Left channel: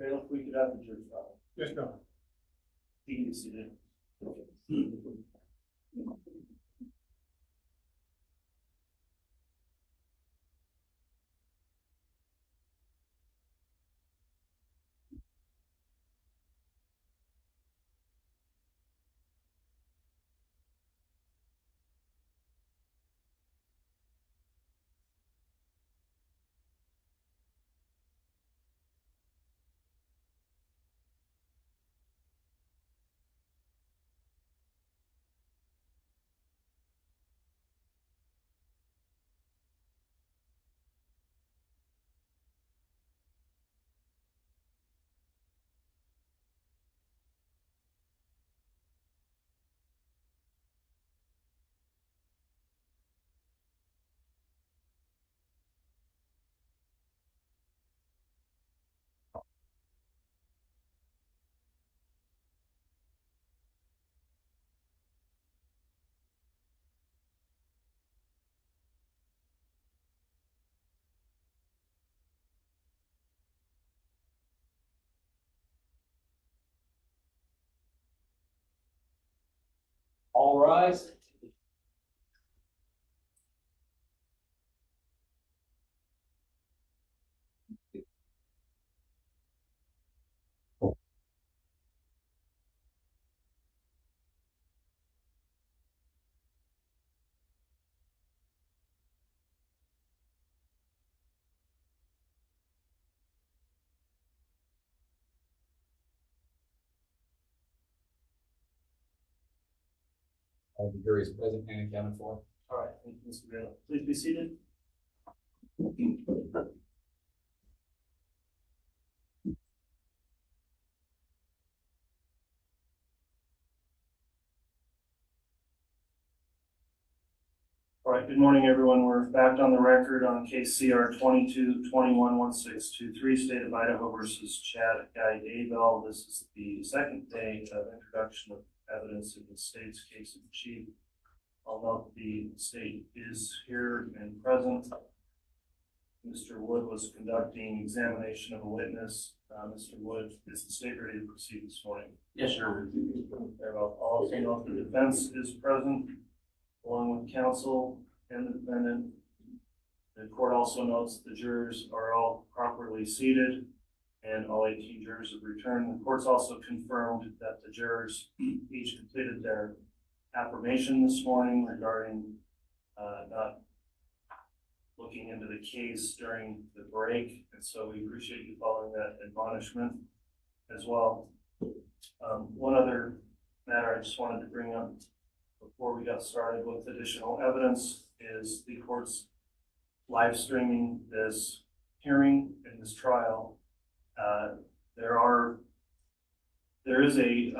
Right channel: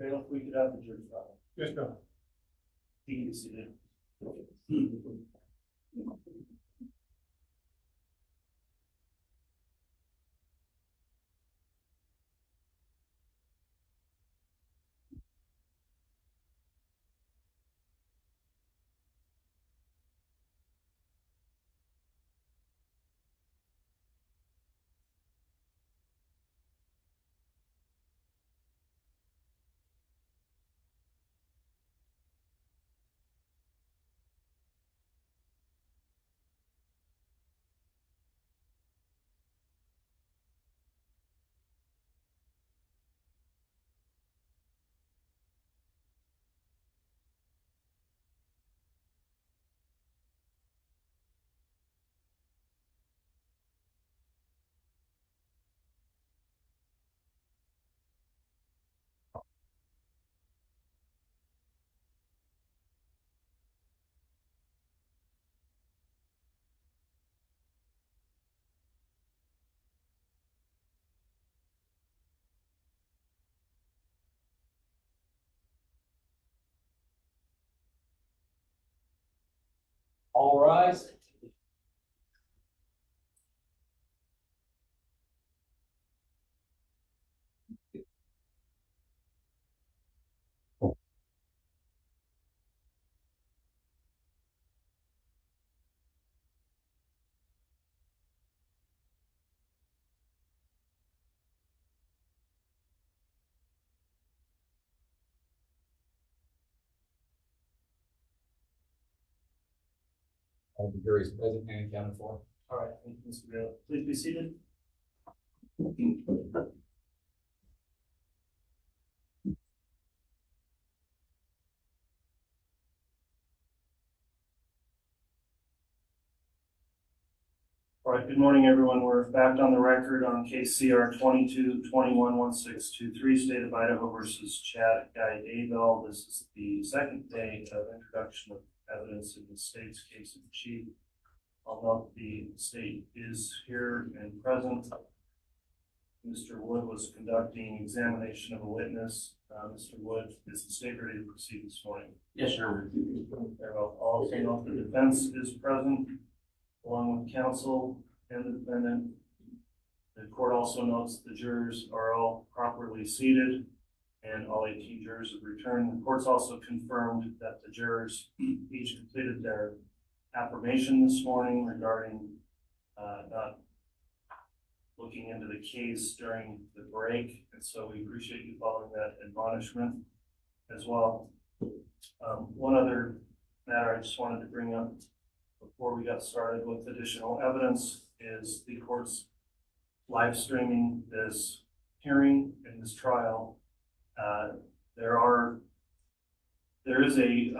If we could have the jury file. Yes, no. You can see it. All rise. All the jury is present and accounted for. All right, thank you, Mr. Bailiff. Please be seated. All right, good morning, everyone. We're back on the record on case CR 22-21-1623, State of Idaho versus Chad Daybell. This is the second day of introduction of evidence in the state's case in chief. I'll note the state is here and present. Mr. Wood was conducting examination of a witness. Mr. Wood, is the state ready to proceed this morning? Yes, sir. I'll also note the defense is present, along with counsel and the defendant. The court also notes the jurors are all properly seated and all 18 jurors have returned. The court's also confirmed that the jurors each completed their affirmation this morning regarding not looking into the case during the break, and so we appreciate you following that admonishment as well. One other matter I just wanted to bring up before we got started with additional evidence is the court's live streaming this hearing and this trial. There is a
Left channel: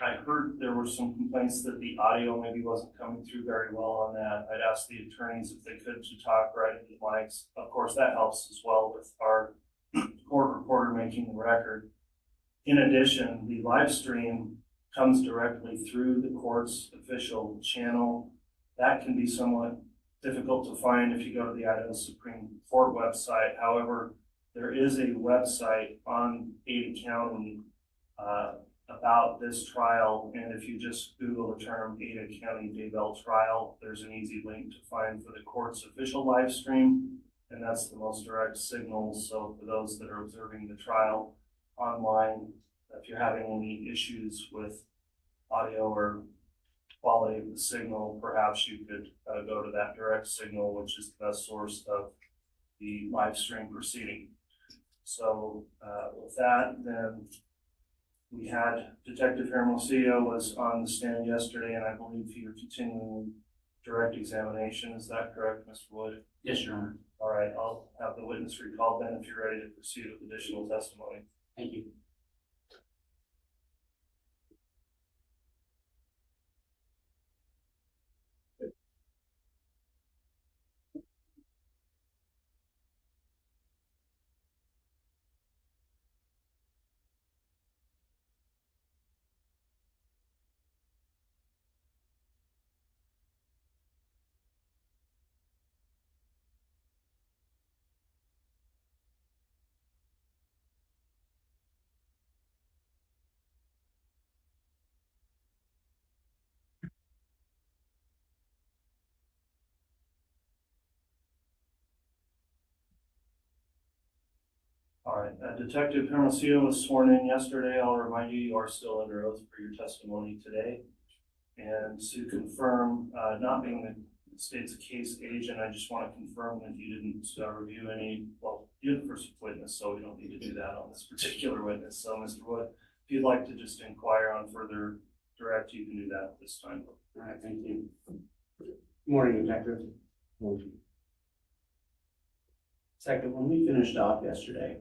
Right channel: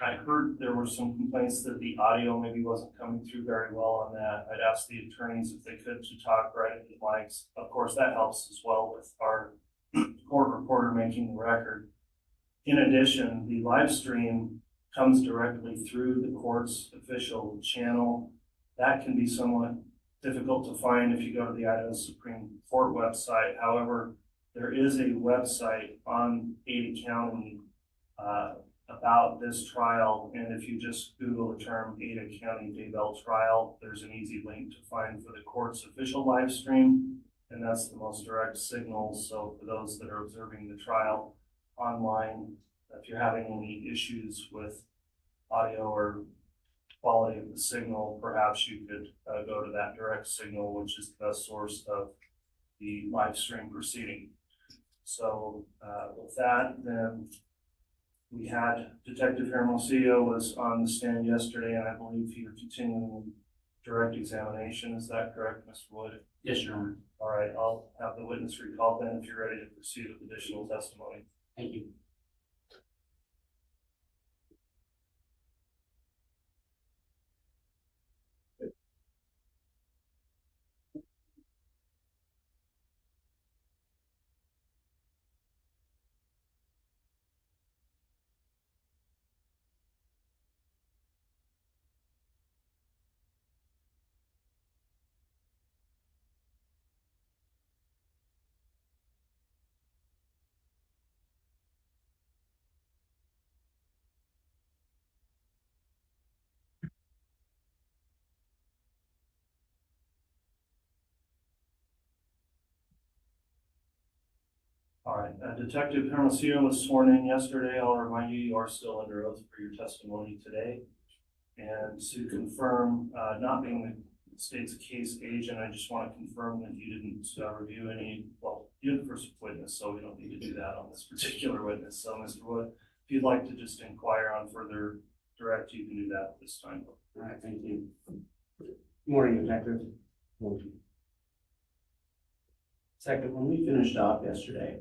I heard there were some complaints that the audio maybe wasn't coming through very well on that. I'd ask the attorneys if they could to talk right into the mics. Of course, that helps as well with our court reporter making the record. In addition, the live stream comes directly through the court's official channel. That can be somewhat difficult to find if you go to the Idaho Supreme Court website. However, there is a website on Ada County about this trial, and if you just Google the term Ada County Daybell trial, there's an easy link to find for the court's official live stream, and that's the most direct signal. So for those that are observing the trial online, if you're having any issues with audio or quality of the signal, perhaps you could go to that direct signal, which is the best source of the live stream proceeding. So with that, then we had Detective Hermosillo was on the stand yesterday, and I believe you're continuing direct examination. Is that correct, Mr. Wood? Yes, Your Honor. All right, I'll have the witness recalled then if you're ready to proceed with additional testimony. Thank you. All right, Detective Hermosillo was sworn in yesterday. I'll remind you, you are still under oath for your testimony today. And to confirm, not being the state's case agent, I just want to confirm that you didn't review any, well, you're the first witness, so we don't need to do that on this particular witness. So, Mr. Wood, if you'd like to just inquire on further direct, you can do that at this time. All right, thank you. Good morning, Detective. Detective, when we finished off yesterday,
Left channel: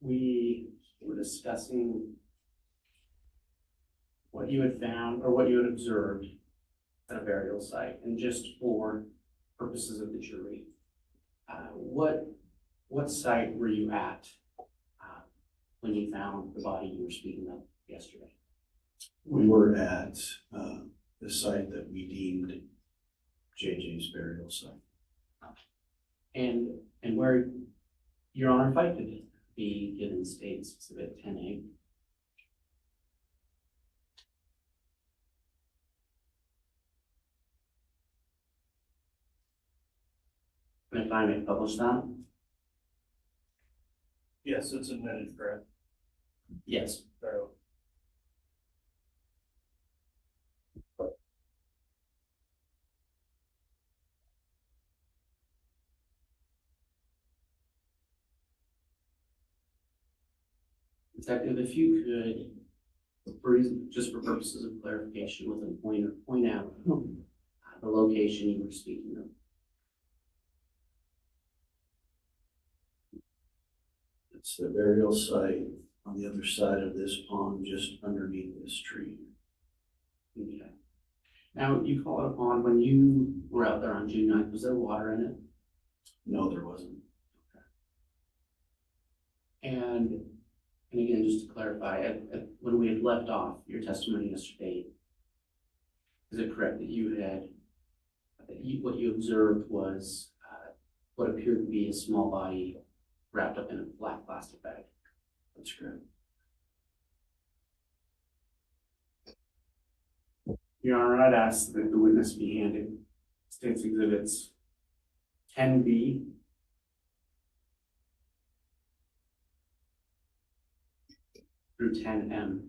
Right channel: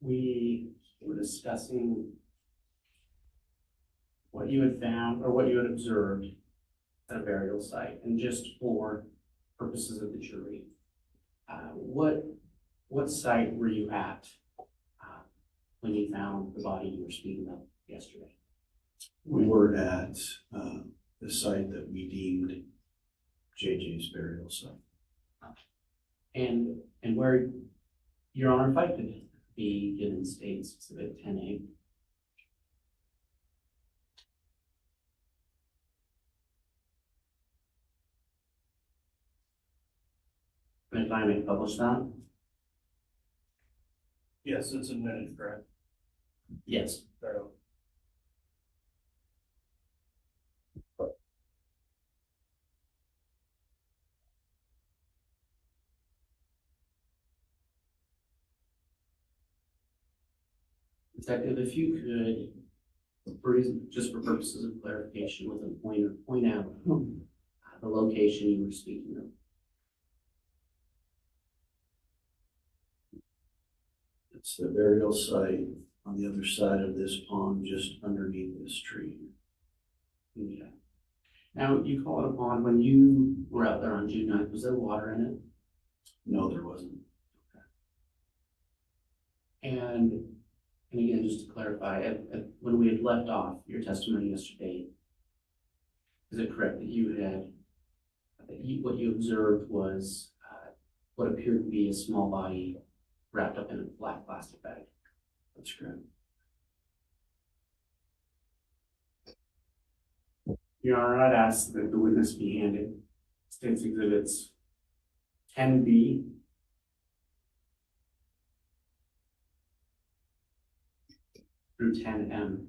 we were discussing what you had found or what you had observed at a burial site, and just for purposes of the jury, what site were you at when you found the body you were speaking of yesterday? We were at the site that we deemed JJ's burial site. And where, Your Honor, if I could be given State's Exhibit 10A. And if I may publish that? Yes, it's admitted, correct? Yes. So, Detective, if you could, just for purposes of clarification, with a pointer, point out the location you were speaking of. It's the burial site on the other side of this pond, just underneath this tree. Okay. Now, you call it a pond. When you were out there on June 9th, was there water in it? No, there wasn't. And again, just to clarify, when we had left off your testimony yesterday, is it correct that you had, what you observed was what appeared to be a small body wrapped up in a black plastic bag? That's correct. Your Honor, I'd ask that the witness be handed State's Exhibits 10B through 10M.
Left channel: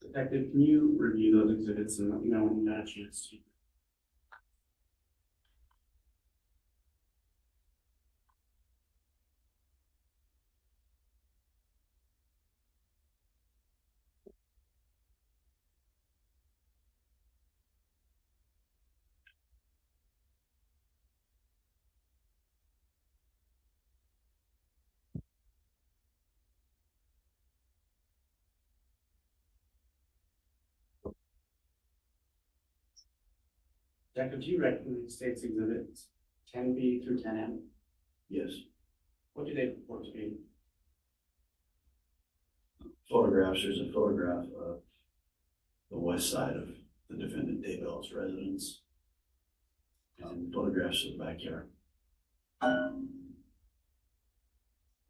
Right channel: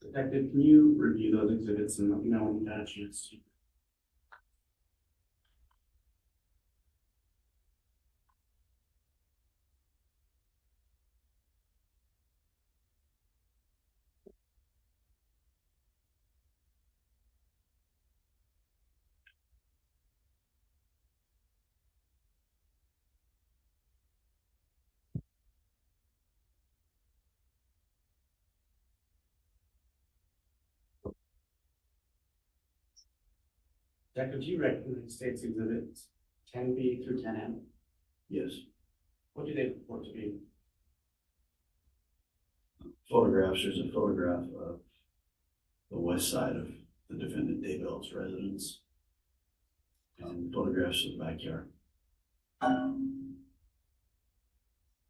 Detective, can you review those exhibits and let me know when you got a chance to? Detective, do you recognize state's exhibits 10B through 10M? Yes. What do they purport to be? Photographs, there's a photograph of the west side of the defendant Daybell's residence. And photographs of the backyard. And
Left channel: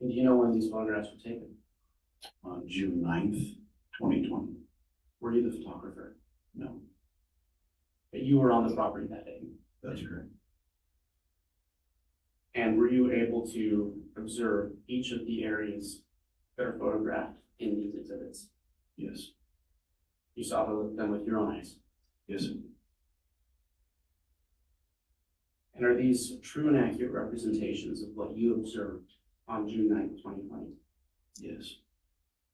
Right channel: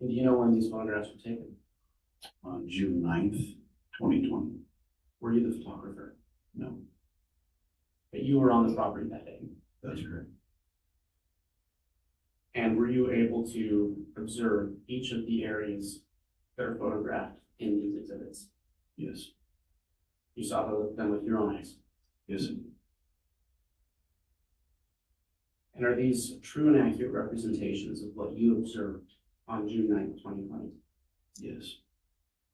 do you know when these photographs were taken? On June 9th, 2020. Were you the photographer? No, But you were on the property that day. that's correct. And were you able to observe each of the areas that are photographed in these exhibits? Yes. You saw them with your own eyes. Yes. And are these true and accurate representations of what you observed on June 9th, 2020? Yes.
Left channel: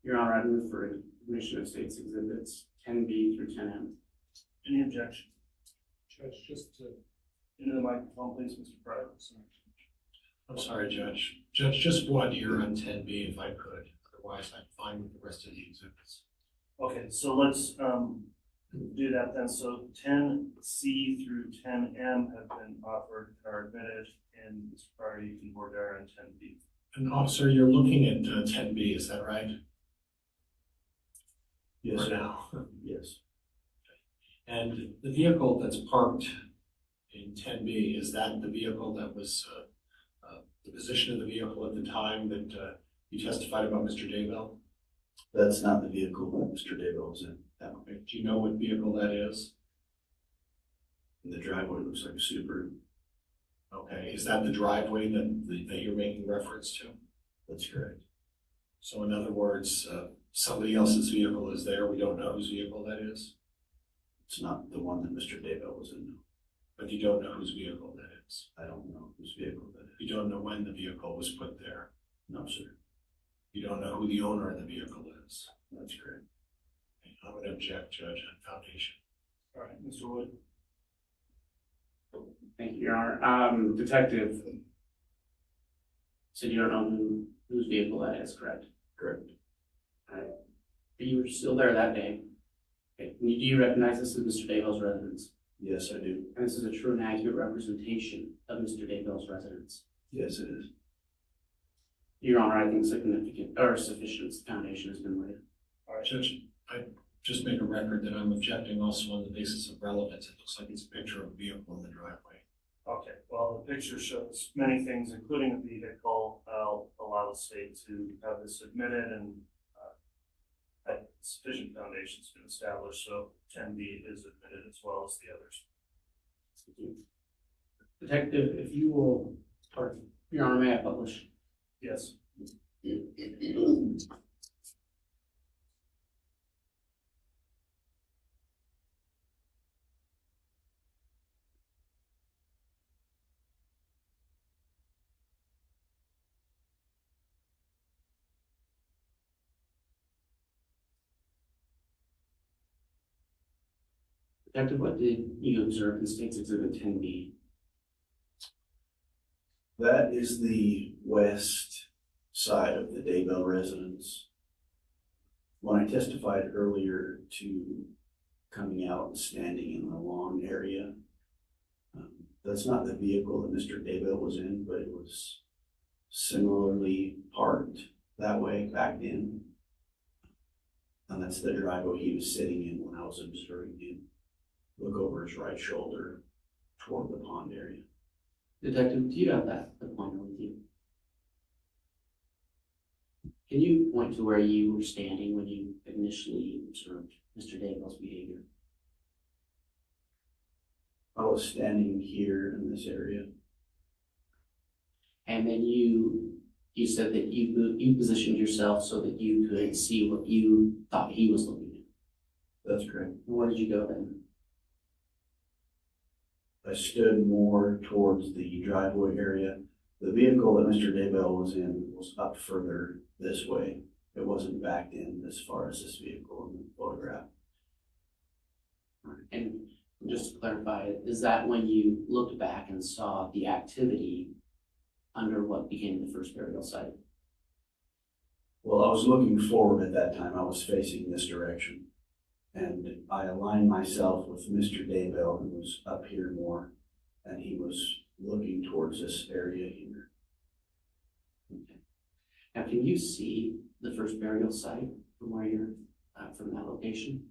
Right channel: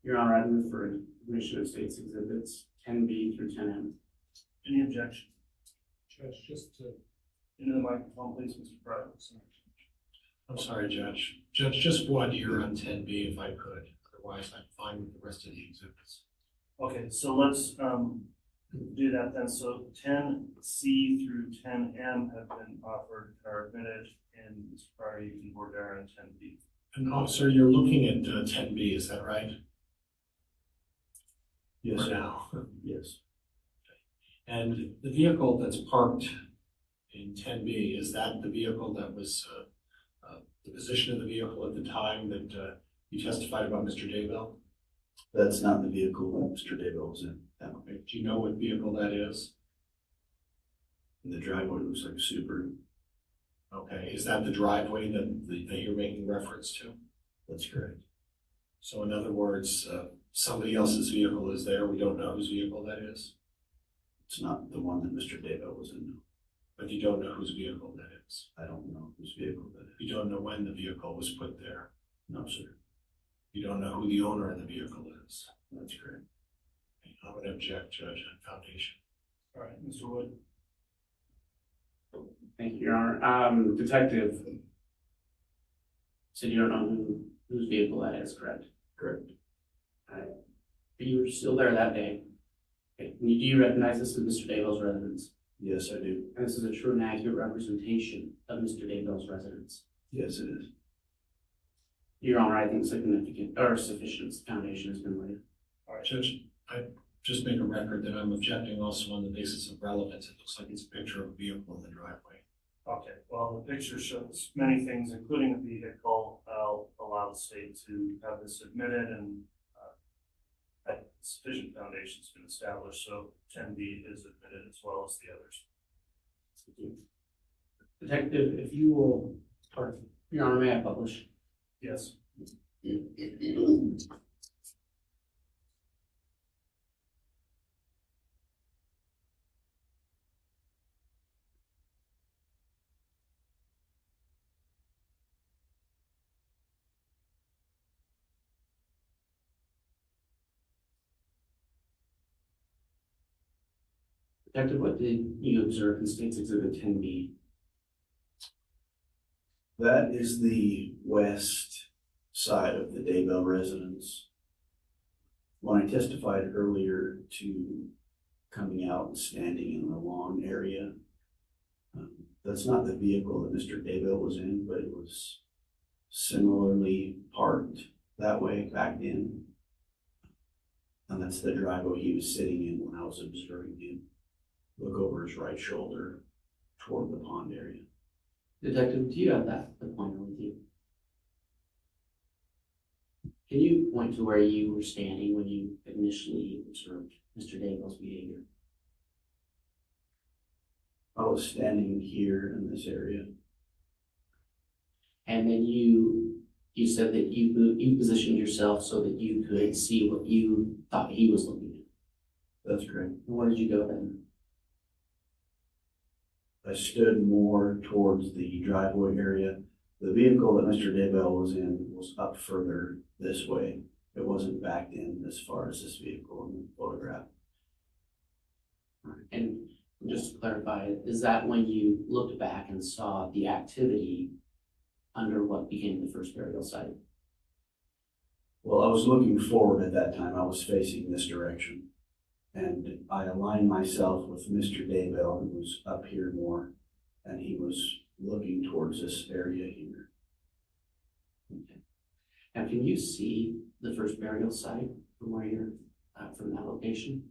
Your Honor, I move for admission of state's exhibits 10B through 10M. Any objection? Judge, just to, Into the microphone, please, Mr. Pryor. I'm sorry, Judge. Judge, just one here on 10B if I could. Otherwise, I'm fine with the rest of the exhibits. Okay, so let's do that then. So 10C through 10M have been offered and are admitted, and Mr. Pryor, you can board there on 10B. And officer, you're looking at 10B, is that right? Yes, For sir. now. Yes. And the vehicle that's parked in 10B, is that the vehicle that was, the position of the vehicle at the time that you testified about Mr. Daybell? That's not the vehicle that Mr. Daybell was in. That one. Do you know what vehicle that is? The driveway looks like a Subaru. Okay, is that the driveway that you're making reference to? That's correct. So in other words, somebody else's vehicle is there, we don't know whose vehicle that is? It's not the one that Mr. Daybell was in. But you don't know whose vehicle that is. I don't know whose vehicle that is. You don't know when the vehicle was put there. No, sir. You don't know who the owner of the vehicle is. That's correct. I'm going to object, Judge, on foundation. All right, Mr. Wood. Thank you, Your Honor. Detective, said you don't know whose vehicle that is, correct? Correct. But you were still there that day. Okay. Do you recognize this as Mr. Daybell's residence? Yes, I do. And this is a true and accurate representation of Mr. Daybell's residence? Yes, it is. Your Honor, I think significant or sufficient foundation has been laid. All right, Judge, I just make a record that I'm objecting also on the basis of relevance. It looks like it's a picture of a vehicle in the driveway. okay. Well, the picture shows many things, including a vehicle. I'll allow the state to have this admitted, and sufficient foundation's been established, so 10B is admitted as well as the others. Thank you. Detective, if you will, or Your Honor, may I publish? Yes. Detective, what did you observe in State's Exhibit 10B? That is the west side of the Daybell residence. When I testified earlier to coming out and standing in the lawn area, that's not the vehicle that Mr. Daybell was in, but it was similarly parked that way, backed in. And that's the driveway he was sitting in when I was observing him look over his right shoulder toward the pond area. Detective, do you have the pointer with you? Can you point to where you were standing when you initially observed Mr. Daybell's behavior? I was standing here in this area. And then you said that you positioned yourself so that you could see what you thought he was looking at. That's correct. And where did you go then? I stood more towards the driveway area. The vehicle that Mr. Daybell was in was up further this way. It wasn't backed in as far as this vehicle in the photograph. And just to clarify, is that when you looked back and saw the activity under what became the first burial site? Well, I was looking forward at that time. I was facing this direction. And I aligned myself with Mr. Daybell, who was up here more, and he was looking towards this area here. Okay. Now, can you see the first burial site from where you're, from that location?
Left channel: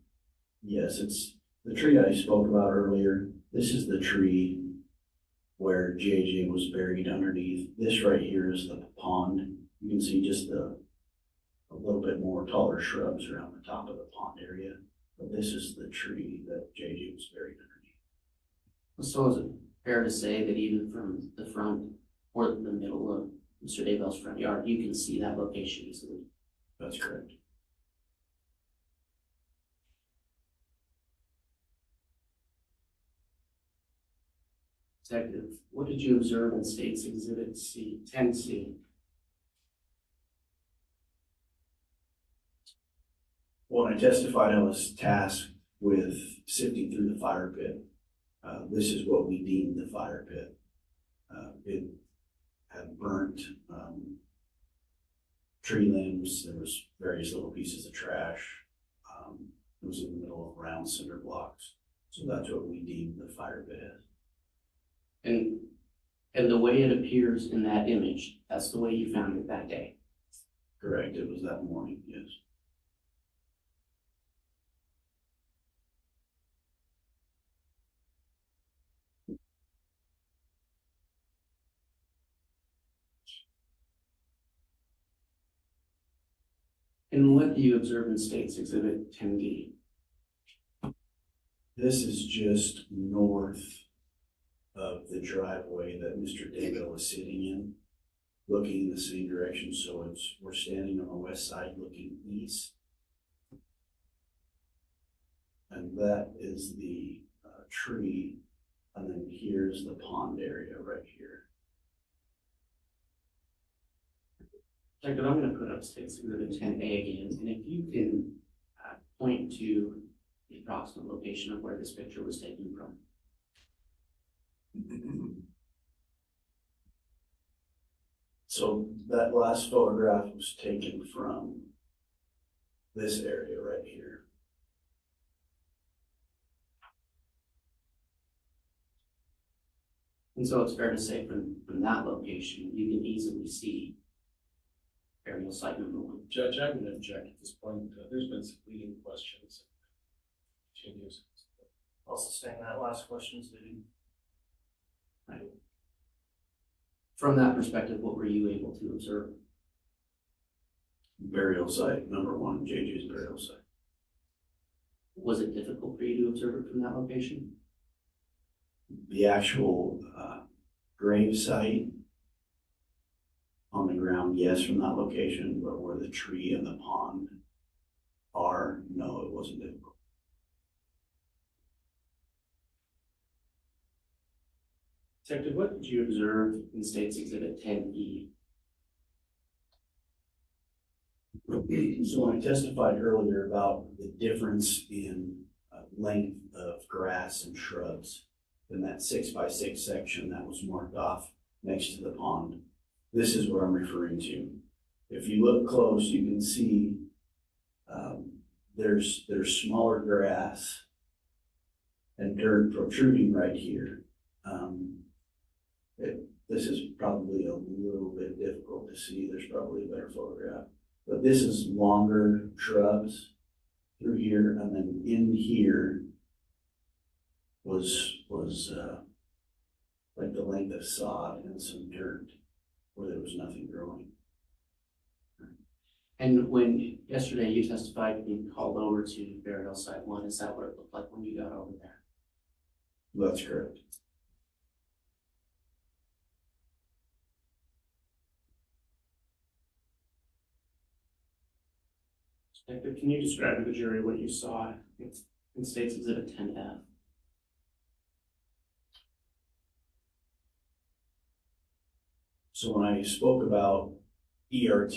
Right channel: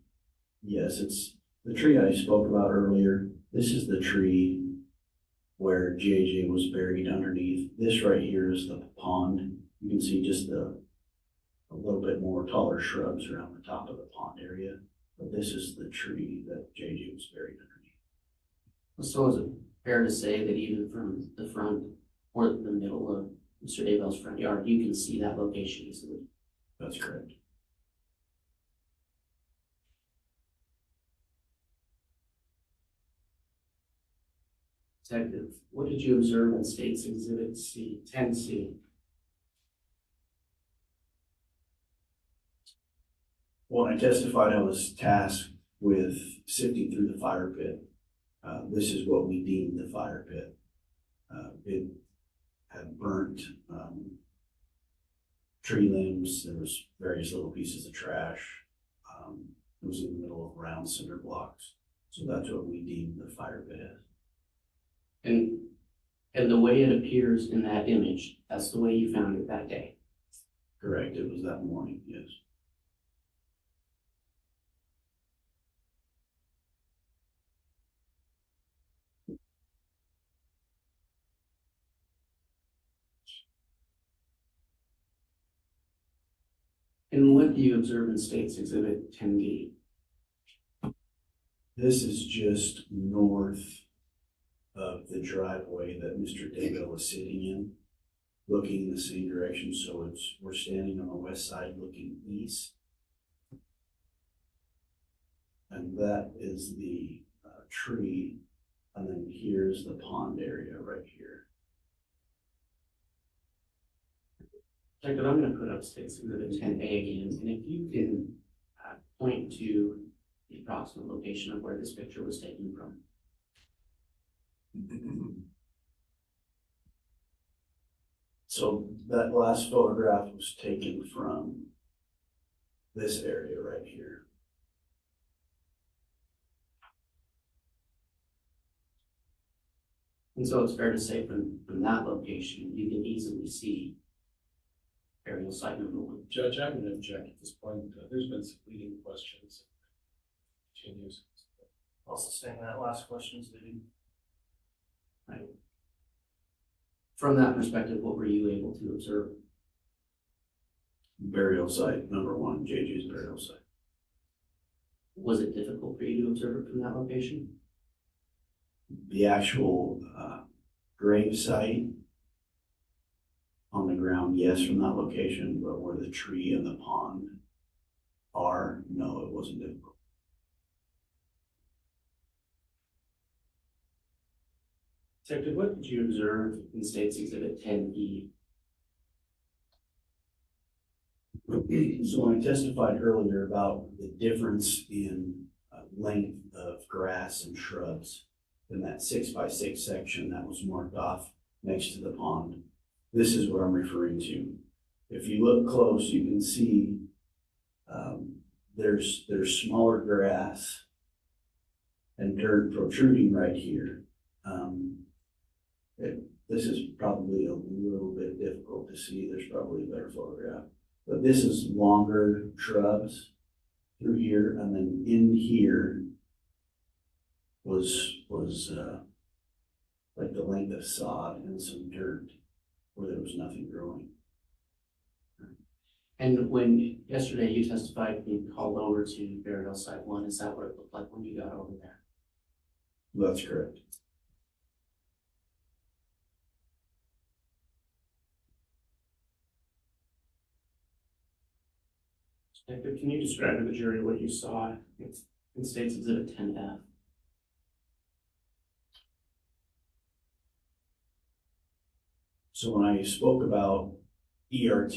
Yes, it's the tree I spoke about earlier. This is the tree where JJ was buried underneath. This right here is the pond. You can see just a little bit more taller shrubs around the top of the pond area. But this is the tree that JJ was buried underneath. So is it fair to say that even from the front or the middle of Mr. Daybell's front yard, you can see that location easily? That's correct. Detective, what did you observe in State's Exhibit C, 10C? When I testified, I was tasked with sifting through the fire pit. This is what we deemed the fire pit. It had burnt tree limbs. There was various little pieces of trash. It was in the middle of round cinder blocks. So that's what we deemed the fire pit as. And the way it appears in that image, that's the way you found it that day? Correct, it was that morning, yes. And what do you observe in State's Exhibit 10D? This is just north of the driveway that Mr. Daybell was sitting in, looking in the same direction. So we're standing on the west side looking east. And that is the tree. And then here's the pond area right here. Detective, I'm going to put up State's Exhibit 10A again, and if you can point to the approximate location of where this picture was taken from. So that last photograph was taken from this area right here. And so it's fair to say from that location, you can easily see burial site number 1. Judge, I'm going to object at this point. There's been some leading questions. Continues. I'll sustain that last question, Ziggy. Right. From that perspective, what were you able to observe? Burial site number 1, JJ's burial site. Was it difficult for you to observe it from that location? The actual grave site on the ground, yes, from that location, but where the tree and the pond are, no, it wasn't difficult. Detective, what did you observe in State's Exhibit 10E? So when I testified earlier about the difference in length of grass and shrubs in that 6x6 section that was marked off next to the pond, this is what I'm referring to. If you look close, you can see there's smaller grass and dirt protruding right here. This is probably a little bit difficult to see. There's probably a better photograph. But this is longer shrubs through here, and then in here was like the length of sod and some dirt where there was nothing growing. And when yesterday you testified being called over to burial site 1, is that what it looked like when you got over there? That's correct. Detective, can you describe to the jury what you saw in State's Exhibit 10F? So when I spoke about ERT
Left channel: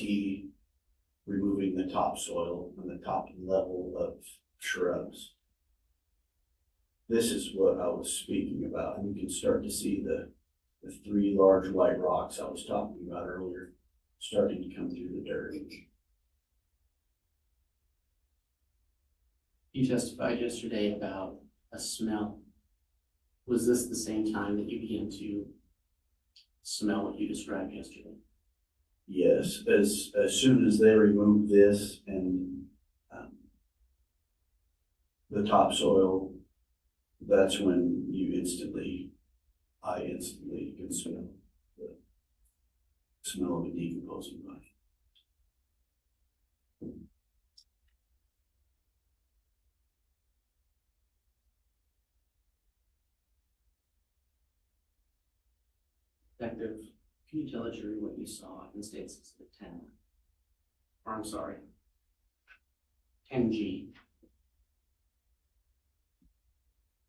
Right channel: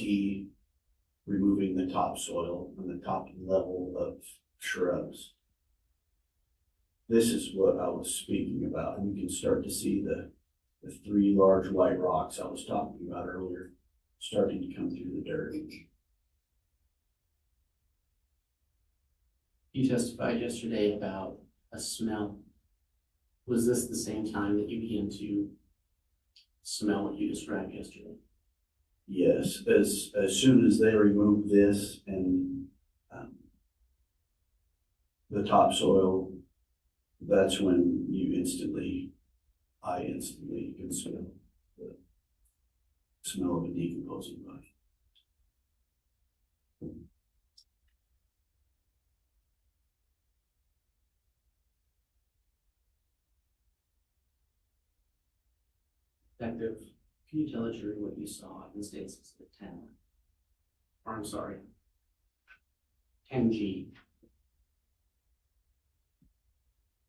removing the topsoil and the top level of shrubs, this is what I was speaking about. And you can start to see the 3 large white rocks I was talking about earlier starting to come through the dirt. You testified yesterday about a smell. Was this the same time that you began to smell what you described yesterday? Yes, as soon as they removed this and the topsoil, that's when I instantly can smell the smell of a decomposing body. Detective, can you tell the jury what you saw in State's Exhibit 10? Or I'm sorry, 10G.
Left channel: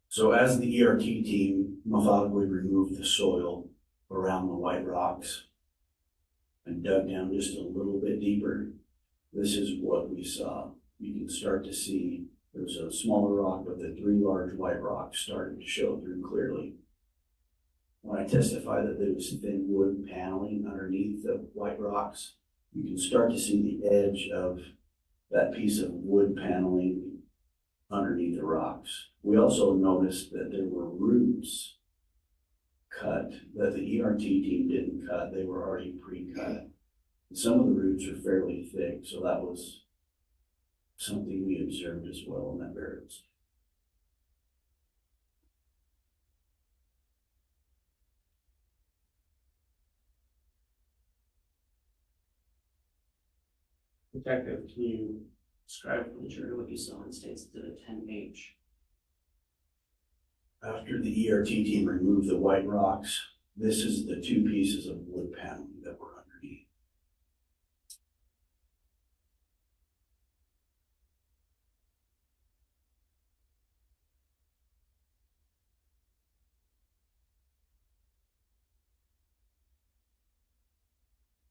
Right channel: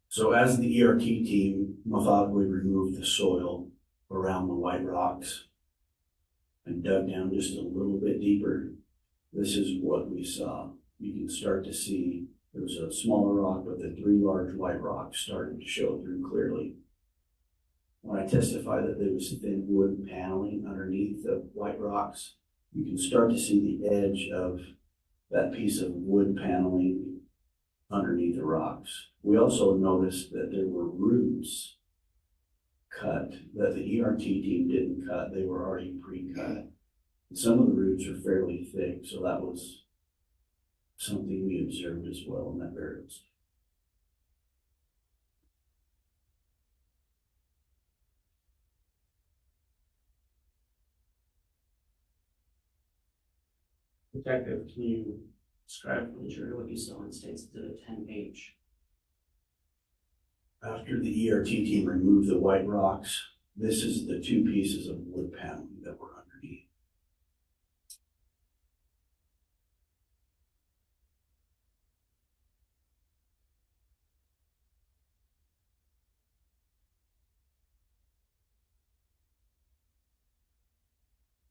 So as the ERT team methodically removed the soil around the white rocks and dug down just a little bit deeper, this is what we saw. You can start to see there was a smaller rock, but the three large white rocks started to show through clearly. When I testify that there was thin wood paneling underneath the white rocks, you can start to see the edge of that piece of wood paneling underneath the rocks. We also noticed that there were roots cut that the ERT team didn't cut. They were already pre-cut. Some of the roots are fairly thick, so that was something we observed as well in that burial site. Detective, can you describe for the jury what you saw in State's Exhibit 10H? After the ERT team removed the white rocks, this is the two pieces of wood paneling that were underneath.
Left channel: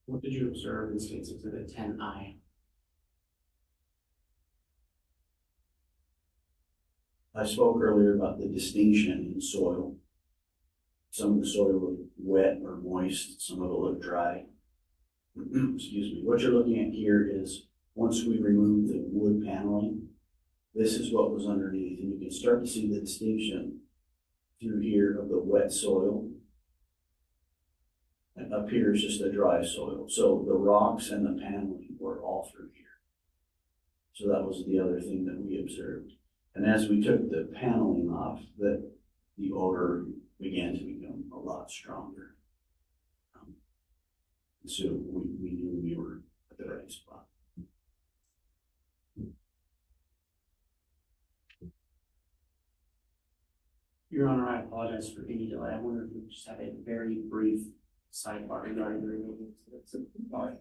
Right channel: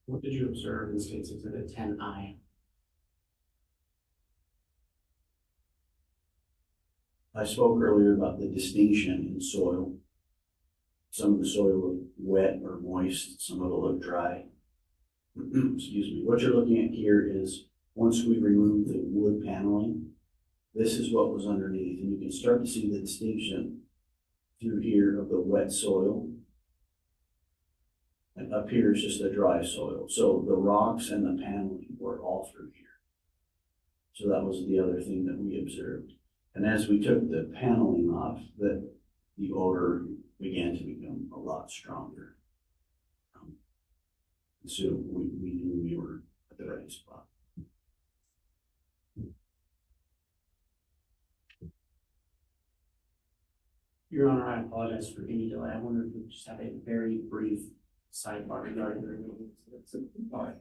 What did you observe in State's Exhibit 10I? I spoke earlier about the distinction in soil. Some of the soil looked wet or moist, some of it looked dry. Excuse me. What you're looking at here is once we remove the wood paneling, this is what was underneath, and you can start to see the distinction through here of the wet soil. And up here is just the dry soil. So the rocks and the paneling were all through here. So that was the other thing that we observed. And as we took the paneling off, the odor began to become a lot stronger. So we knew we were at the right spot. Your Honor, I apologize for any delay. I wonder if we just have a very brief sidebar regarding the removal. All right.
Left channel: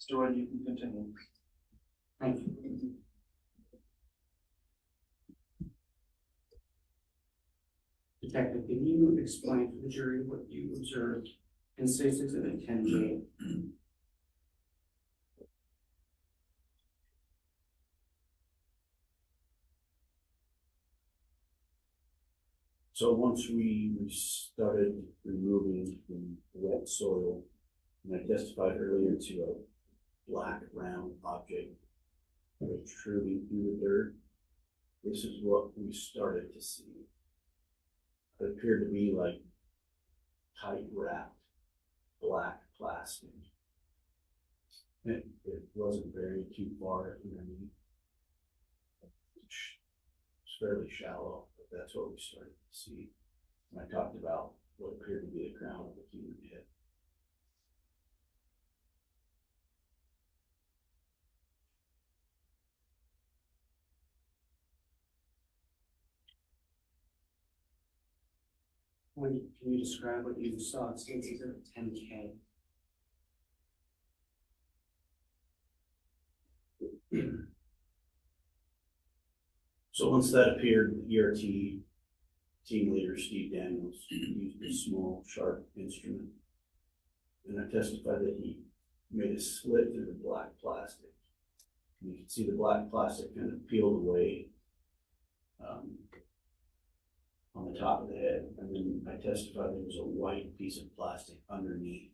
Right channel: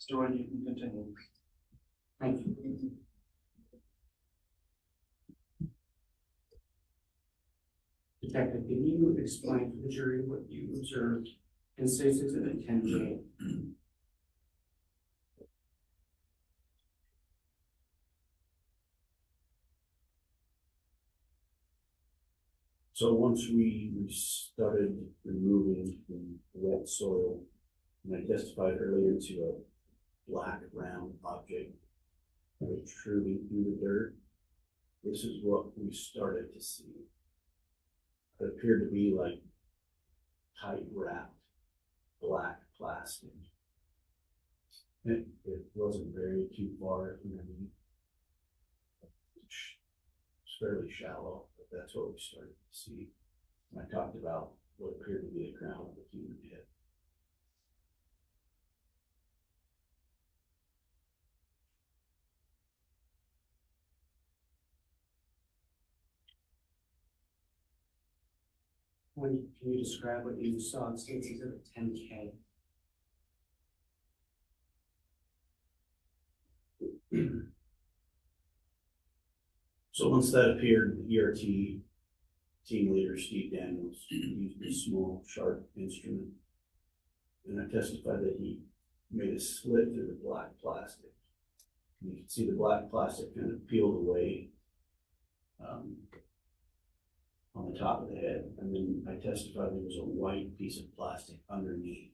Mr. Wood, you can continue. Thank you. Detective, can you explain to the jury what you observed in State's Exhibit 10J? So once we started removing the wet soil, and I testified earlier to a black round object protruding through the dirt, this is what we started to see. It appeared to be like tight wrapped black plastic. It wasn't very too far underneath. It's fairly shallow, but that's what we started to see. And I talked about what appeared to be the crown of a human head. Can you describe what you saw in State's Exhibit 10K? So once that appeared, the ERT team leader Steve Daniels used a small, sharp instrument, and I testified that he made a slit through the black plastic. And you can see the black plastic kind of peeled away on the top of the head, and then I testified there was a white piece of plastic underneath,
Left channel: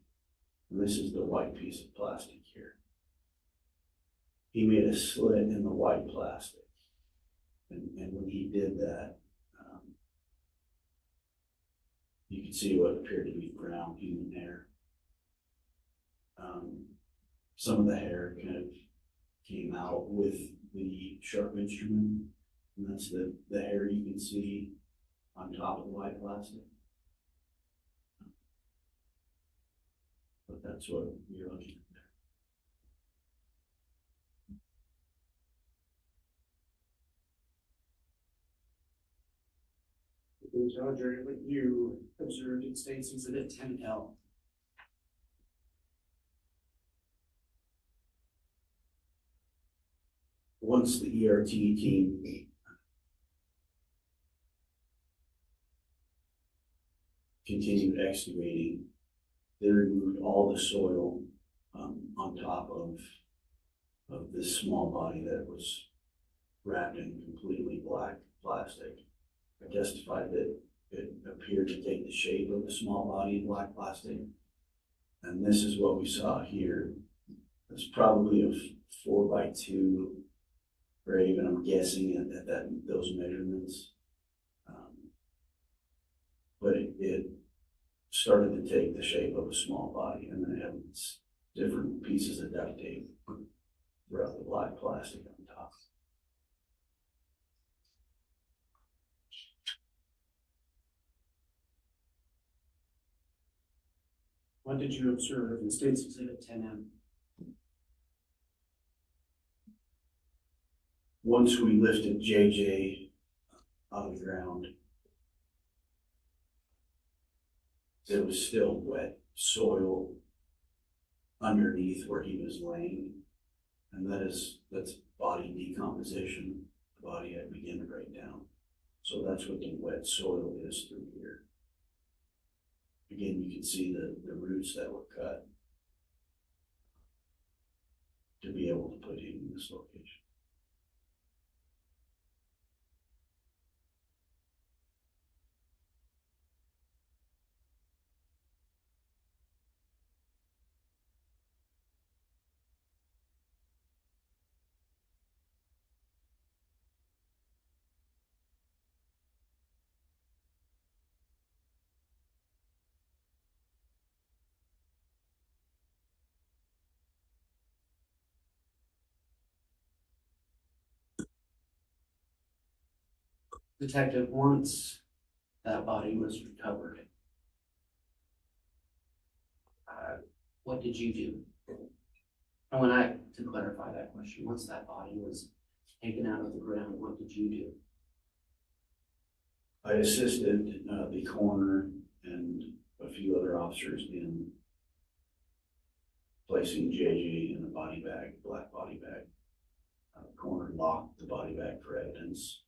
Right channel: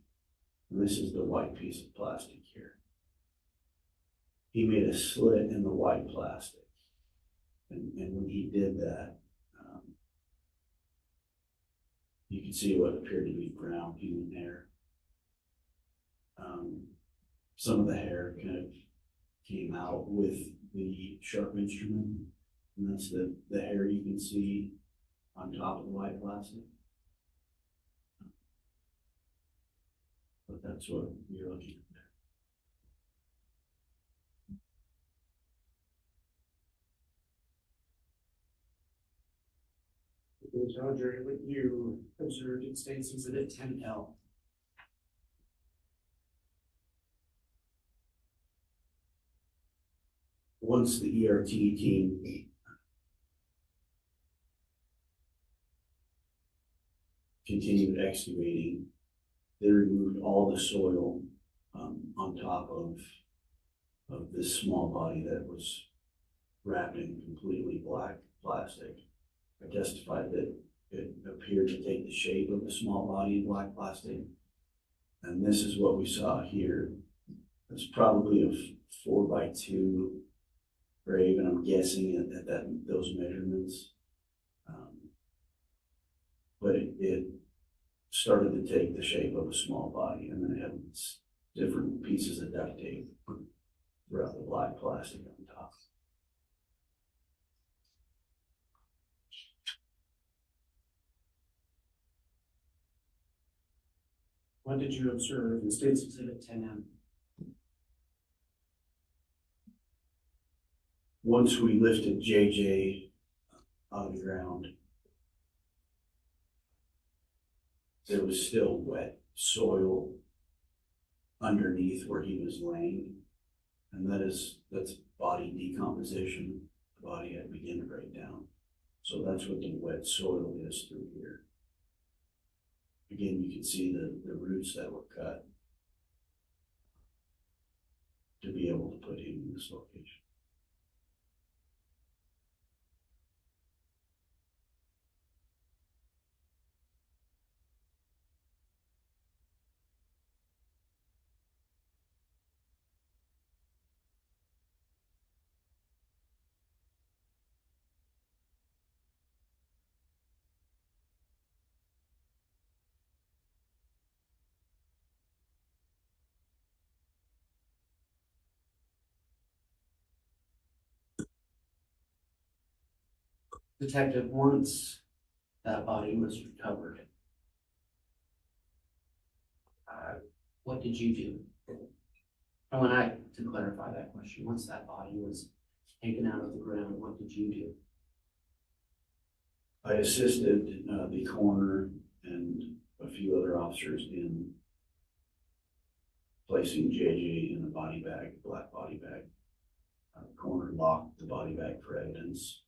and this is the white piece of plastic here. He made a slit in the white plastic, and when he did that, you can see what appeared to be brown human hair. Some of the hair kind of came out with the sharp instrument, and that's the hair you can see on top of the white plastic. But that's what you're looking at there. Can you tell the jury what you observed in State's Exhibit 10L? Once the ERT team continued excavating, they removed all the soil on top of this small body that was wrapped in completely black plastic. I testified that it appeared to take the shape of a small body in black plastic, and this is what we saw here. It's probably a 4x2 grave, and I'm guessing at those measurements. But it started to take the shape of a small body, and then it had different pieces of duct tape throughout the black plastic on top. What did you observe in State's Exhibit 10M? Once we lifted JJ out of the ground, there was still wet soil underneath where he was laying, and that's body decomposition. The body had begun to break down, so that's what the wet soil is through here. Again, you can see the roots that were cut to be able to put him in this location. Detective, once that body was recovered, what did you do? And to clarify that question, once that body was taken out of the ground, what did you do? I assisted the coroner and a few other officers in placing JJ in a body bag, black body bag. Coroner locked the body bag for evidence.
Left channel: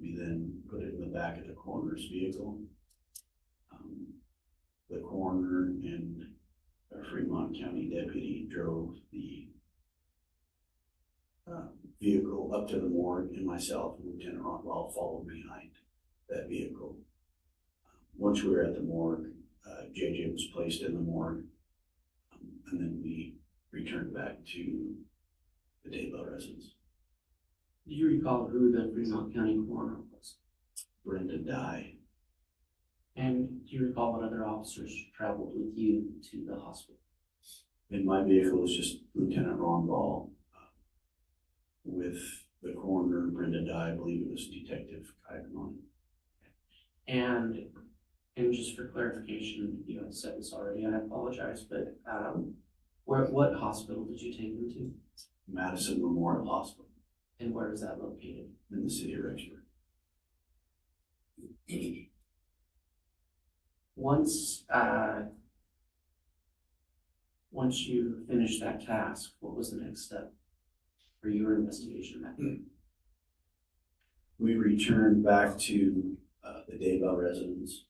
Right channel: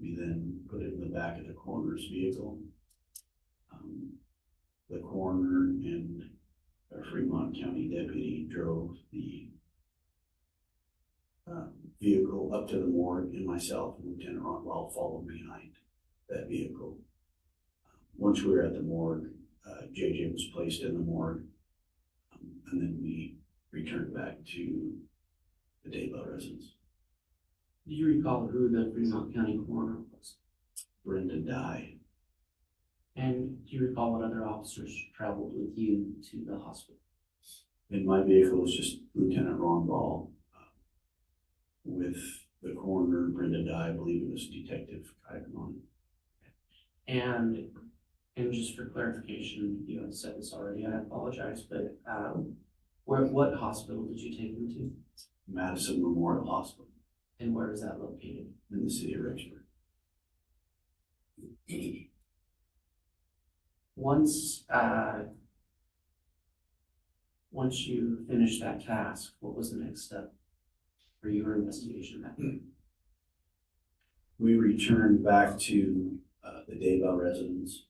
We then put it in the back of the coroner's vehicle. The coroner and a Fremont County deputy drove the vehicle up to the morgue, and myself and Lieutenant Rockwell followed behind that vehicle. Once we were at the morgue, JJ was placed in the morgue, and then we returned back to the Daybell residence. Do you recall who the Fremont County coroner was? Brenda died. And do you recall what other officers traveled with you to the hospital? In my vehicle was just Lieutenant Ron Ball. With the coroner, Brenda Dye, I believe it was Detective Kaiserman. And just for clarification, you had said this already, I apologize, but what hospital did you take them to? Madison Memorial Hospital And where is that located? in the city of Rexburg. Once you finished that task, what was the next step for your investigation of that? We returned back to the Daybell residence.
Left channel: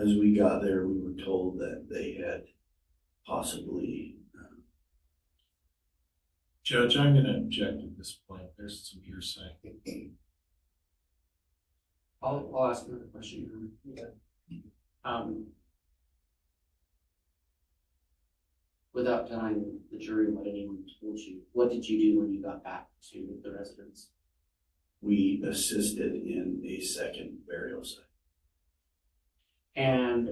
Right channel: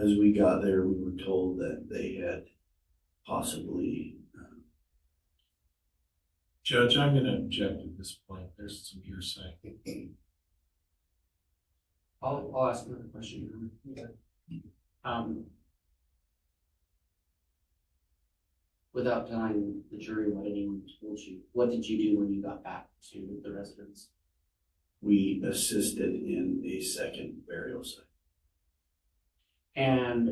As we got there, we were told that they had possibly Judge, I'm gonna object at this point. There's some hearsay. I'll ask another question. Without telling the jury what anyone told you, what did you do when you got back to the residence? we assisted in a second burial site. And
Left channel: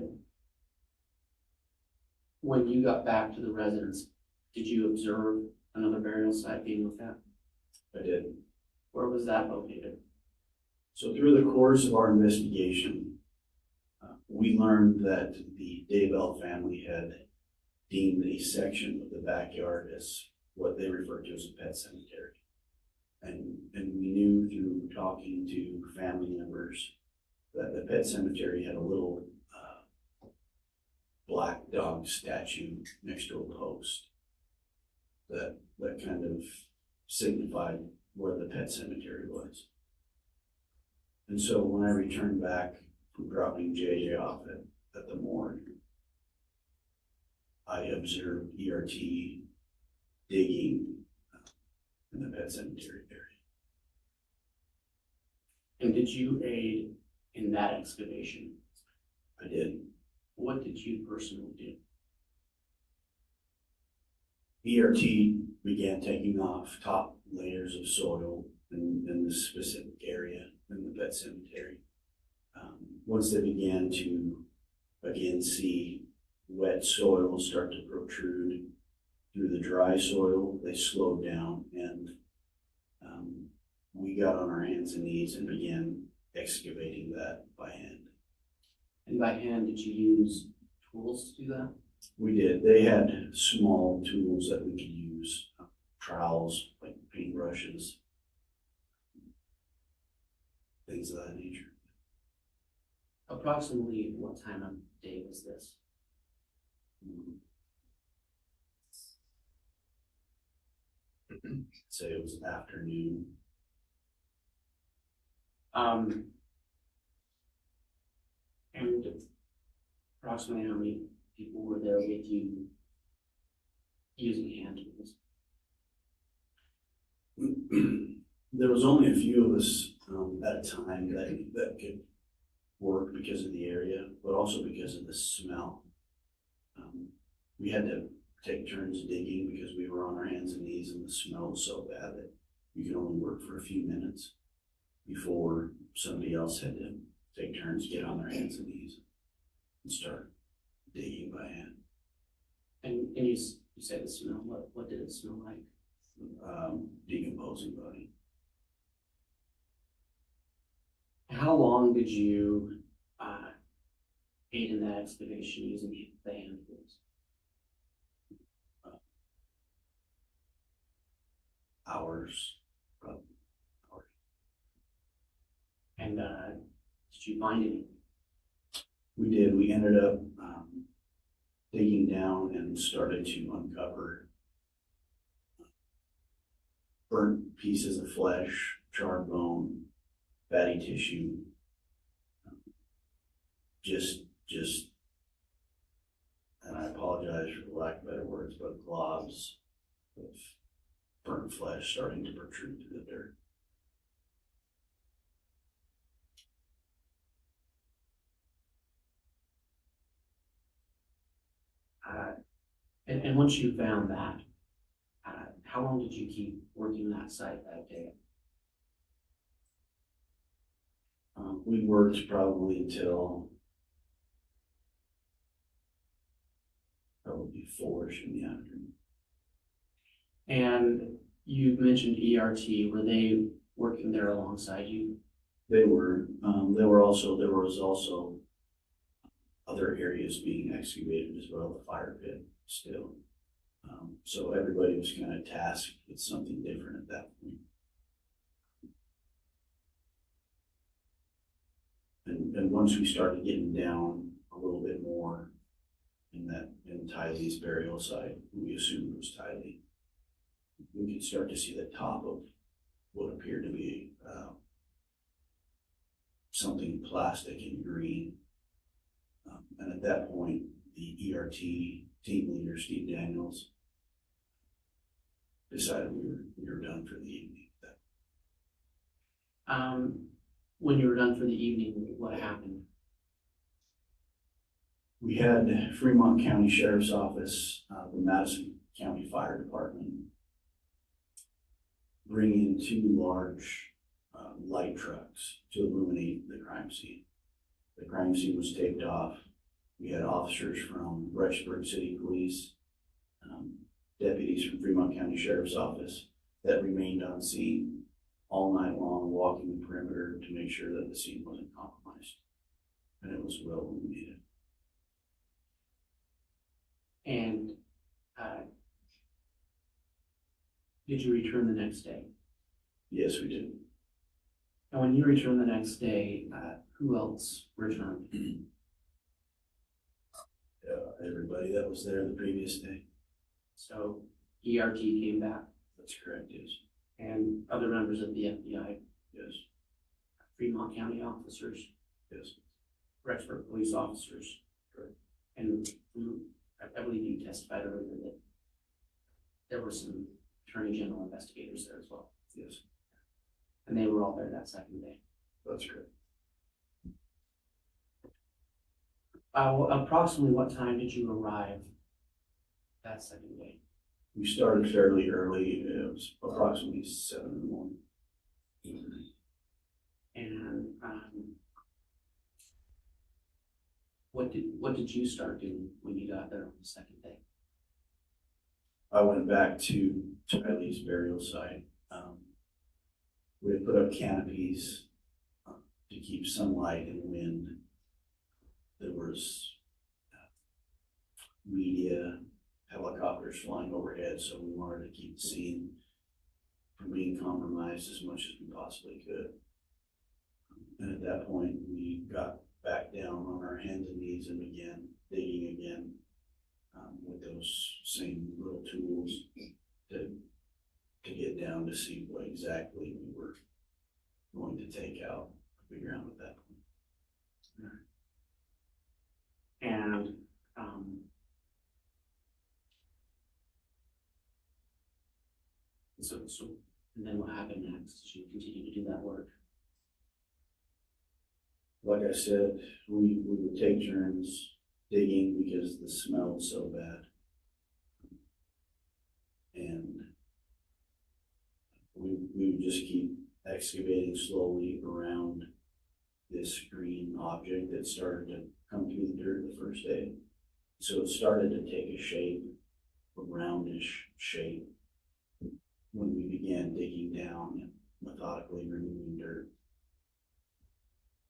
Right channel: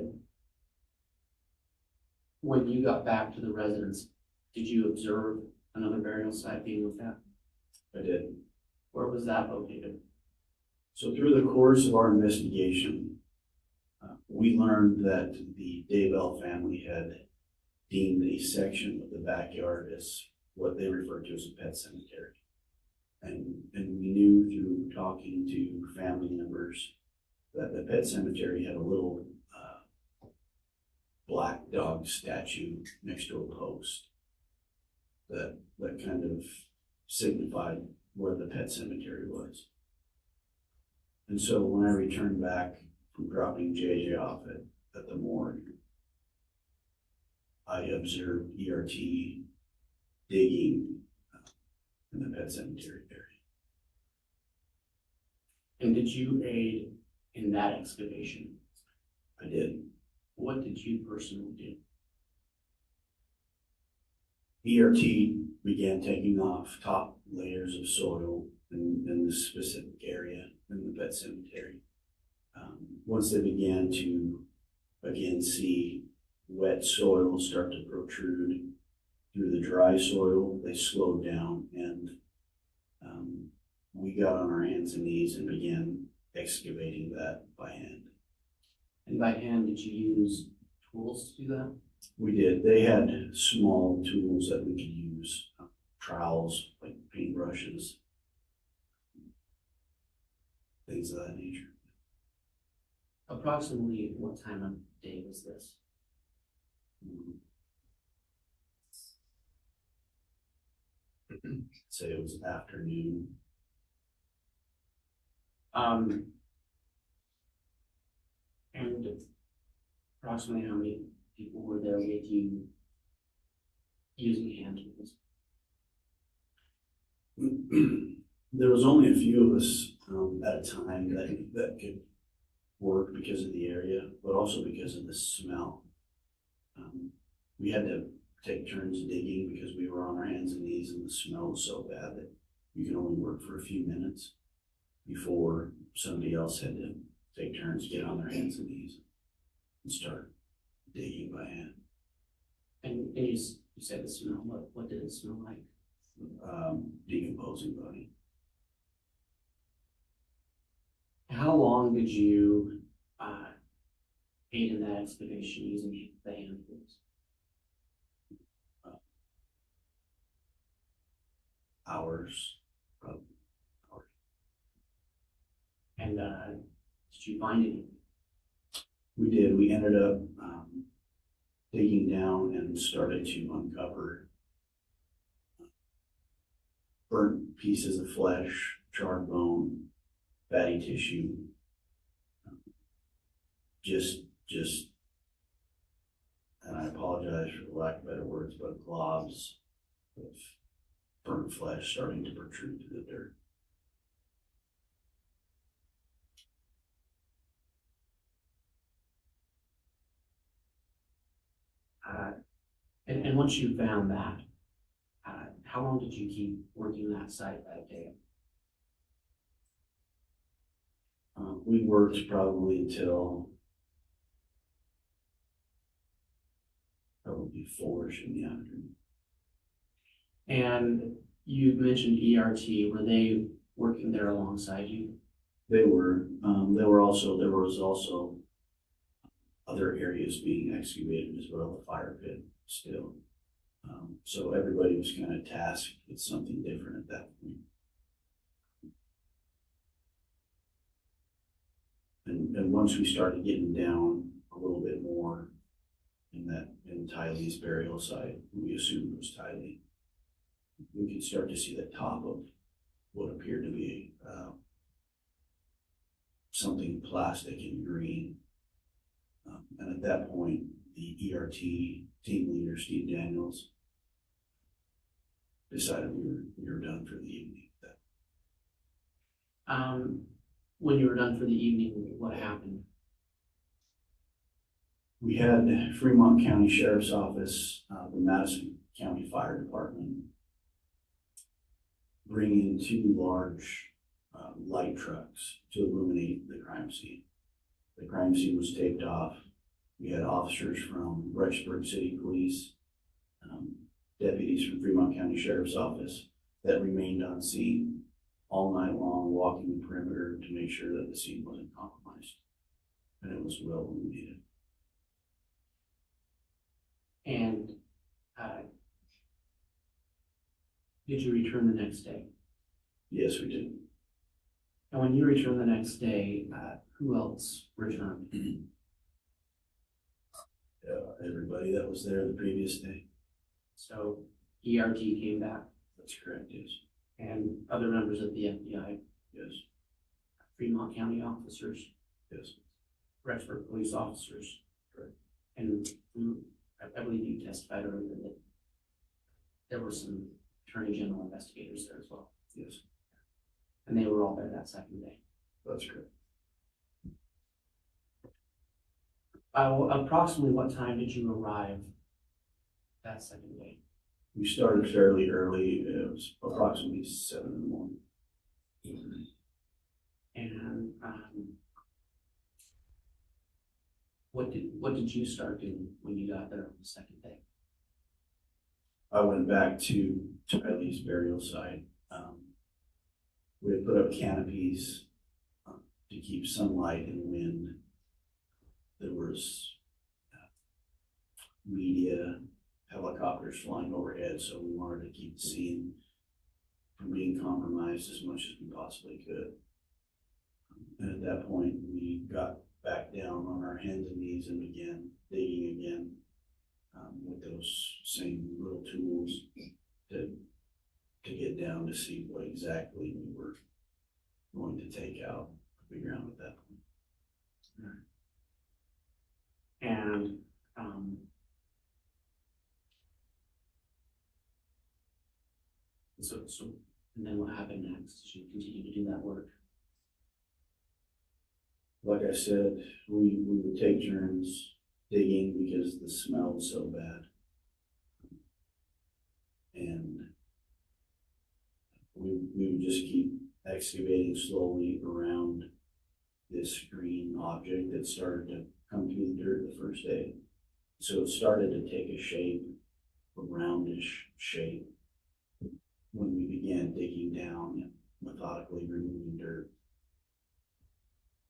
when you got back to the residence, did you observe another burial site being looked at? I did. Where was that located? So through the course of our investigation, we learned that the Daybell family had deemed a section of the backyard as what they referred to as a pet cemetery. And we knew through talking to family members that the pet cemetery had a little black dog statue next to a post that kind of signified where the pet cemetery was. And so when I returned back from dropping JJ off at the morgue, I observed ERT digging in the pet cemetery area. And did you aid in that excavation? I did. What did you personally do? ERT began taking off top layers of soil in this specific area in the pet cemetery. Once they began to again see wet soil start to protrude through the dry soil, they slowed down, and we got on our hands and knees and began excavating that by hand. And by hand, did you use tools to do that? We did. They had small tools that we could use, trowels, like paintbrushes, things of that nature. Approximately what time of day was this? Say it was afternoon. And approximately how many people were there with you using hand tools? There was only a few of us at a time that could work because of the area, but also because of the smell. We had to take turns digging because we were on our hands and knees, and the smell was so bad that you could only work for a few minutes before somebody else had to take turns, get on their hands and knees, and start digging by hand. And you said the smell, what did it smell like? Decomposing body. How long did you aid in that excavation using the hand tools? Hours, probably hours. And did you find anything? We did. We ended up digging down and started to uncover burnt pieces of flesh, charred bone, fatty tissue, just, and I apologize for the lack of better words, but globs of burnt flesh starting to protrude through the dirt. And once you found that, how long did you keep working that site that day? We worked probably until probably 4-ish in the afternoon. And you mentioned ERT, were they working there alongside you? They were. There was also other areas being excavated as well, the fire pit still. So everybody was kind of tasked with something different at that point. And once we started getting down a little bit more in Tylee's burial site, we assumed it was Tylee, we could start to see the top of what appeared to be something plastic and green. And at that point, the ERT team leader, Steve Daniels, decided we were done for the evening. When you were done for the evening, what happened? We had Fremont County Sheriff's Office, the Madison County Fire Department, bring in 2 large light trucks to illuminate the crime scene. The crime scene was taped off. We had officers from Rexburg City Police, deputies from Fremont County Sheriff's Office that remained on scene all night long, walking the perimeter to make sure that the scene wasn't compromised. And it was well illuminated. And did you return the next day? Yes, we did. And when you returned the next day, who else returned? Everybody that was there the previous day. So ERT came back, That's correct, yes. and other members of the FBI, Yes, Fremont County officers, yes. Rexburg police officers. Correct. And I believe you testified earlier that there were some Attorney General investigators there as well. Yes, And they were all there that second day. that's correct. Approximately what time did you arrive that second day? We started fairly early. It was approximately 7 in the morning. And what did you start doing when you got there on the second day? I went back to Tylee's burial site. We had put up canopies to keep sunlight and wind. There was media, helicopters flying overhead, so we wanted to keep the scene from being compromised as much as we possibly could. And at that point, we got back down on our hands and knees and began digging again with those same little tools to get down to see what exactly we were going to take out of the ground at that point. And so and then what happened next? Did you continue to do that work? Like I said, we would take turns digging because the smell was so bad. And we would just keep excavating slowly around this green object that started to come through the dirt the first day. So it started to take a shape, a roundish shape, when we began digging down and methodically removing dirt.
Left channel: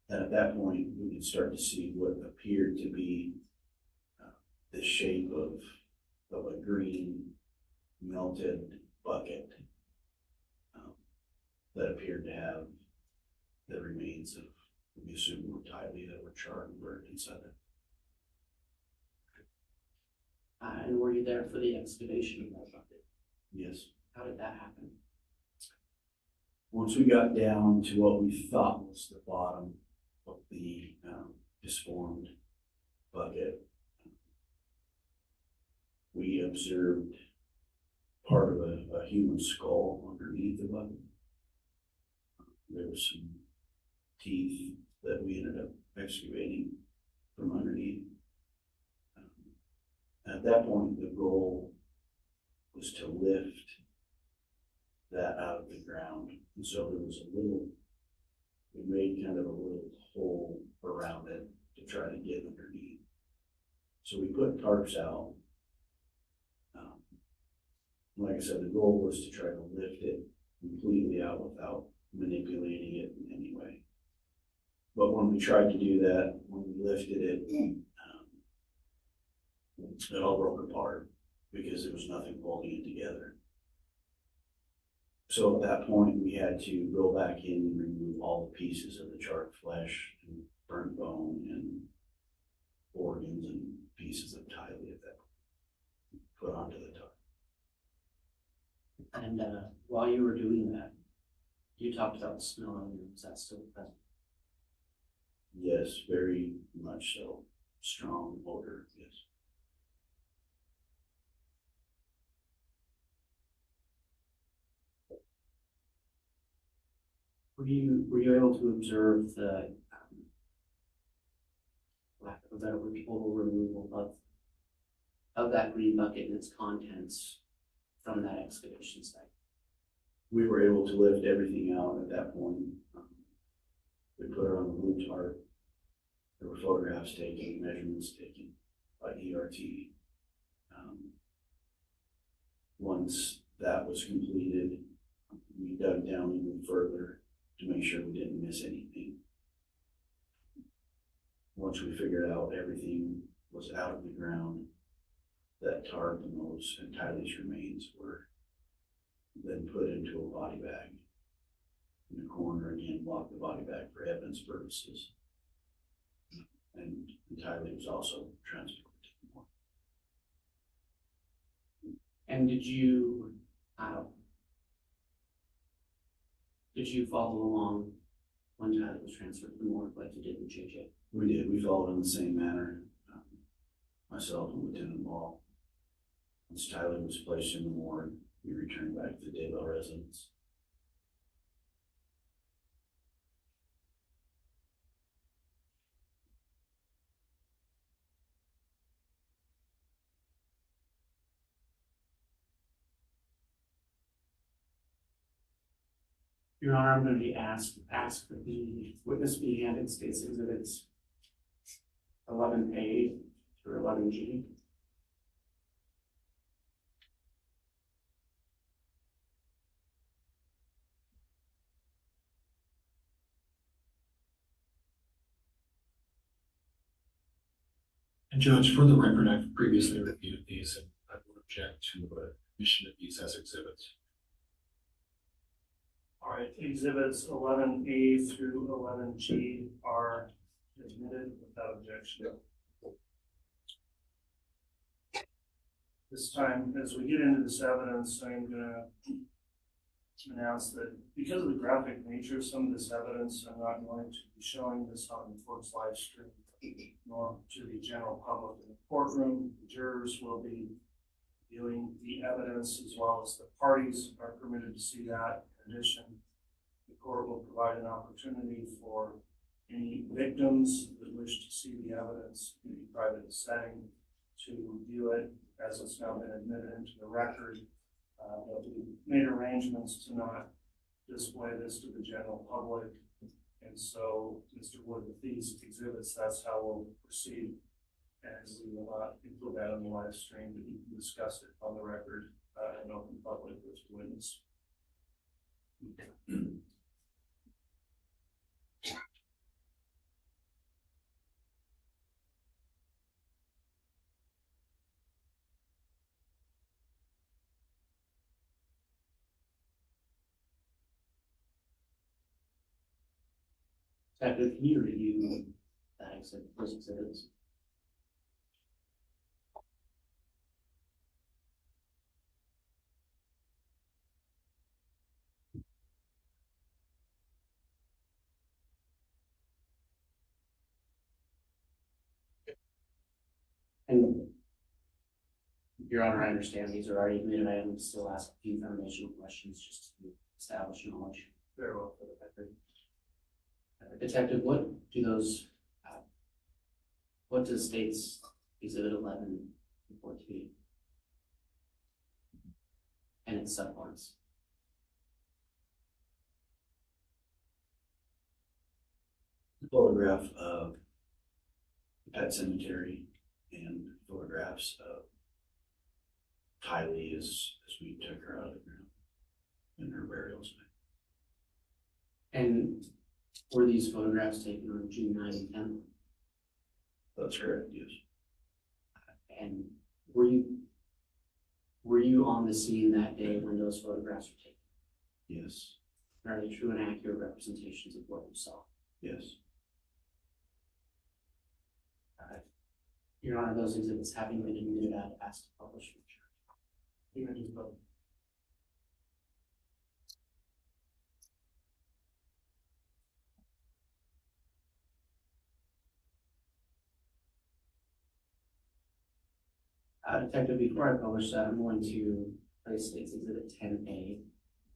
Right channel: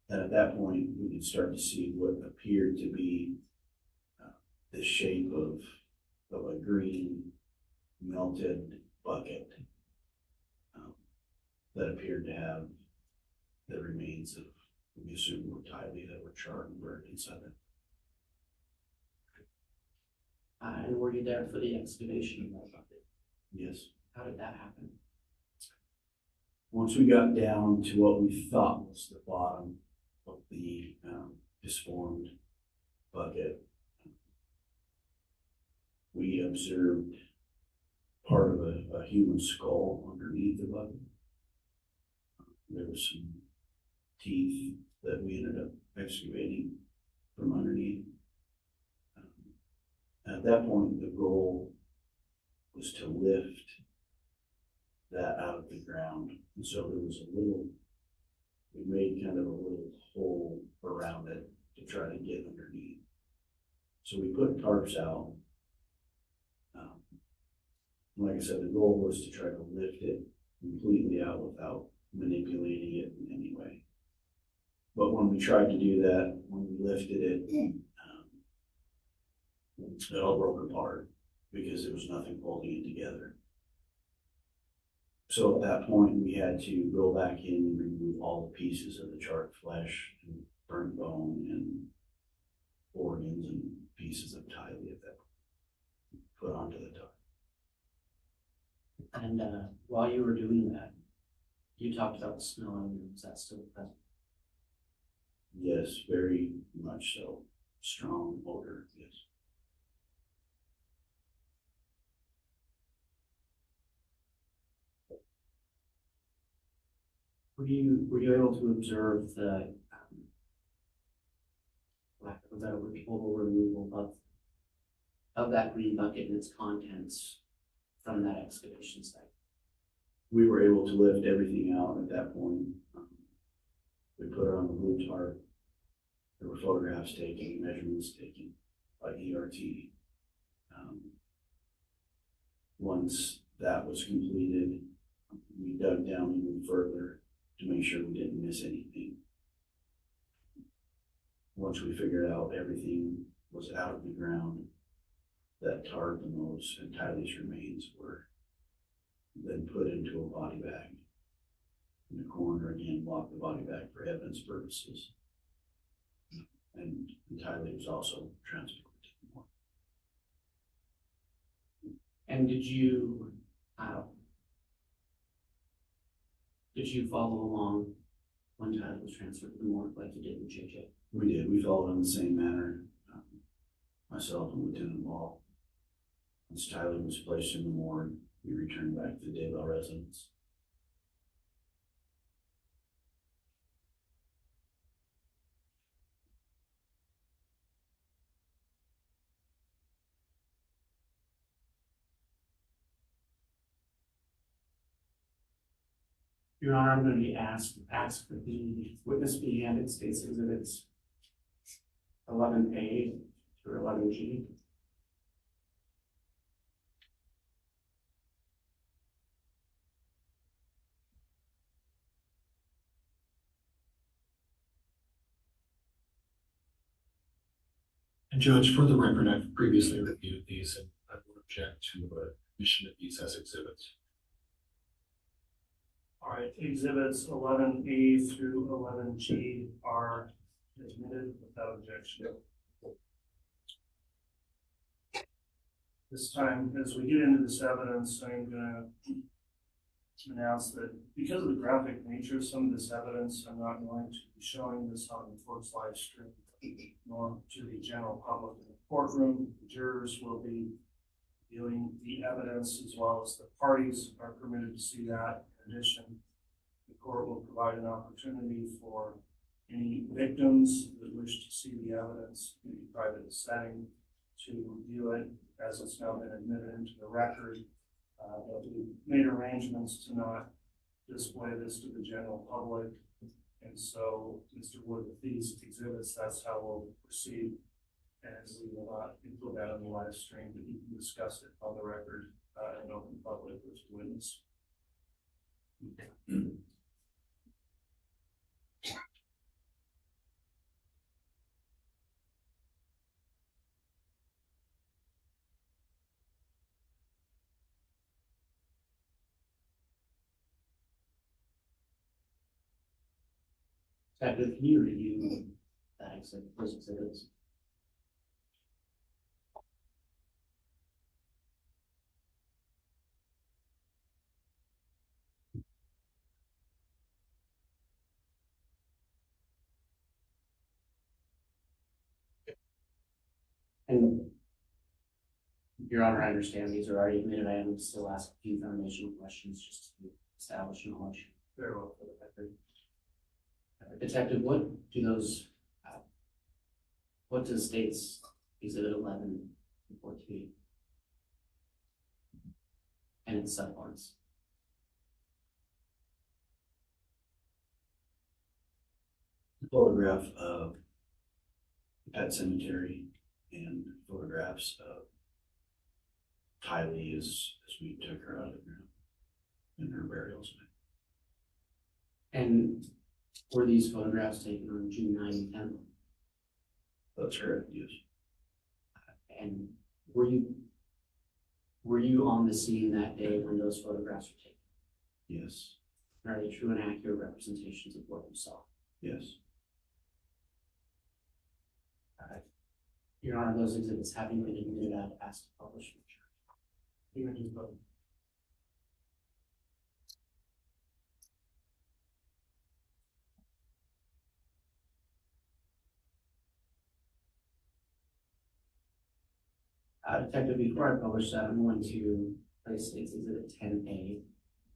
And at that point, we could start to see what appeared to be the shape of a green melted bucket that appeared to have the remains of, we assume, were Tylee that were charred and burned inside it. And were you there for the excavation of that bucket? Yes. How did that happen? Once we got down to what we thought was the bottom of the disformed bucket, we observed part of a human skull underneath the bucket. There was some teeth that we ended up excavating from underneath. At that point, the goal was to lift that out of the ground. And so there was we made kind of a little hole around it to try to get underneath. So we put tarps out. Like I said, the goal was to try to lift it completely out without manipulating it in any way. But when we tried to do that, when we lifted it, it all broke apart because there was nothing holding it together. So at that point, we had to go back in and remove all the pieces of the charred flesh and burnt bone and organs and pieces of tiley that put onto the top. And while you were doing that, you talked about the smell earlier. Was that still present? Yes, very much so. Strong odor, yes. Were you able to observe the lack of a better word, total removal of that green bucket and its contents from that excavation site? We were able to lift everything out at that point. We put it on the blue tarp. There were photographs taken, measurements taken by ERT. Once that was completed, we dug down even further to make sure we didn't miss anything. Once we figured out everything was out of the ground, that tarp and those and Tyler's remains were then put into a body bag in the corner, again, lock the body bag for evidence purposes. And Tyler was also transported to the morgue. And did you follow along when Tyler was transferred to the morgue like you did in JJ? We did. We followed in the same manner. Myself and Lieutenant Ball. Once Tyler was placed in the morgue, we returned back to the Daybell residence. Your Honor, I'm going to be asked that the witness be handed State's Exhibits 11A through 11G. And Judge, for the record, I've previously reviewed these and I would object to admission of these as exhibits. All right, exhibits 11A through 11G are admitted without objection. This time, as we get into this evidence, I'm going to announce that because of the graphic nature of some of this evidence, I'm not going to be showing this on the court's live stream, nor to the general public in the courtroom. The jurors will be viewing the evidence as well as the parties are permitted to see that. In addition, the court will provide an opportunity for any victims that wish to see the evidence in a private setting to view it as it's now been admitted into the record. But we made arrangements to not display this to the general public. And so, Mr. Wood, with these exhibits, that's how we'll proceed. And we will not include that on the live stream, but you can discuss it on the record in open public with the witness. Detective, can you review that exhibit, those exhibits? And Your Honor, I understand these are already admitted. I am still asking a few foundational questions just to establish knowledge. Very well for the record. Detective, what does states Exhibit 11 report to be? And its subparts? Photograph of the pet cemetery and photographs of Tylee as we took her out of the ground in her burial site. And were these photographs taken on June 9 and 10? That's correct, yes. And were you on the scene that day when those photographs were taken? Yes, Are they true and accurate representations of what you saw? yes. Your Honor, those exhibits having been admitted, I've asked to publish them. Images, but Detective, before I publish that, I'm going to place State's Exhibit 10A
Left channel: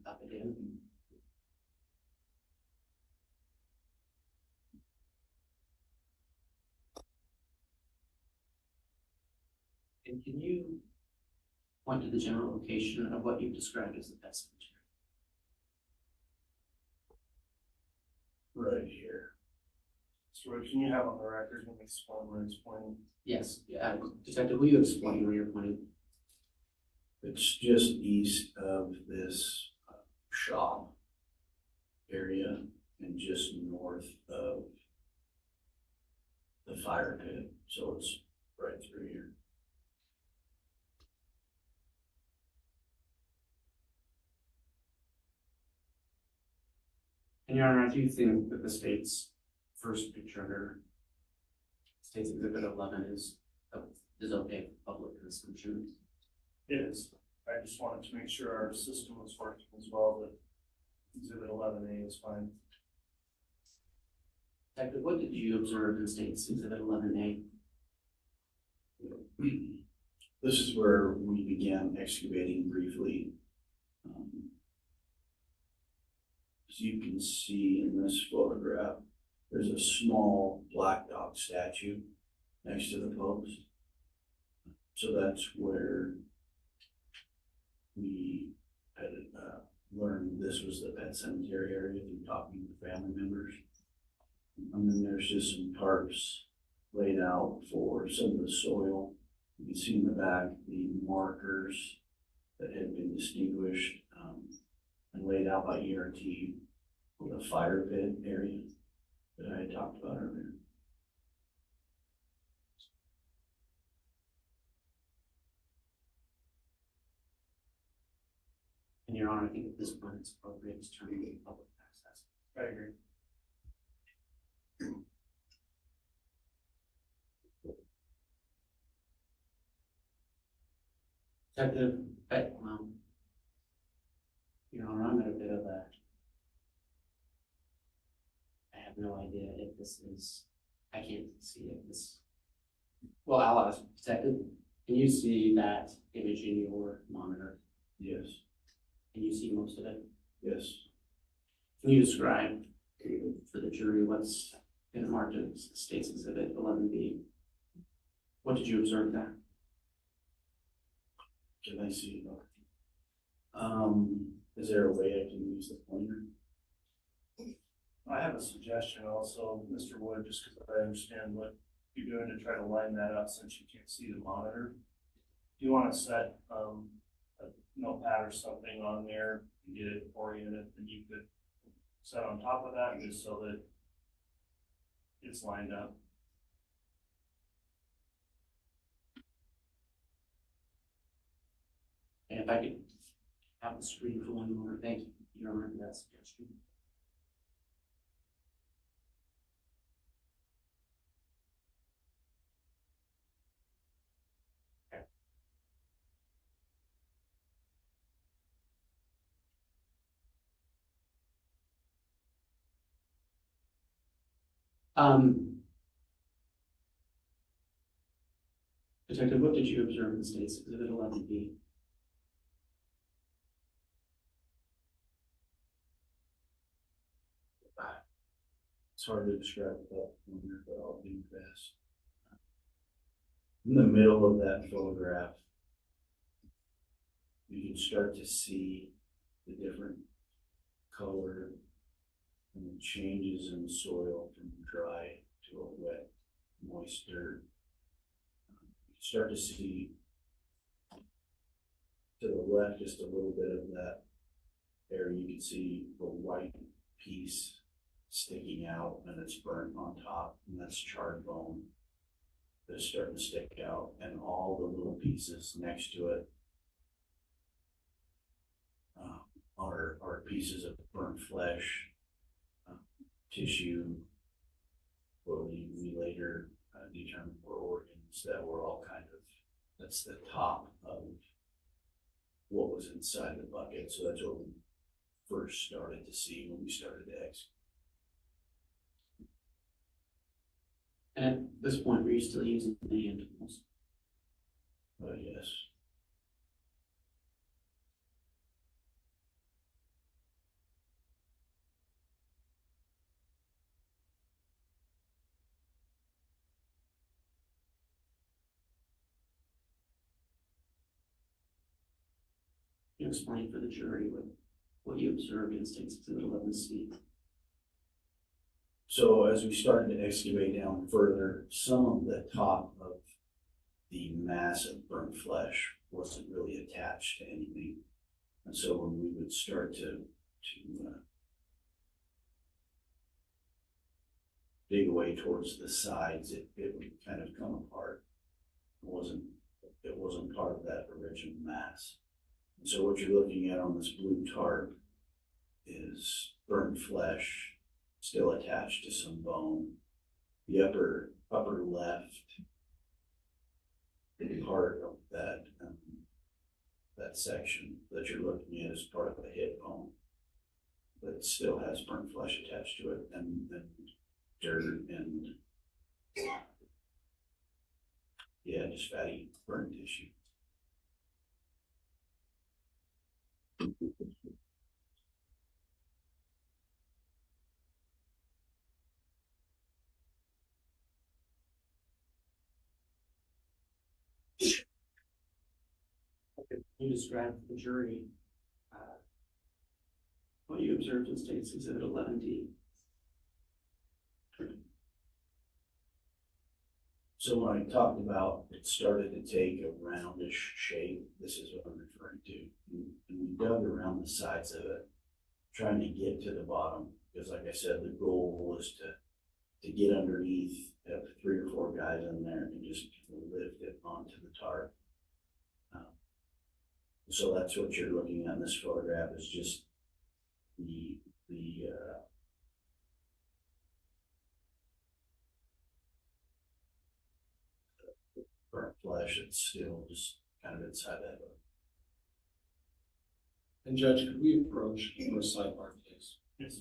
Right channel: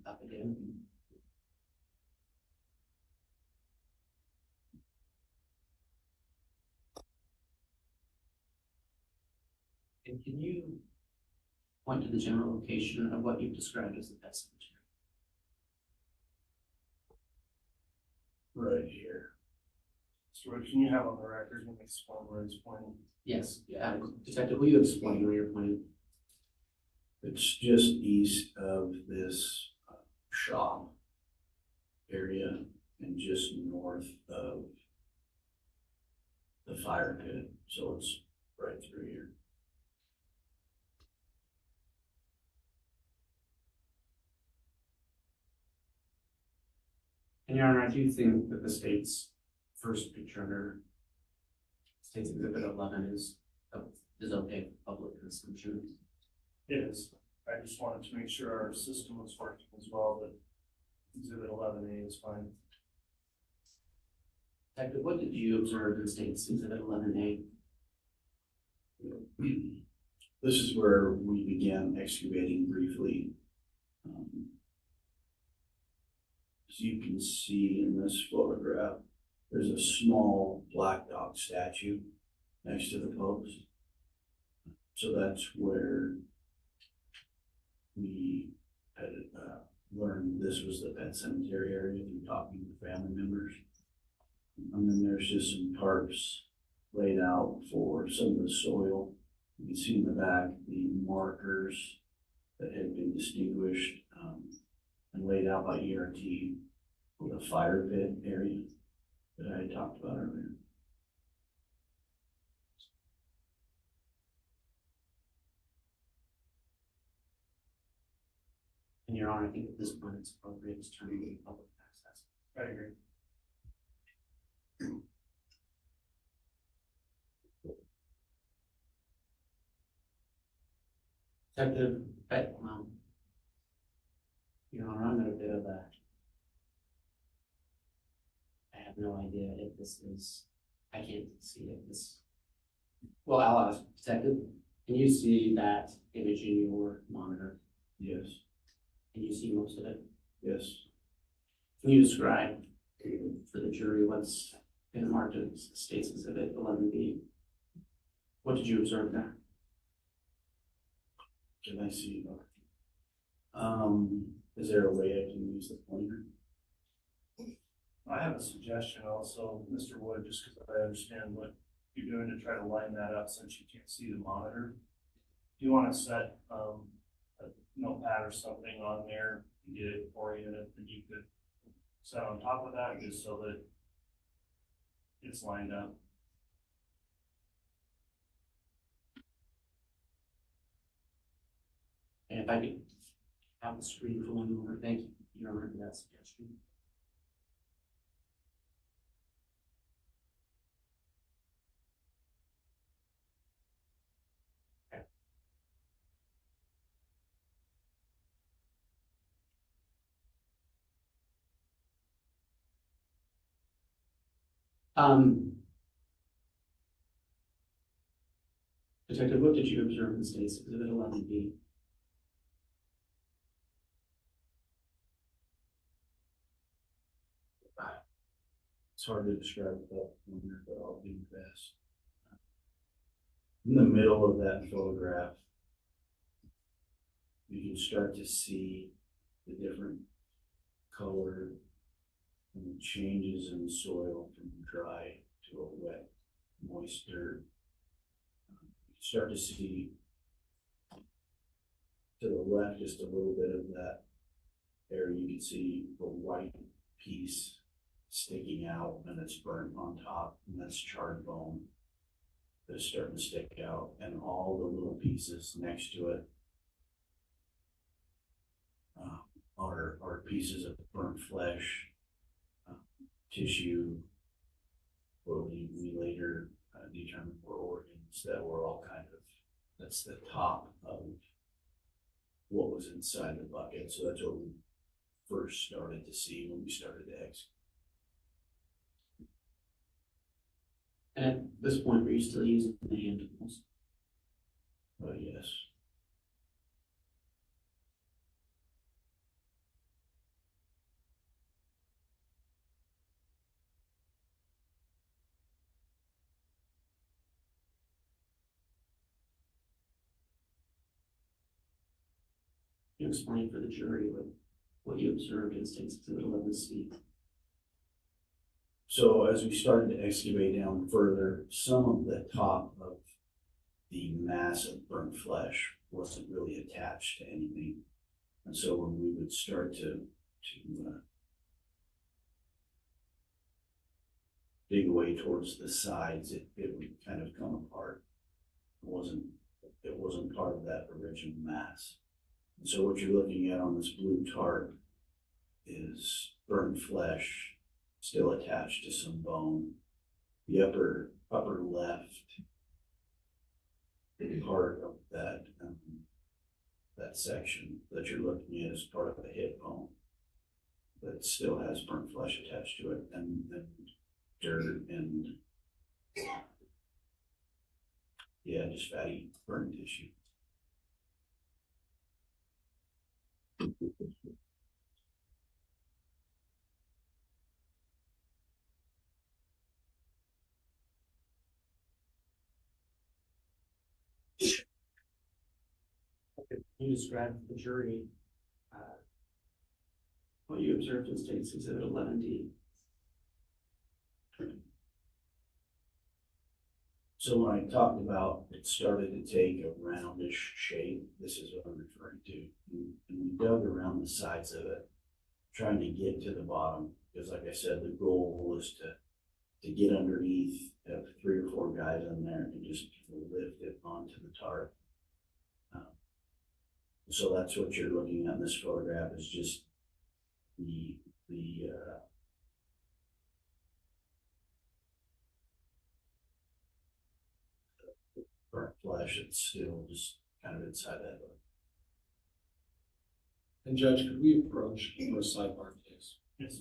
up again. And can you point to the general location of what you've described as the pet cemetery? Right here. so what can you have on the record and explain where it's pointing? Yes, Detective, will you explain where you're pointing? It's just east of this shop area and just north of the fire pit. So it's right through here. And Your Honor, I do think that the state's first picture under State's Exhibit 11 is okay for public consumption. It is. I just wanted to make sure our system was working as well, that Exhibit 11A is fine. Detective, what did you observe in State's Exhibit 11A? This is where we began excavating briefly. As you can see in this photograph, there's a small black dog statue next to the post. So that's where we had learned this was the pet cemetery area through talking to family members. And then there's just some tarps laid out for some of the soil. You can see in the back the markers that had been distinguished and laid out by ERT for the fire pit area that I had talked about earlier. And Your Honor, I think at this point it's appropriate to turn to public access. I agree. Detective, Your Honor, I'm at a bit of a, I have no idea if this is, I can't see if this, well, I'll ask Detective, can you see that image in your monitor? Yes, Can you see most of it? yes. Can you describe for the jury what's been marked as State's Exhibit 11B? What did you observe there? Can I see it? Is there a way I can use the pointer? I have a suggestion also, Mr. Wood, just because I understand what you're doing to try to line that up since you can't see the monitor. If you want to set a notepad or something on there and get it oriented, then you could set on top of that just so that it's lined up. And if I could have the screen for 1 moment, thank you. You don't remember that suggestion. Okay. Detective, what did you observe in State's Exhibit 11B? It's hard to describe that from here, but I'll do my best. In the middle of that photograph, you can start to see the different color and the changes in the soil from dry to a wet, moist dirt. You can start to see to the left just a little bit of that area. You can see the white piece sticking out and it's burnt on top, and that's charred bone that's starting to stick out, and all the little pieces next to it are pieces of burnt flesh, tissue. What we later determined were organs that were all kind of, that's the top of what was inside the bucket. So that's what we first started to see when we started to excavate. And at this point, were you still using the hand tools? Yes. Can you explain for the jury what you observed in State's Exhibit 11C? So as we started to excavate down further, some of the top of the mass of burnt flesh wasn't really attached to anything. And so when we would start to dig away towards the sides, it would kind of come apart. It wasn't part of that original mass. And so what you're looking at on this blue tarp is burnt flesh still attached to some bone. The upper left part of that section that you're looking at is part of the hip bone that still has burnt flesh attached to it, and dirt and just fatty burnt tissue. Can you describe for the jury what you observed in State's Exhibit 11D? So when I talked about it started to take a roundish shape, this is what I'm referring to. And we dug around the sides of it, trying to get to the bottom, because like I said, the goal was to get underneath, have 3 or 4 guys in there and just lift it onto the tarp. So that's what you're looking at in this photograph, is just the burnt flesh that's still just kind of inside that. And Judge, could we approach for a sidebar, please? Yes.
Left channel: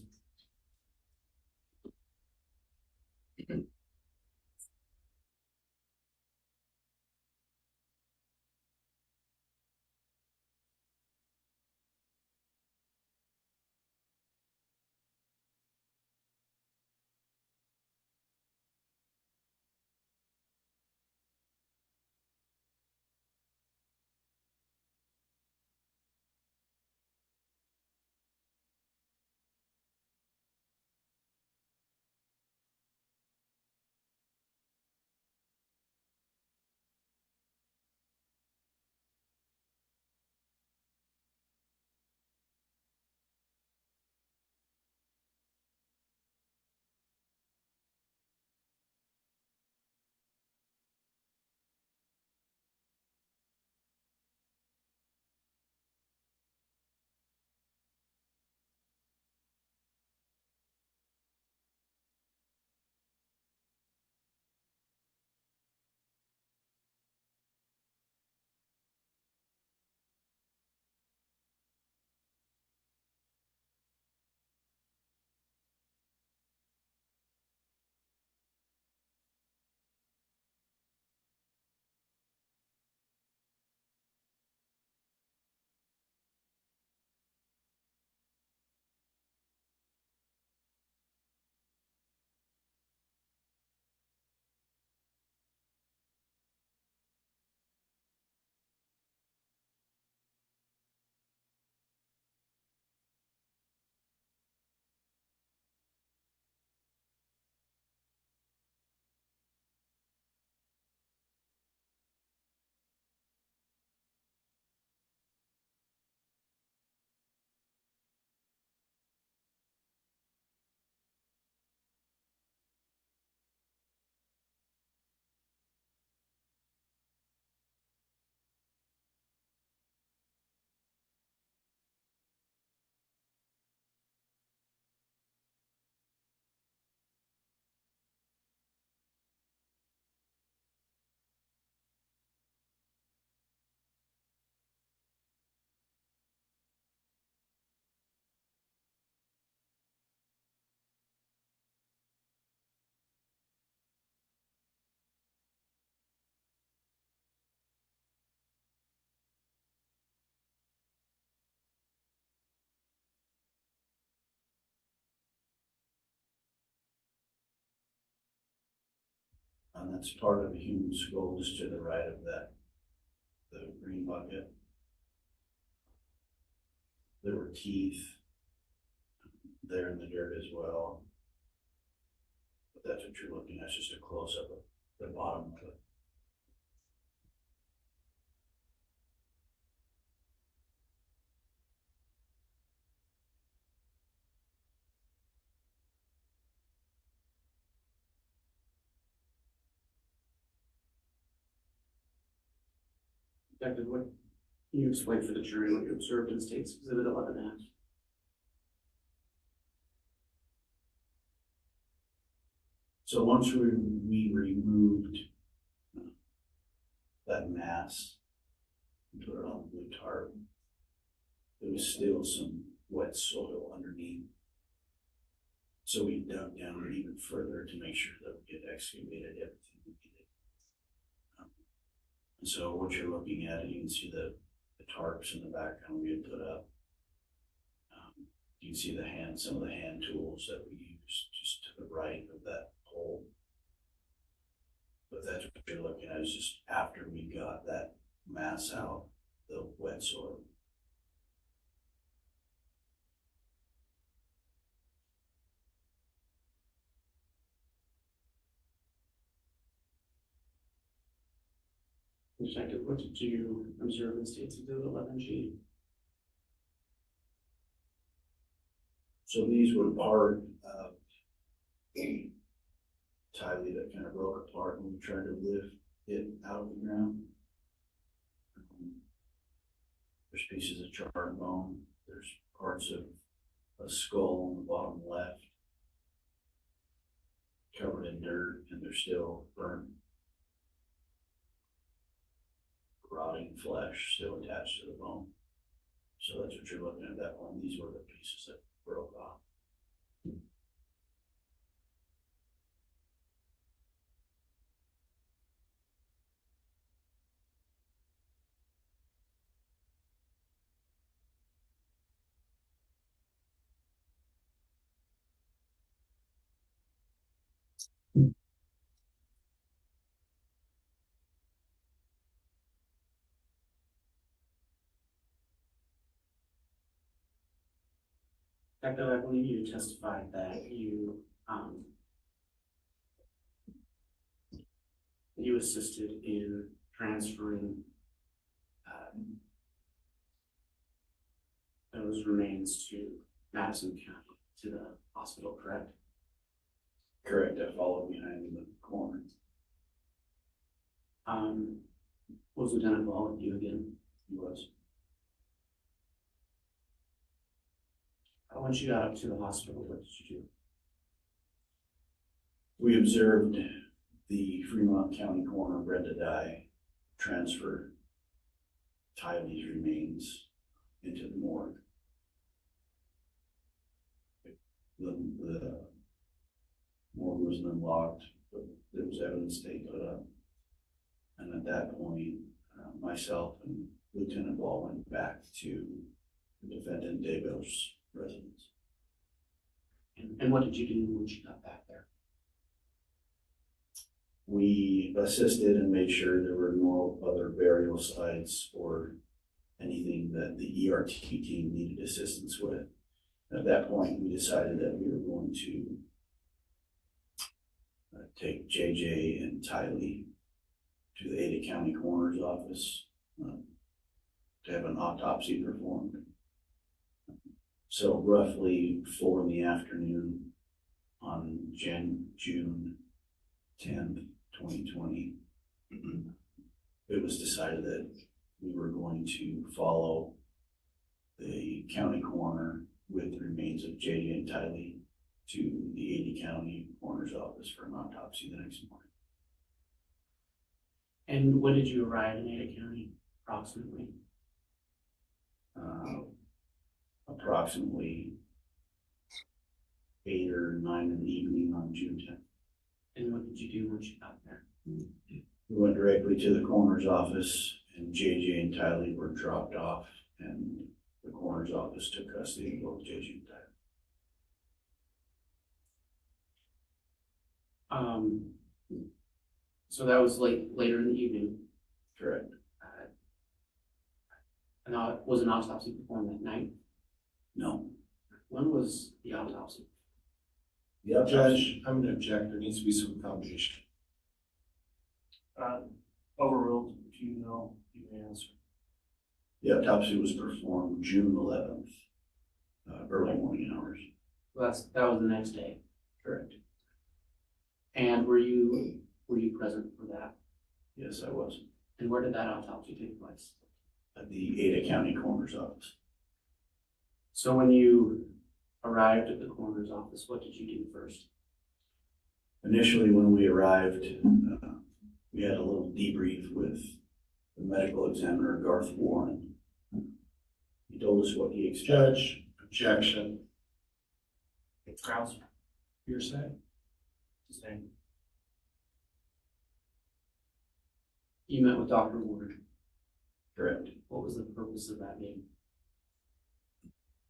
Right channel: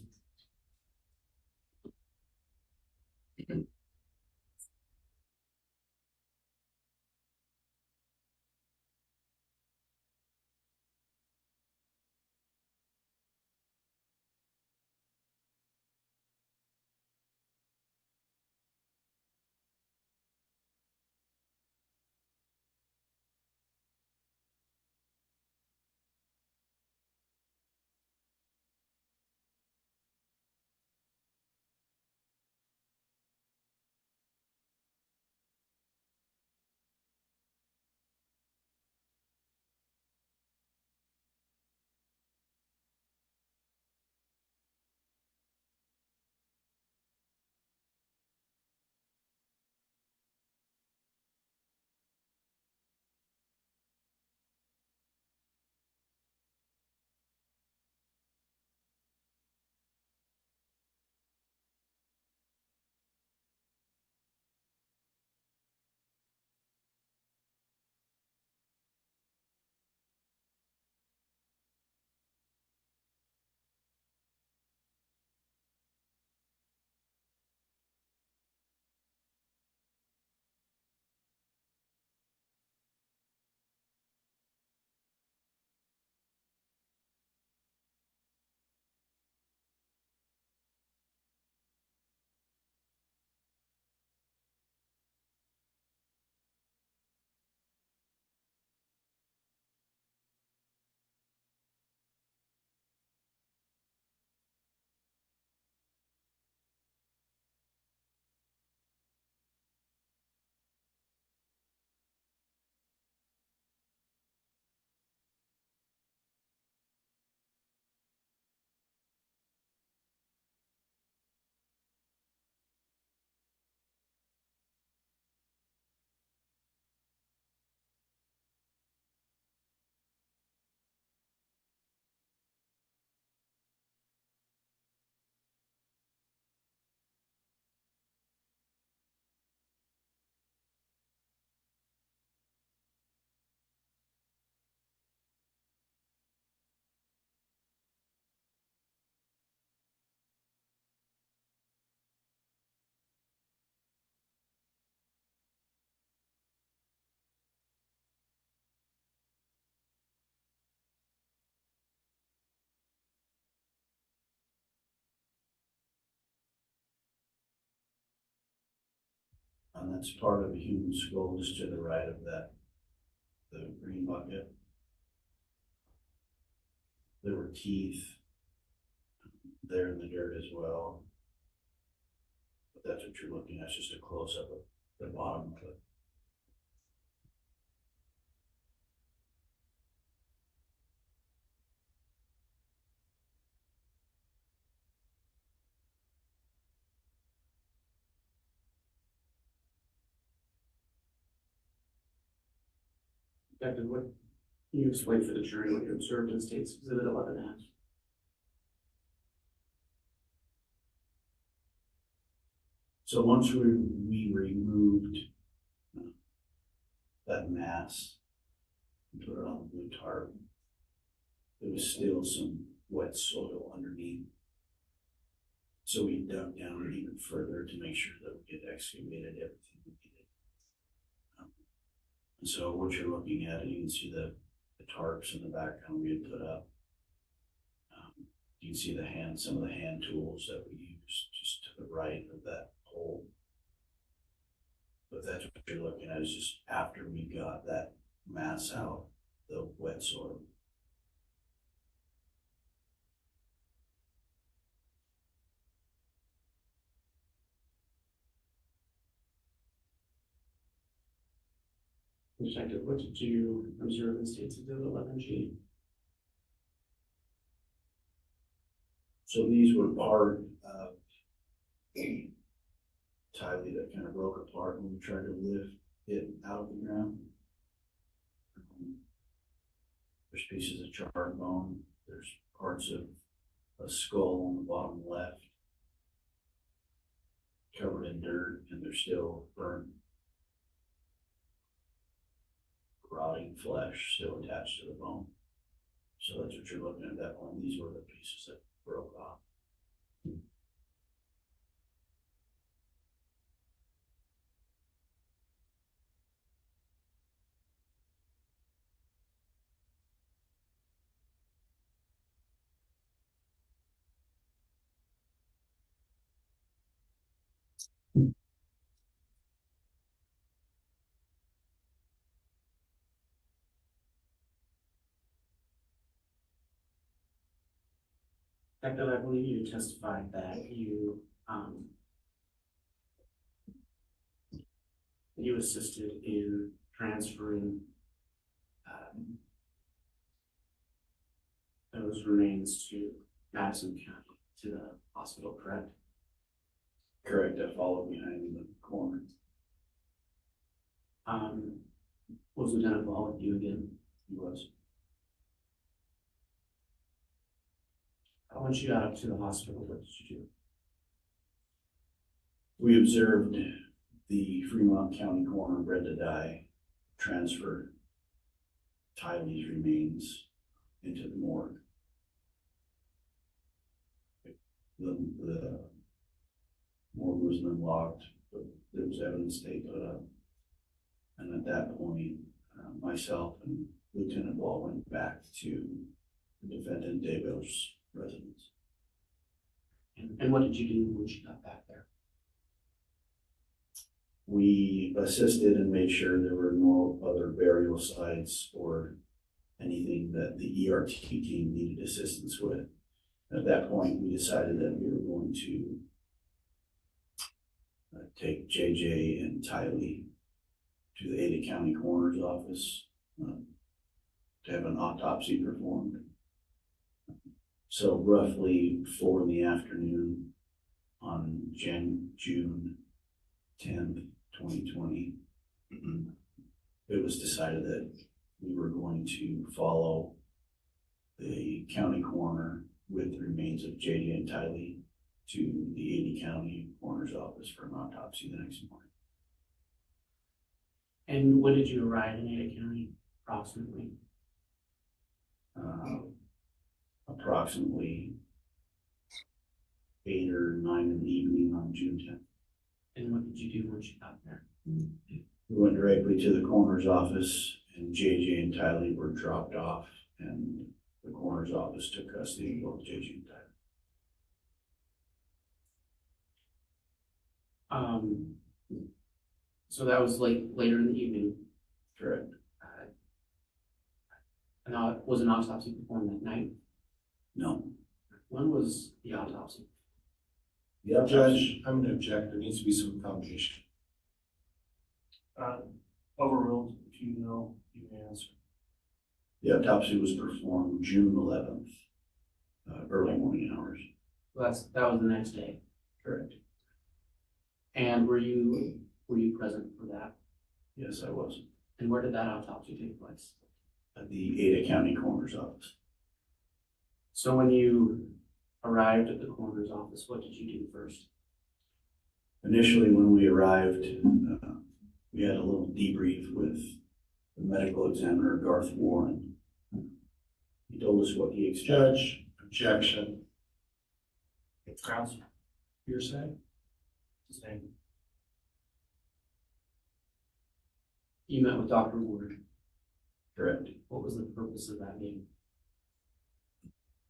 That's part of a human skull just to the right of that, the green bucket. There were teeth there in the dirt as well. But that's what you're looking at, just a close-up of the bottom of it. Detective, what can you explain for the jury what you observed in State's Exhibit 11F? So once we removed that mass and put it on the blue tarp, there was still some wet soil underneath. So we dug down even further to make sure that we had excavated everything we needed. And so what you're looking at, you can see the tarps in the background we had put up. You can see some of the hand tools that we used just to the right of that hole. But that's what you're looking at, is just after we got that mass out, the wet soil. Detective, what did you observe in State's Exhibit 11G? So these were part of a Tylee that kind of broke apart when we tried to lift it out of the ground. There's pieces of charred bone. There's parts of a skull on the bottom left, covered in dirt, and they're still burnt, rotting flesh still attached to the bone. So that's what you're looking at that one. These were the pieces that broke off. Detective, I believe you testified that you assisted in transferring those remains to Madison County, to the hospital, correct? Correct, I followed behind in the corner. Was Lieutenant Ball with you again? He was. Once you got up to the hospital, what did you do? We observed the Fremont County coroner, Brenda Dye, transfer Tylee's remains into the morgue. The morgue was unlocked, but there was evidence they put up. And at that point, myself and Lieutenant Ball went back to the defendant Daybell's residence. And what did you do once you got back there? We assisted and made sure there were no other burial sites or anything that the ERT team needed assistance with. At that point, we decided that we were going to take JJ and Tylee to the Ada County Coroner's Office to have an autopsy performed. So roughly 4 in the afternoon on June 10th, 2020, it was decided that we were going to follow the county coroner with the remains of JJ and Tylee to the Ada County Coroner's Office for an autopsy the next morning. And when did you arrive in Ada County, approximately? Approximately 8 or 9 in the evening on June 10th. And what did you do once you got there? We went directly to the coroner's office, and JJ and Tylee were dropped off, and the coroner's office took custody of both JJ and Tylee. So that was later in the evening. Correct. And was an autopsy performed that night? No. When was the autopsy? The autopsy, Judge, I'm gonna object, there needs to be some foundation. Overruled, if you know, you can answer. the autopsy was performed June 11th, early morning hours. Well, that was the next day. Correct. And were you present for that? Yes, I was. And where did that autopsy take place? At the Ada County Coroner's Office. So when you arrived at the coroner's office, what did you do first? Initially, when we arrived, we had a little debrief with the medical examiner, Garth Warren. He told us what he expected. Judge, objection. Grounds, Hearsay? sustained. You met with Dr. Warren. Correct. What was the purpose of that meeting?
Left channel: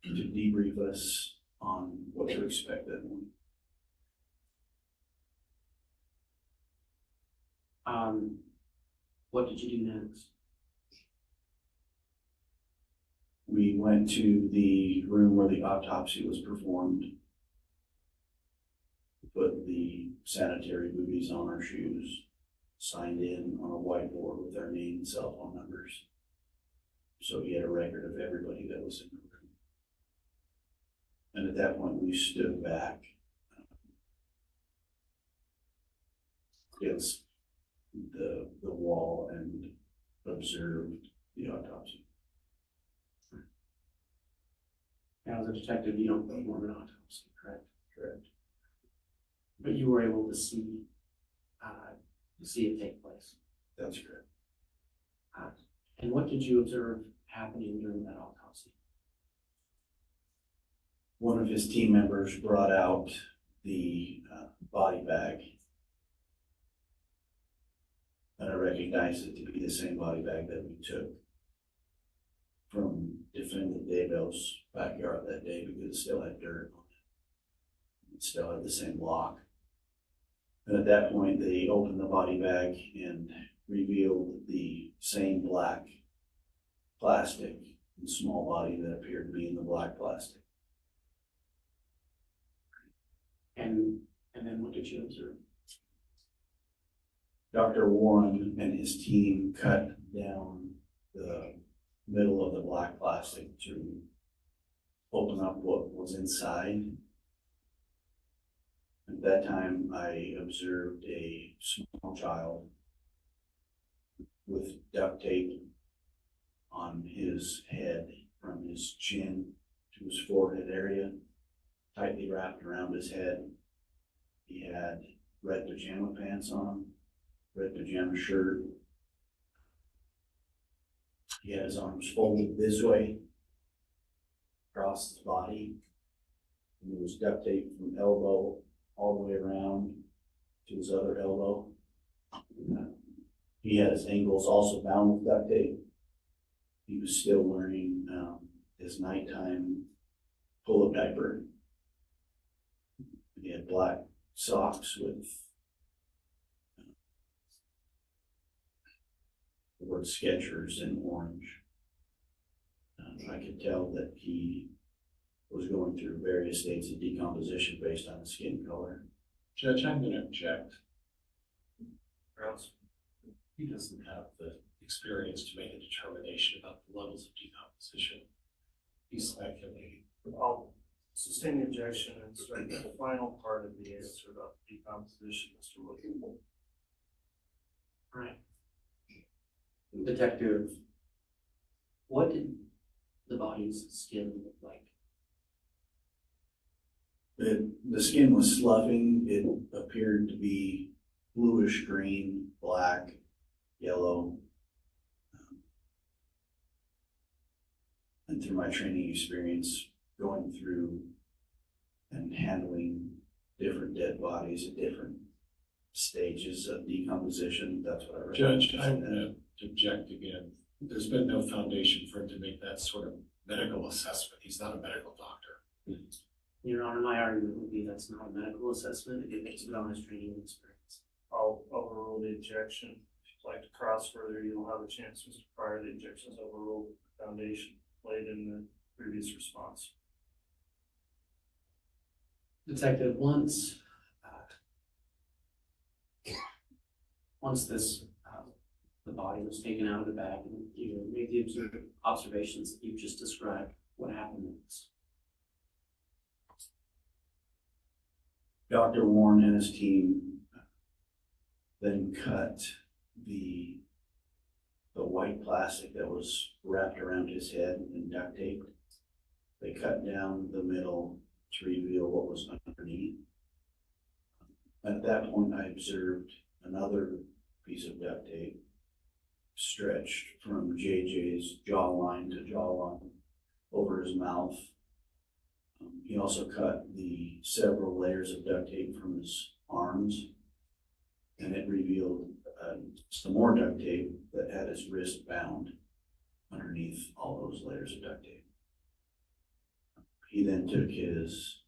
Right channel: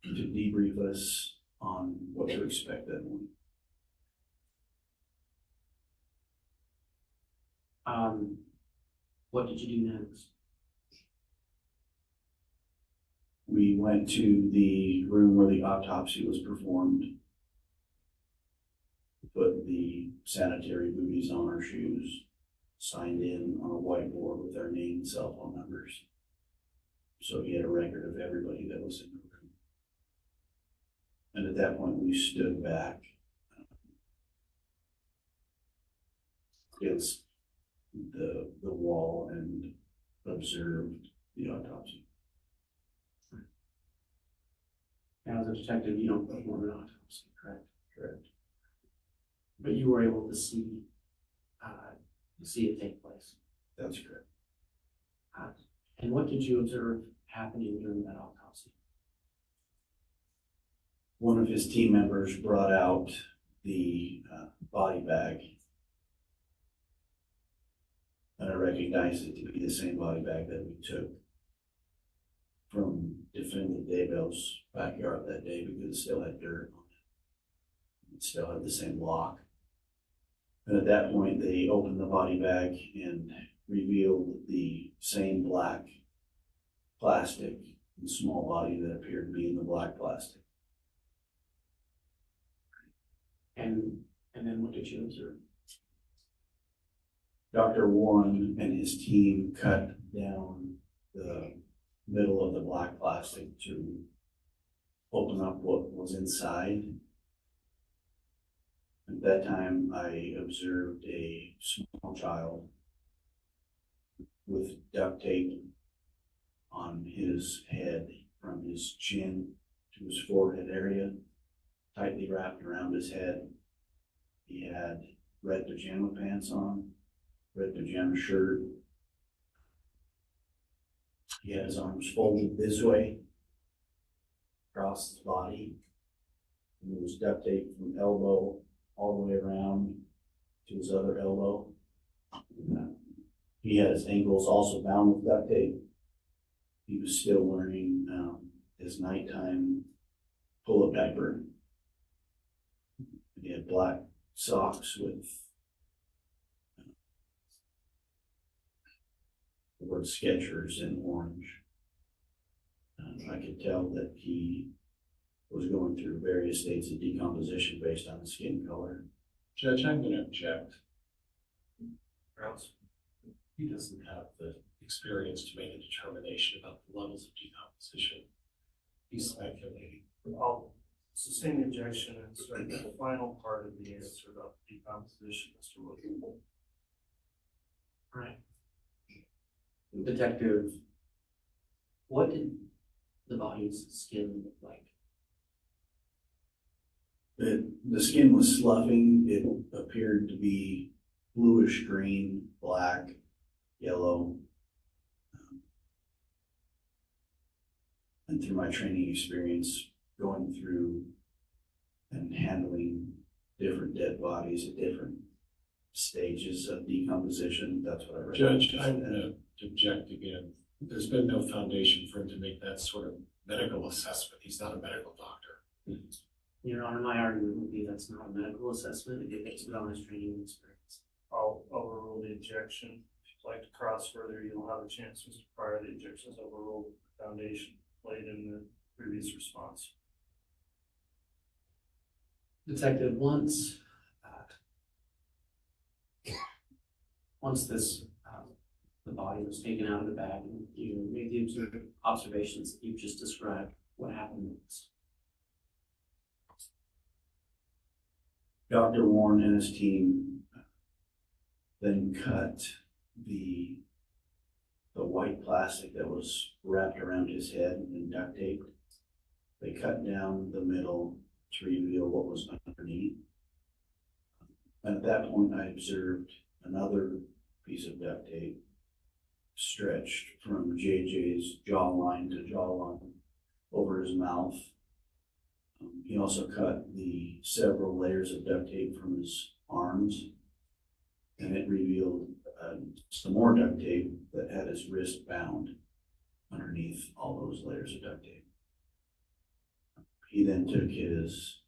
To debrief us on what to expect that morning. What did you do next? We went to the room where the autopsy was performed. Put the sanitary booties on our shoes, signed in on a whiteboard with our name and cell phone numbers. So he had a record of everybody that was in the room. And at that point, we stood back against the wall and observed the autopsy. Now, as a detective, you don't perform an autopsy, correct? Correct. But you were able to see it take place. That's correct. And what did you observe happening during that autopsy? One of his team members brought out the body bag. And I recognized it to be the same body bag that we took from defendant Daybell's backyard that day because it still had dirt on it. It still had the same lock. And at that point, they opened the body bag and revealed the same black plastic and small body that appeared to be in the black plastic. And then what did you observe? Dr. Warren and his team cut down the middle of the black plastic to open up what was inside. At that time, I observed a small child with duct tape on his head from his chin to his forehead area, tightly wrapped around his head. He had red pajama pants on, red pajama shirt. He had his arms folded this way across his body. And there was duct tape from elbow all the way around to his other elbow. He had his ankles also bound with duct tape. He was still wearing his nighttime pull-up diaper. He had black socks with the word Skechers in orange. I could tell that he was going through various states of decomposition based on his skin color. Judge, I'm gonna object. Grounds. He doesn't have the experience to make a determination about the levels of decomposition. He's speculating. I'll sustain the objection and start the final part of the answer about decomposition, Mr. Wilkie. Right. Detective, what did the body's skin look like? The skin was sloughing. It appeared to be bluish green, black, yellow. And through my training experience, going through and handling different dead bodies at different stages of decomposition, that's what I recommend. Judge, I'm gonna object again. There's been no foundation for him to make that sort of medical assessment. He's not a medical doctor. Your Honor, my argument would be that's not a medical assessment, it is based on his training and experience. I'll overrule the objection. If you'd like to cross further, you'll have a chance, Mr. Pryor. The objection is overruled. The foundation laid in the previous response. Detective, once this, the body was taken out of the bag and you made the observations that you've just described, what happened next? Dr. Warren and his team then cut the white plastic that was wrapped around his head and duct taped. They cut down the middle to reveal what was underneath. And at that point, I observed another piece of duct tape stretched from JJ's jawline to jawline over his mouth. He also cut the several layers of duct tape from his arms, and it revealed some more duct tape that had his wrist bound underneath all those layers of duct tape. He then took his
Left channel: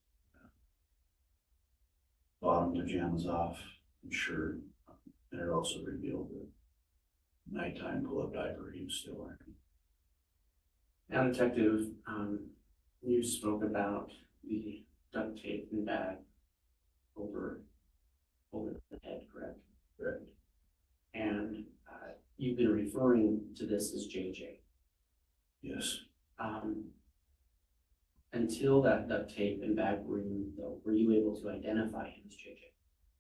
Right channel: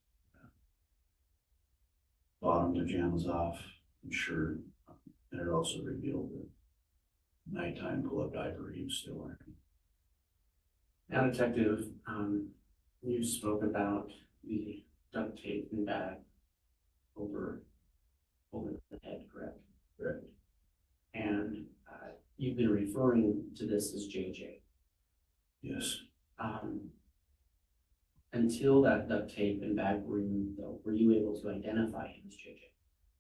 bottom pajamas off and shirt, and it also revealed the nighttime pull-up diaper he was still wearing. Now, Detective, you spoke about the duct tape and bag over the head, correct? Correct. And you've been referring to this as JJ. Yes. Until that duct tape and bag were removed, though, were you able to identify him as JJ?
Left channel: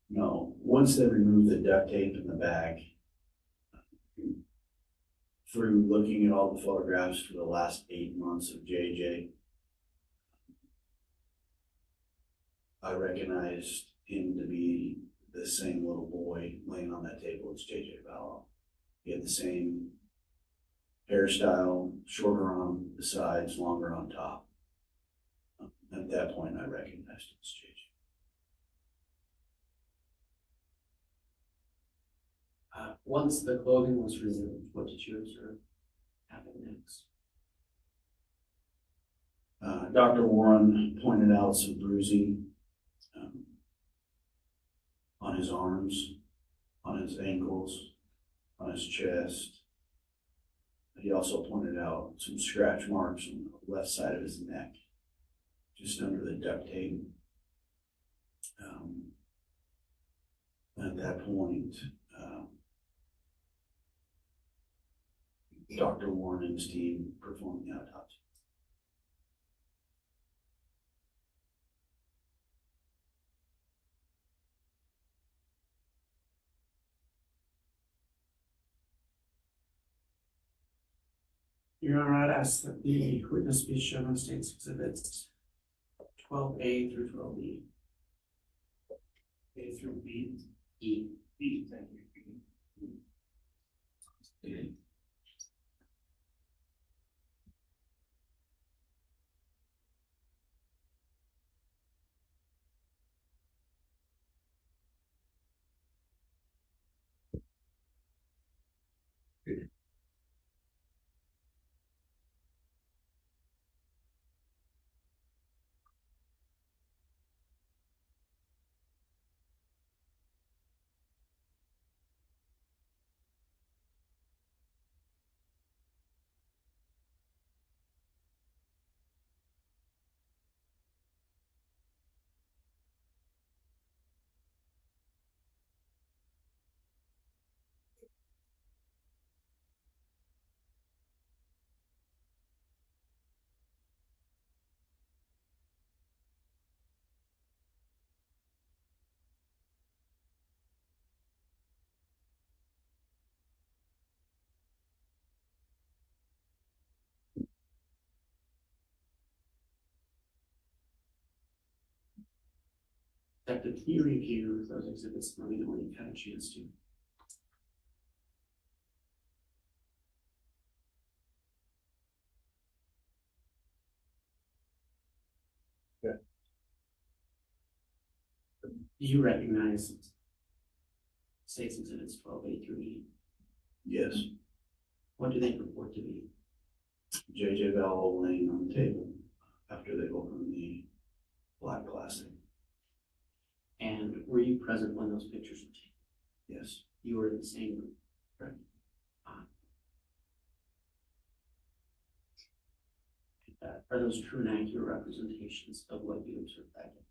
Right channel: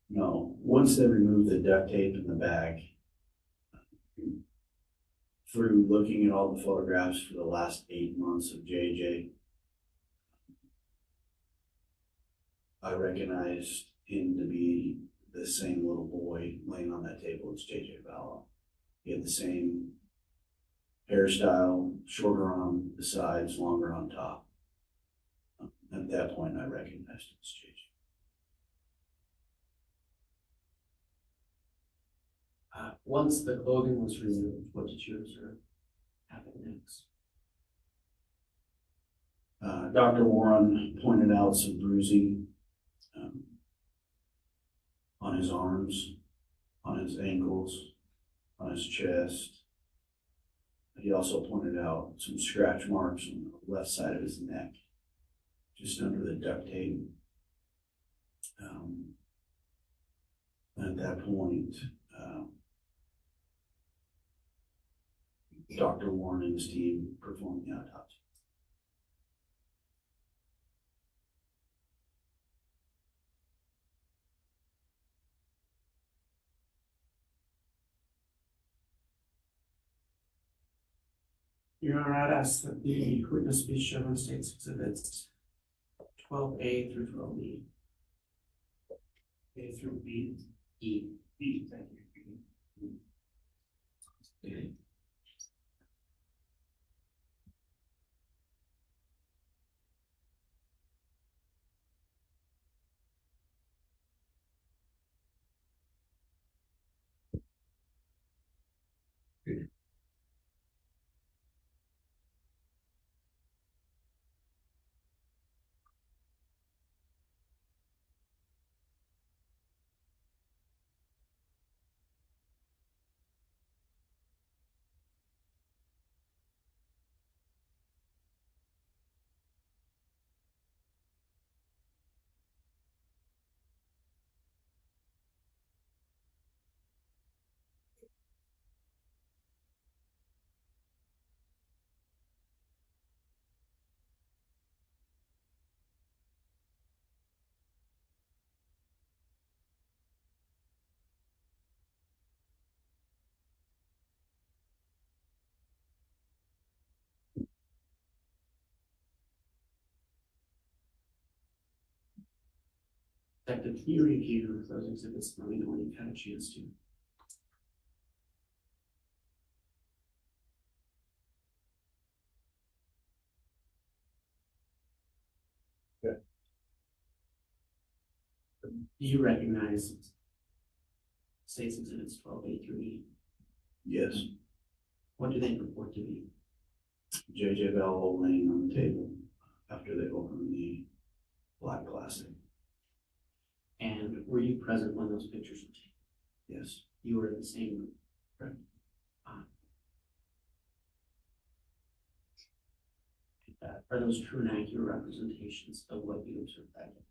No. Once they removed the duct tape in the bag, through looking at all the photographs for the last 8 months of JJ, I recognized him to be the same little boy laying on that table as JJ Vallow. He had the same hairstyle, shorter on the sides, longer on top. At that point, I recognized him as JJ. Once the clothing was removed, what did you observe happen next? Dr. Warren pointed out some bruising on his arms, on his ankles, on his chest. He also pointed out some scratch marks on the left side of his neck, just under the duct tape. At that point, Dr. Warren and his team performed the autopsy. Your Honor, I'd ask that the witness be shown on State's Exhibits 12A through 12B. A through B. E. B, thank you. Detective, can you review those exhibits and let me know when you've had a chance to? Yeah. Do you recognize State's Exhibits 12A through E? Yes. What do they purport to be? JJ Vallow laying on the table after they opened the black plastic. And were you present when those pictures were taken? Yes, You were in the same room, correct? Are those true and accurate representations of what you observed that day?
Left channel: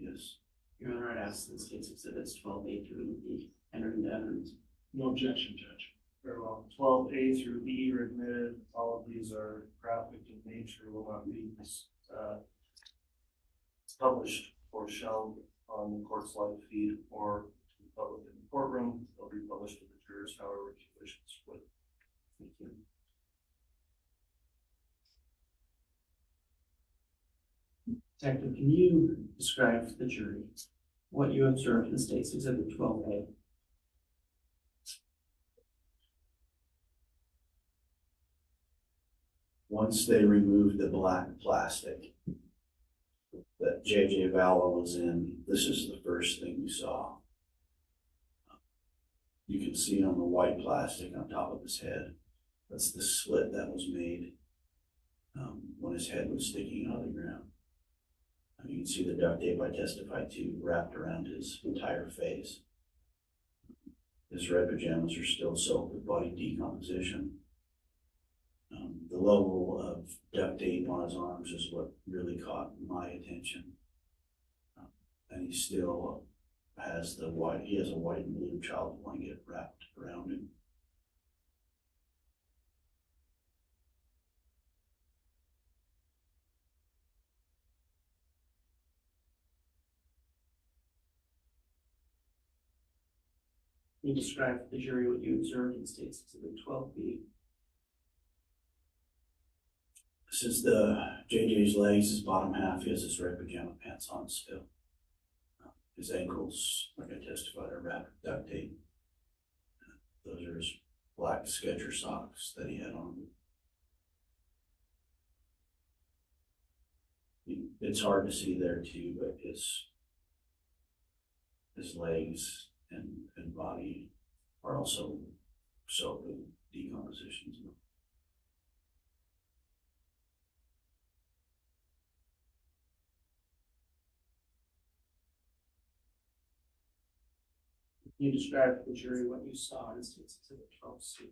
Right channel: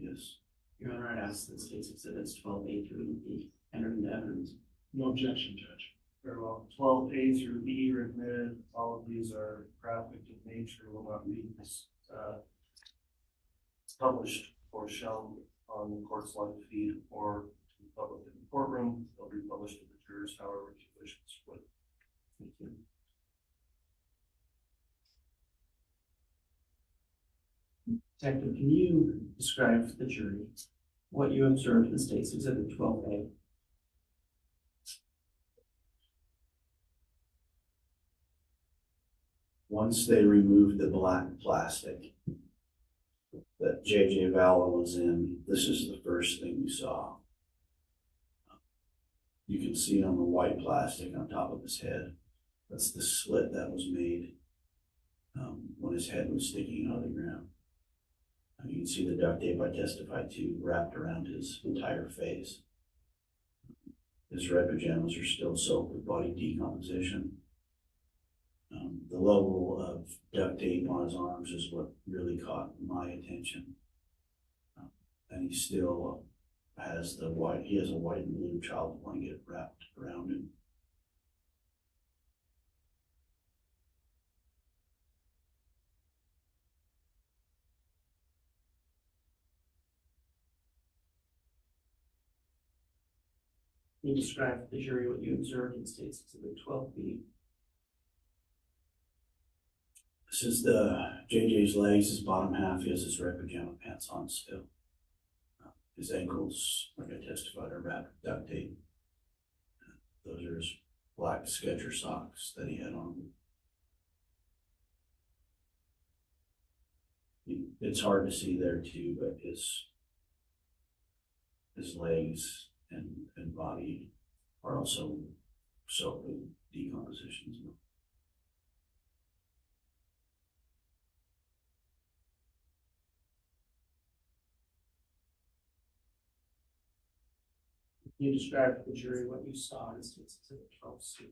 yes. Your Honor, I'd ask that states exhibits 12A through E entered into evidence. No objection, Judge. Very well. 12A through E are admitted. All of these are graphic in nature, will not be published or shown on the court's live feed or to the public in the courtroom. They'll be published to the jurors, however you wish to split. Thank you. Detective, can you describe to the jury what you observed in State's Exhibit 12A? Once they removed the black plastic that J.J. Valla was in, this is the first thing we saw. You can see on the white plastic on top of his head, that's the slit that was made when his head was sticking out of the ground. You can see the duct tape I testified to wrapped around his entire face. His red pajamas are still soaked with body decomposition. The level of duct tape on his arms is what really caught my attention. And he still has he has a white and blue child blanket wrapped around him. Can you describe to the jury what you observed in State's Exhibit 12B? This is JJ's legs, his bottom half. He has his red pajama pants on still. His ankles, like I testified, are wrapped with duct tape. Those are his black Skechers socks that he had on. It's hard to see there too, but his legs and body are also soaked with decomposition. Can you describe to the jury what you saw in State's Exhibit 12C?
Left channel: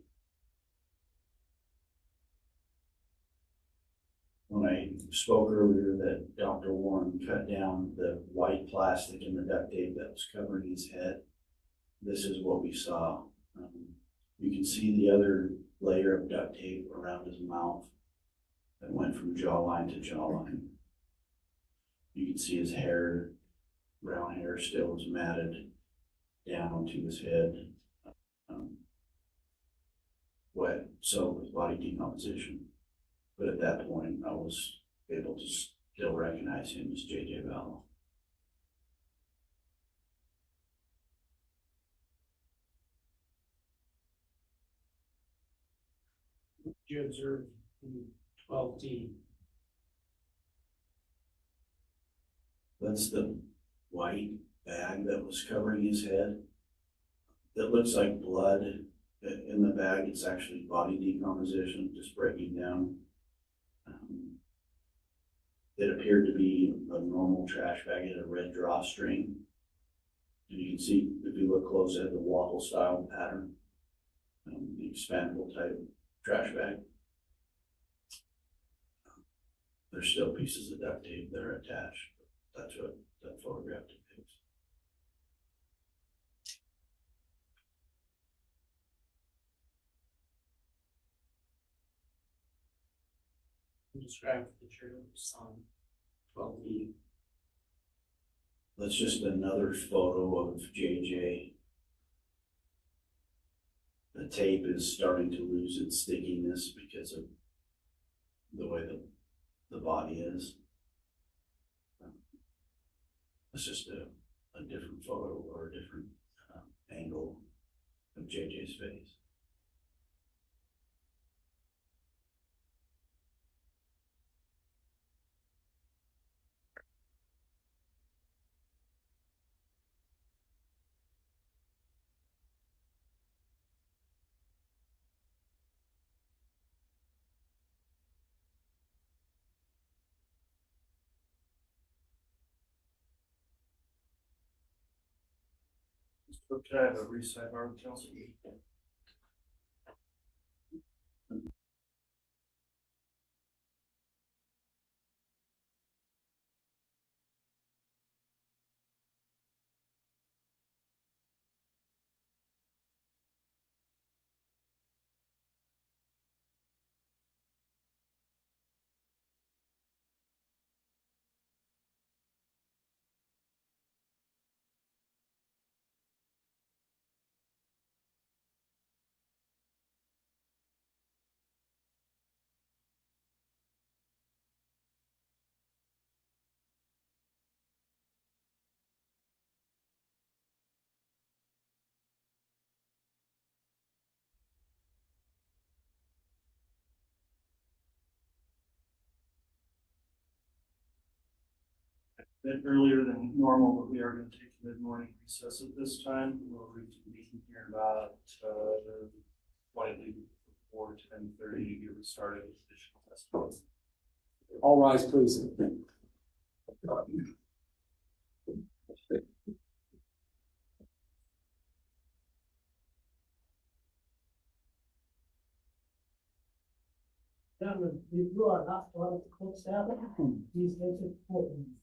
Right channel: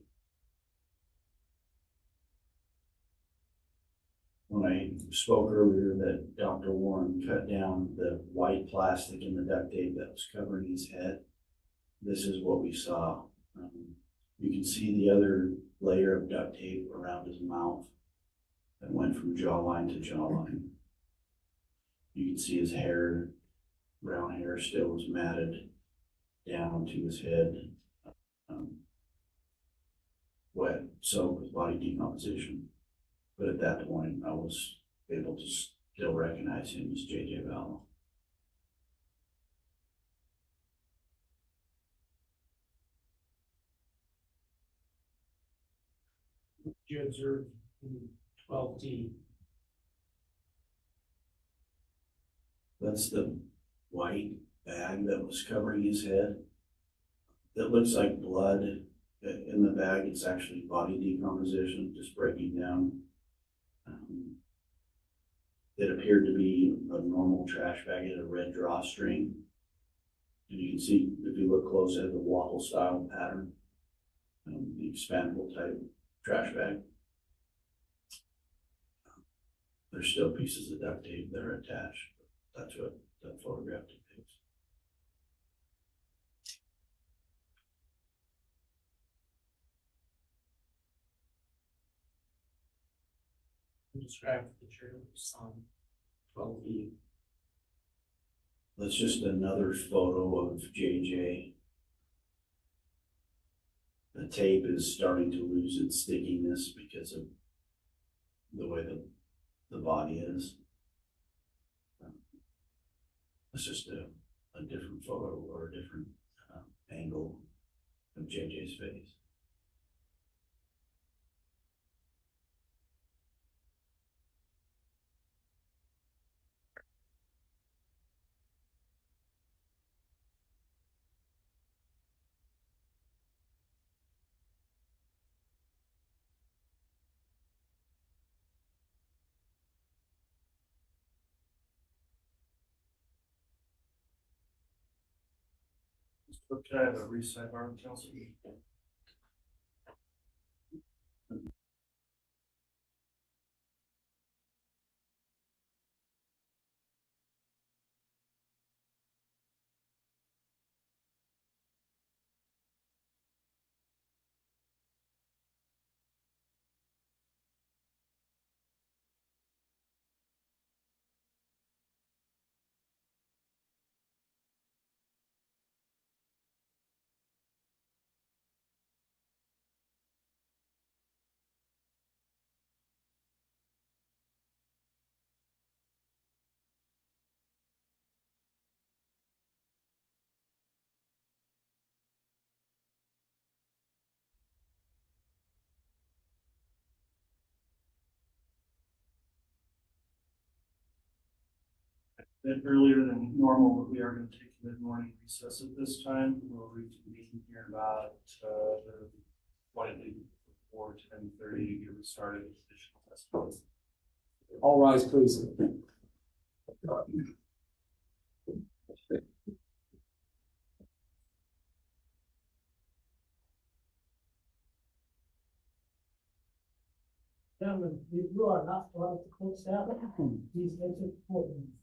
When I spoke earlier that Dr. Warren cut down the white plastic and the duct tape that was covering his head, this is what we saw. You can see the other layer of duct tape around his mouth that went from jawline to jawline. You can see his hair, brown hair, still was matted down to his head, wet, so with body decomposition. But at that point, I was able to still recognize him as J.J. Valla. Did you observe in 12D? That's the white bag that was covering his head. That looks like blood in the bag. It's actually body decomposition, just breaking down. It appeared to be a normal trash bag. It had a red drawstring. And you can see, if you look close at the waffle style pattern, the expandable type trash bag. There's still pieces of duct tape that are attached. That's what that photograph depicts. Can you describe to the jury what you saw in 12B? That's just another photo of JJ. The tape is starting to lose its stickiness because of the way the body is. It's just a different photo or a different angle of JJ's face. Could I have a recite our council? Bit earlier than normal, but we are going to take a mid-morning recess at this time. We'll reconvene here about 10:30 to get started with additional testimony. All rise, please. Gentlemen, you are not part of the court staff. Please exit the courtroom.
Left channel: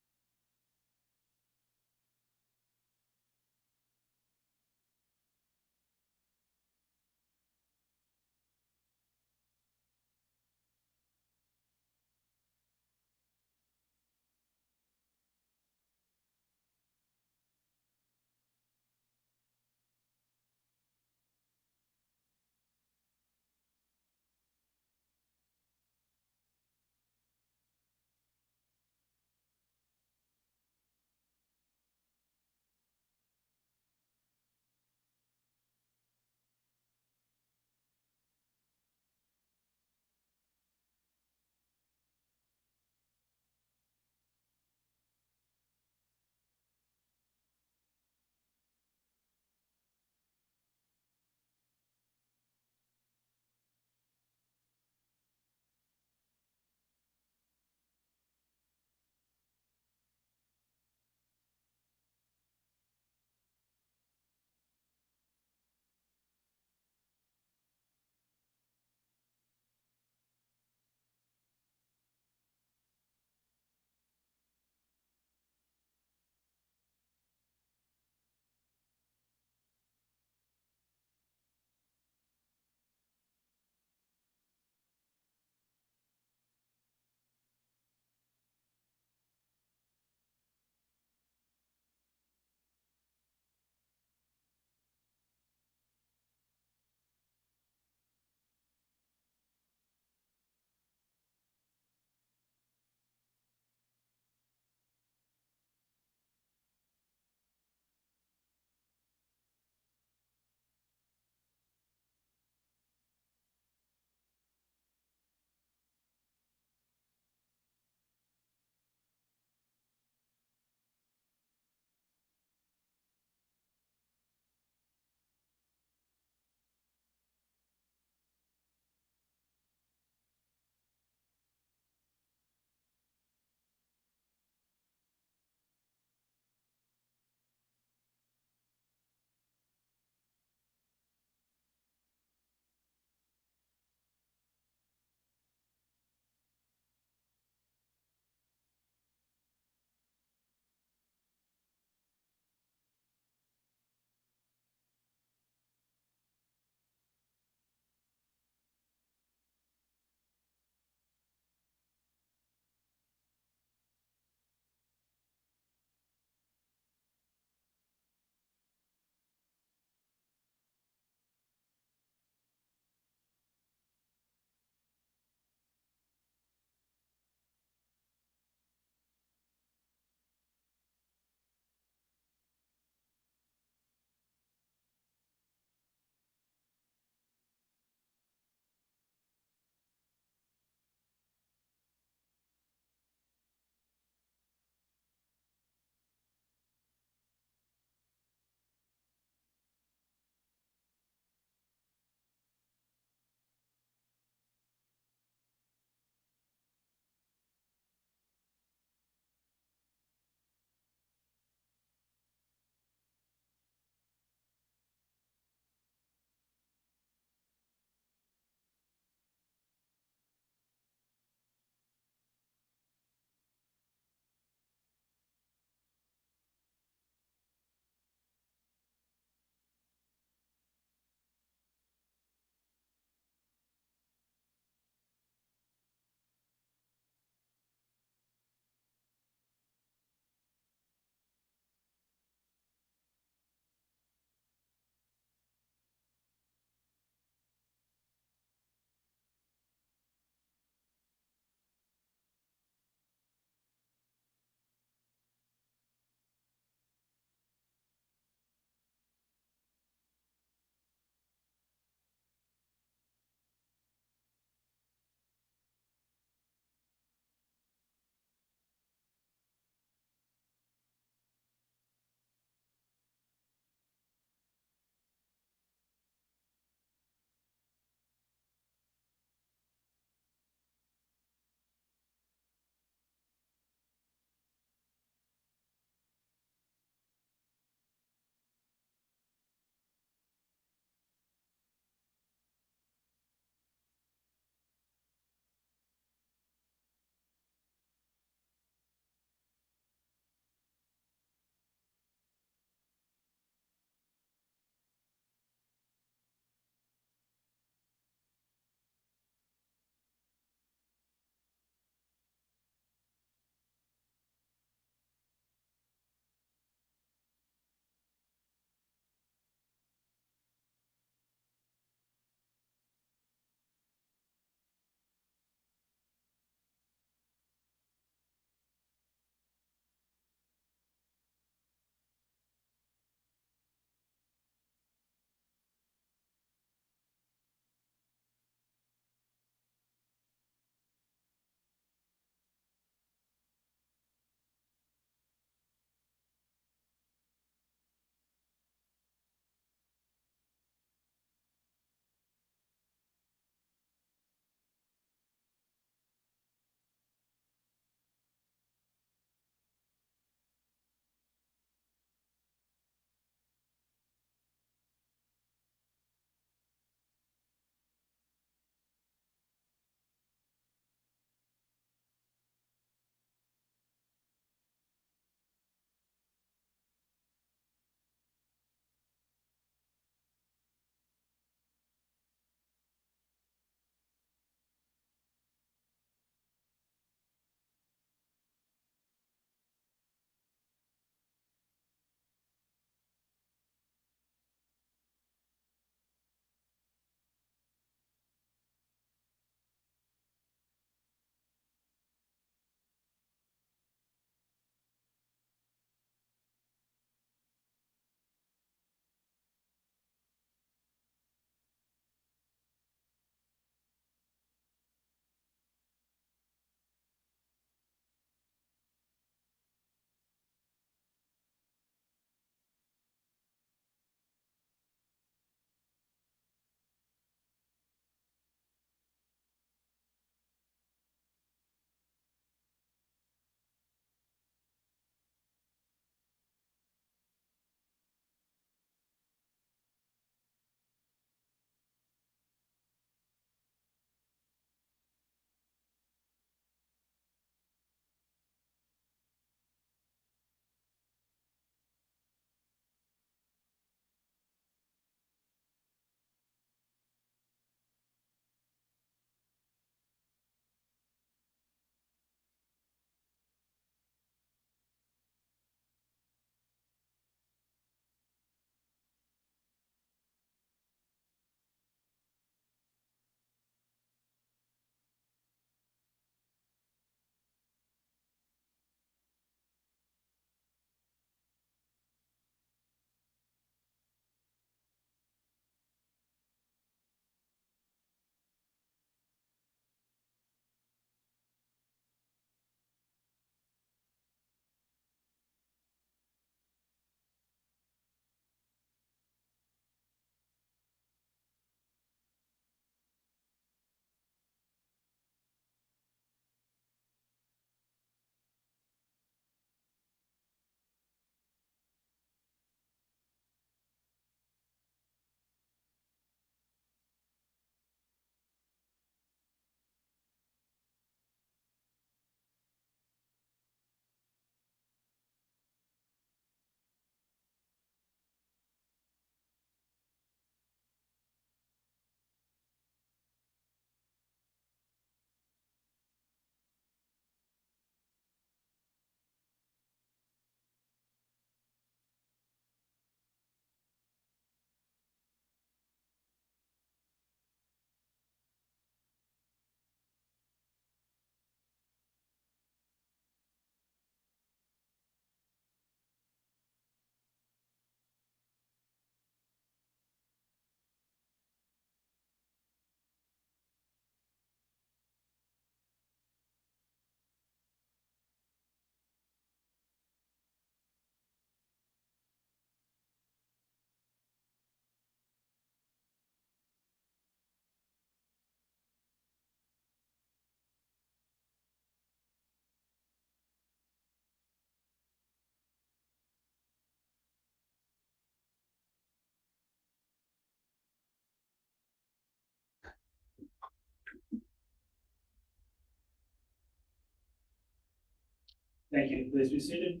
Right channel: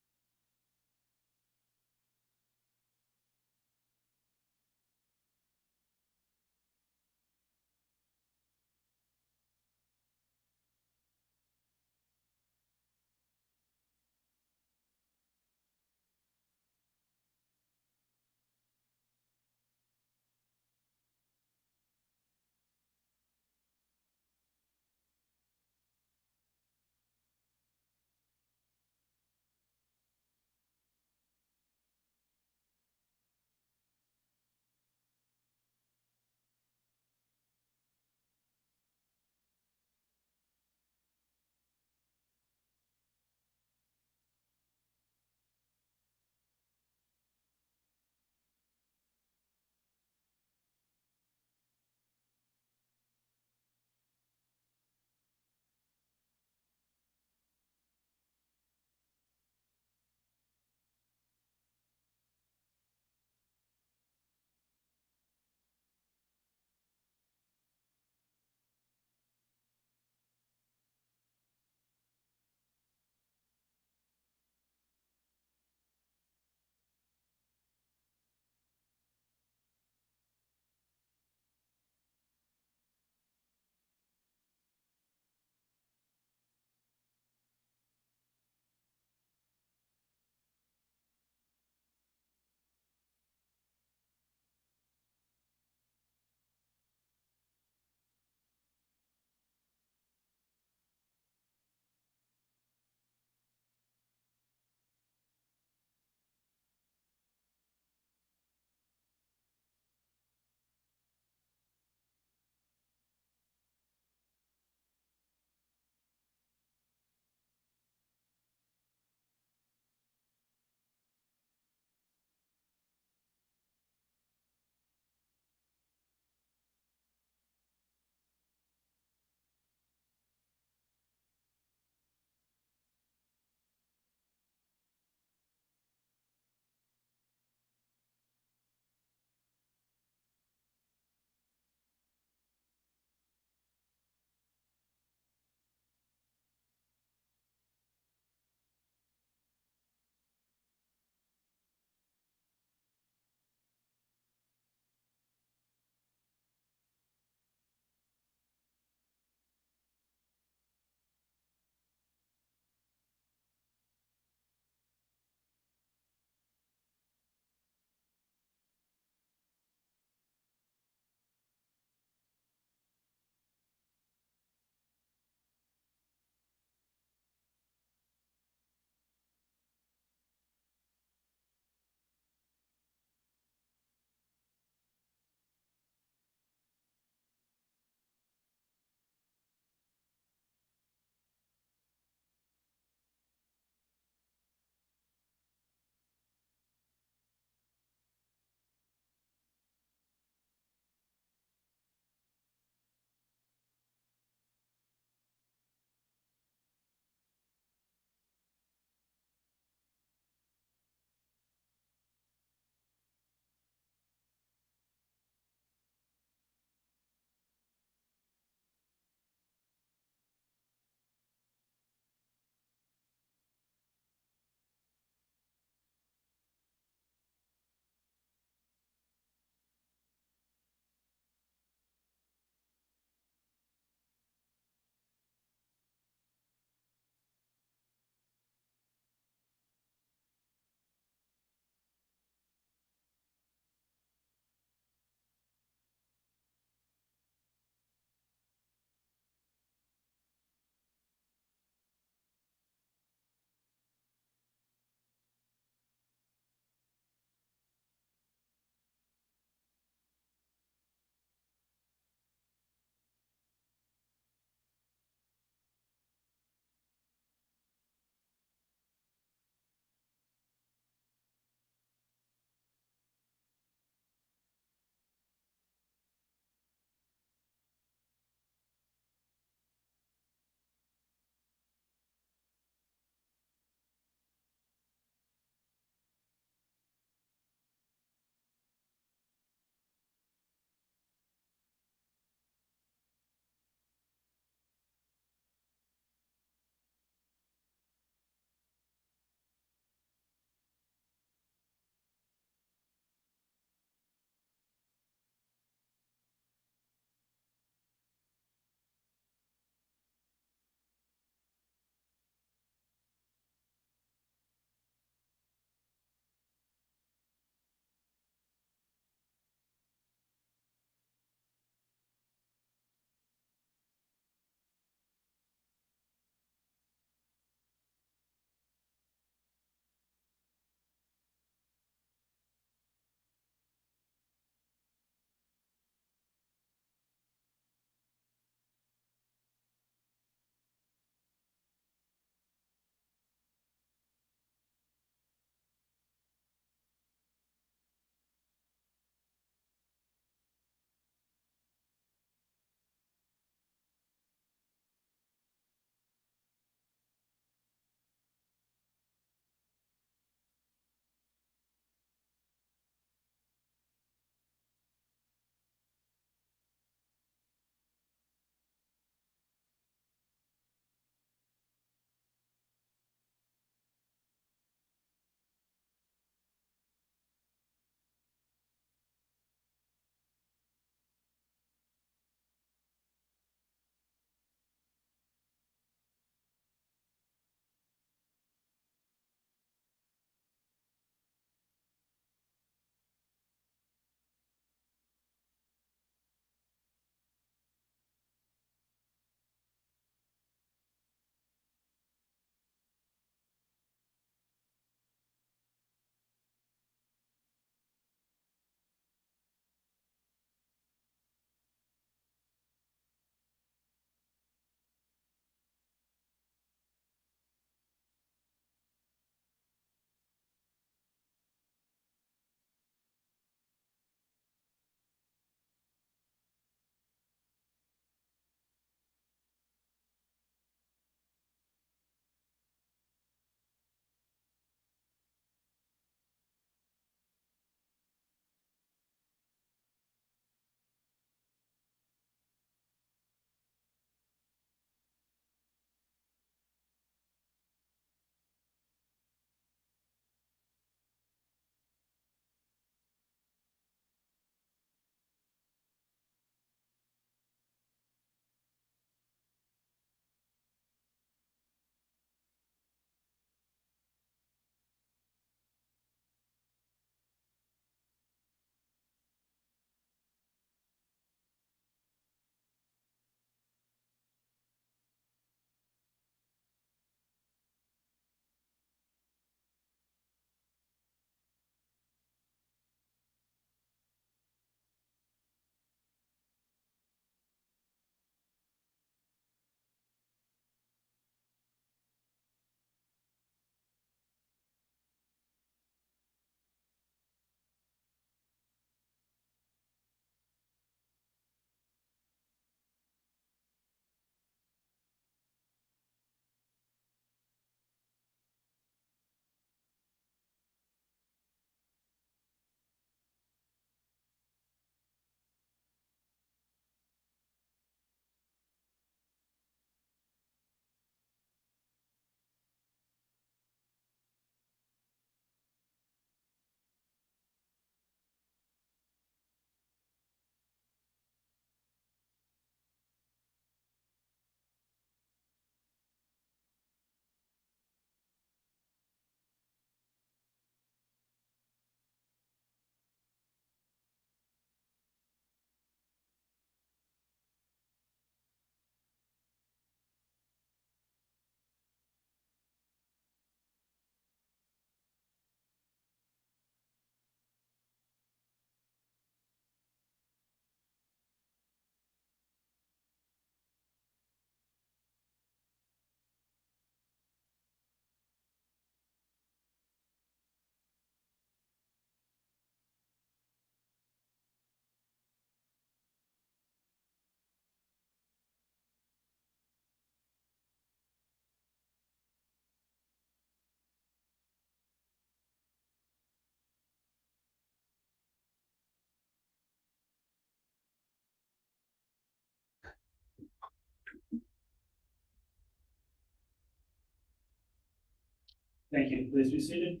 Thank you. Please be seated.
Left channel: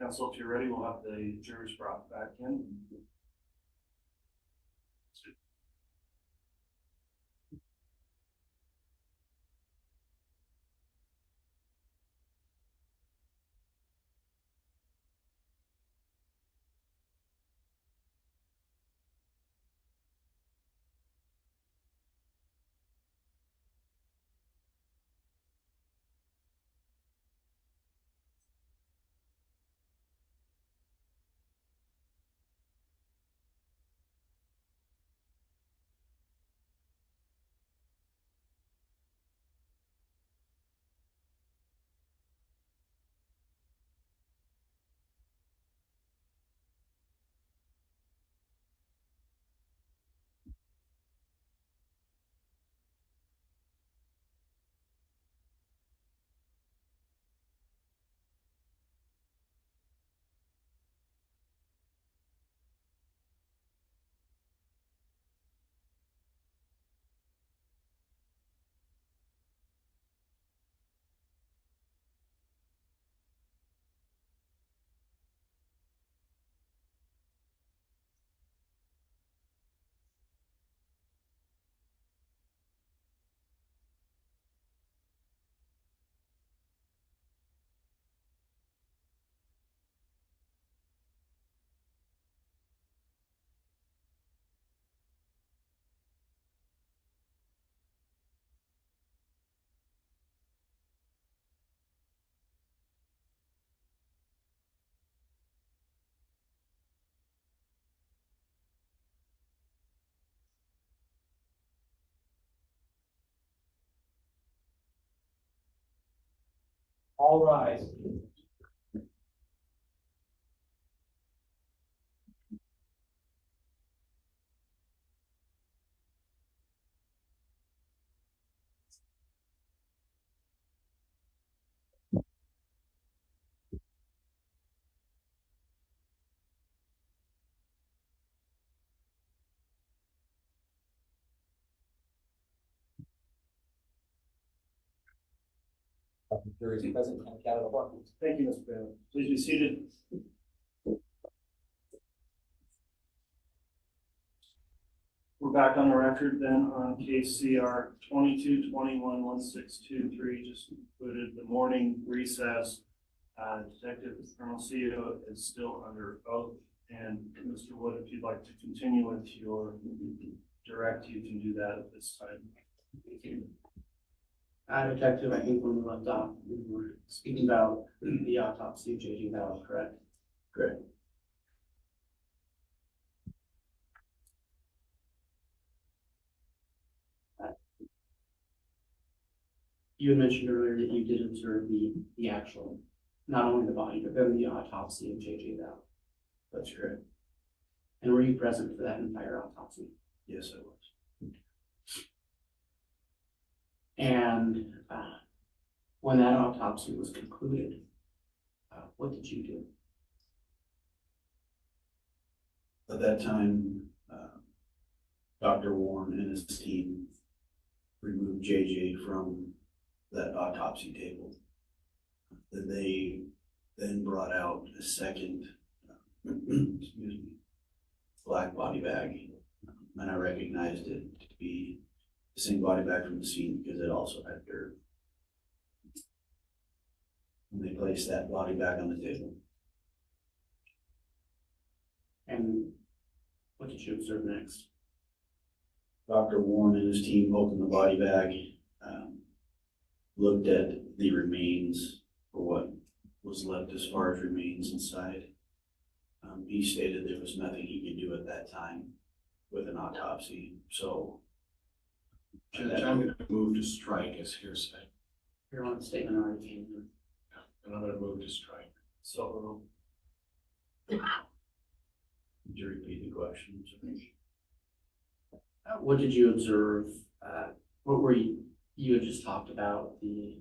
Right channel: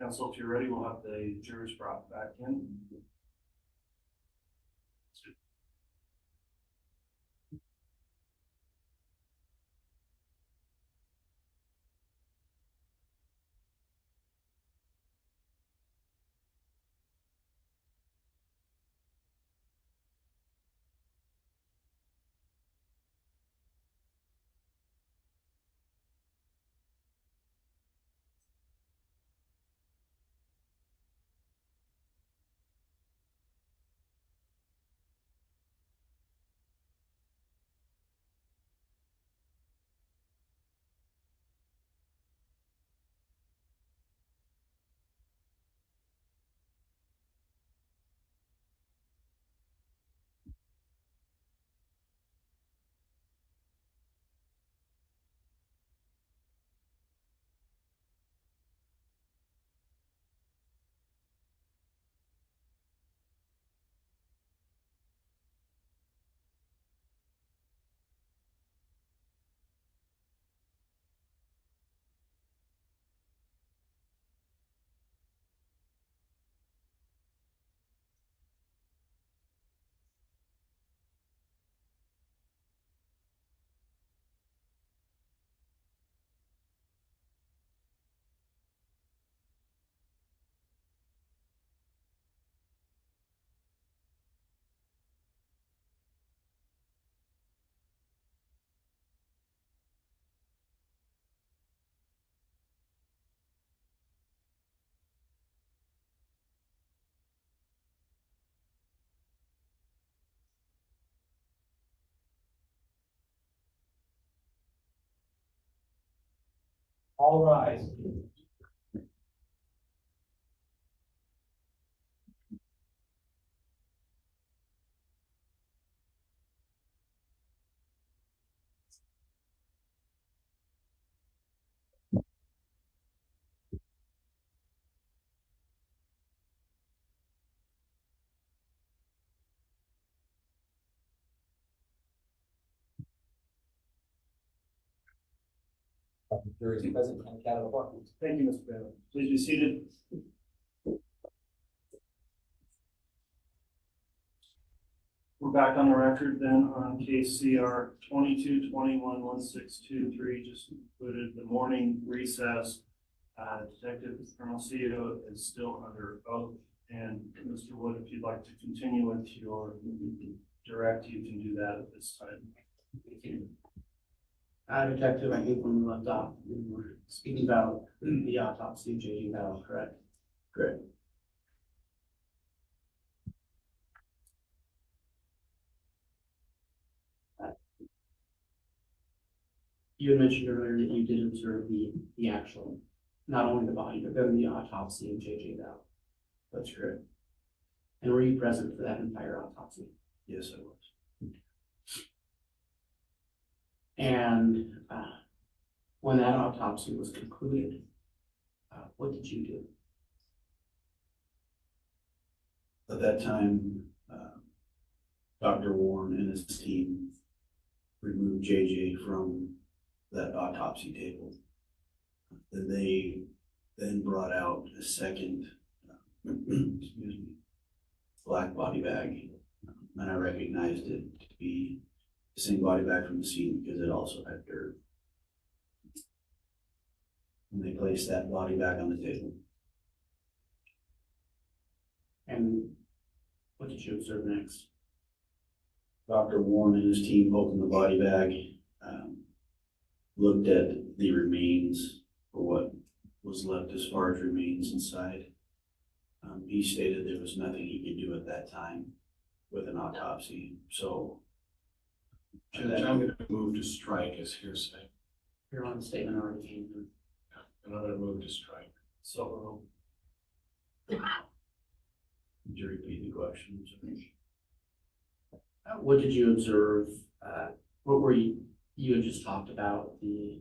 Council, if you're ready, we'll have the jurors brought back in. All rise. Jury is present and count of one. Thank you, Mr. Bailey. Please be seated. We're back on the record then on case CR 22-21-1623, just included the morning recess. Detective Hermosillo is still under oath, and Mr. Wood, if you'd like to continue with your direct, you can do that at this time. Detective, I think when we left off, we were speaking about the autopsy of J.J. Daybell, correct? Correct. You had mentioned earlier that you did observe the actual, not only the body, but then the autopsy of J.J. Daybell. That's correct. And were you present for that entire autopsy? Yes, I was. And when that autopsy was concluded, what did you do? At that time, Dr. Warren and his team removed JJ from that autopsy table. Then they brought out a second, excuse me, black body bag, and I recognized it to be the same body bag from the scene because it also had dirt. And they placed that body bag on the table. And what did you observe next? Dr. Warren and his team opened the body bag, looked at the remains for what was left as far as remains inside. He stated there was nothing he could do at that time with an autopsy, so. Judge, I'm going to move to strike as hearsay, Your own statement already came through. and I'm going to move to strike. So, Could you repeat the question? What did you observe? What were you had just talked about the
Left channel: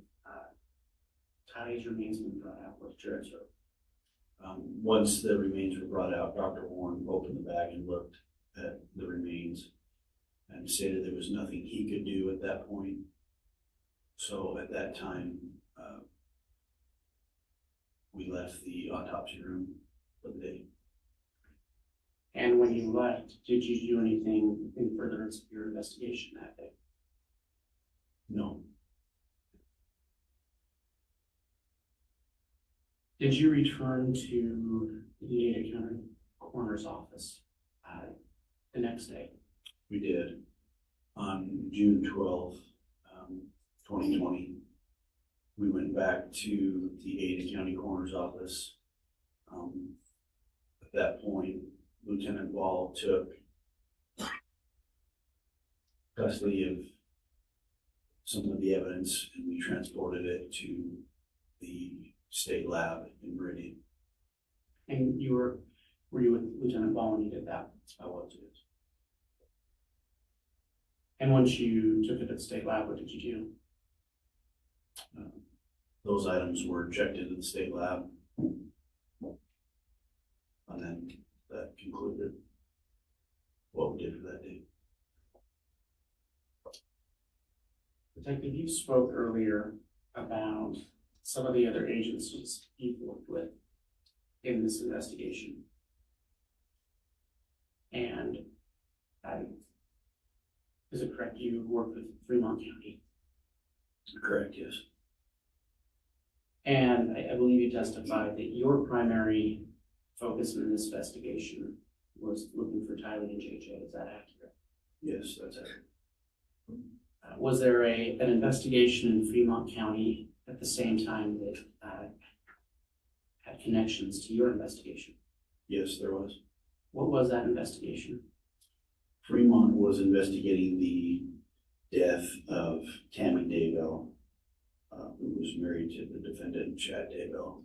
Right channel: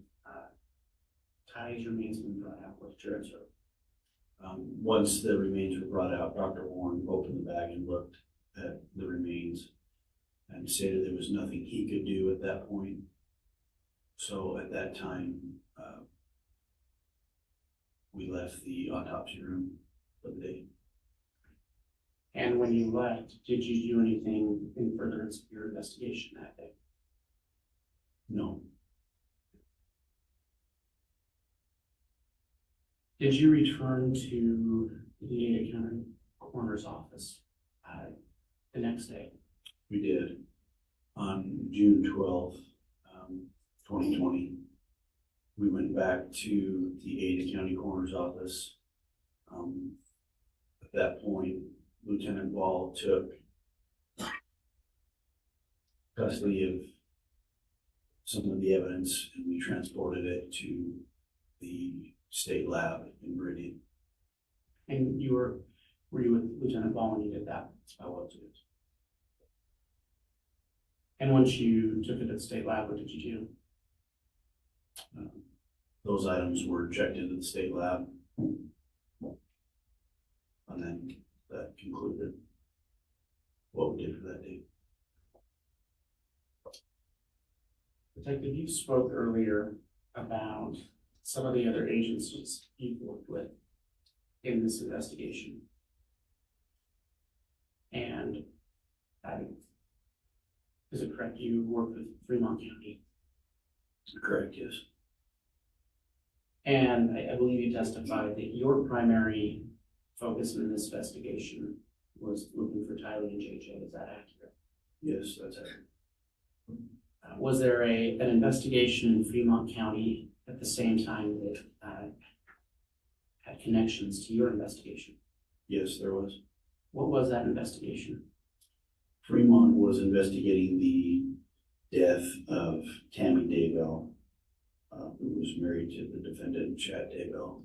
ties remains being brought out. What did you observe? Once the remains were brought out, Dr. Warren opened the bag and looked at the remains and stated there was nothing he could do at that point. So at that time, we left the autopsy room for the day. And when you left, did you do anything in furtherance of your investigation that day? No, Did you return to the Ada County Coroner's office the next day? we did. On June 12th, 2020, we went back to the Ada County Coroner's office. At that point, Lieutenant Ball took custody of some of the evidence and we transported it to the state lab in Meridian. And were you with Lieutenant Ball when you did that? I was it. And once you took it to the state lab, what did you do? Those items were checked into the state lab. And then that concluded what we did for that day. Detective, you spoke earlier about some of the other agencies you've worked with in this investigation. And is it correct you worked with Fremont County? Correct, yes. And I believe you testified that your primary focus in this investigation was looking for Tylee and JJ. Is that accurate? Yes, that's accurate. Was there an investigation in Fremont County at the same time that had connections to your investigation? Yes, there was. What was that investigation? Fremont was investigating the death of Tammy Daybell, who was married to the defendant, Chad Daybell.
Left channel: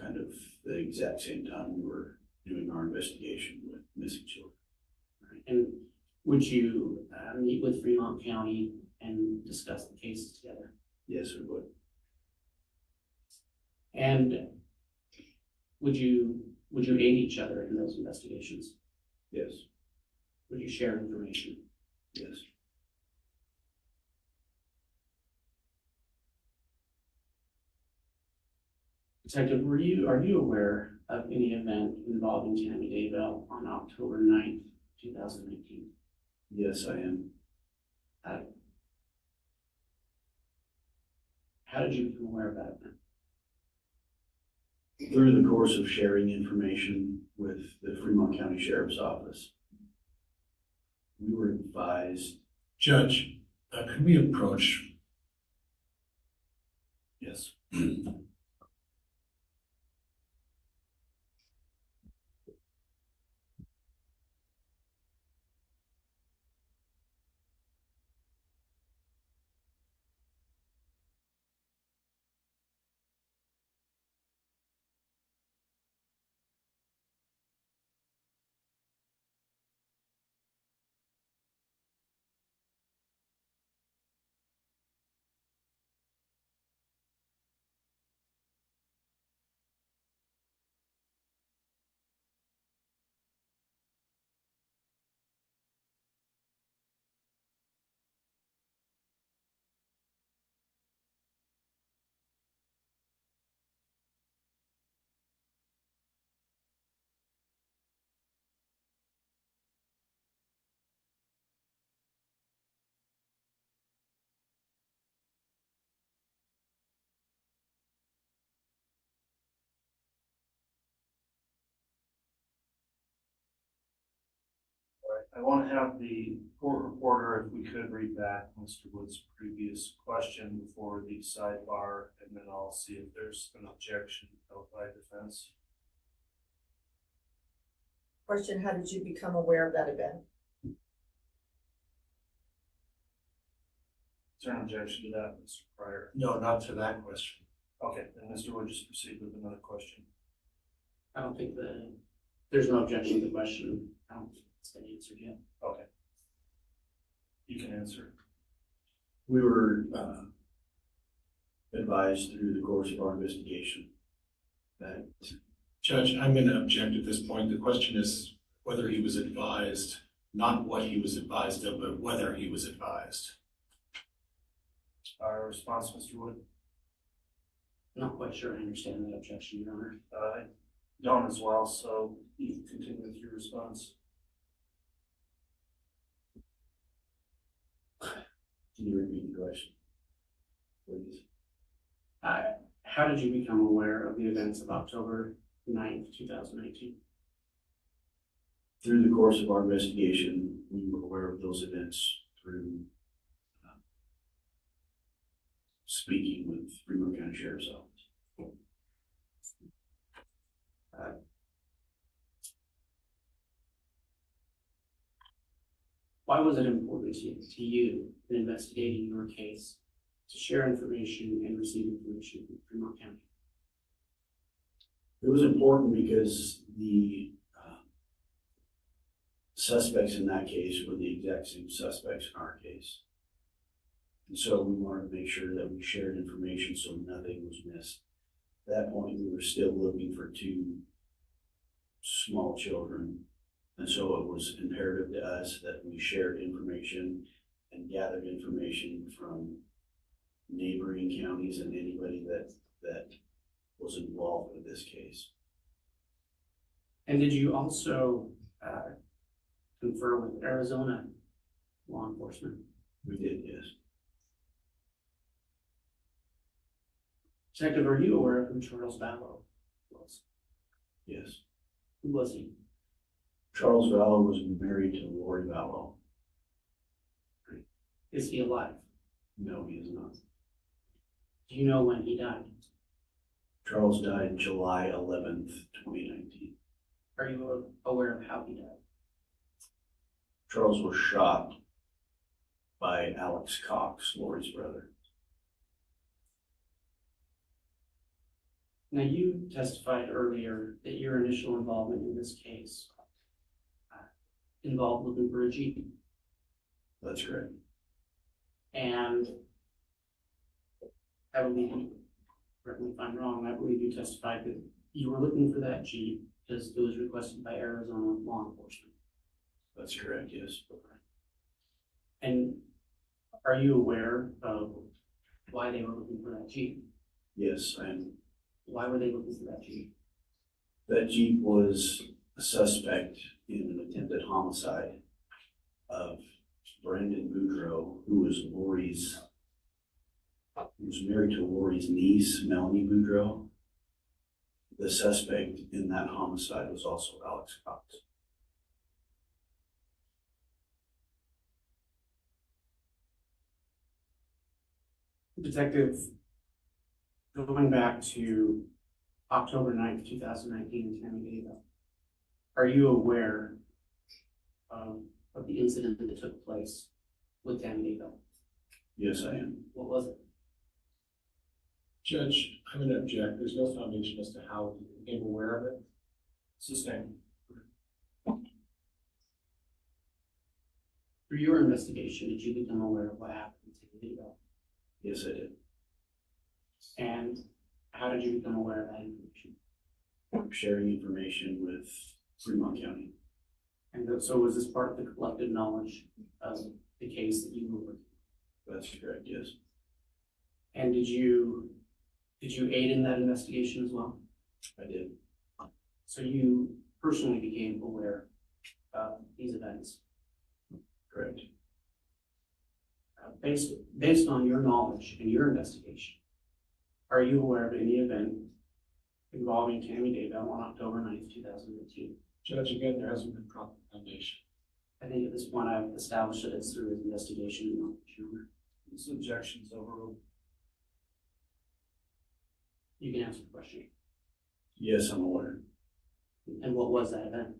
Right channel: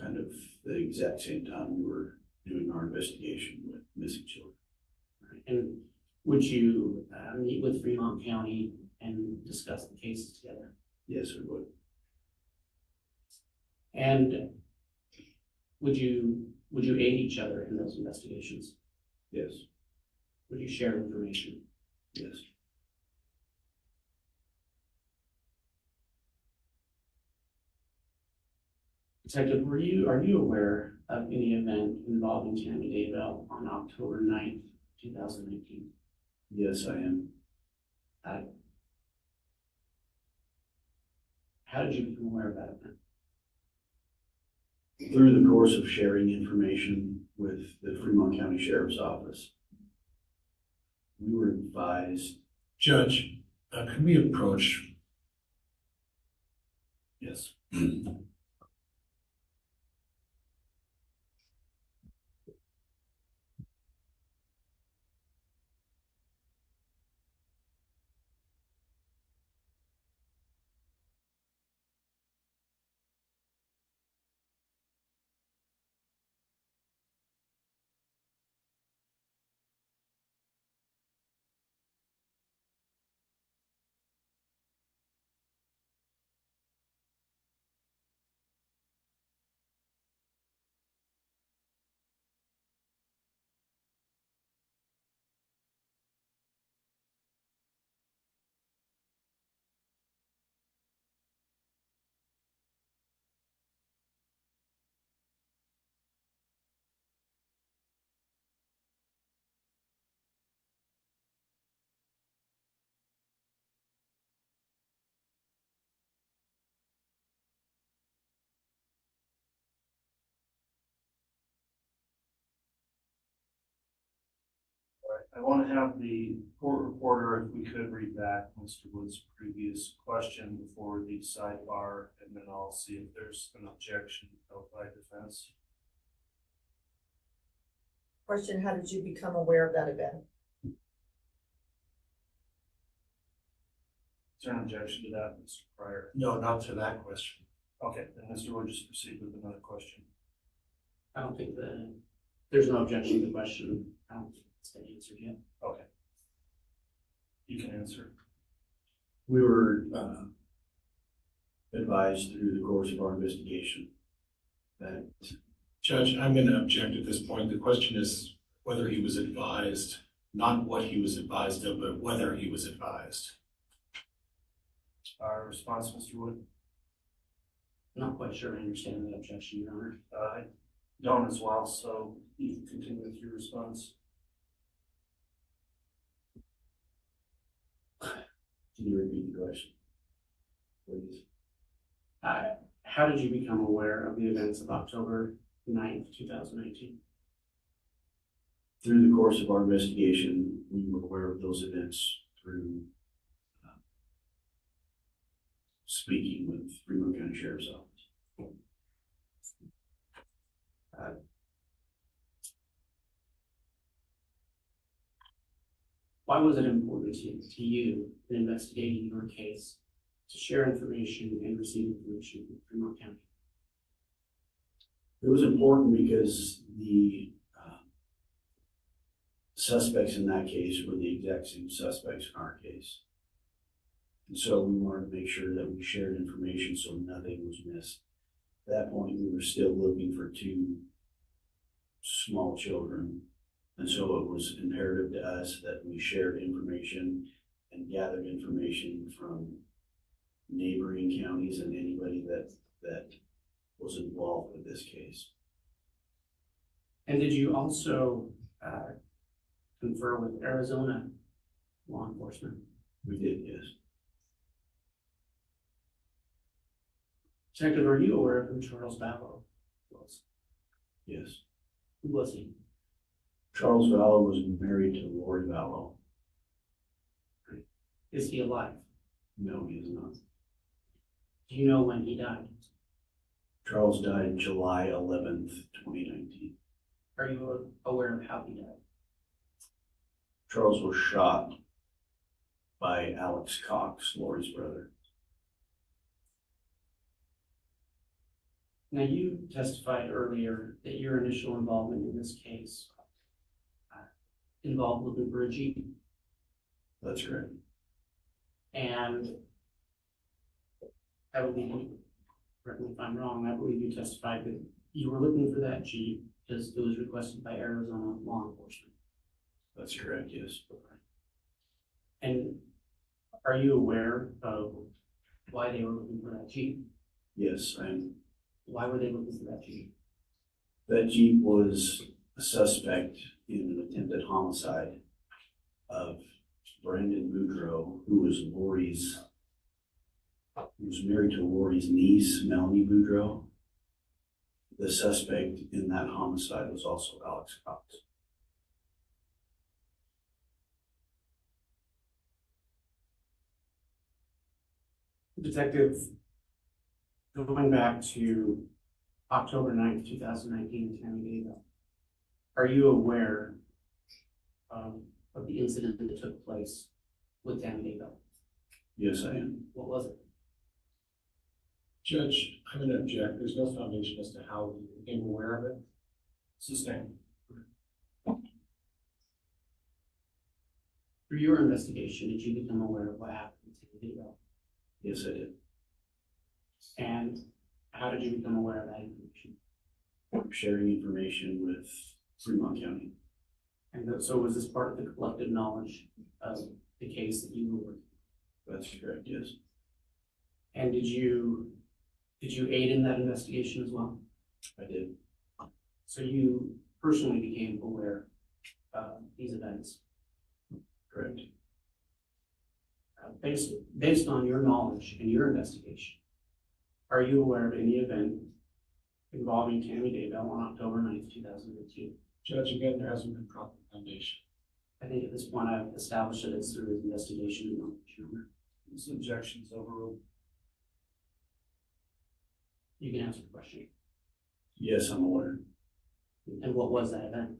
Kind of the exact same time we were doing our investigation with missing children. And would you meet with Fremont County and discuss the cases together? Yes, we would. And would you aid each other in those investigations? Yes, Would you share information? yes. Detective, are you aware of any event involving Tammy Daybell on October 9th, 2019? Yes, I am. How did you become aware of that event? Through the course of sharing information with the Fremont County Sheriff's Office, we were advised. Judge, can we approach? Yes. I want to have the court reporter, if we could, read back Mr. Wood's previous question before the sidebar, and then I'll see if there's an objection held by defense. Question, how did you become aware of that event? Is there an objection to that, Mr. Pryor? No, not to that question. Okay, then Mr. Wood, just proceed with another question. I don't think there's no objection to the question. I don't think it's been answered yet. Okay. You can answer. We were advised through the course of our investigation that Judge, I'm going to object at this point. The question is whether he was advised, not what he was advised of, but whether he was advised. Our response, Mr. Wood? Not quite sure I understand that objection, Your Honor. I don't as well, so you can continue with your response. Can you repeat the question, please? How did you become aware of the events of October 9th, 2019? Through the course of our investigation, we were aware of those events through speaking with Fremont County Sheriff's Office. Why was it important to you in investigating your case to share information and receive information from Fremont County? It was important because the suspects in that case were the exact same suspects in our case. And so we wanted to make sure that we shared information so nothing was missed. At that point, we were still looking for two small children. And so it was imperative to us that we shared information and gathered information from neighboring counties and anybody that was involved with this case. And did you also confer with Arizona law enforcement? We did, yes. Detective, are you aware of who Charles Vallow was? Yes. Who was he? Charles Vallow was married to Lori Vallow. Is he alive? No, he is not. Do you know when he died? Charles died July 11th, 2019. Are you aware of how he died? Charles was shot by Alex Cox, Lori's brother. Now, you testified earlier that your initial involvement in this case involved looking for a Jeep. That's correct. And I believe, correct me if I'm wrong, I believe you testified that you were looking for that Jeep because it was requested by Arizona law enforcement. That's correct, yes. And are you aware of why they were looking for that Jeep? Yes, I am. Why were they looking for that Jeep? That Jeep was a suspect in an attempted homicide of Brandon Boudreaux, who was married to Lori's niece, Melanie Boudreaux. The suspect in that homicide was also Alex Cox. Detective, going back to October 9th, 2019 in Tammy Daybell, are you aware of the incident that took place with Tammy Daybell? Yes, I am. What was it? Judge, I'm going to object. There's no foundation as to how you became aware of it. Sustained. Through your investigation, did you become aware of what happened to Tammy Daybell? Yes, I did. And how did you become aware of that information? Sharing information with Fremont County. And so was this part of the collective knowledge of the case that you were working? That's correct, yes. And did you aid in that investigation as well? I did. So you personally became aware of these events? Correct. Based on your knowledge and your investigation, are you aware of any event involving Tammy Daybell on October 9th, 2015? Judge, again, there hasn't been proper foundation. I think at this point I've established that it's through his investigation and knowledge. This objection is overruled. You can answer the question. Yes, I'm aware. And what was that event?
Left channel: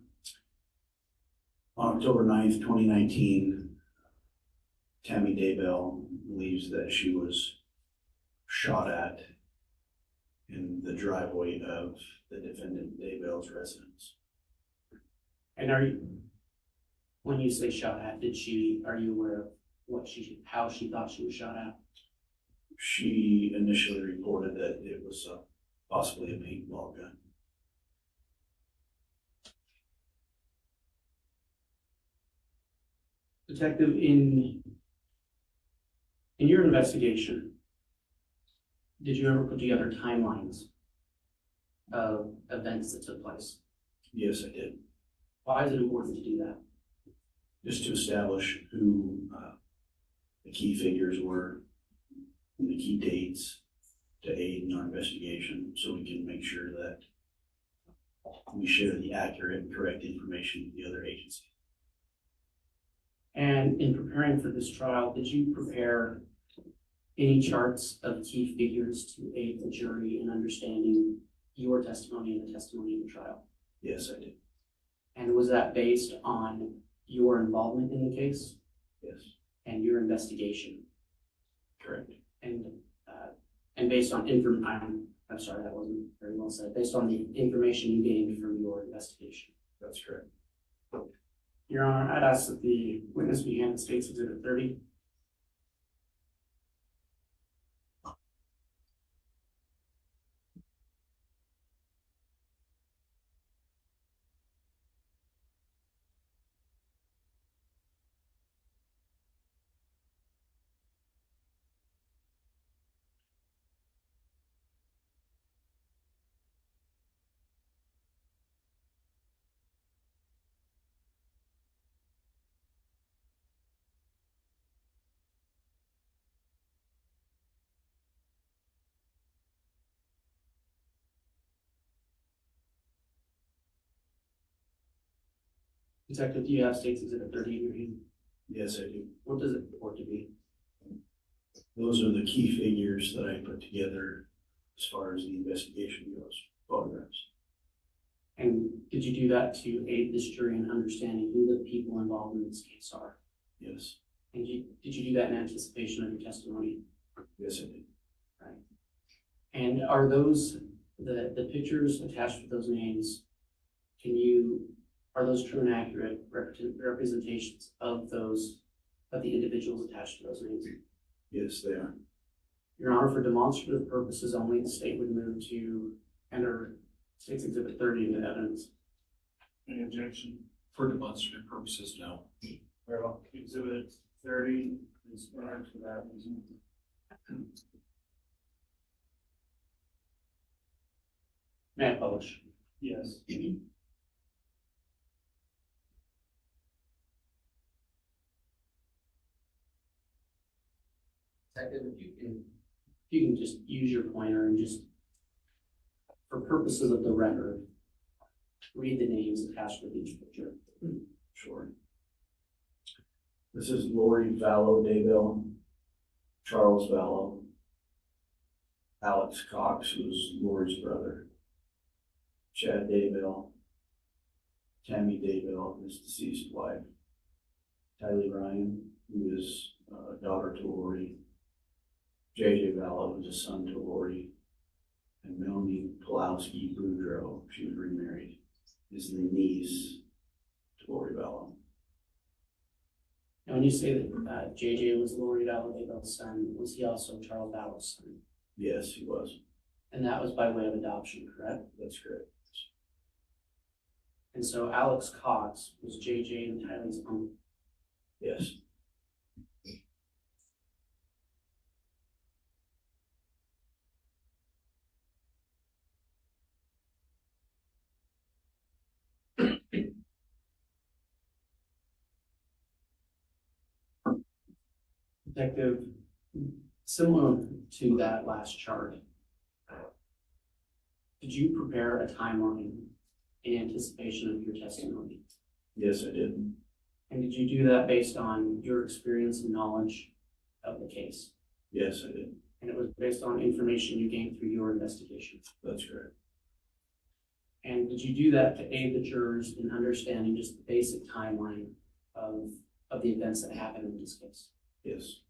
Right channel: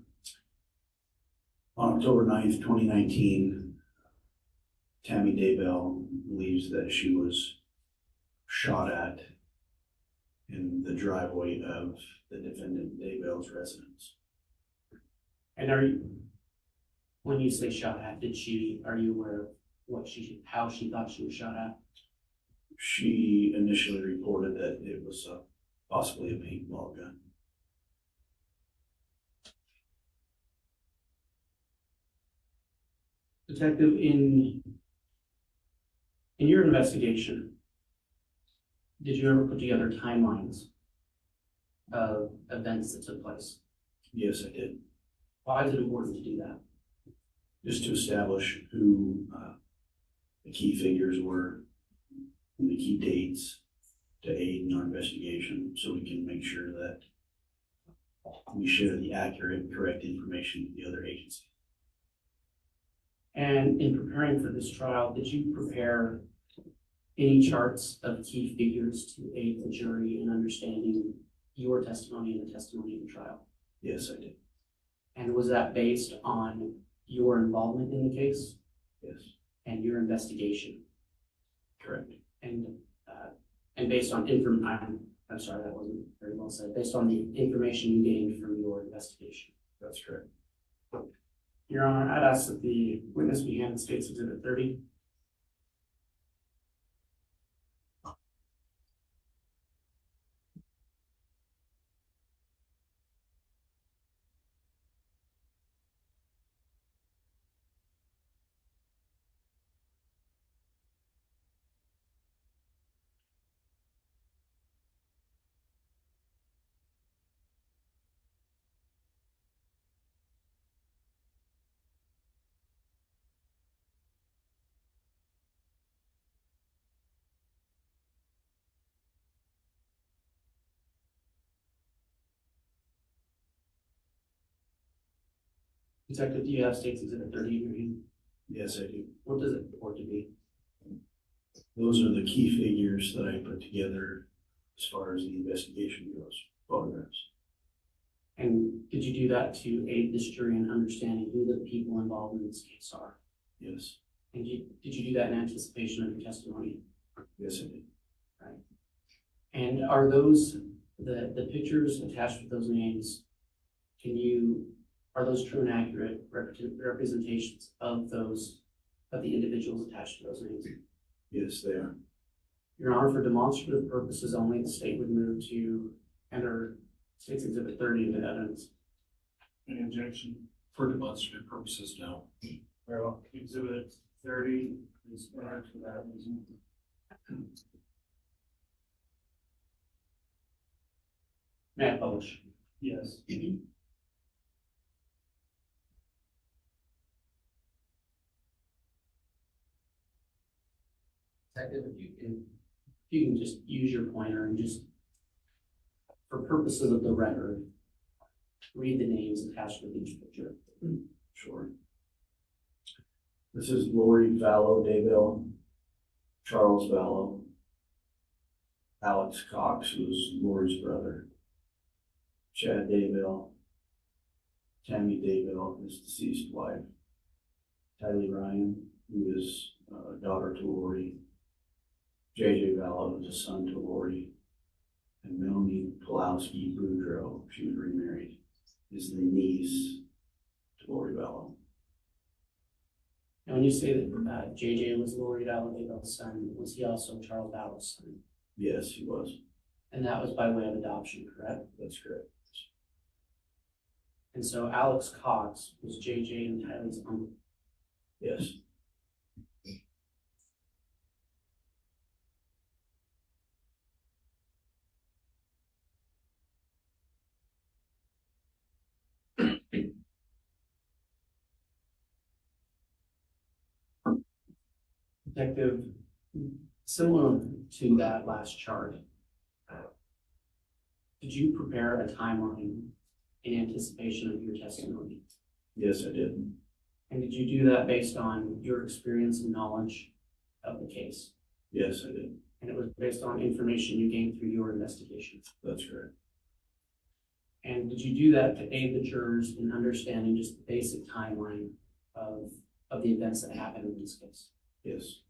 On October 9th, 2019, Tammy Daybell believes that she was shot at in the driveway of the defendant Daybell's residence. And when you say shot at, are you aware of how she thought she was shot at? She initially reported that it was possibly a paintball gun. Detective, in your investigation, did you ever put together timelines of events that took place? Yes, I did. Why is it important to do that? Just to establish who the key figures were, and the key dates to aid in our investigation, so we can make sure that we share the accurate and correct information with the other agency. And in preparing for this trial, did you prepare any charts of key figures to aid the jury in understanding your testimony and the testimony in the trial? Yes, I did. And was that based on your involvement in the case Yes, and your investigation? correct. And based on I'm sorry, that wasn't very well said. Based on the information you gained from your investigation. That's correct. Your Honor, I'd ask that the witness be handed State's Exhibit 30. Detective, do you have State's Exhibit 30 in your hand? Yes, I do. What does it purport to be? Those are the key figures that I put together as far as the investigation goes, photographs. And did you do that to aid this jury in understanding who the people involved in this case are? Yes, And did you do that in anticipation of your testimony? yes, I did. And are those, the pictures attached with those names, are those true and accurate representations of the individuals attached to those names? Yes, they are. Your Honor, for demonstrative purposes only, the state would move to enter State's Exhibit 30 into evidence. Any objection? For demonstrative purposes, no. Very well. Exhibit 30 is entered for that reason. May I publish? Yes. Detective, if you can just use your pointer and just, for purposes of the record, read the names attached with each picture. Sure. This is Lori Vallow Daybell, Charles Vallow, Alex Cox, who was Lori's brother, Chad Daybell, Tammy Daybell, his deceased wife, Tylee Ryan, who is daughter to Lori, JJ Vallow, who's a son to Lori, and Melanie Pulowski Boudreaux, she was remarried, is the niece to Lori Vallow. And when you say that JJ was Lori Daybell's son, was he also Charles Vallow's son? Yes, he was. And that was by way of adoption, correct? That's correct. And so Alex Cox was JJ and Tylee's uncle. Yes. Detective, similar to that last chart, did you prepare a timeline in anticipation of your testimony? Yes, I did. And did you do that based on your experience and knowledge of the case? Yes, I did. And it was based on information you gained through your investigation? That's correct. And did you do that to aid the jurors in understanding just the basic timeline of the events that happened in this case? Yes.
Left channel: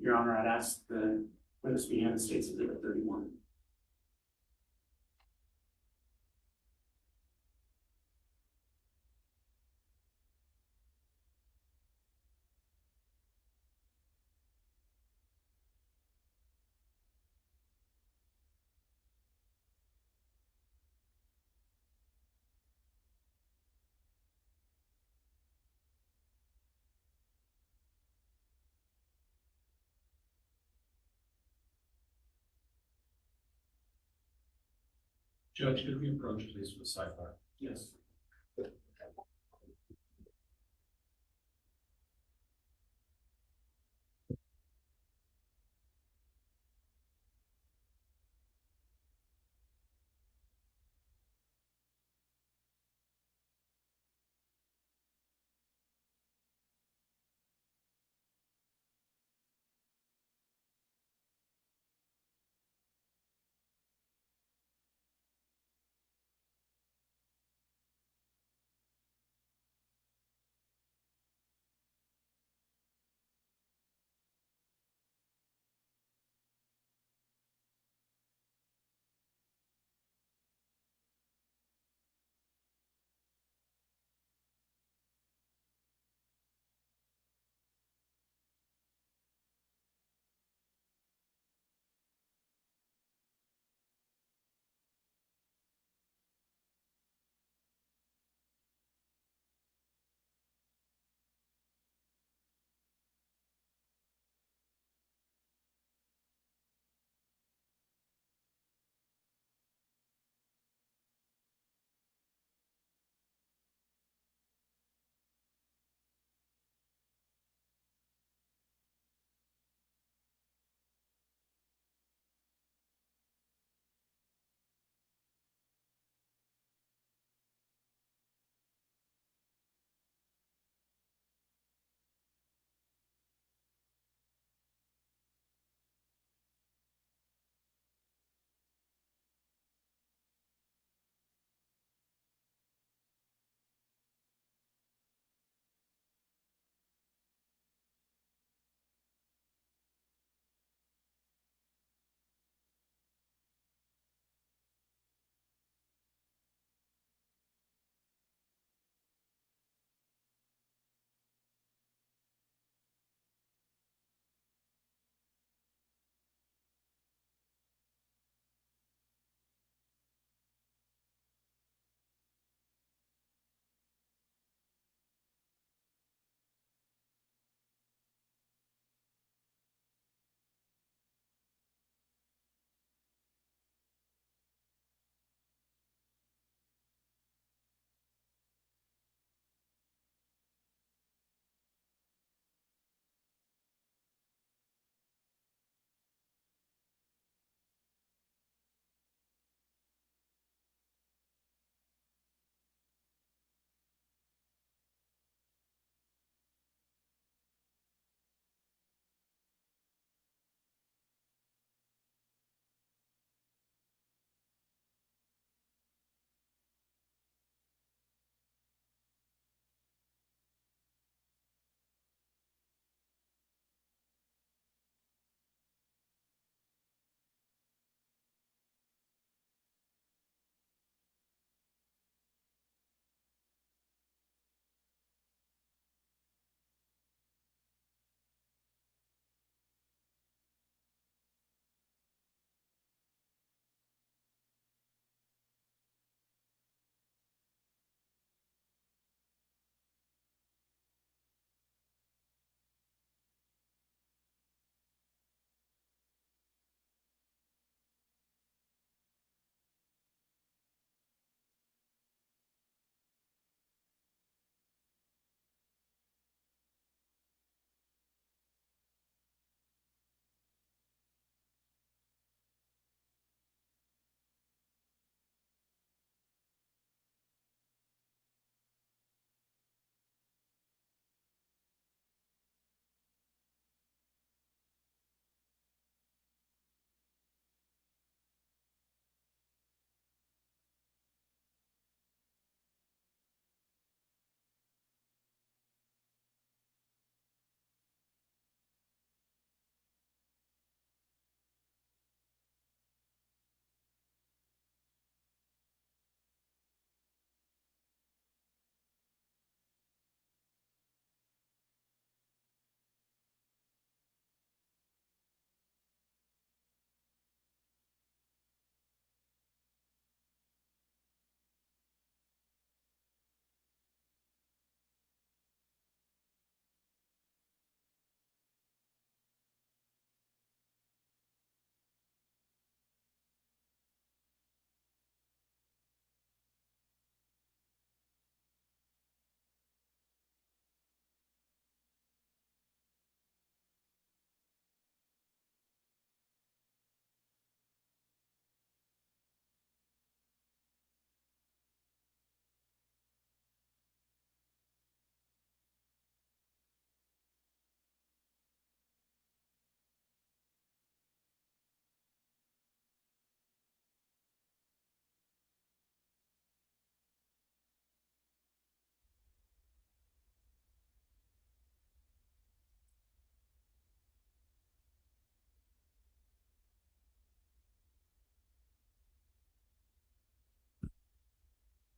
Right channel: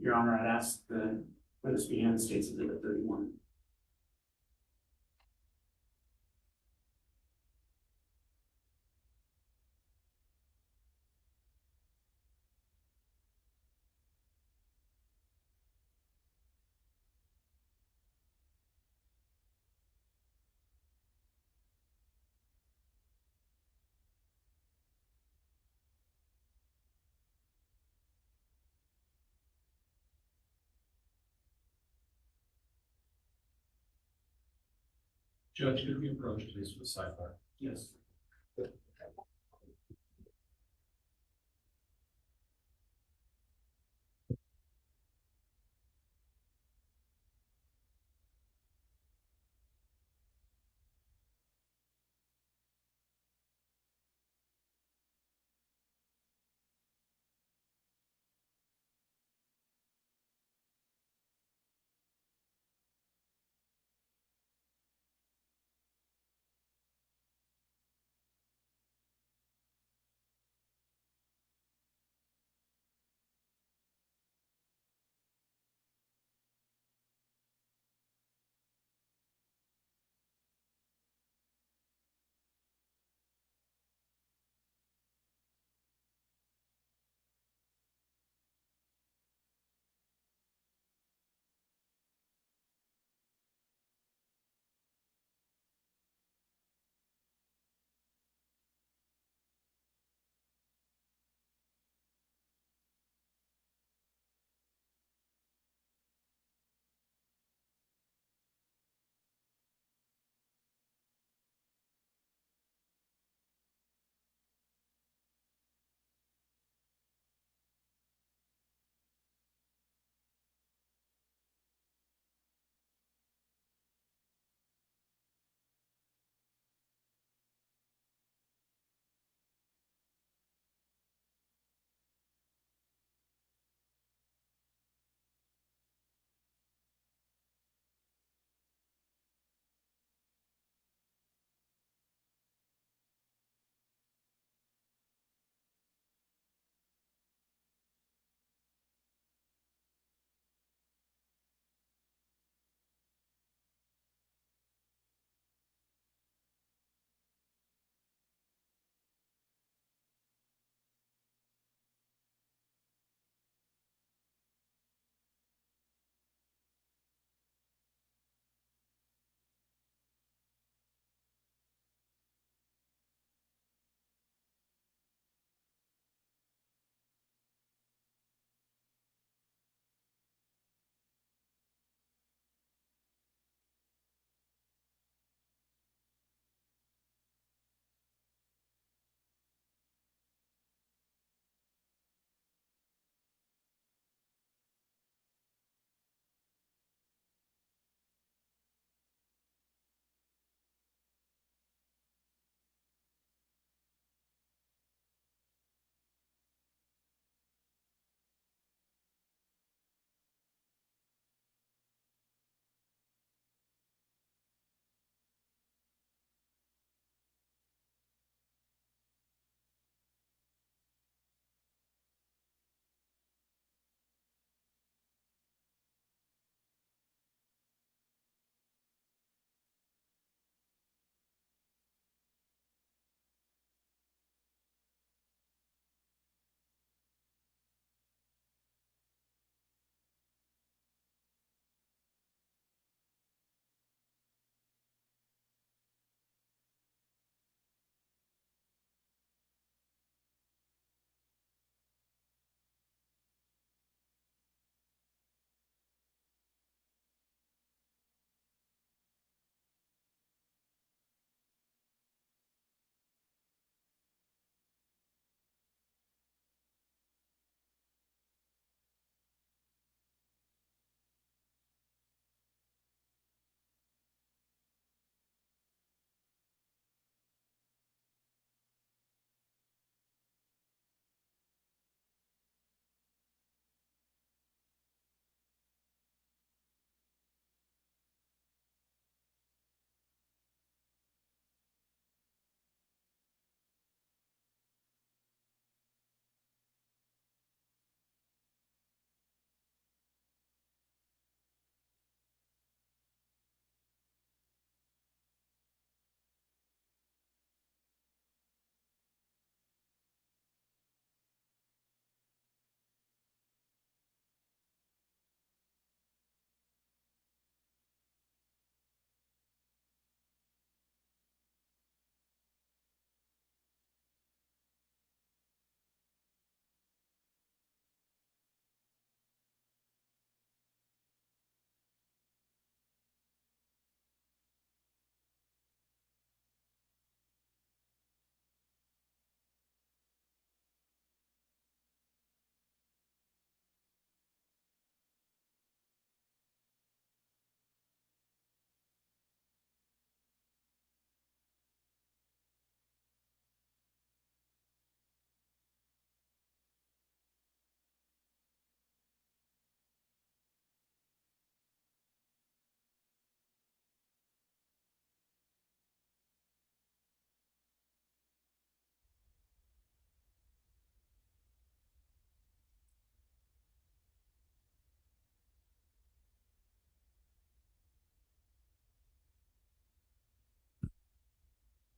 Your Honor, I'd ask the witness be handed State's Exhibit 31. Judge, could we approach please with sidebar? Yes.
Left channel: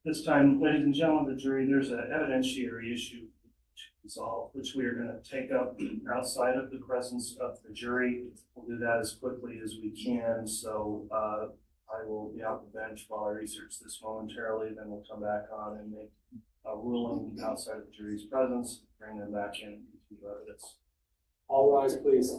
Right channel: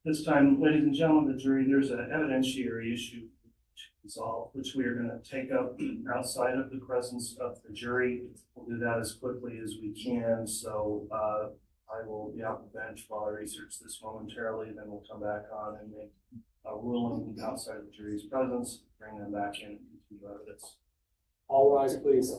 This time, ladies and gentlemen of the jury, there's an evidentiary issue to resolve, which we are gonna take up outside of the presence of the jury. We'll do that as quickly as we can, so, I will be off the bench while I research this momentarily, then we'll come back on and make a ruling outside of the jury's presence, bring them back in to evidence. All rise, please.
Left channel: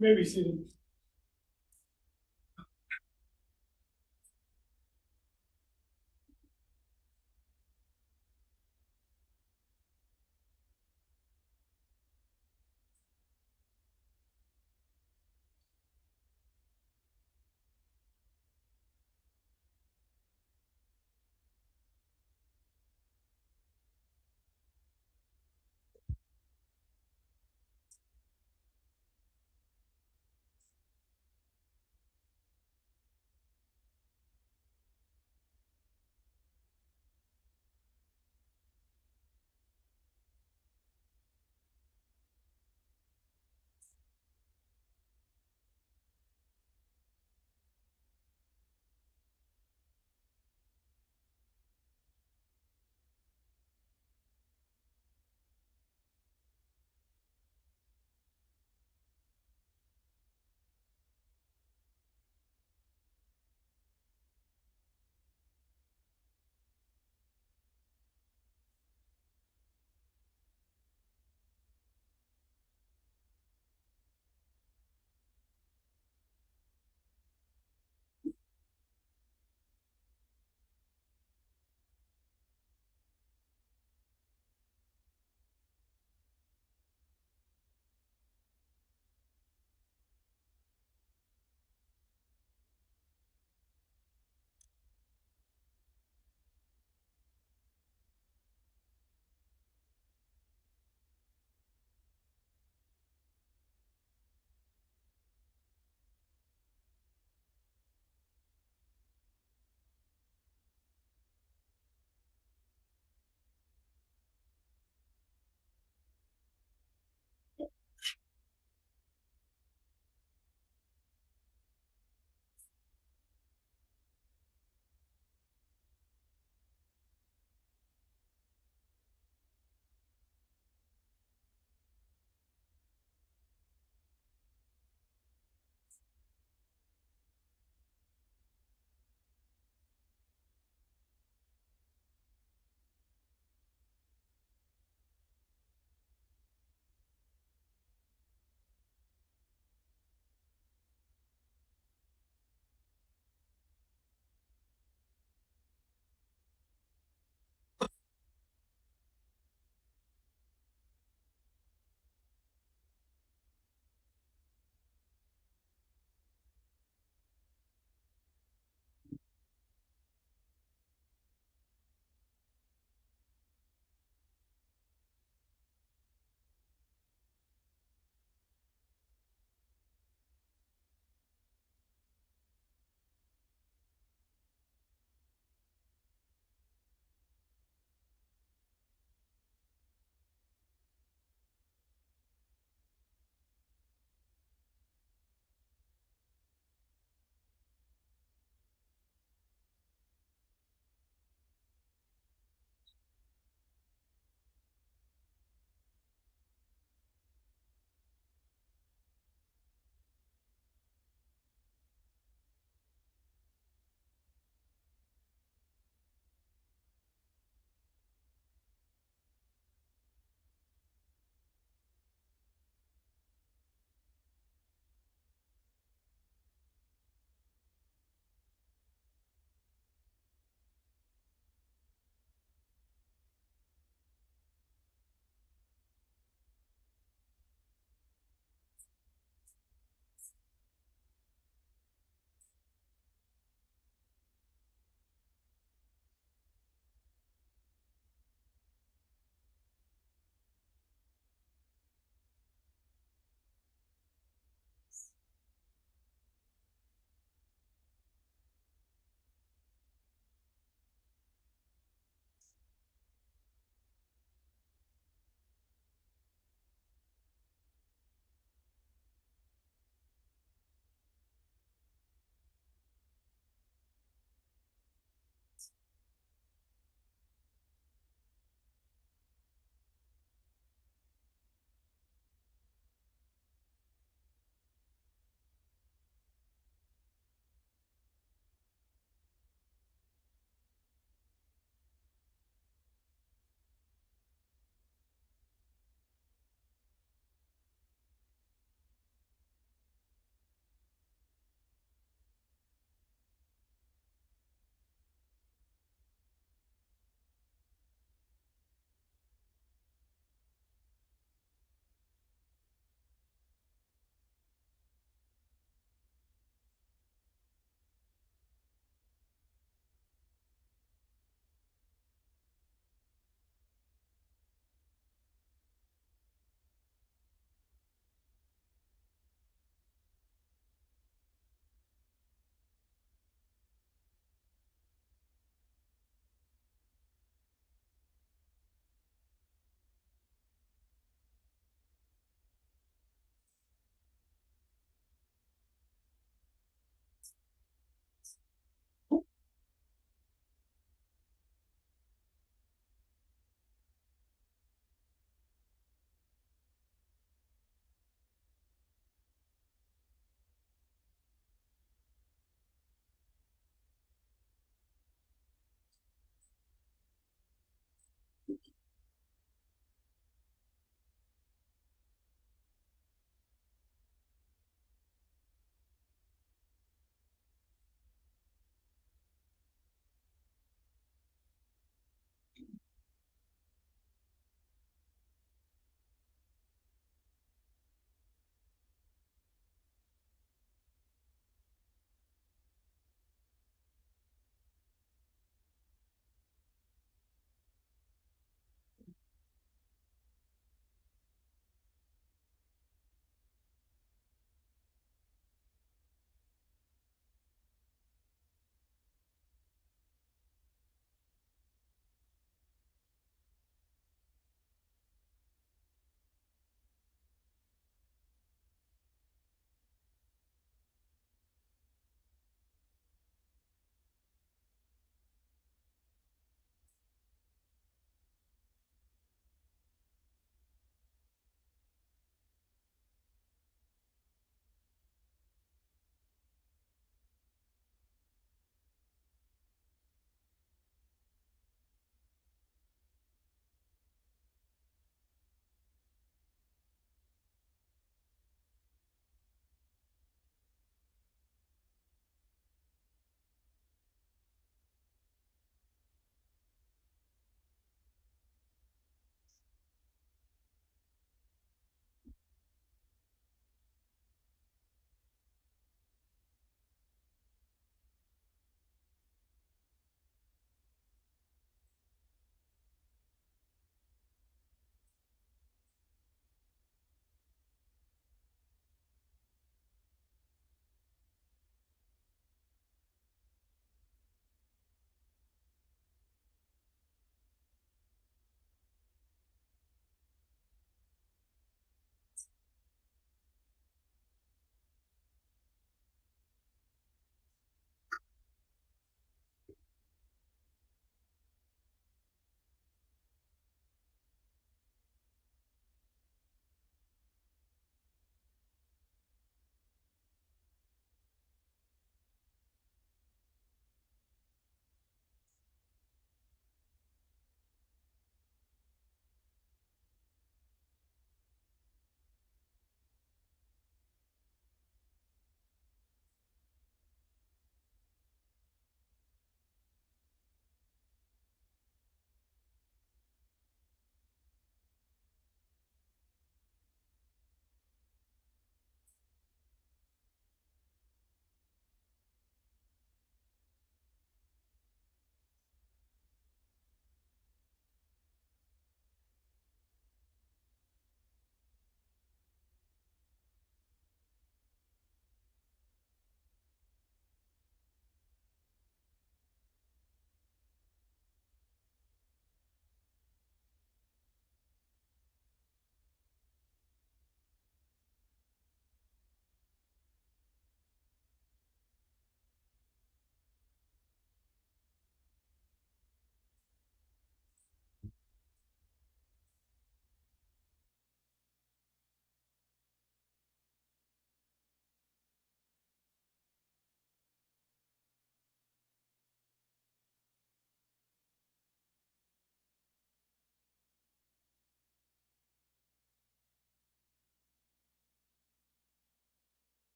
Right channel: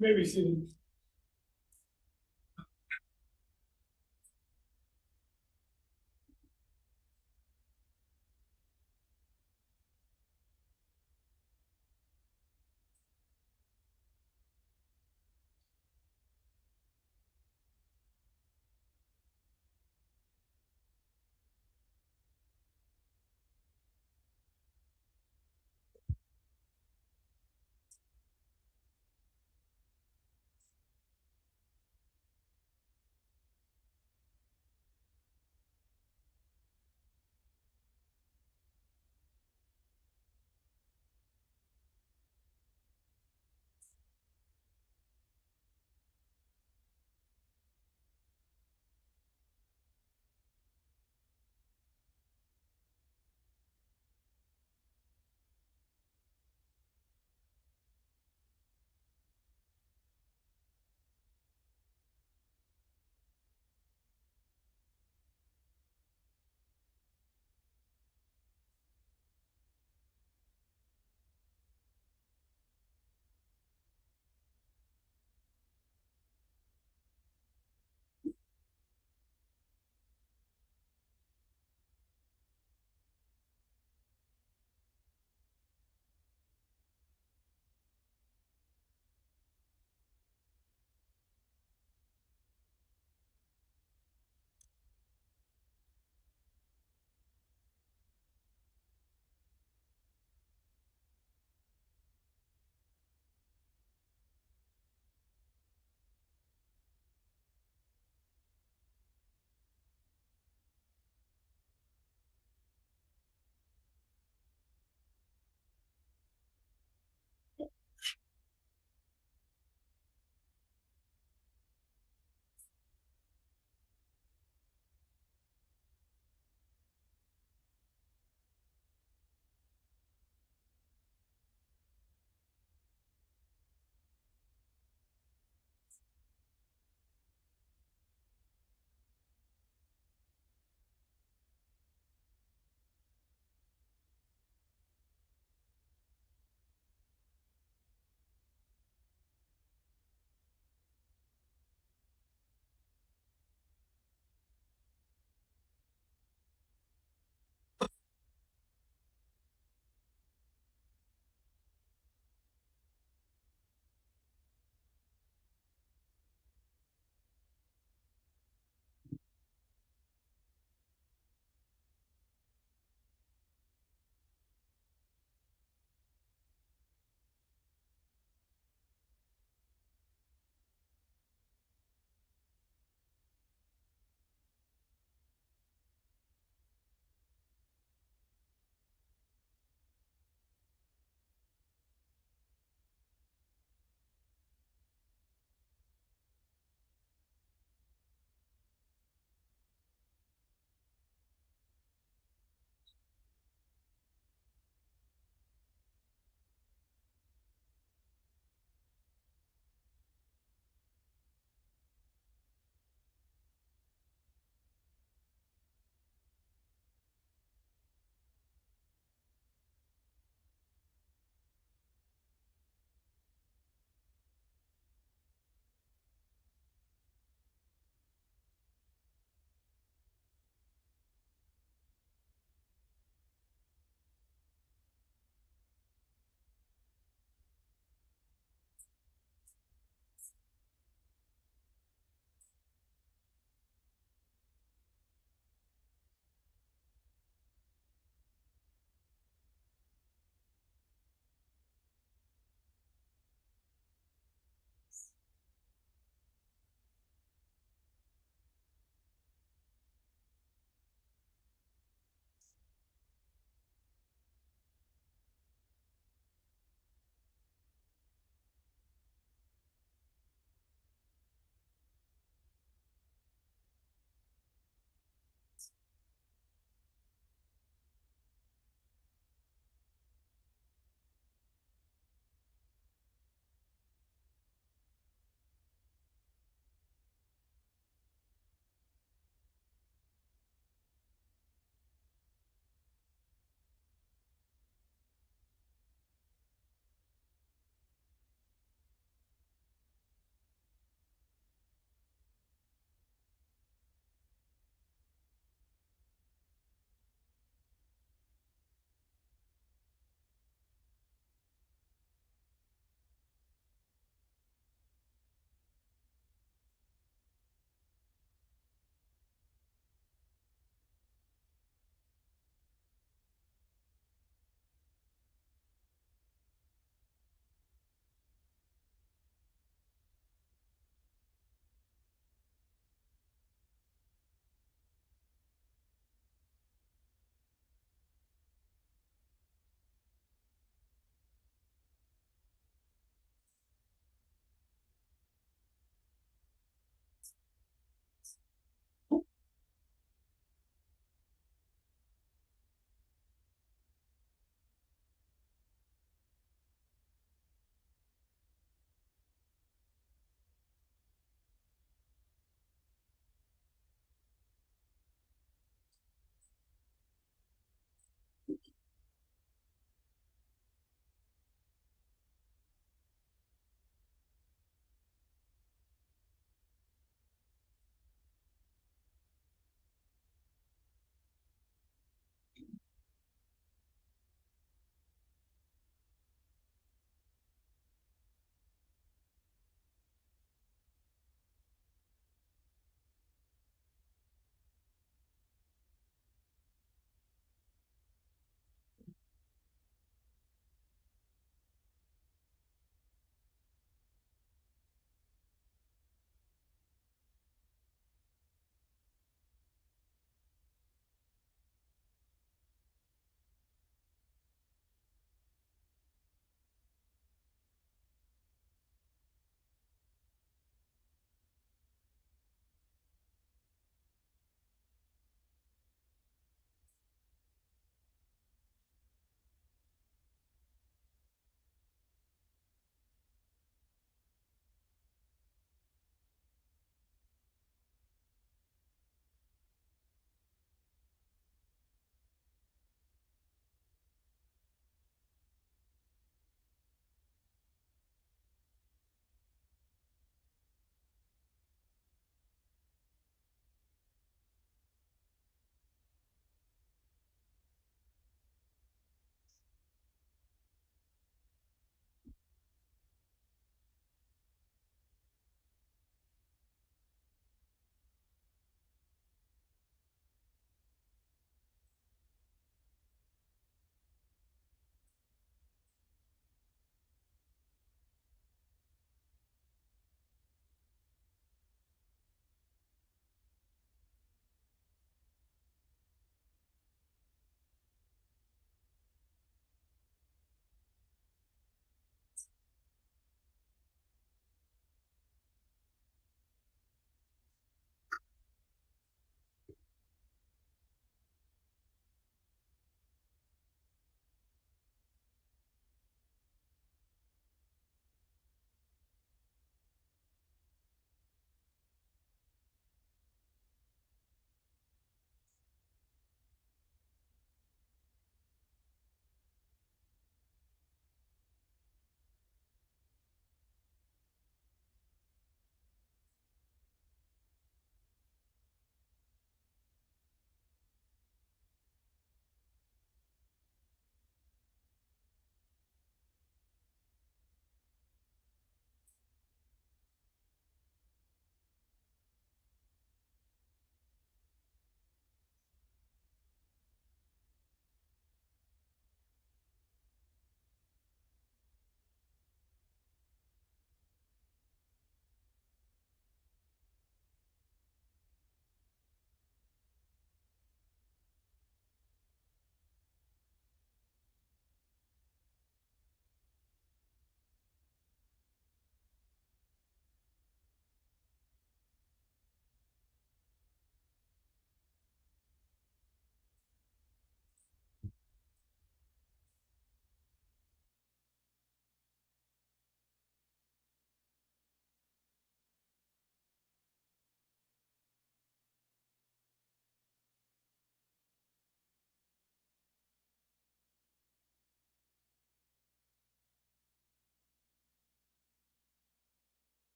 Maybe seated.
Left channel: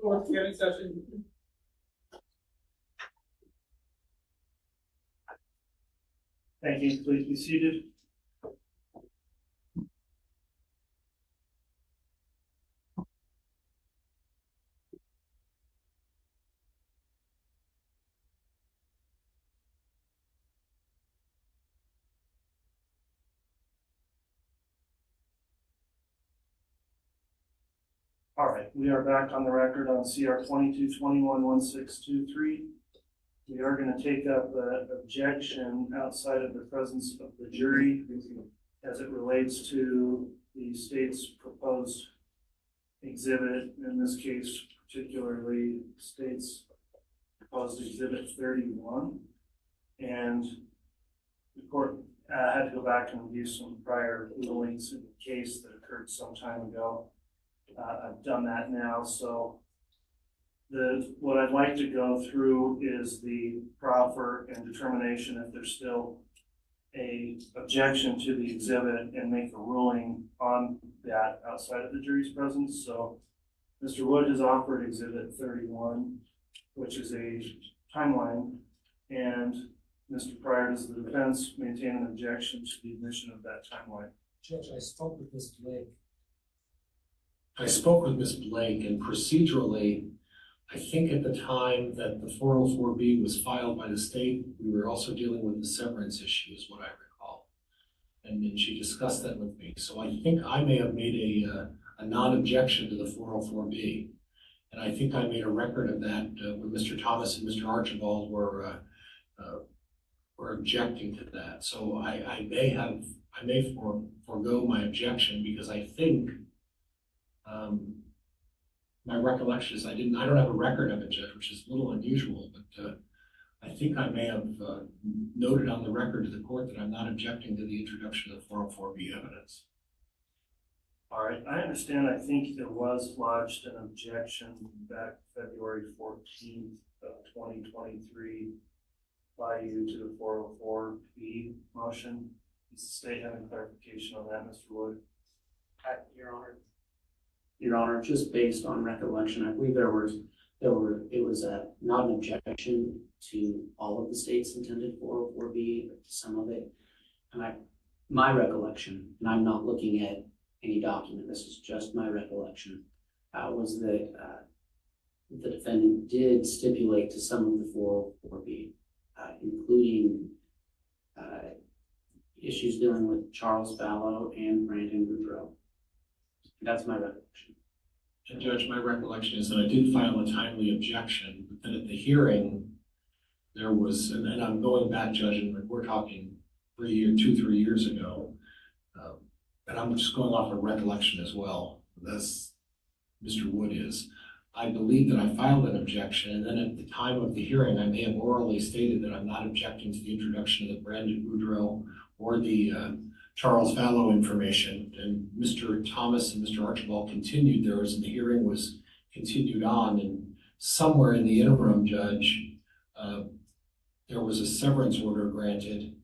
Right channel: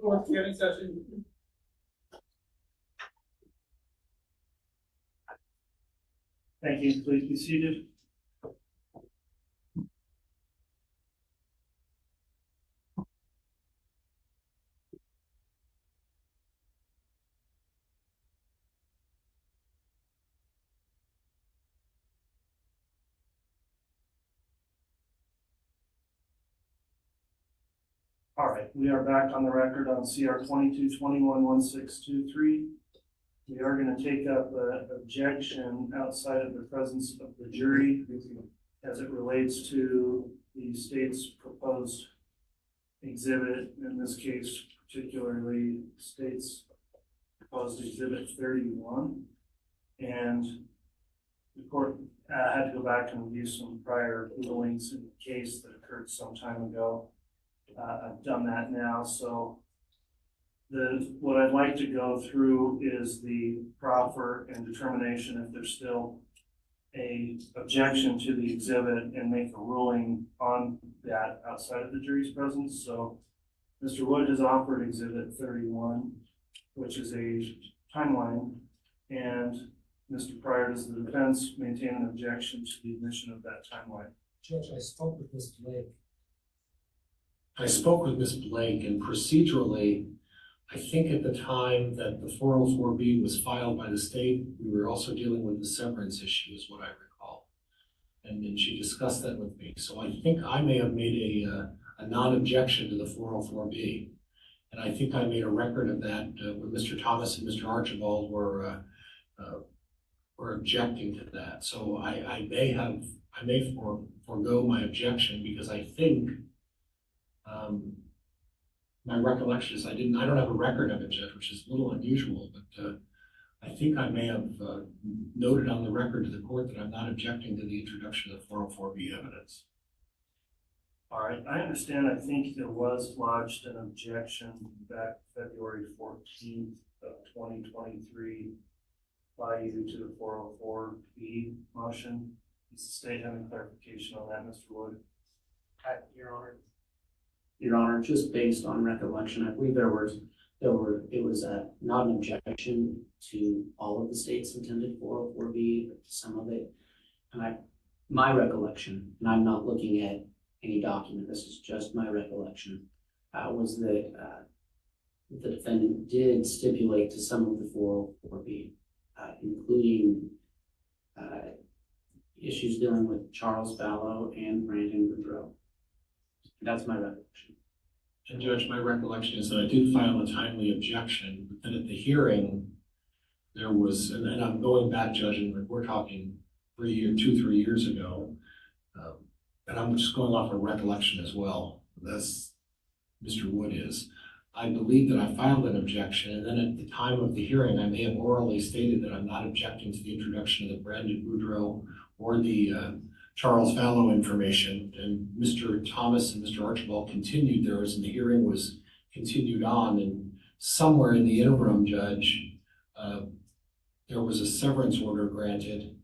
Fourth hearing session. Thank you. Please be seated. All right, we are back on the record on CR 22211623. We are going to take up an objection outside of the presence of the jury as it relates to the state's proposed exhibit, in this case particularly state's proposed exhibit 31. And the court had to go back and review some prior rulings in the case that occurred some time ago. I've done that now, so what I'd like to go through is the proffer and determination if there's still a objection to the exhibit and make a ruling on that outside of the jury's presence. So Mr. Wood has offered exhibit 31, which is a timeline, and Mr. Pryor, does the defense maintain an objection to the admission of that timeline? Judge, I spoke with Ms. Blake. I spoke with Ms. Blake, and procedurally, I think at the time that the 404B was filed by the state, we were also dealing with the severance issue, is what I recall. And then she discussed that with me. So I think I may have made a non-objection to the 404B. And I think I made a record of that when Mr. Thomas and Mr. Archibald were objecting to that. So I may forego my objection because I think my recollection is I don't have a record of it, Judge, which is a little unusual, but I think I may have noted on the record to the court that I'm not objecting to the introduction of 404B evidence. All right, I understand. I think there was lodged an objection back February 14th of 2023 by you to the 404B motion. Does the state have any clarification on that, Mr. Wood? Your Honor, just based on recollection, I believe it was not an objection to all of the state's intended 404B, but to some of it. And my recollection, and I'm not looking at any document, this is just my recollection, was that the defendant did stipulate to some of the 404B, including issues dealing with Charles Fallow and Brandon Boudreaux. That's my recollection. And Judge, my recollection is that I did file a timely objection, but then at the hearing, there was, and I'm going back, Judge, and we're talking 3 years ago, and I'm just going off of recollection as well, as Mr. Wood is. I believe that I filed an objection, and then at the time of the hearing, I may have orally stated that I'm not objecting to the introduction of the Brandon Boudreaux or the Charles Fallow information, and Mr. Thomas and Mr. Archibald continued theirs, and the hearing was continued on, and somewhere in the interim, Judge, there was a severance order granted,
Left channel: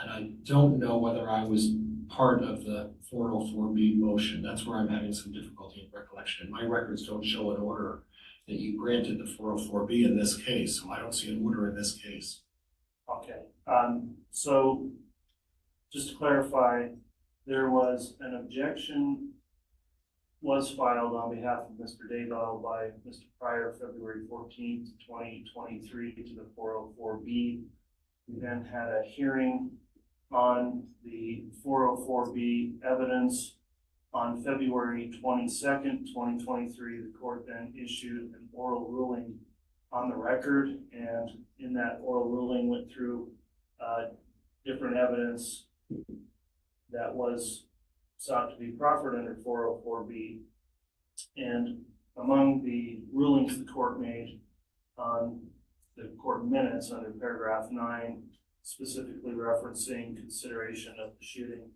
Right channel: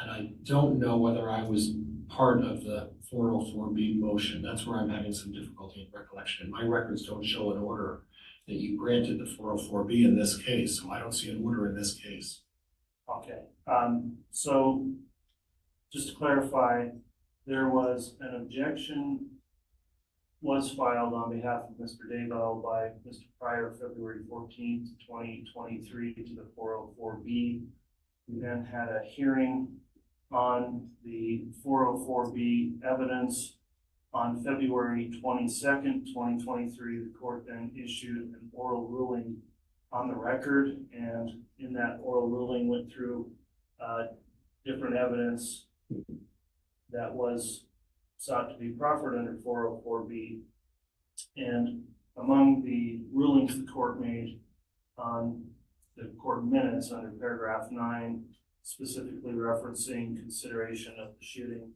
and I don't know whether I was part of the 404B motion. That's where I'm having some difficulty in recollection. My records don't show an order that you granted the 404B in this case, so I don't see an order in this case. Okay, so just to clarify, there was an objection was filed on behalf of Mr. Daybell by Mr. Pryor February 14th, 2023 to the 404B. We then had a hearing on the 404B evidence on February 22nd, 2023. The court then issued an oral ruling on the record, and in that oral ruling went through different evidence that was sought to be proffered under 404B. And among the rulings the court made on the court minutes under paragraph 9, specifically referencing consideration of the shooting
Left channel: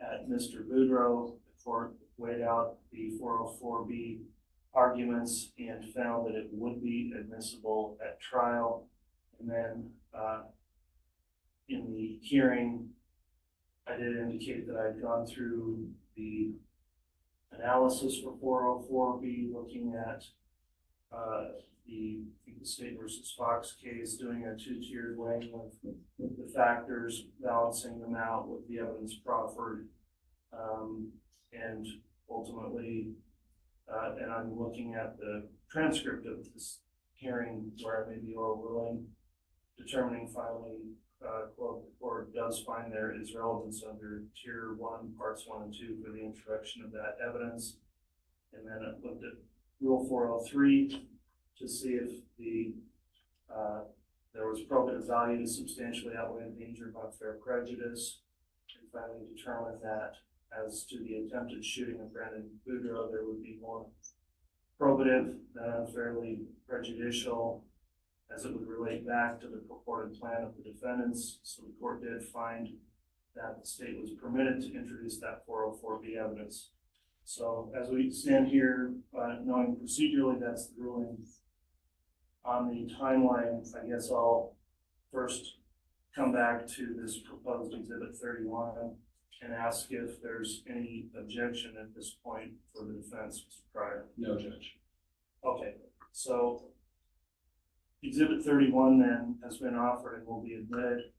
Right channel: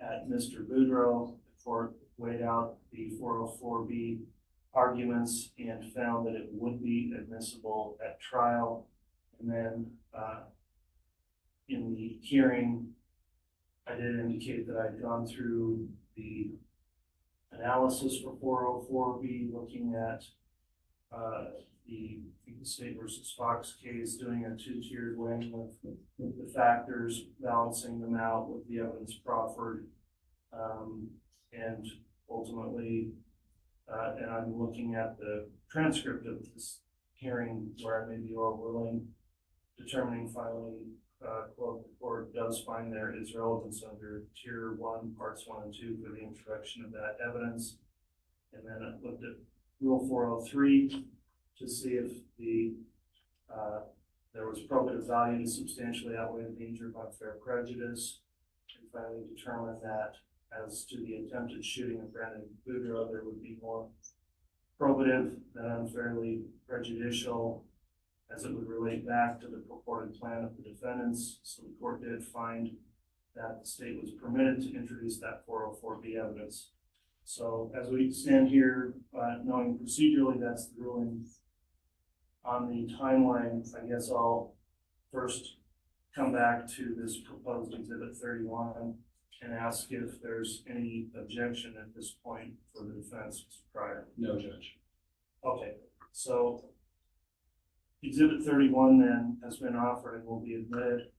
at Mr. Boudreaux, the court weighed out the 404B arguments and found that it would be admissible at trial. And then in the hearing, I did indicate that I'd gone through the analysis for 404B, looking at the State versus Fox case, doing a two-tiered weighing with the factors, balancing them out with the evidence proffered, and ultimately, and I'm looking at the transcript of this hearing where I may be overruling, determining finally, quote, the court does find there is relevance under tier 1, parts 1 and 2 for the introduction of that evidence. And then I looked at rule 403 to see if there was probative value to substantially outweigh the danger of unfair prejudice, and finally determined that as to the attempted shooting of Brandon Boudreaux, there would be more probative than unfairly prejudicial, as it would relate back to the purported plan of the defendants. So the court did find that the state was permitted to introduce that 404B evidence. So as we stand here, knowing procedurally that's the ruling, on the timeline, I guess I'll first come back to this proposed Exhibit 31 and ask if there's any objection at this point for the defense, Mr. Pryor. No, Judge. Okay, so Exhibit 31 then has been offered and will be admitted.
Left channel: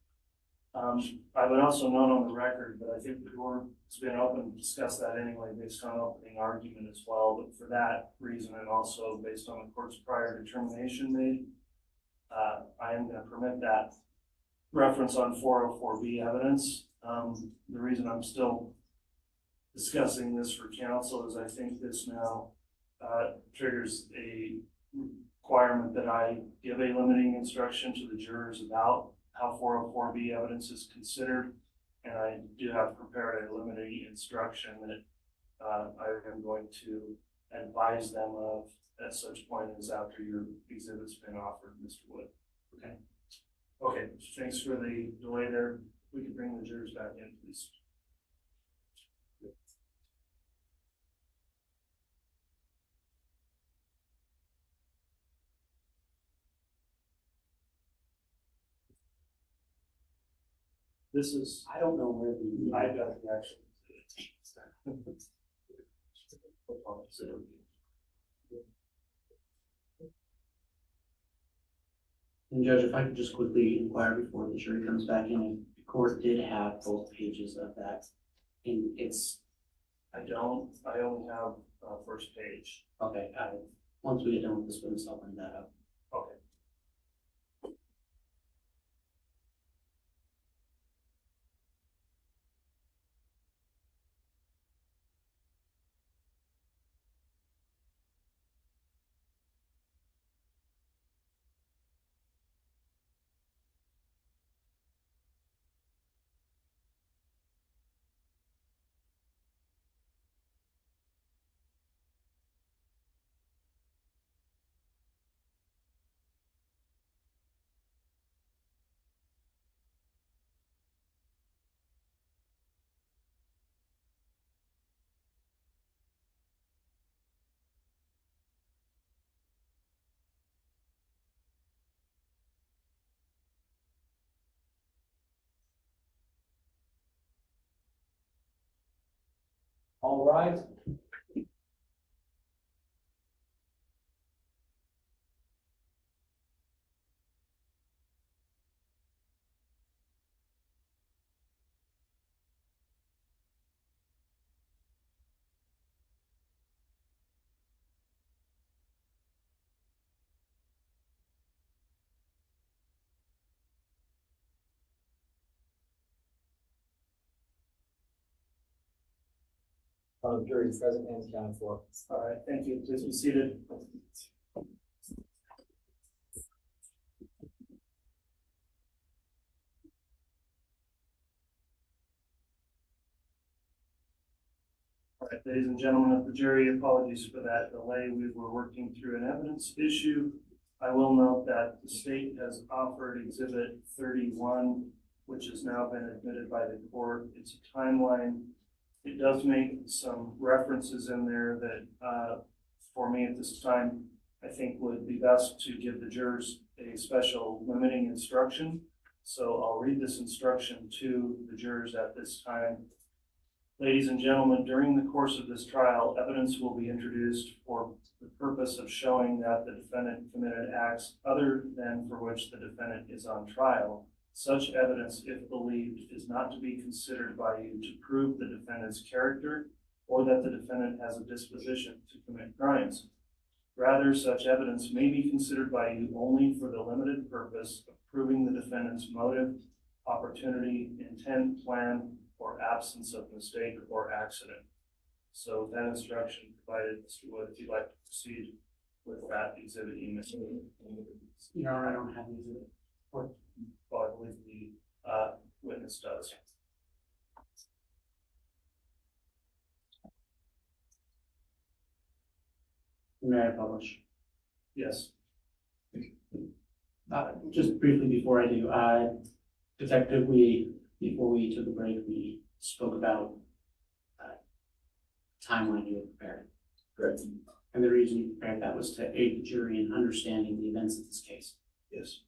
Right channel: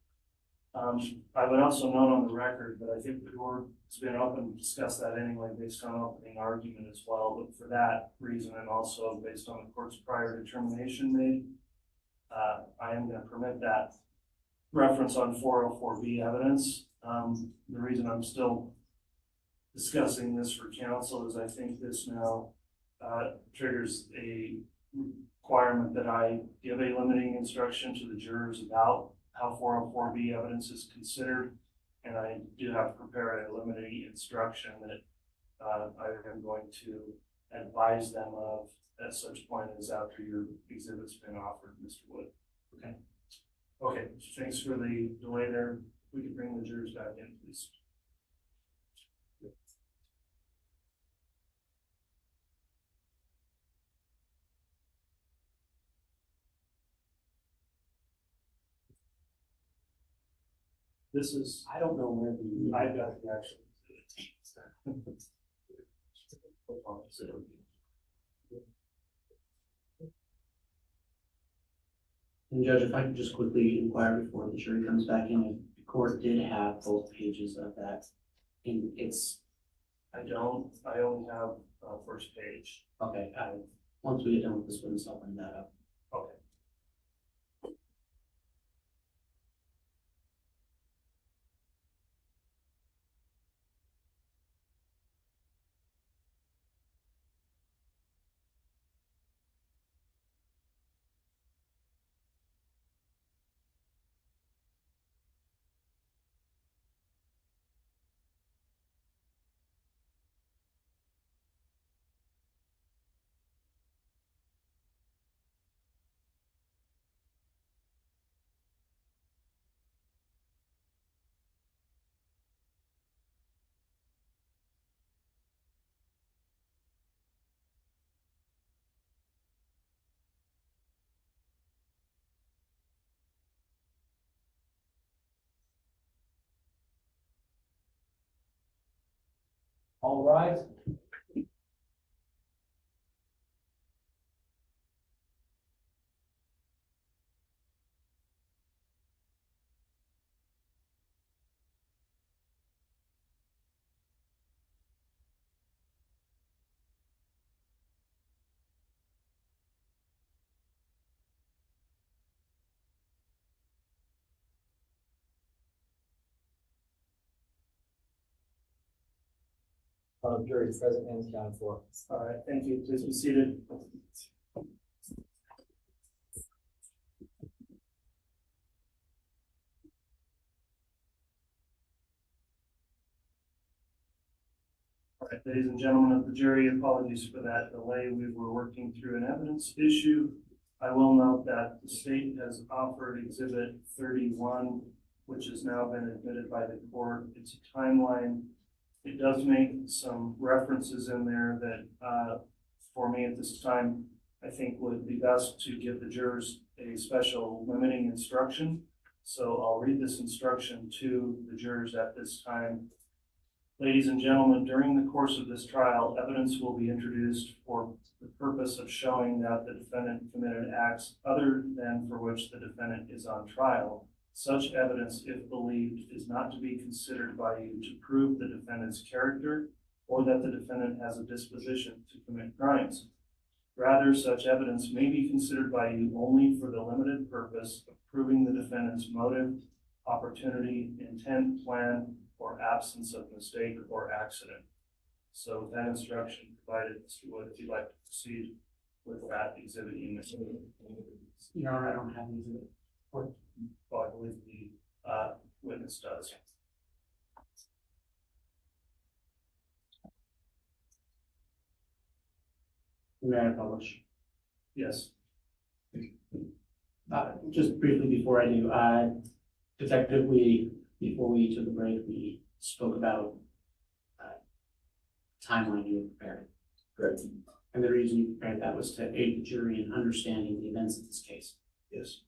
I would also note on the record that I think the court has been open to discuss that anyway based on opening argument as well, but for that reason and also based on the court's prior determination made, I am going to permit that reference on 404B evidence. The reason I'm still discussing this for counsel is I think this now triggers a requirement that I give a limiting instruction to the jurors about how 404B evidence is considered, and I do have prepared a limiting instruction that I am going to advise them of at such point as after your exhibit's been offered, Mr. Wood. Okay. Okay, thanks for the delay there. We can bring the jurors back in, please. This is, I don't know where the, I've got the actual. And Judge, if I could just quickly inquire before the jury comes back in, if the court did have both pages of that in its. I only have first page. Okay, once we get done with this witness, I'll bring that up. Okay. All right. Jury is present and accounted for. All right, thank you. Please be seated. All right, ladies and gentlemen of the jury, apologies for that delay. We were working through an evidence issue. I will note that the state has offered Exhibit 31, which has now been admitted by the court. It's a timeline. It does make some references in there that, for me at this time, I think would be best to give the jurors a special limiting instruction. So I'll read this instruction to the jurors at this time. Ladies and gentlemen, during the course of this trial, evidence will be introduced for the purpose of showing that the defendant committed acts other than for which the defendant is on trial. Such evidence, if believed, is not to be considered by you to prove the defendant's character or that the defendant has a disposition to commit crimes. Rather, such evidence may be considered by you only for the limited purpose of proving the defendant's motive, opportunity, intent, plan, or absence of mistake or accident. So that instruction provided, Mr. Wood, if you'd like to proceed with that exhibit unit. Your Honor, I don't have any exhibit. Well, I believe the witness does. May I publish? Yes. Just briefly before I do, Detective, before we took a break, we spoke about timeline you had prepared. Correct. And the reason you prepared that was to aid the jury in understanding the events of this case. Yes.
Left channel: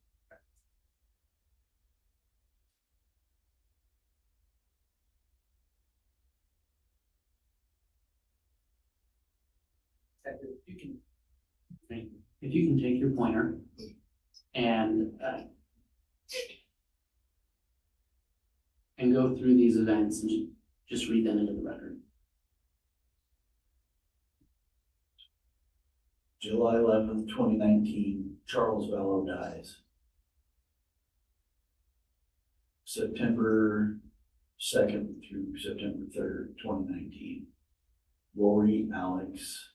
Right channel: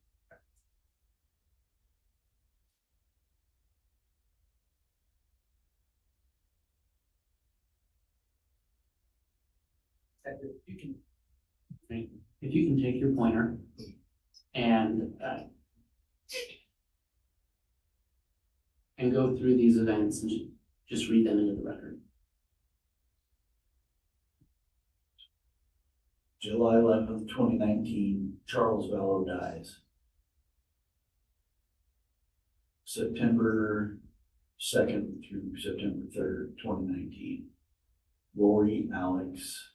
If you can take your pointer and go through these events and just read them into the record. July 11th, 2019, Charles Vallow dies. September 2nd through September 3rd, 2019, Lori, Alex,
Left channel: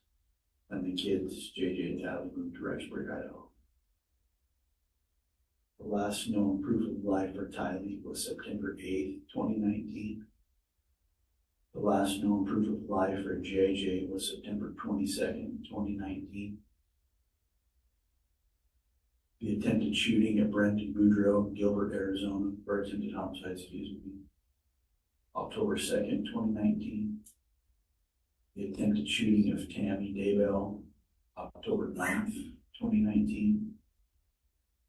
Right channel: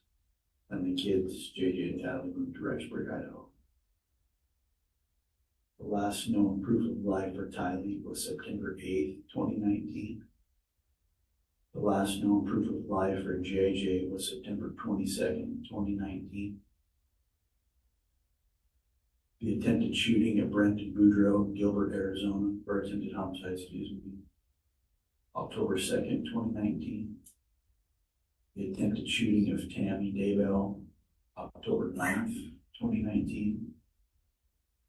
and the kids, JJ and Tyler, moved to Rexburg, Idaho. The last known proof of life for Tylee was September 8th, 2019. The last known proof of life for JJ was September 22nd, 2019. The attempted shooting at Brenton Boudreaux, Gilbert, Arizona, or attempted homicide, October 2nd, 2019. The attempted shooting of Tammy Daybell, October 9th, 2019.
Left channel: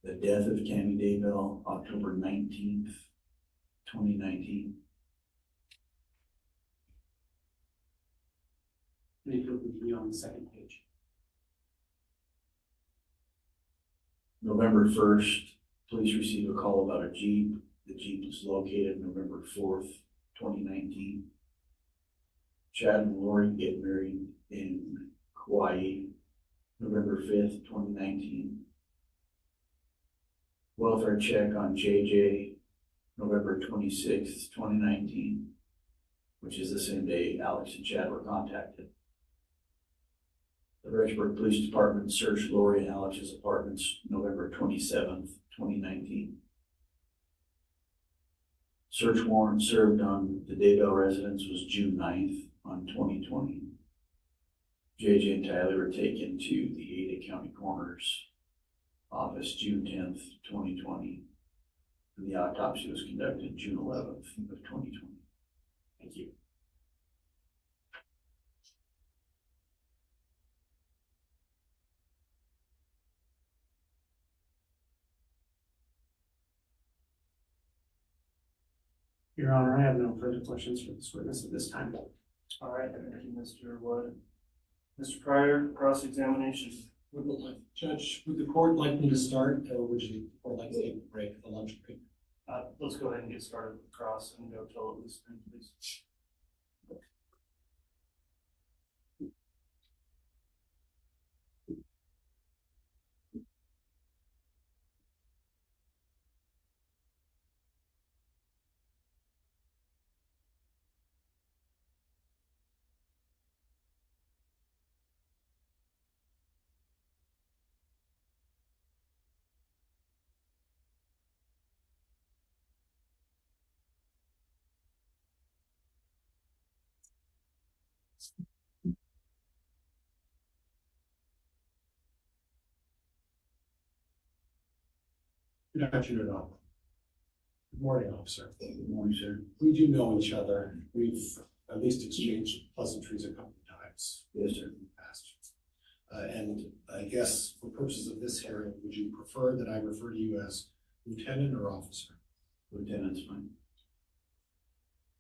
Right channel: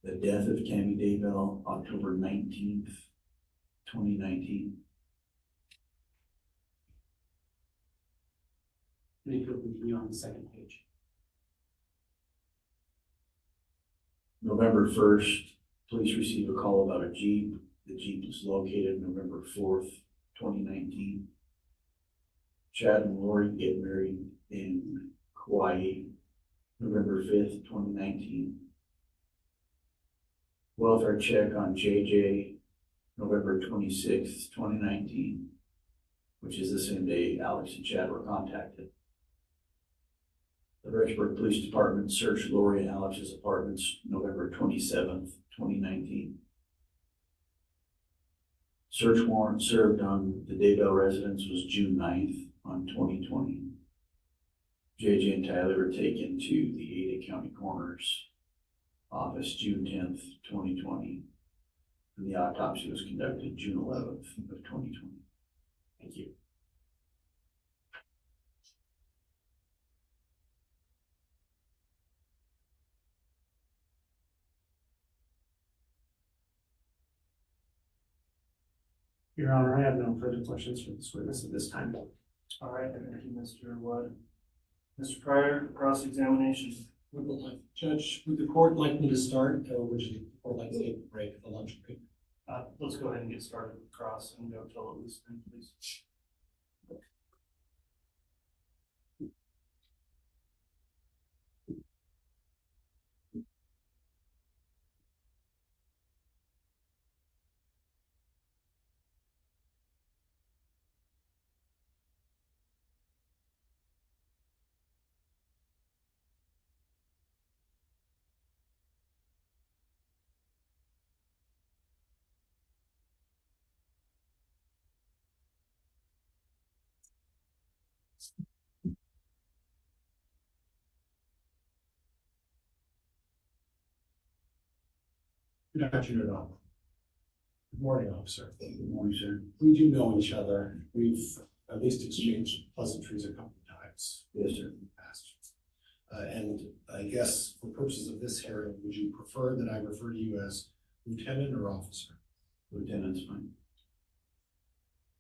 The death of Tammy Daybell, October 19th, 2019. And if you'll continue on the second page. November 1st, police received a call about a Jeep. The Jeep was located November 4th, 2019. Chad and Lori get married in Hawaii, November 5th, 2019. Welfare check on JJ, November 26th, 2019, which is the same day Alex and Chad were contacted. The Rexburg Police Department searched Lori and Alex's apartments November 27th, 2019. Search warrant served on the Daybell residence was June 9th on 2020. JJ and Tyler were taken to the Ada County Coroner's office June 10th, 2020. And the autopsy was conducted June 11th of 2020. Thank you. Your Honor, I have no further questions for this witness at this time. All right, thank you, Mr. Wood. Mr. Pryor, cross-examination. Judge, would the court like me to start, or would you, or like to take a break at the lunch break? Let's go ahead and get started with cross and go till at least 10, please. Good afternoon, all. Good morning, officer. Good morning, sir. We do know each other. We've at least exchanged pleasantries a couple of times. Yes, sir. In the past. And I guess for purposes of this hearing, would you prefer that I refer to you as lieutenant or officer? Lieutenant's fine.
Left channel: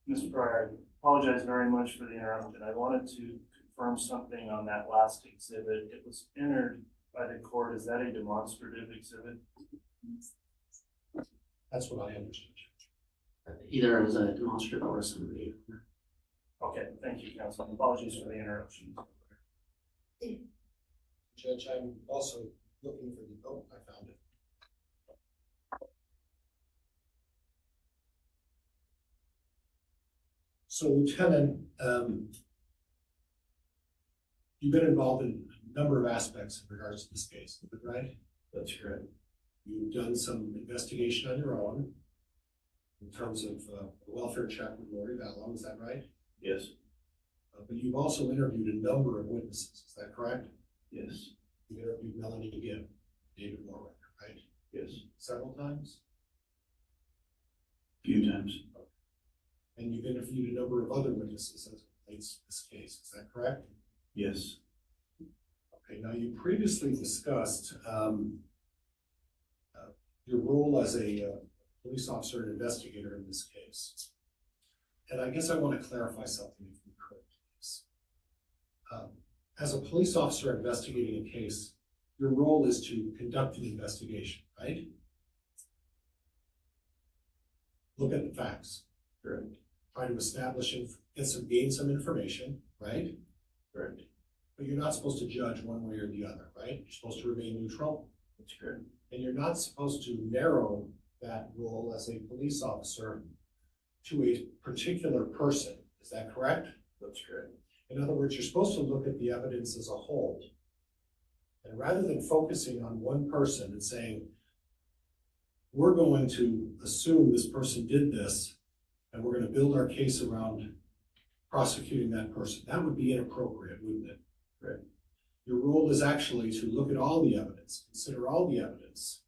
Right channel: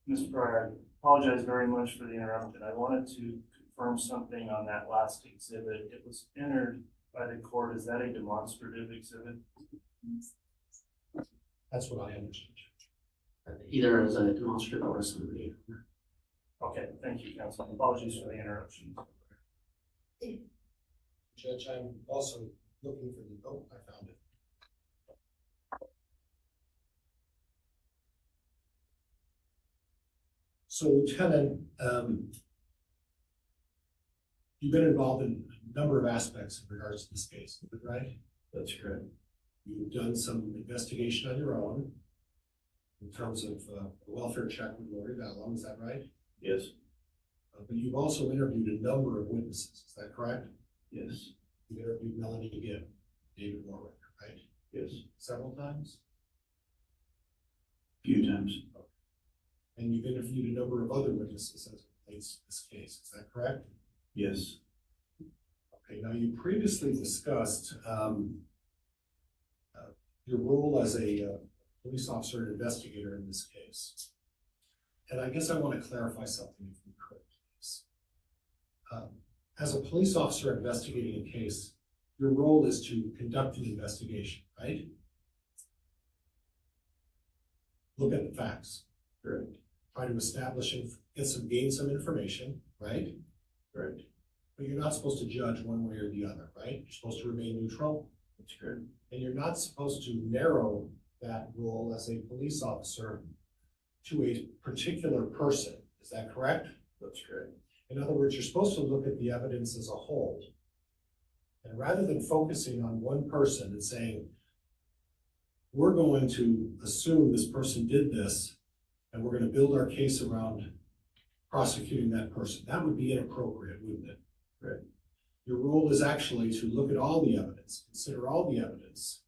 Mr. Pryor, Apologize very much for the interruption. I wanted to confirm something on that last exhibit. It was entered by the court. Is that a demonstrative exhibit? That's what I understood. Either as a demonstrative or a summary. Okay, thank you, counsel. Apologies for the interruption. Judge, I'm also looking for the, oh, I found it. So Lieutenant, you've been involved in a number of aspects in regards to this case, is that right? That's correct. You've done some investigation on your own in terms of the welfare check with Lori Vallon, is that right? Yes. But you've also interviewed a number of witnesses, is that correct? Yes. You've interviewed Melanie Gibb, David Warwick, right? Yes. Several times? Few times. And you've interviewed a number of other witnesses as it relates to this case, is that correct? Yes. Okay, now you previously discussed your role as a police officer and investigator in this case. And I guess I want to clarify something if we could, please. As a police officer investigating a case, your role is to conduct an investigation, right? Look at the facts. Correct. Try to establish and gain some information, right? Correct. But you're not supposed to judge one way or the other, right? You're supposed to remain neutral. That's correct. And you're not supposed to narrow that role as a police officer to a particular person. Is that correct? That's correct. In other words, you're supposed to look at the evidence as a whole. And rather than focusing on one person and saying, we're going to assume this person did this, and we're going to build our case around prosecuting that person, that would be inappropriate, wouldn't it? Correct. Your role is actually to look at all the evidence, consider all the evidence.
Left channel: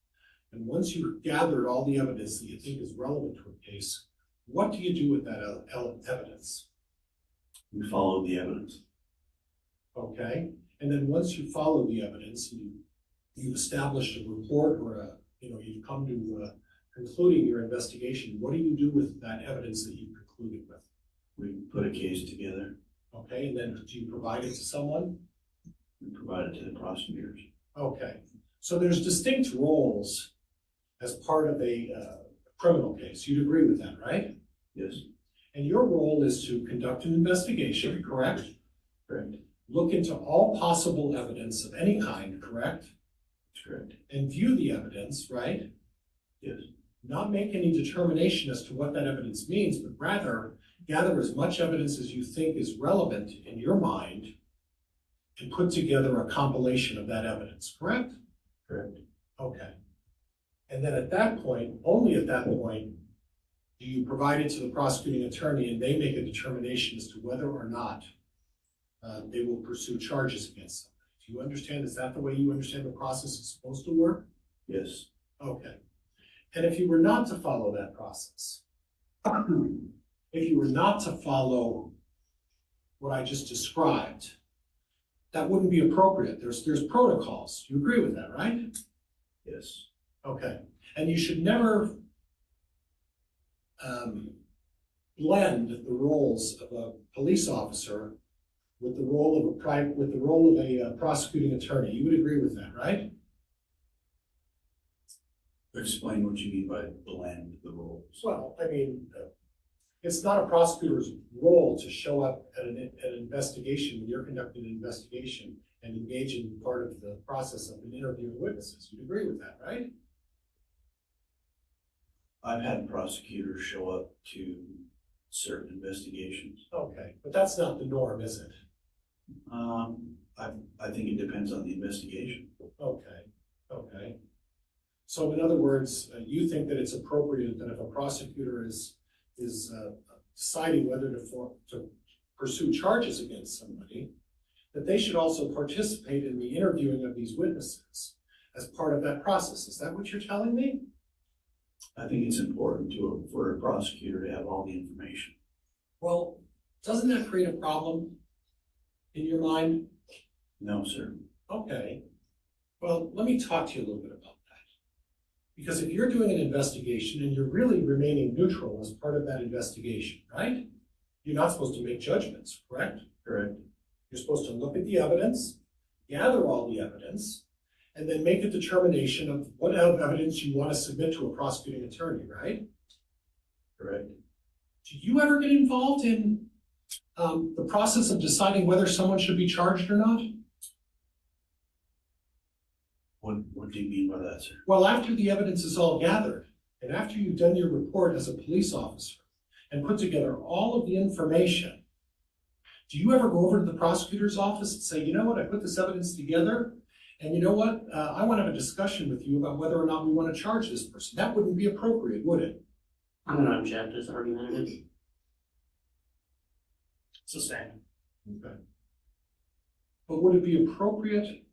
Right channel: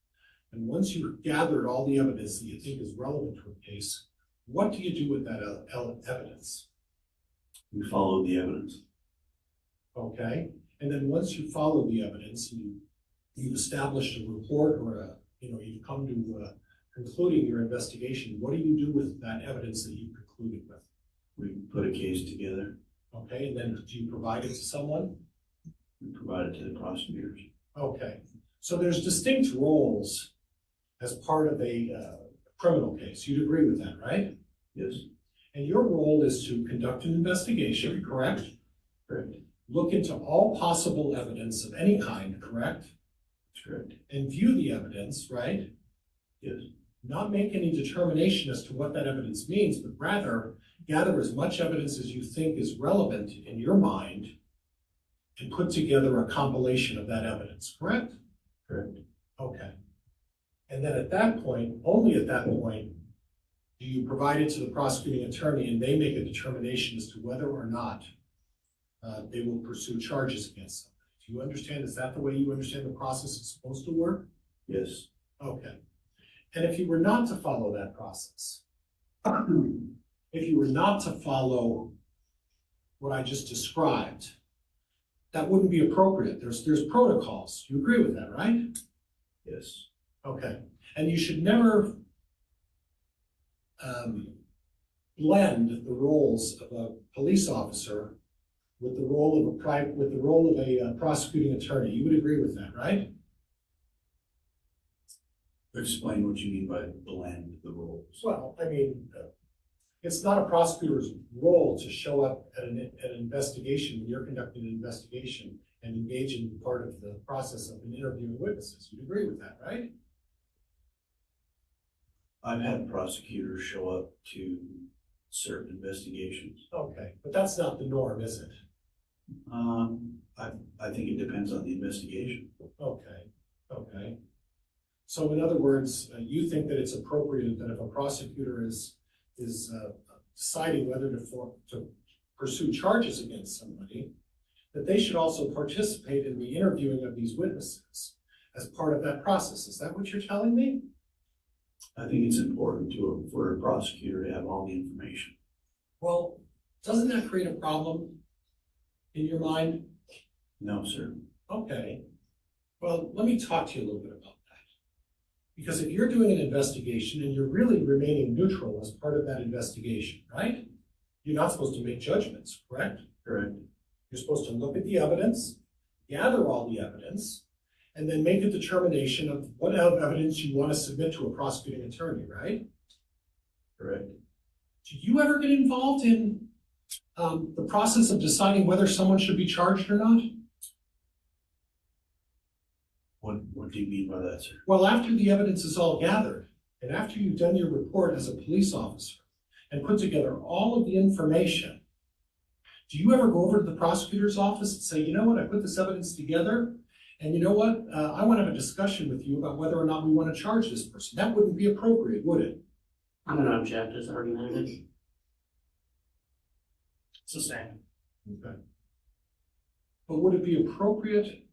And once you've gathered all the evidence that you think is relevant to a case, what do you do with that evidence? We follow the evidence. Okay, and then once you follow the evidence and you've established a report or you've come to concluding your investigation, what do you do with that evidence that you've concluded with? We put a case together. Okay, and then do you provide it to someone? We provide it to the prosecutors. Okay, so there's distinct roles as part of a criminal case. You'd agree with that, right? Yes. And your role is to conduct an investigation, correct? Correct. Look into all possible evidence of any kind, correct? That's correct. And view the evidence, right? Yes. Not make any determination as to what that evidence means, but rather gather as much evidence as you think is relevant in your mind and put together a compilation of that evidence, correct? Correct. Okay. And then at that point, only at that point, do you provide it to the prosecuting attorney and they make a determination as to whether or not they will pursue charges against somebody. Do you understand? Is that the way you understand the process is supposed to work? Yes. Okay. And if you were not to follow that process, if you were not to follow what I just described, that wouldn't be appropriate. There's protocols. You agree with that, right? Yes. Okay. And you should never blend the roles of a police officer with the role of a prosecuting attorney. You would agree with that, right? Explain what you mean by blend the roles. Well, I mean, it's not a prosecutor's role to show up at an investigation when you're conducting an investigation and engage in part of the process of interviewing witnesses. You'd agree with that, right? I've had prosecutors show up to certain investigations. Okay, but that's not the norm, is it? I think it depends on the investigation. Okay. So in other words, you think that it's appropriate that if a prosecutor is deciding whether to pursue charges against somebody, that they should also participate in the interviewing of these witnesses as part of that process. Is that what you're telling me? I think it's important for a prosecutor to have all the information. Well, doesn't that create a problem in your mind? No, sir. Okay. Well, let me talk to you a little bit about that. Because if you're doing an investigation and you're really remaining neutral as part of that investigation, right? You're not supposed to make judgments, correct? Correct. You're supposed to look at the evidence, gather all the evidence, and then make a determination of what evidence you want to submit to a prosecuting attorney, right? Correct. Do you ever get involved in the process of deciding whether someone should be charged or not? What do you mean by that, sir? Well, after the evidence is all gathered, and after you've done your report as a police officer and put together all of the information, do you ever go over to the prosecutor's office and say, you know what, I put this evidence together, and you know what, I want to have a discussion with you about whether or not we want to charge this person? That wouldn't be appropriate, would it? I'm gonna object as argumentative. It's the same. Okay. But would it be appropriate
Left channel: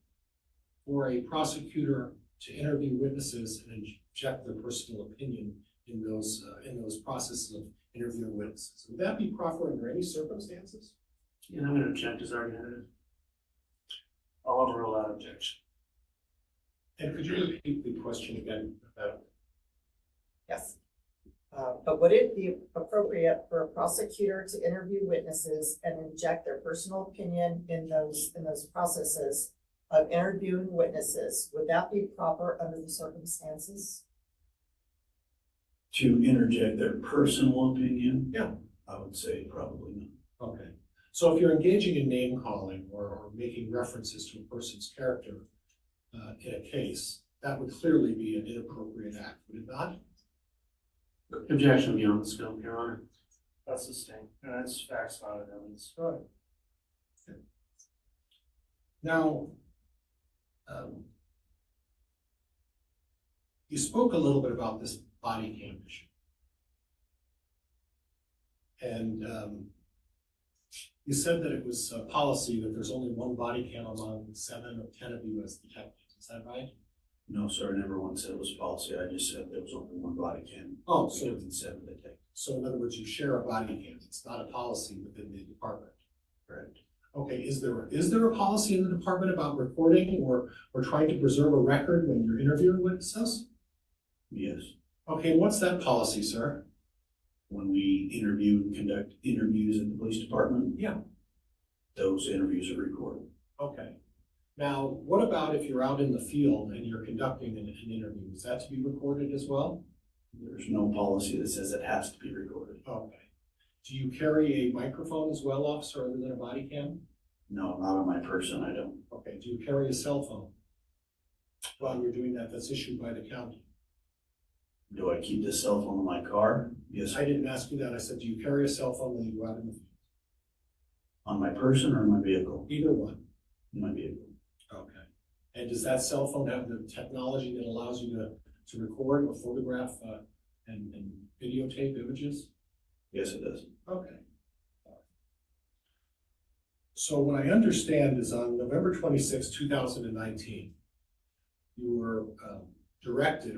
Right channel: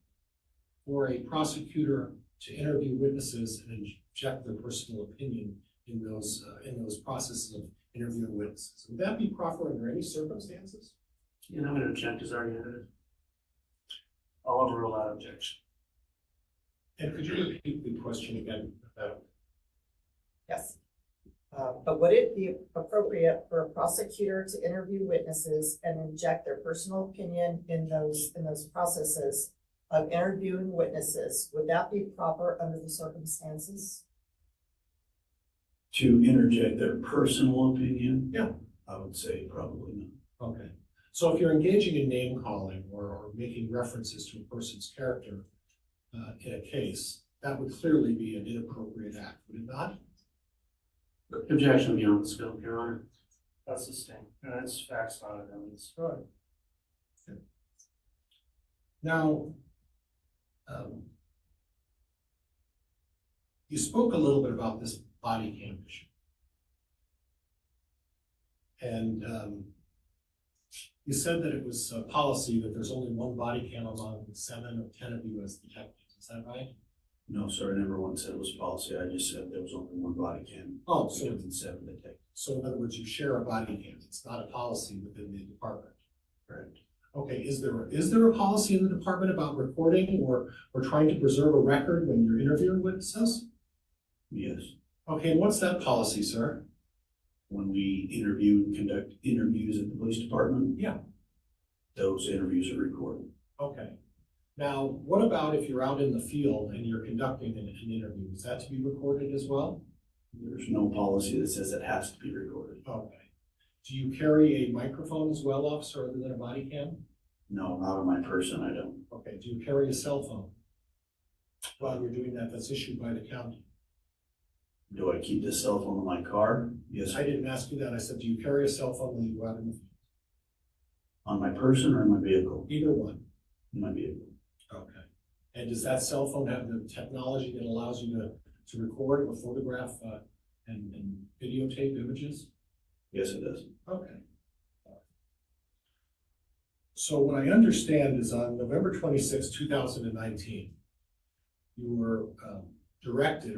for a prosecutor to interview witnesses and inject their personal opinion in those processes of interviewing witnesses? Would that be proper under any circumstances? And I'm gonna object as argumentative. I'll overrule that objection. And could you repeat the question again about? Yes. But would it be appropriate for a prosecutor to interview witnesses and inject their personal opinion in those processes of interviewing witnesses? Would that be proper under the circumstances? To interject their personal opinion? Yeah. I would say probably not. Okay. So if you're engaging in name calling or making references to a person's character in a case, that would clearly be an inappropriate act, would it not? Objection beyond the scope, Your Honor. That's the same, and that's facts, not evidence. Right. Okay. Now, you spoke a little bit about this body cam issue. And you said that it was a policy that there's only one body cam among 7 or 10 of you as detectives. Is that right? No, sir, I never once said it was policy. I just said there was only one body cam. Oh, so, Because it's 7 detectives. so in other words, you share a body cam. It's not a policy within the department. Correct. Okay, is there a policy in the department about recording or trying to preserve a record when you're interviewing witnesses? Yes. Okay, what's that policy, sir? When we interview and conduct interviews at the police department, Yeah. those interviews are recorded. Okay. Now, what about if you're out in the field and you're conducting an interview? Is that to be recorded as well? There's no policy that says it has to be recorded. Okay. Do you carry a microphone as well, officer, other than a body cam? No, not on my person, I don't. Okay. Do you carry a cell phone while you're doing that? That's issued by the county. Do I keep the cell phone in my car? Yes. I didn't ask you that. I said, do you carry a cell phone when you go out in the field? On my person or in my vehicle? Either one. In my vehicle. Okay. And does that cell phone have the technology that allows you to record or photograph and videotape images? Yes, it does. Okay. So what I understand is on November 26, 2019, you were directed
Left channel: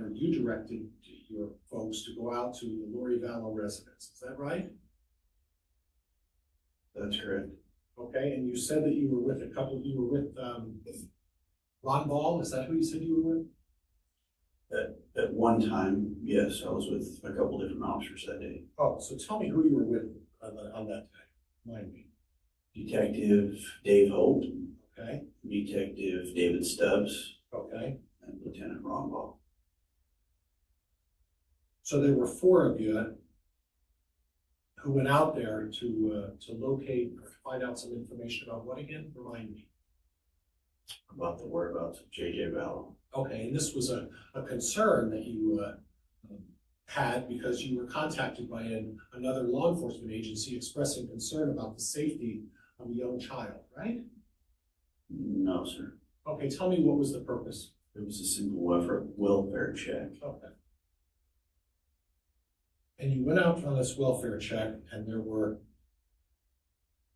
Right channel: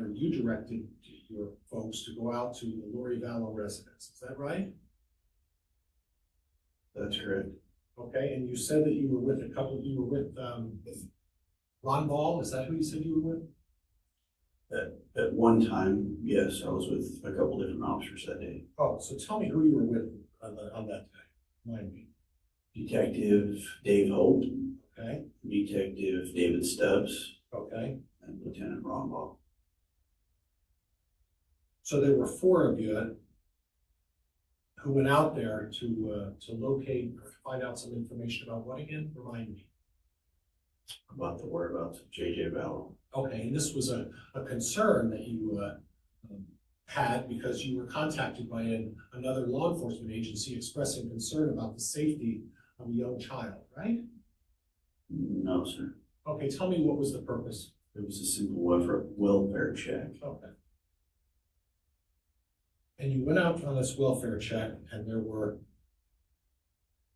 your folks to go out to the Lori Vallow residence. Is that right? That's correct. Okay, and you said that you were with Ron Ball. Is that who you said you were with? At one time, yes, I was with a couple different officers that day. Oh, so tell me who you were with on that day. Remind me. Detective Dave Holt, Okay, Detective David Stubbs, okay. and Lieutenant Ron Ball. So there were 4 of you who went out there to locate or find out some information about what again? Remind me. About the whereabouts of J.J. Vallow. Okay, and this was a concern that you had because you were contacted by another law enforcement agency expressing concern about the safety of a young child, right? No, sir. Okay, tell me what was the purpose? It was a simple welfare check. Okay. And you went out on this welfare check and there were,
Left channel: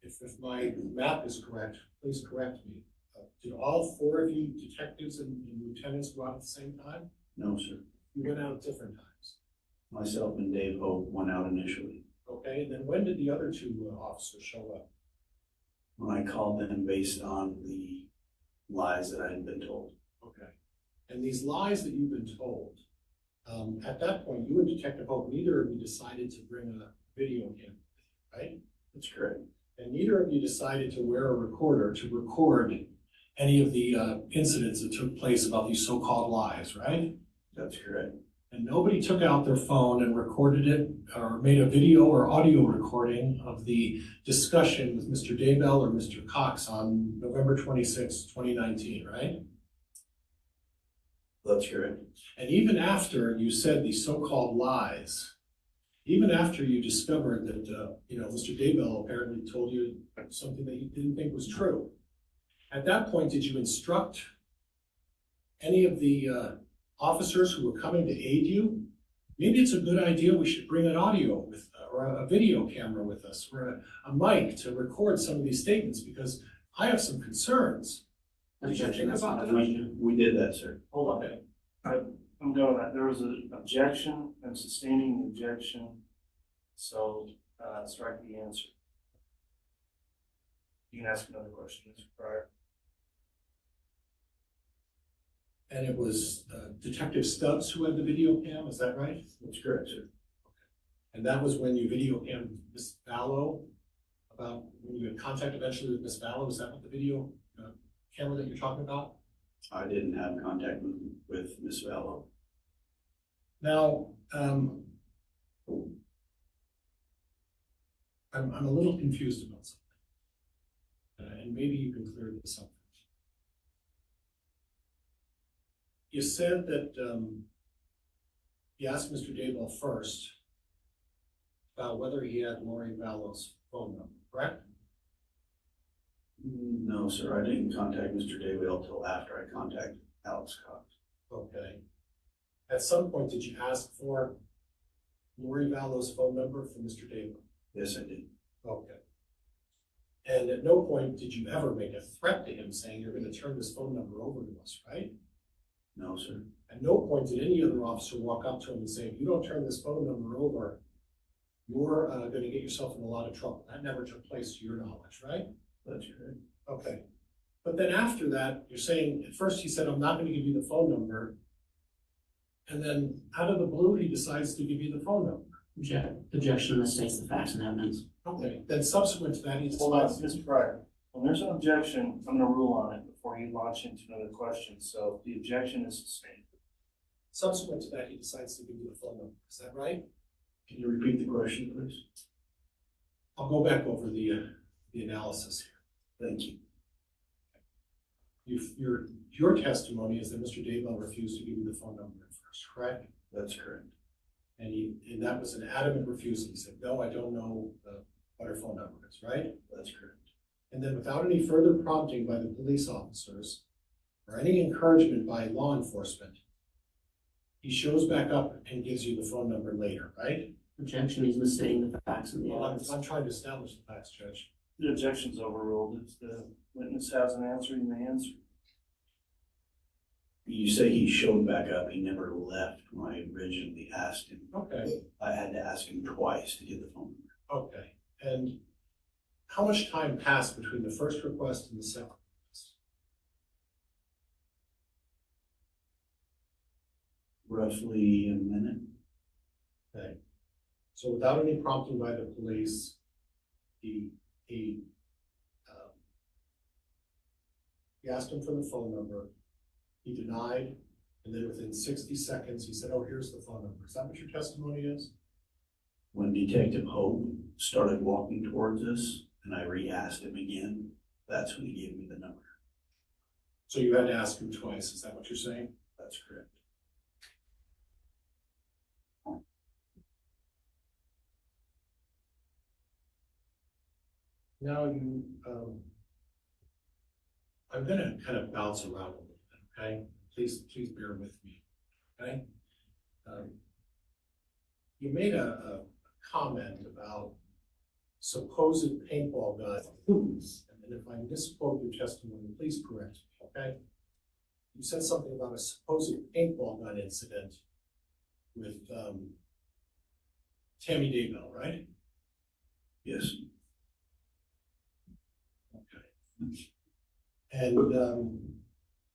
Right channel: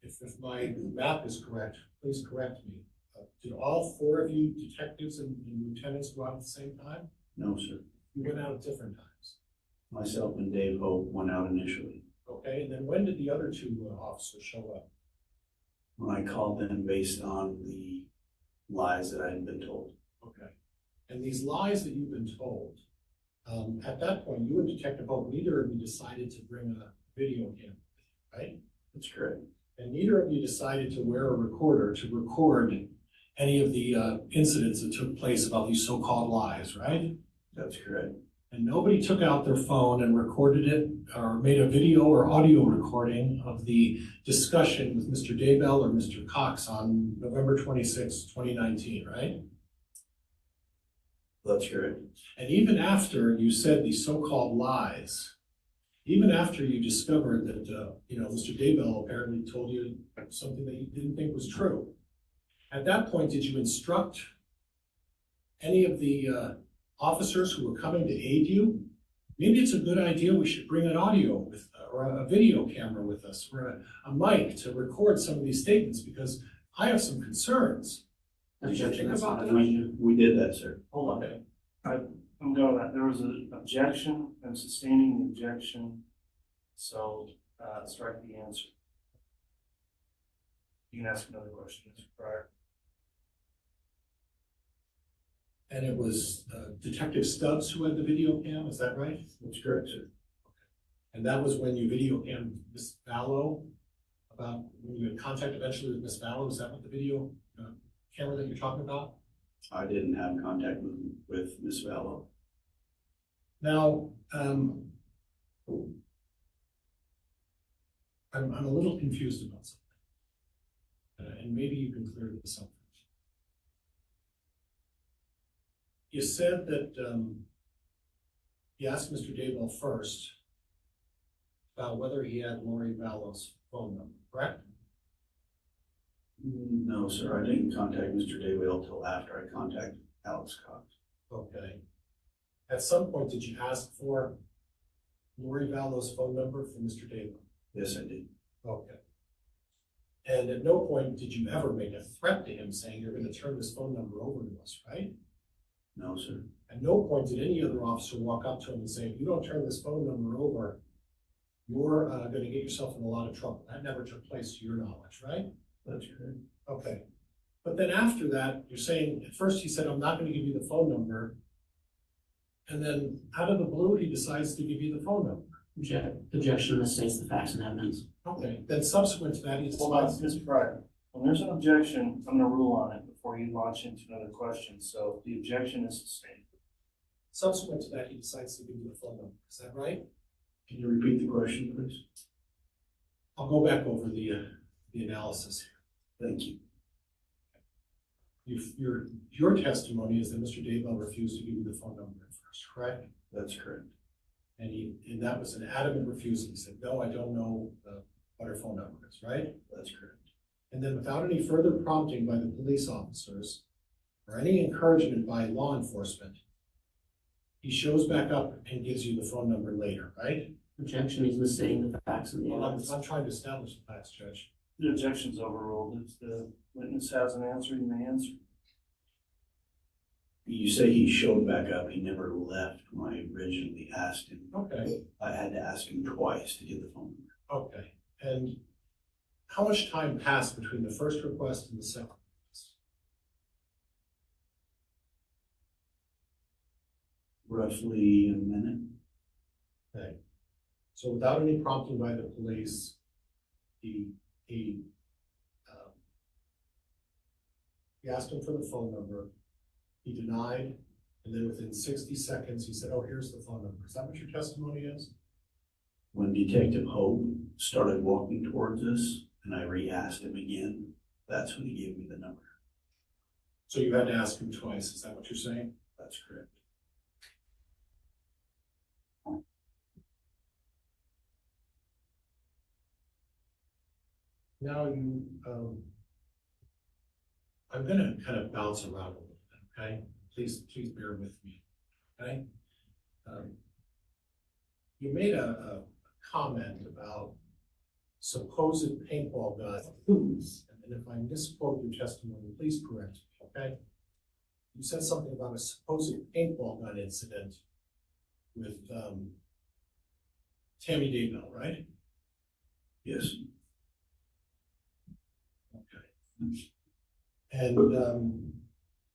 if my map is correct, please correct me. Did all 4 of you detectives and lieutenants go out at the same time? No, sir. You went out at different times. Myself and Dave Hope went out initially. Okay, and then when did the other 2 officers show up? When I called them based on the lies that I had been told. Okay. And these lies that you've been told, at that point, you and Detective Hope, neither of you decided to bring a video camera, right? That's correct. And neither of you decided to wear a recorder to record any of the incidents that took place about these so-called lies, right? That's correct. And nobody took out their phone and recorded it or made a video or audio recording of the discussion with Mr. Daybell or Mr. Cox on November 26, 2019, right? That's correct. And even after you said these so-called lies, even after you discovered that, Mr. Daybell apparently told you something that you didn't think was true, at that point, did you instruct any of the officers who were coming to aid you? Maybe it's a good idea we should bring an audio with, or a video camera with us, or a mic to record some of these statements, because I have some concerns. Did you think about that? We did that, sir. Hold on. I'm going that, there was an objection, I'm sustaining the objection, so, strike the answer. You can ask another question, Mr. Pryor. And it was Detective Stubbs who had the video cam, is that right? That's correct, sir. And that was when you video cammed Miss Vallow, about when you had contact eventually with Miss Vallow, is that what the video camera that you're talking about? I didn't have contact with Miss Vallow. Now, I'm a little confused about something, and maybe you can clear this up. You said that you asked Mr. Daybell first about whether he had Lori Vallow's phone number, correct? No, sir, I didn't contact Mr. Daybell till after I contacted Alex Cox. Okay. At some point, did you ask for Lori Vallow's phone number for Mr. Daybell? Yes, I did. Okay. And at no point did you ever make a threat to him saying you're going to turn this phone number over to us, right? No, sir. At no point did any other officer walk up to him and say, if you don't turn this phone number over, you're going to get yourself in a lot of trouble. That never took place to your knowledge, right? That's correct. Okay. But then after that, you're saying, at first he said, I'm not going to give you the phone number. And then out of the blue, he decides to give you the phone number. Objection that states the facts and evidence. Okay. Then subsequent to that, he Hold on, decides. Mr. Pryor. When there's an objection, I'm gonna rule on it before you launch into another question, so the objection is sustained. Subsequent to that, he decides to give you the phone number. Is that right? Can you repeat the question, please? I'll go back over the analysis here. Thank you. Your testimony is that Mr. Daybell refused to give you the phone number at first, correct? That's correct. And that was an adamant refusal. He said, no, I don't know what her phone number is, right? That's correct. And then without any further prompting by the police officers or any encouragement by law enforcement, he shows back up and gives you the phone number later, right? Objection, he's misstating the facts and the Well, evidence. I'm trying to establish the facts, Judge. The objection's overruled. If the witness has an answer, you may answer. You say he showed back up. He never left when I originally asked him. Okay, I had to ask him twice to get the phone number. okay. And how much time passed between the first request and the second request? Roughly a minute. Okay. So without any prompting by the police, he asked him for the phone number, he denied, and then within 60 seconds, he said, oh, here's the phone number. Is that what your testimony is? When Detective Hope started walking towards us and I re-asked him again, that's when he gave me the number. So you had to ask him twice, is that what you're saying? That's correct. Now I'm gonna kind of bounce around a little bit, okay? Please bear with me, okay? You made a comment about supposed paintball guns, and if I misquote your testimony, please correct me, okay? You said something about a supposed paintball gun incident with Tammy Daybell, right? Yes. Okay.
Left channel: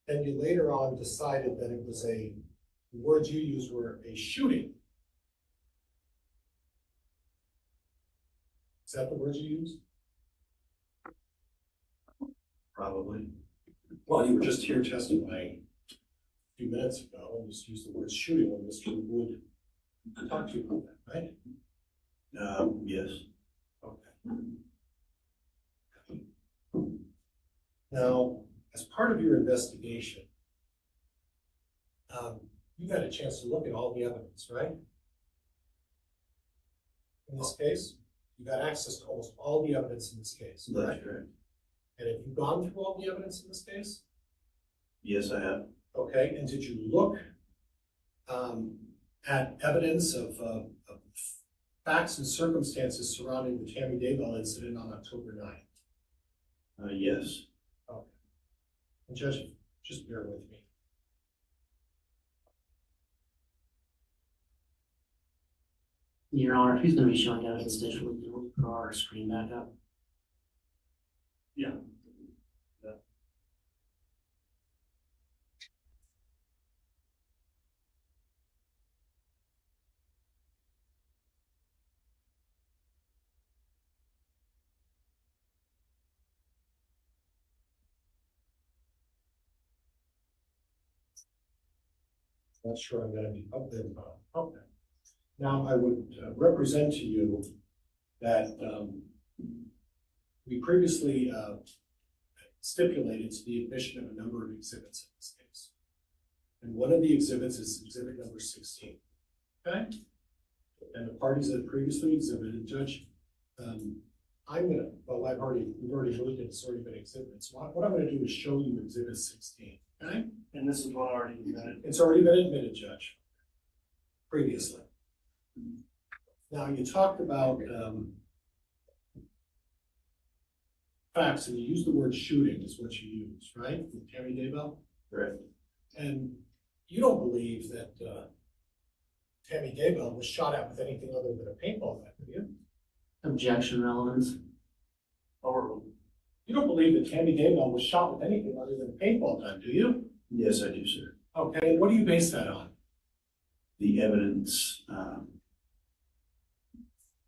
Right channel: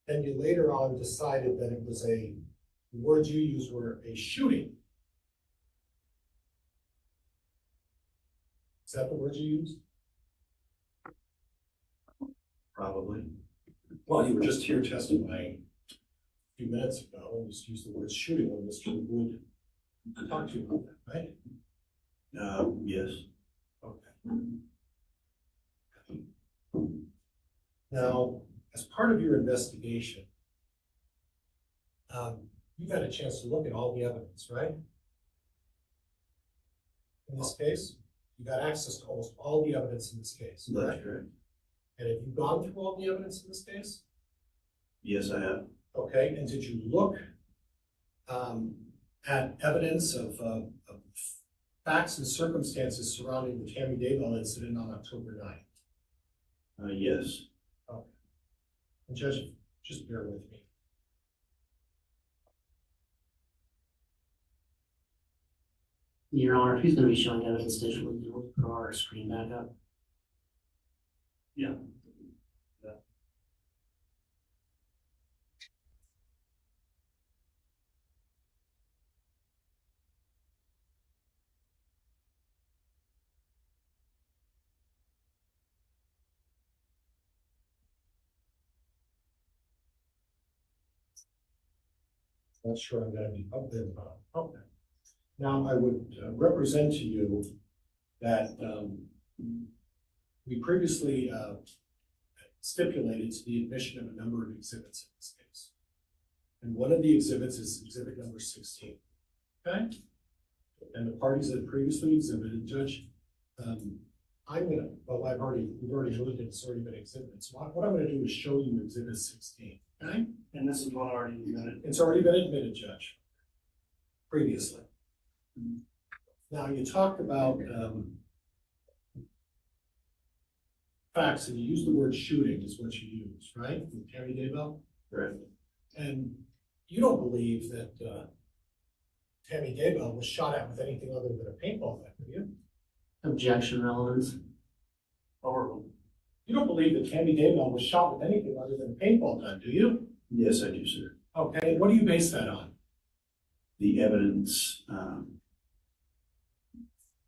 And you later on decided that it was the words you used were a shooting. Is Is that the words you used? Probably. Well, you were just here testifying a few minutes ago, and just used the word shooting when Mr. Wood talked to you about that, right? Yes. Okay. Now, as part of your investigation, you've had a chance to look at all the evidence, right? In this case, you got access to almost all the evidence in this case, That's correct? correct. And have you gone through all the evidence in this case? Yes, I have. Okay, and did you look at evidence of facts and circumstances surrounding the Tammy Daybell incident on October 9th? Yes. Okay. And Judge, just bear with me. Your Honor, if he's gonna be showing evidence digitally, we'll draw our screen back up. Yeah. Not sure I'm gonna be up there, but, okay. Now, I would represent to you that we previously stipulated to the admission of a number of exhibits in this case. And one of the exhibits is exhibit number 16, okay? And the parties that previously exhibited, Judge, we've already moved it, it's already been exhibited. So what I'm gonna do is show you exhibit 16, okay? And this is one already admitted. It's already been admitted, Judge, previously. Now, you talked about facts, and you used the word shooting is what you used, right? From Tammy Daybell? Correct. And you don't believe that Tammy Daybell was shot at with anything other than a paintball gun, do you? Objection, relevance. Overruled. You don't believe that Tammy Daybell was shot with anything other than a paintball gun, do you? Yes, I do, sir. Okay, and what do you base that on? The evidence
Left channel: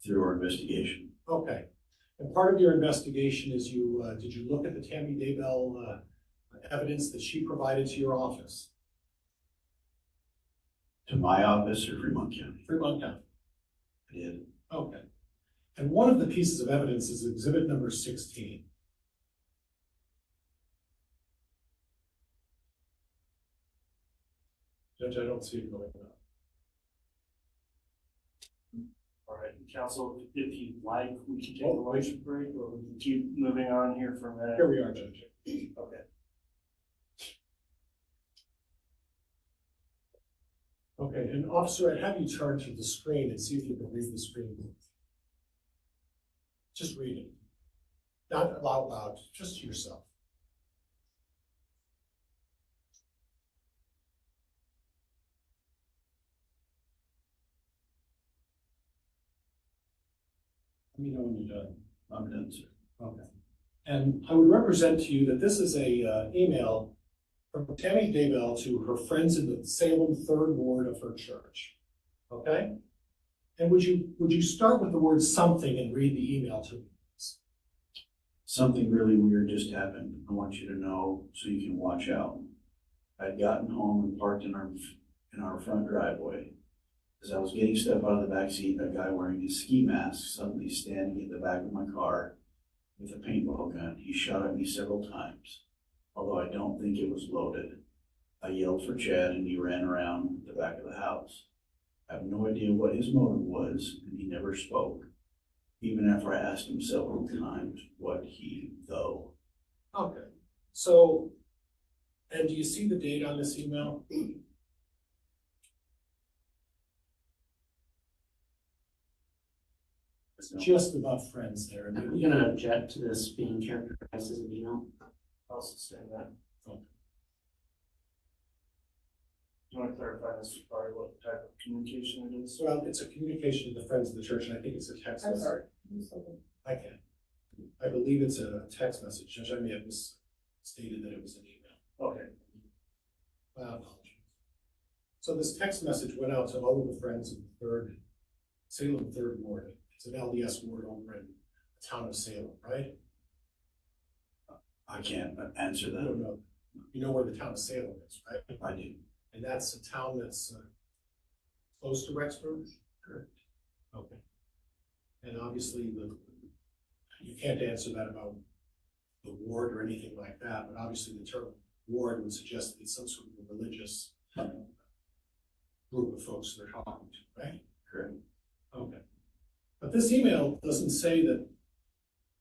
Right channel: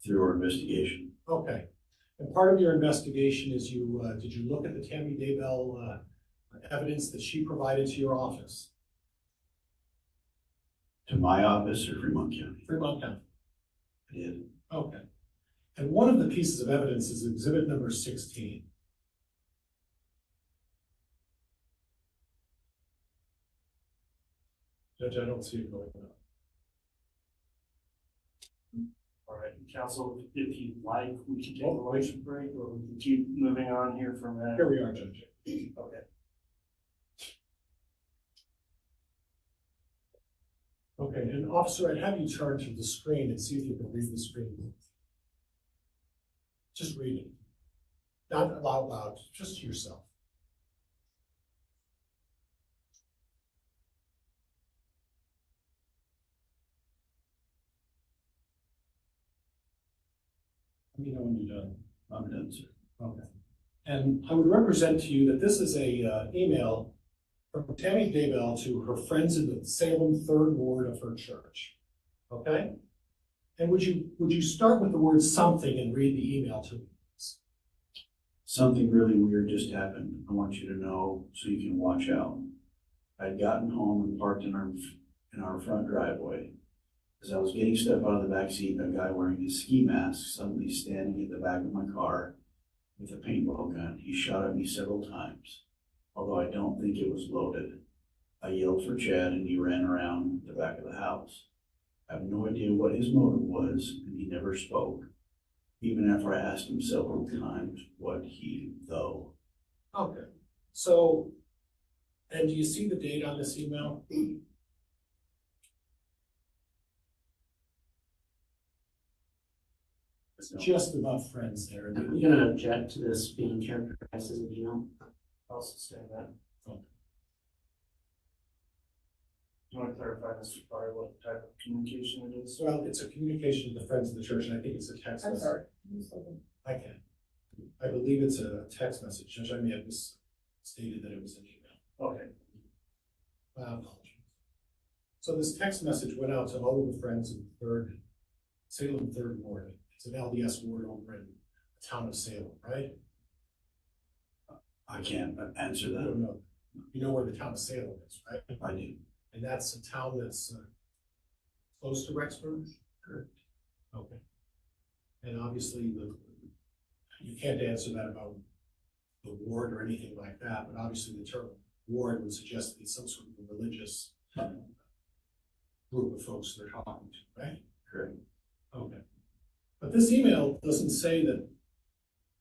through our investigation. Okay, and part of your investigation is did you look at the Tammy Daybell evidence that she provided to your office? To my office or Fremont County? Fremont County. I did. Okay. And one of the pieces of evidence is exhibit number 16. Judge, I don't see it going up. All right, counsel, if you'd like, we can take a lunch break, or we can keep moving on here from that. Here we are, Judge. Okay. Okay, and officer, I'd have you turn to the screen and see if you can read the screen. Just read it. Not out loud, just to yourself. Let me know when you're done. I'm done, sir. Okay. And I would represent to you that this is a email from Tammy Daybell to her friends in the Salem 3rd Ward of her church. Okay? And would you start with the word something and read the email to me? Something really weird just happened. I want you to know so you can watch out. I'd gotten home and parked in our front driveway. As I was getting stuff out of the back seat, a guy wearing a ski mask suddenly standing at the back of my car with a paintball gun. He shot at me several times, although I don't think it was loaded. I yelled for Chad and he ran around the back of the house. I have no idea what his motive was, and he never spoke, even after I asked him several times what he, though. Okay. So, and do you see the date on this email? It's just about friends there. I'm gonna object to this being characterized as an email. I'll sustain that. Okay. Do you want to clarify, Mr. Farr, what type of communication it is? Well, it's a communication to the friends of the church, and I think it's a text I'm message. sorry. I can. I believe it's a text message. Judge, I may have misstated that it was an email. Okay. My apologies. So this text message went out to all of the friends of the Salem 3rd Ward. It's an LDS ward over in town of Salem, right? I can't answer I that. don't know. You know where the town of Salem is, right? I do. And that's a town that's close to Rexburg? Correct. Okay. And obviously, you can't answer that about the ward or anything like that, but obviously the term ward would suggest that it's some sort of a religious group of folks they're talking to, right? Correct. Okay. But this email doesn't say that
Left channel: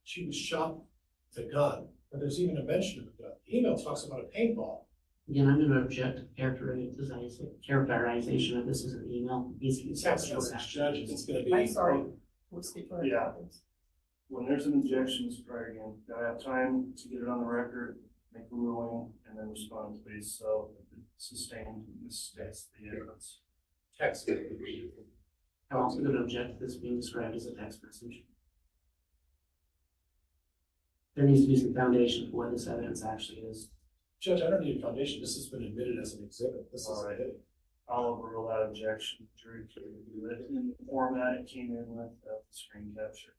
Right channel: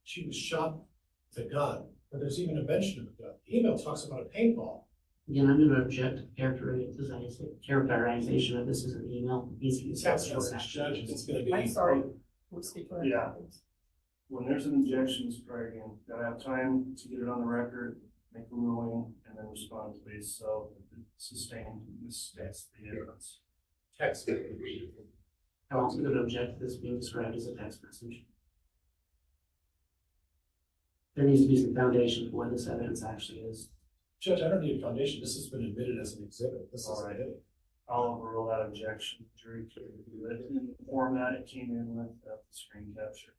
she was shot with a gun, or there's even a mention of a gun. The email talks about a paintball. Again, I'm gonna object to characterization of this as an email. Needs to be Text message, Judge, it's gonna be. I'm sorry. We'll speak to it. Yeah. When there's an objection, Mr. Corrigan, gotta have time to get it on the record, make a ruling, and then respond, please. So if it's sustained, this states the evidence. Text. I'm also gonna object to this being described as a text message. There needs to be some foundation for what this evidence actually is. Judge, I don't need a foundation. This has been admitted as an exhibit. This is All right. it. I'll overrule that objection. Jury can review it in the format it came in with the screen capture.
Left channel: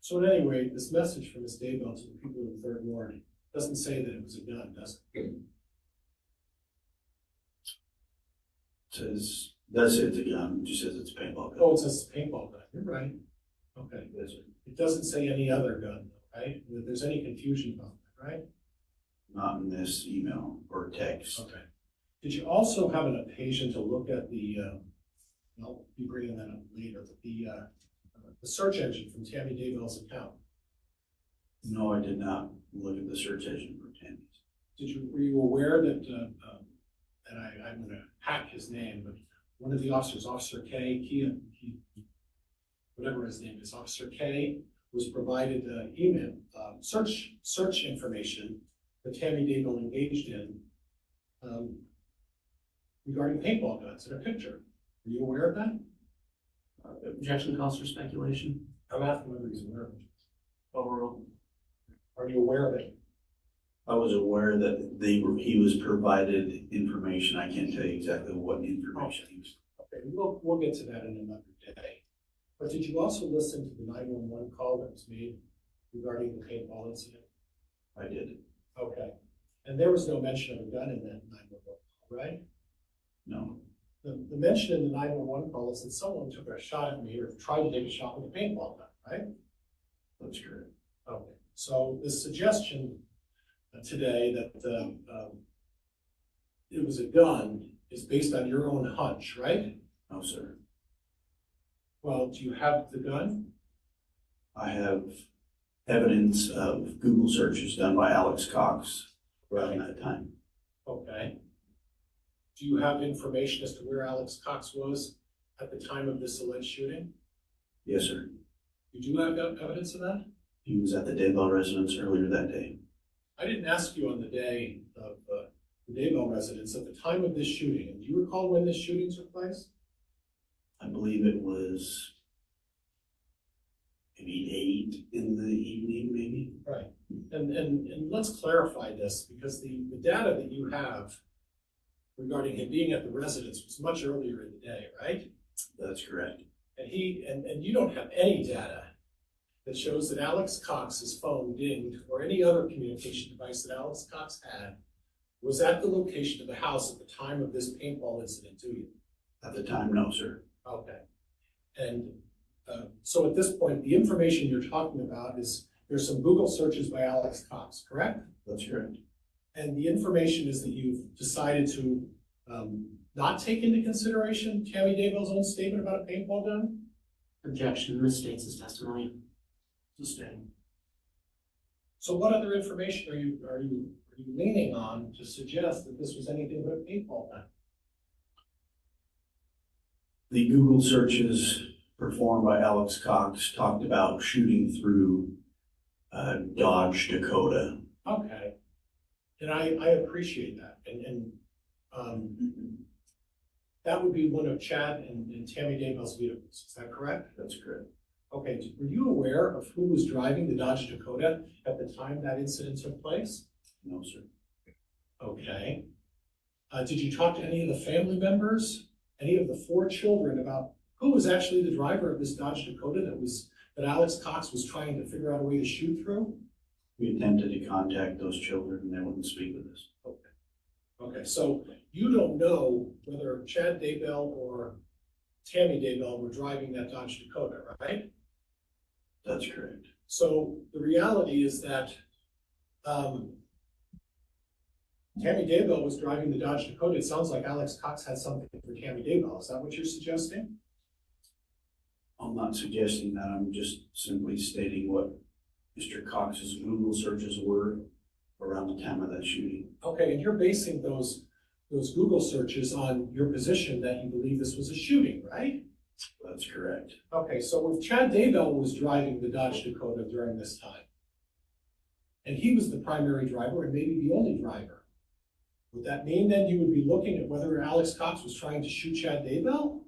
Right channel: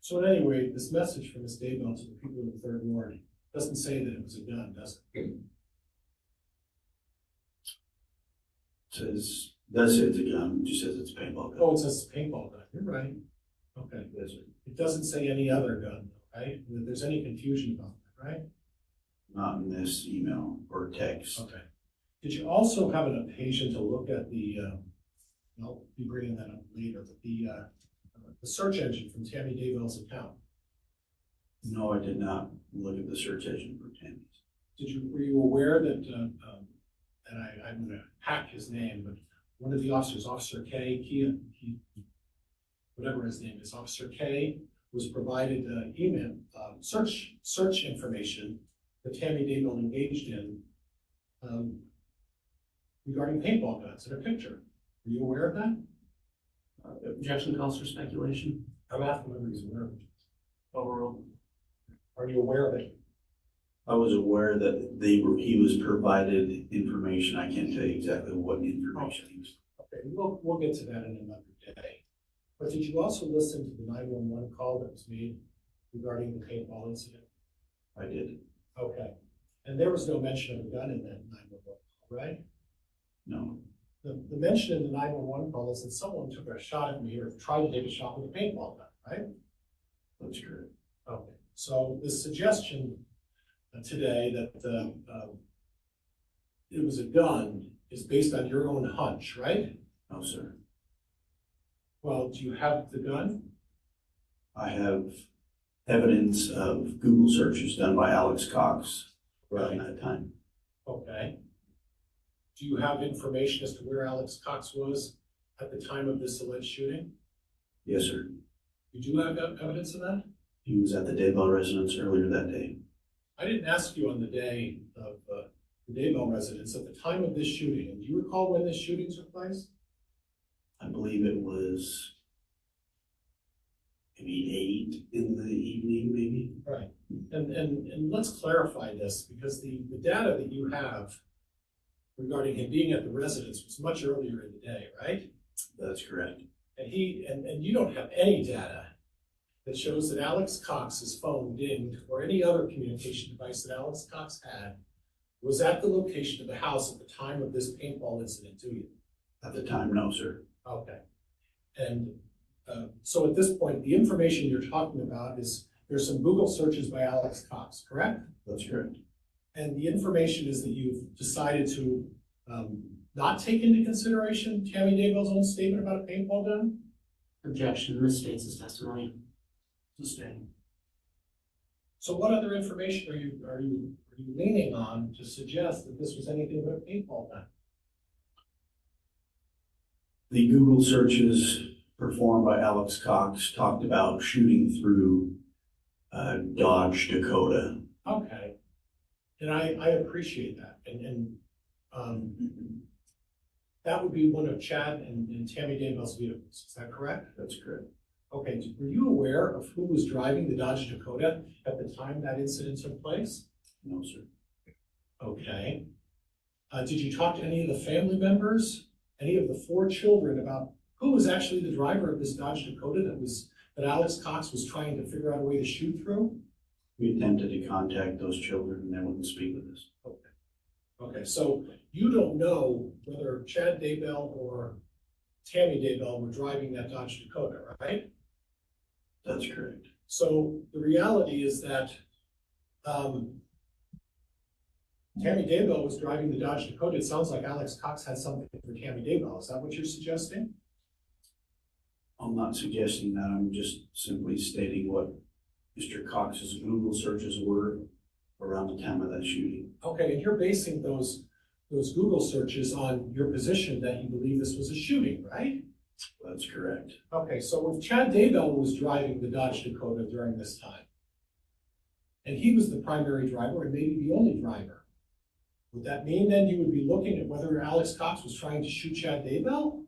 So at any rate, this message from Ms. Daybell to the people of the Third Ward doesn't say that it was a gun, does it? Does say it's a gun, just says it's a paintball gun. Oh, it says paintball gun. You're right. Okay. Yes, sir. It doesn't say any other gun, right? That there's any confusion about that, right? Not in this email or text. Okay. Did you also have an occasion to look at the, I'll be bringing that up later, but the search engine from Tammy Daybell's account? No, I did not look at the search engine for Tammy's. Were you aware that, and I'm gonna hack his name, but one of the officers, Officer K, he whatever his name is, Officer K, was provided email, search information that Tammy Daybell engaged in regarding paintball guns in a picture. Are you aware of that? Objection calls for speculation. I'm asking whether he's aware of it. Overruled. Are you aware of it? I was aware that he was provided information. I can't tell you exactly what information he was. Okay, we'll get to that in another day. But did you also listen to the 911 call that was made regarding the paintball incident? I did. Okay. And there was no mention of a gun in that 911 call, right? No. The mention in the 911 call is that someone took a shot at me or tried to take a shot with a paintball gun, right? That's correct. Okay. So the suggestion today that it was a gun is based on your own hunch, right? No, sir. Well, do you have the gun? I have evidence of Google searches done by Alex Cox around that time. Okay. Do you have information as to where Alex Cox was at the time of this alleged shooting? Yes, sir. You do have evidence of that? He was at the Daybell residence earlier that day. I didn't ask you on the day of the Daybell residence at the time of this shooting. Do you recall when this shooting took place? I believe it was maybe 8 in the evening, maybe. Right. And let's clarify this, because the data that you have regarding him being at the residence was much earlier in the day, right? That's correct. And you don't have any data that shows that Alex Cox's phone dinged or any other communication device that Alex Cox had was at the location of the house at the time of this paintball incident, do you? At the time, no, sir. Okay. And so at this point, the information you're talking about is there's some Google searches by Alex Cox, correct? That's correct. And the information is that you've decided to not take into consideration Tammy Daybell's own statement about a paintball gun? Objection misstates his testimony. Sustained. So what other information are you leaning on to suggest that this was anything but a paintball gun? The Google searches performed by Alex Cox talked about shooting through Dodge Dakota. Okay. And I appreciate that. And that would be one of Chad and Tammy Daybell's vehicles. Is that correct? That's correct. Okay. Were you aware of who was driving the Dodge Dakota at the time that incident took place? No, sir. Okay. Did you talk to any of the family members, any of the 4 children, about who was actually the driver of this Dodge Dakota that Alex Cox was trying to figure out a way to shoot through? We attempted to contact those children and they wouldn't speak with us. Okay, so you don't know whether Chad Daybell or Tammy Daybell were driving that Dodge Dakota, right? That's correct. So the reality is that Tammy Daybell was driving the Dodge Dakota. It sounds like Alex Cox had something for Tammy Daybell. Is that what you're suggesting? I'm not suggesting that, I'm just simply stating what Mr. Cox's Google searches were around the time of that shooting. Okay, and you're basing those Google searches on your position that you believe this was a shooting, right? That's correct. Okay, so if Chad Daybell was driving the Dodge Dakota during this time, and he was the primary driver and maybe the only driver, would that mean then you would be looking at whether Alex Cox was trying to shoot Chad Daybell?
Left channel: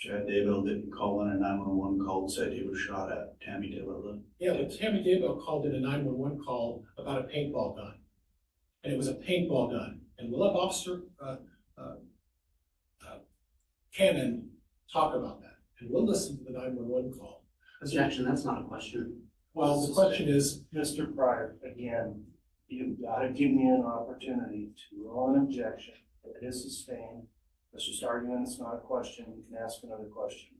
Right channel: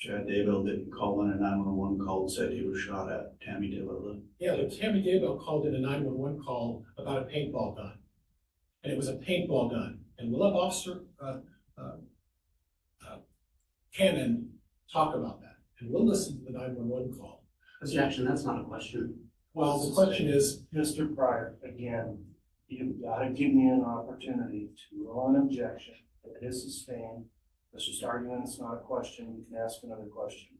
Chad Daybell didn't call in a 911 call and said he was shot at. Tammy Daybell. Yeah, but Tammy Daybell called in a 911 call about a paintball gun. And it was a paintball gun. And we'll have Officer Cannon talk about that. And we'll listen to the 911 call. Objection, that's not a question. Well, the question is, Mr. Pryor, again, you've got to give me an opportunity to rule an objection. If it is sustained, let's just argue it's not a question. You can ask another question.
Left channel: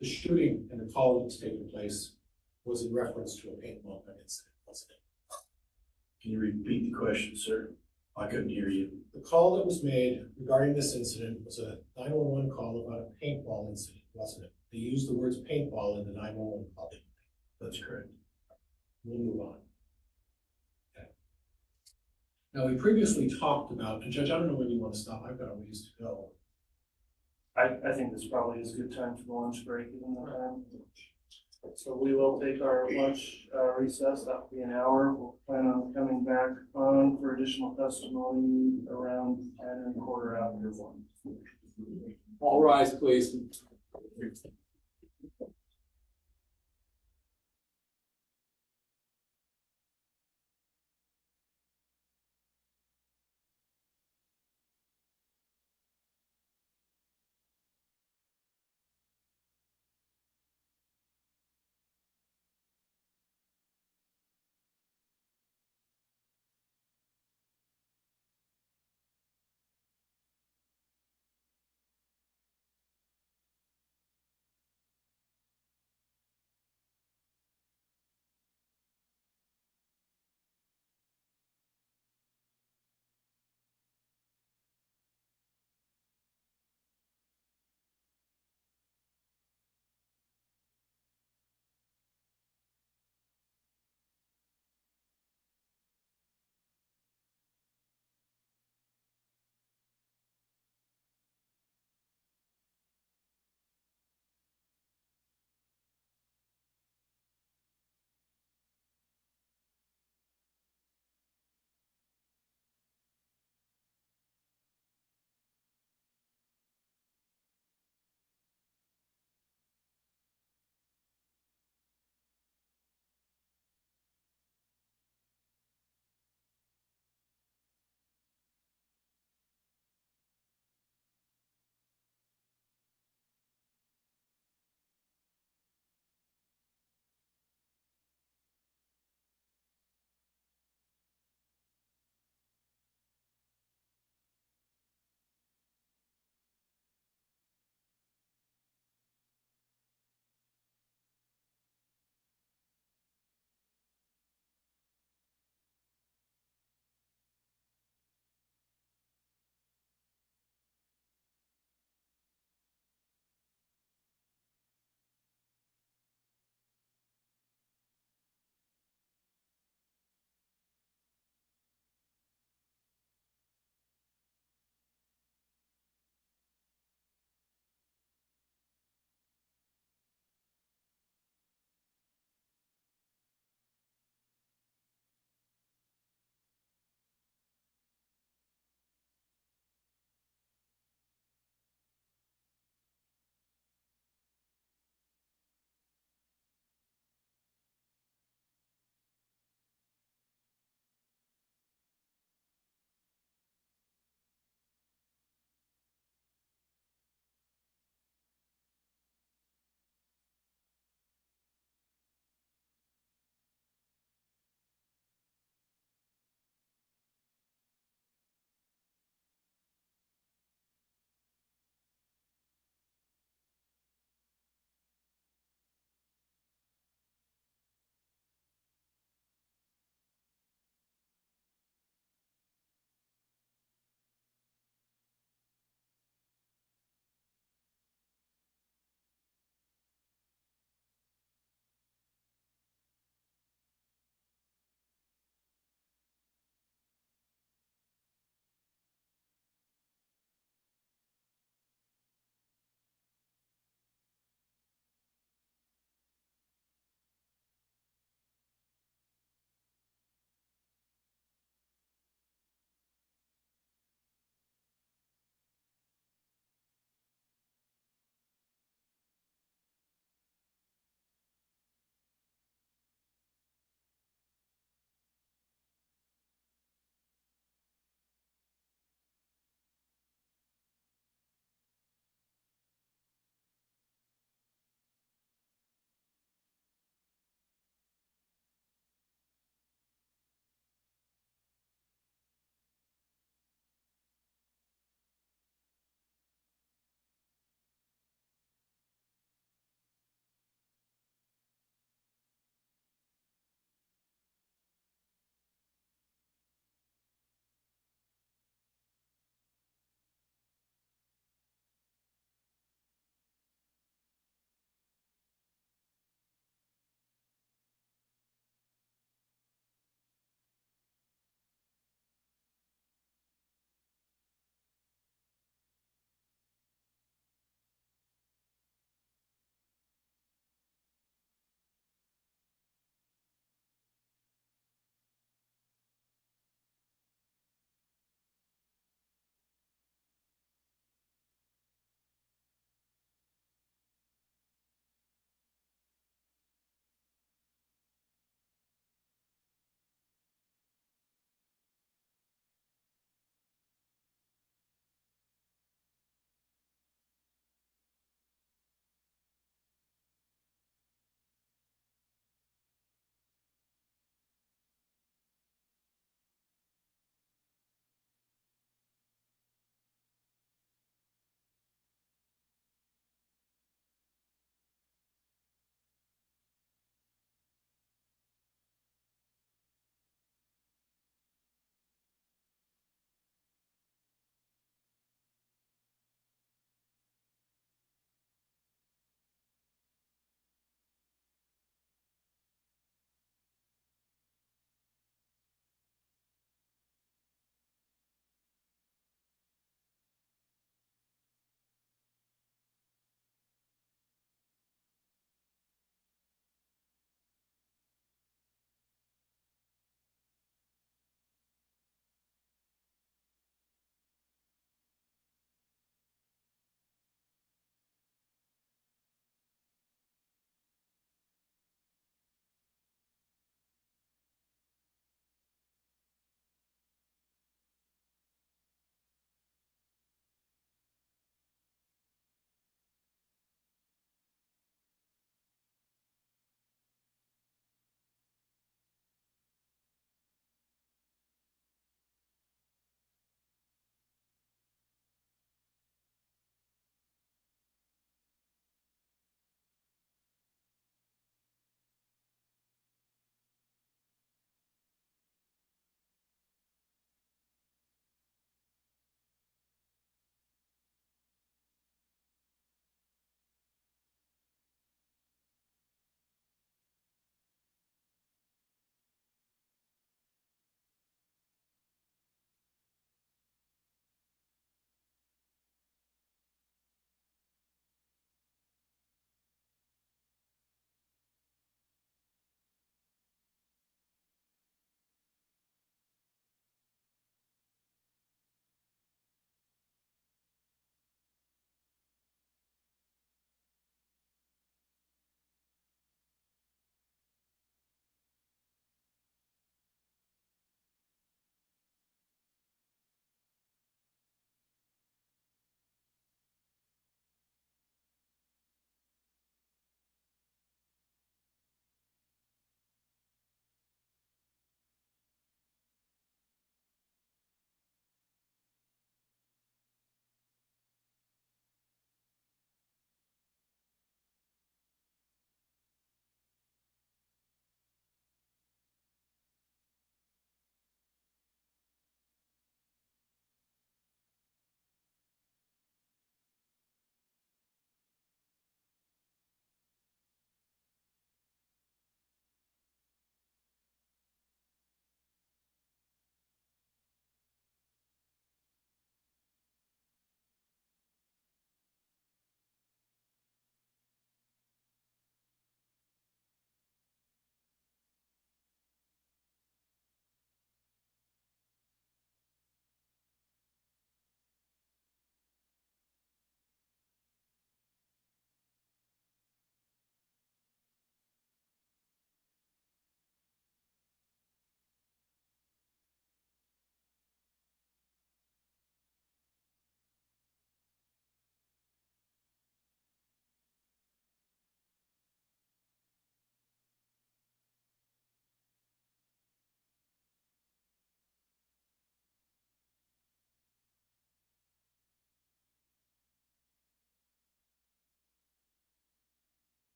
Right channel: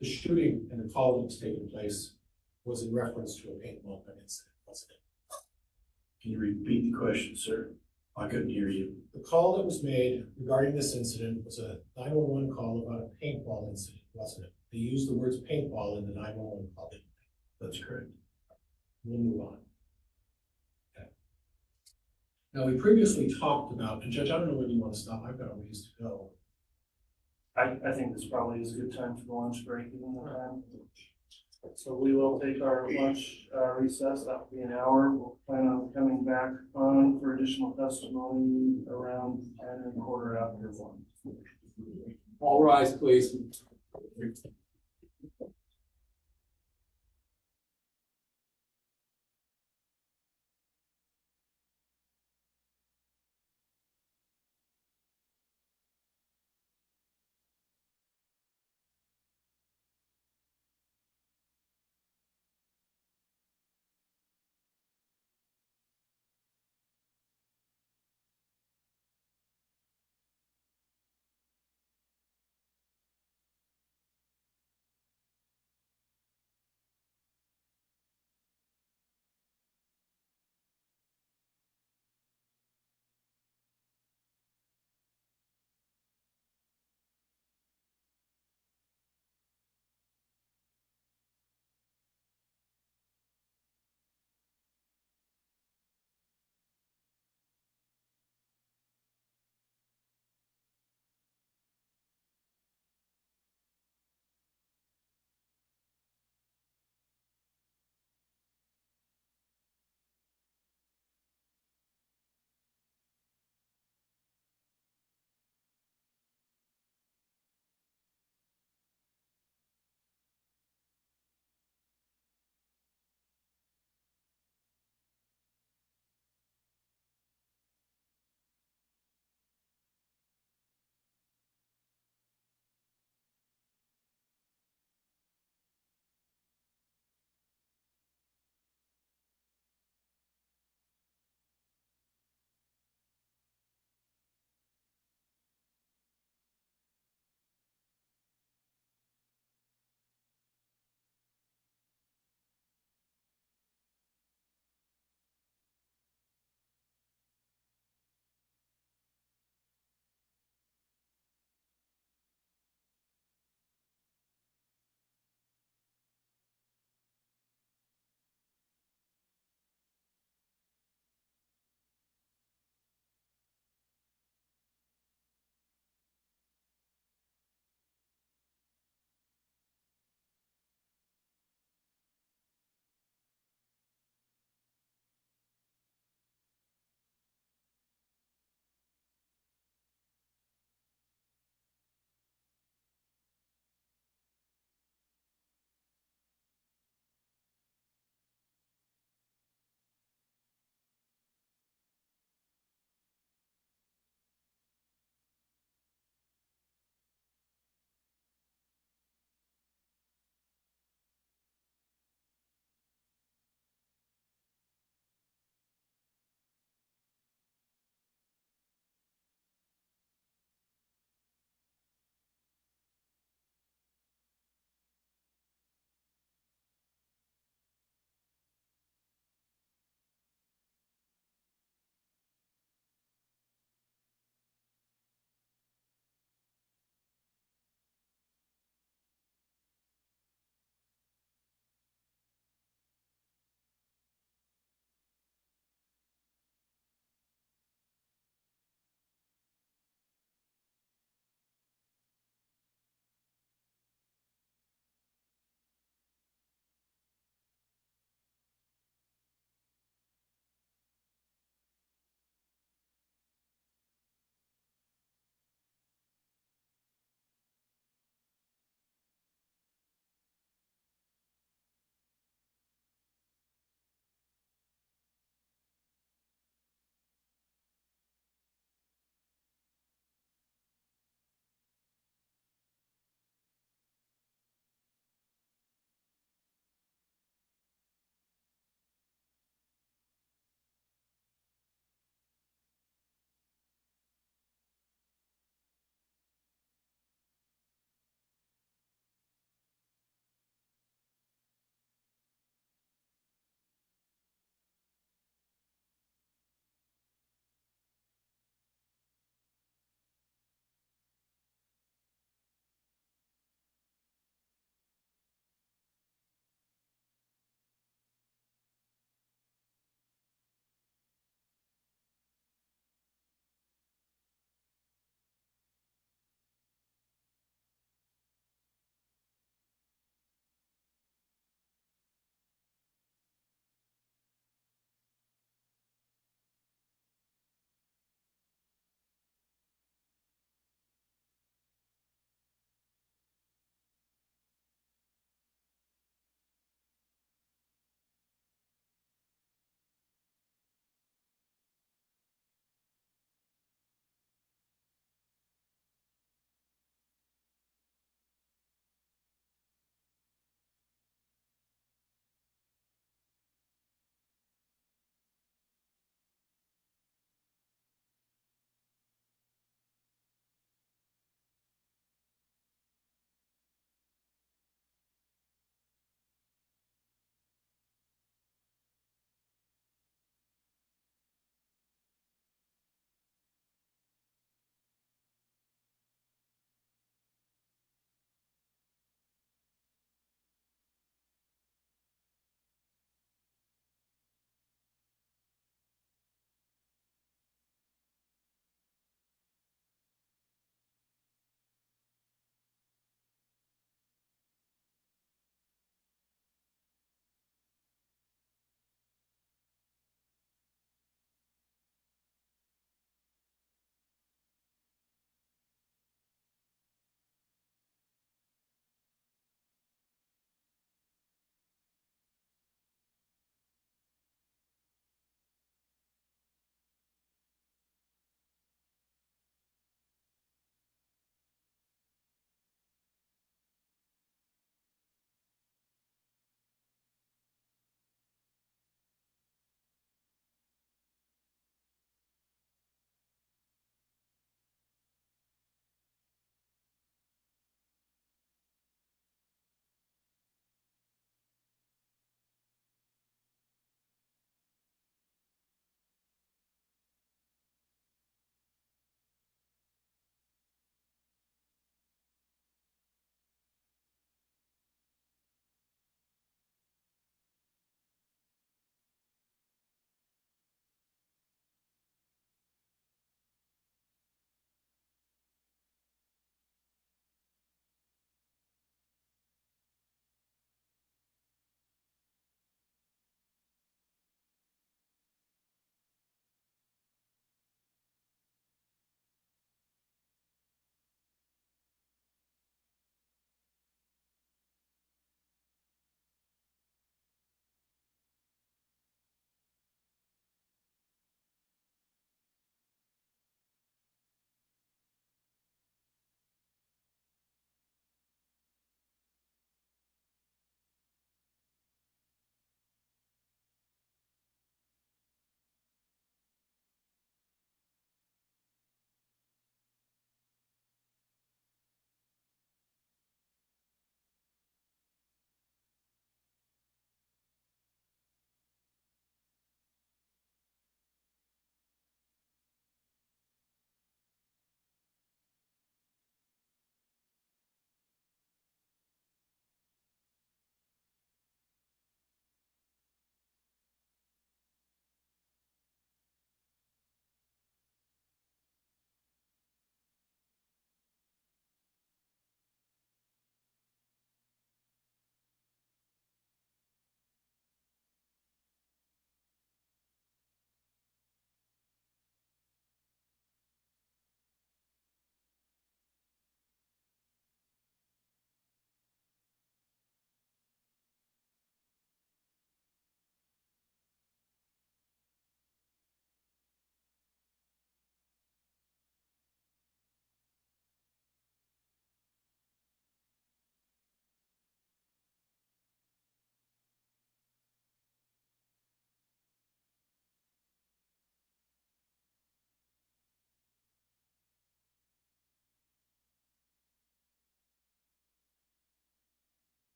the shooting and the call that was taking place was in reference to a paintball gun incident, wasn't it? Can you repeat the question, sir? I couldn't hear you. The call that was made regarding this incident was a 911 call about a paintball incident, wasn't it? They used the words paintball in the 911 call. That's correct. We'll move on. Okay. Now, we previously talked about, and Judge, I don't know when you want to stop, I've got a ways to go. I think this probably is a good time for the lunch break, even the time. So we will take our lunch recess, that will be an hour. We'll plan on coming back on for additional testimony around 10:15 after 1. All rise, please.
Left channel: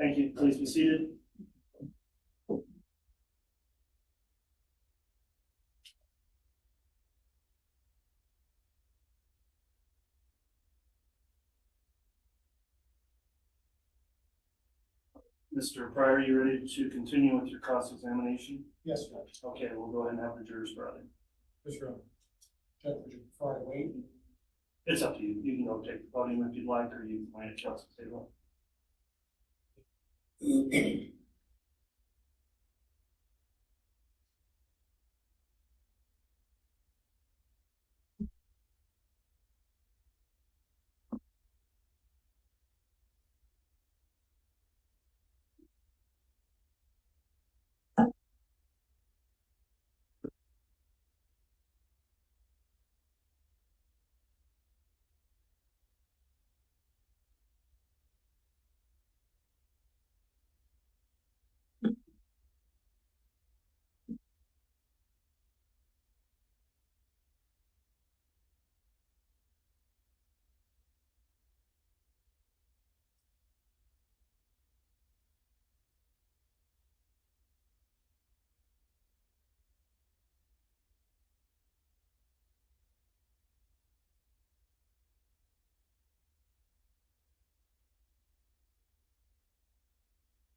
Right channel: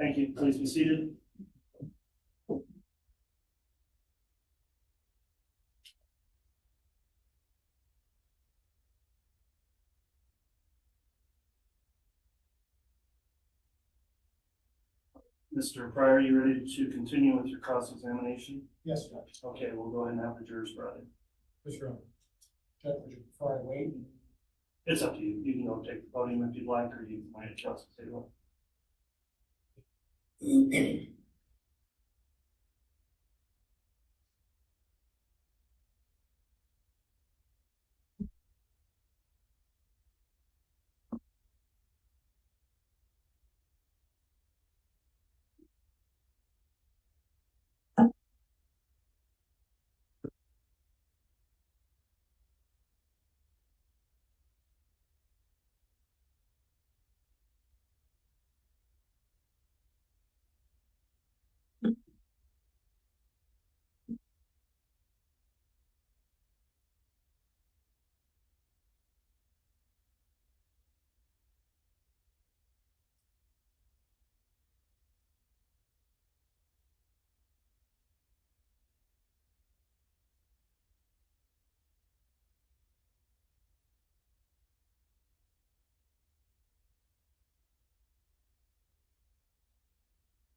Thank you. Please be seated. Mr. Pryor, you ready to continue with your cross-examination? Yes, Judge. Okay, we'll go ahead and have the jurors brought in. Mr. Judge, would you prefer I wait? It's up to you. You can go take the podium if you'd like, or you can wait at council table.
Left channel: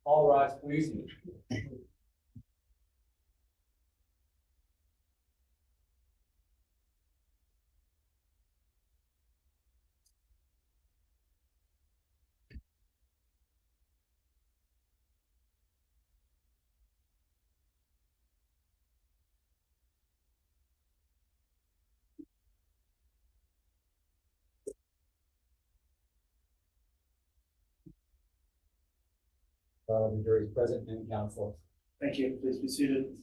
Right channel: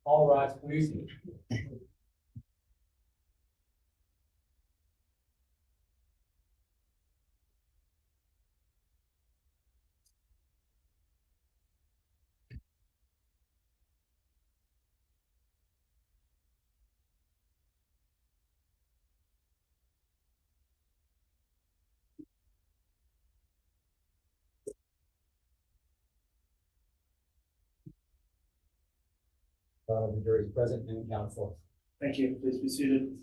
All rise, please. The jury is present and counsel. Thank you. Please be seated.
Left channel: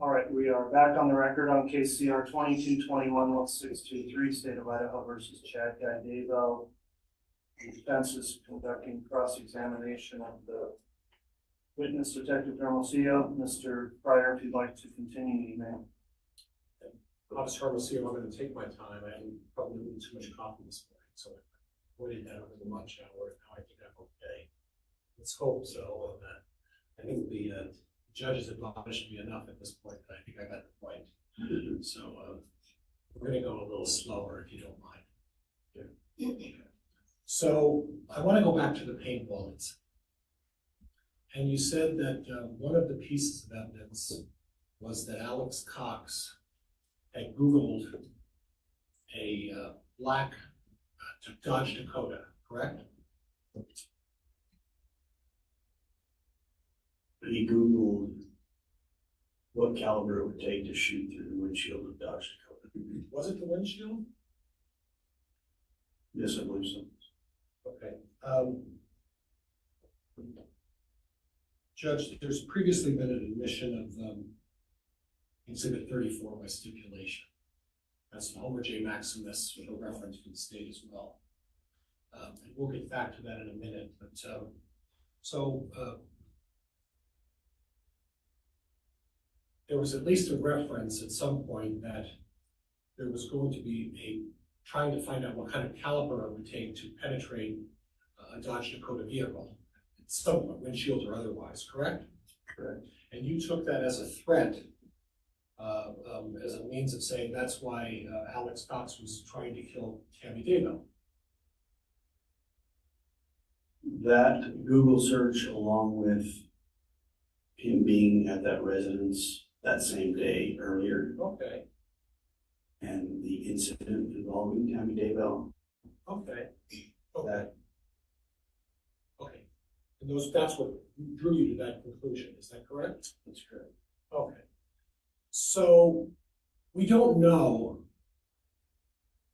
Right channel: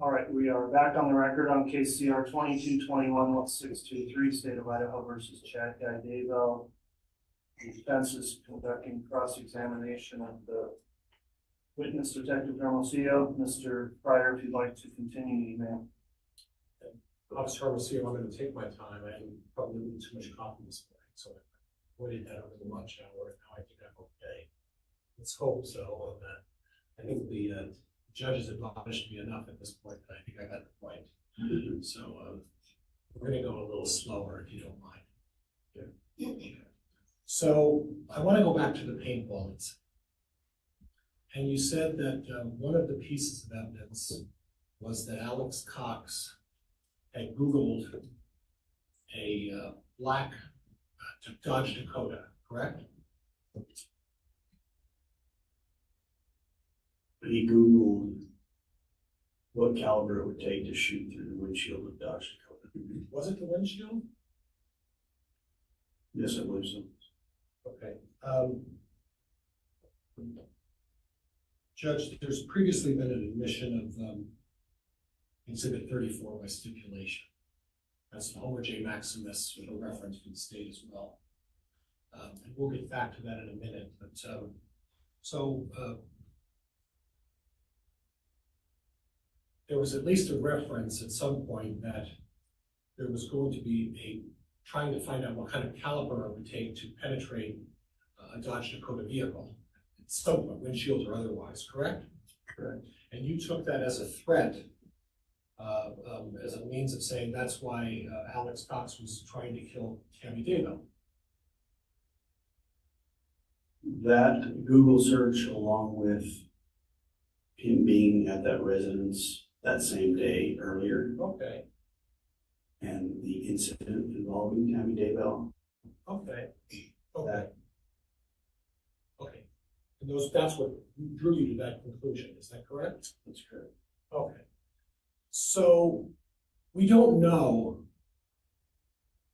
All right, we are back on the record on case CR 2221-1623, State of Idaho versus Chad Daybell. The defense is conducting cross-examination of the witness, Detective Hermosillo. Mr. Pryor, if you'd like to continue, you may. Officer Hermosillo, I'm going to take my time. I didn't probably need too much coffee this morning, so I avoided that over the lunch hour. Now I think I'm okay. Let's hope so. I think the judge has admonished me enough at this point that I think I got the point. So we're going to go a little slower if you don't mind. Yeah. So I want to go back to the paintball incident. And you said that one of the pieces of evidence was that Alex Cox had Googled a black Dodge Dakota, correct? He Googled what caliber it would take to shoot through the windshield of Dodge Dakota. Was it the windshield? Yes, I believe so. Okay. Judge, there's previously been an admission of Exhibit 34 by stipulation. That's Homer J. Maximus with a reference to the state as well. And we'll get back to that in a minute. But there was at least a reference at some point that there was going to be trying to find out what kind of caliber it would take to penetrate a Dodge Dakota vehicle, at some point, windshield or otherwise, correct? Correct. And you took that as a threat, as a means of saying that's why Alex Cox was trying to kill Tammy Daybell. That Google search, along with him being at that residence that same day earlier, Okay, and the incident involving Tammy Daybell, okay, okay. Okay, and that's what drew you to that conclusion, is that correct? that's correct. Okay. So we don't know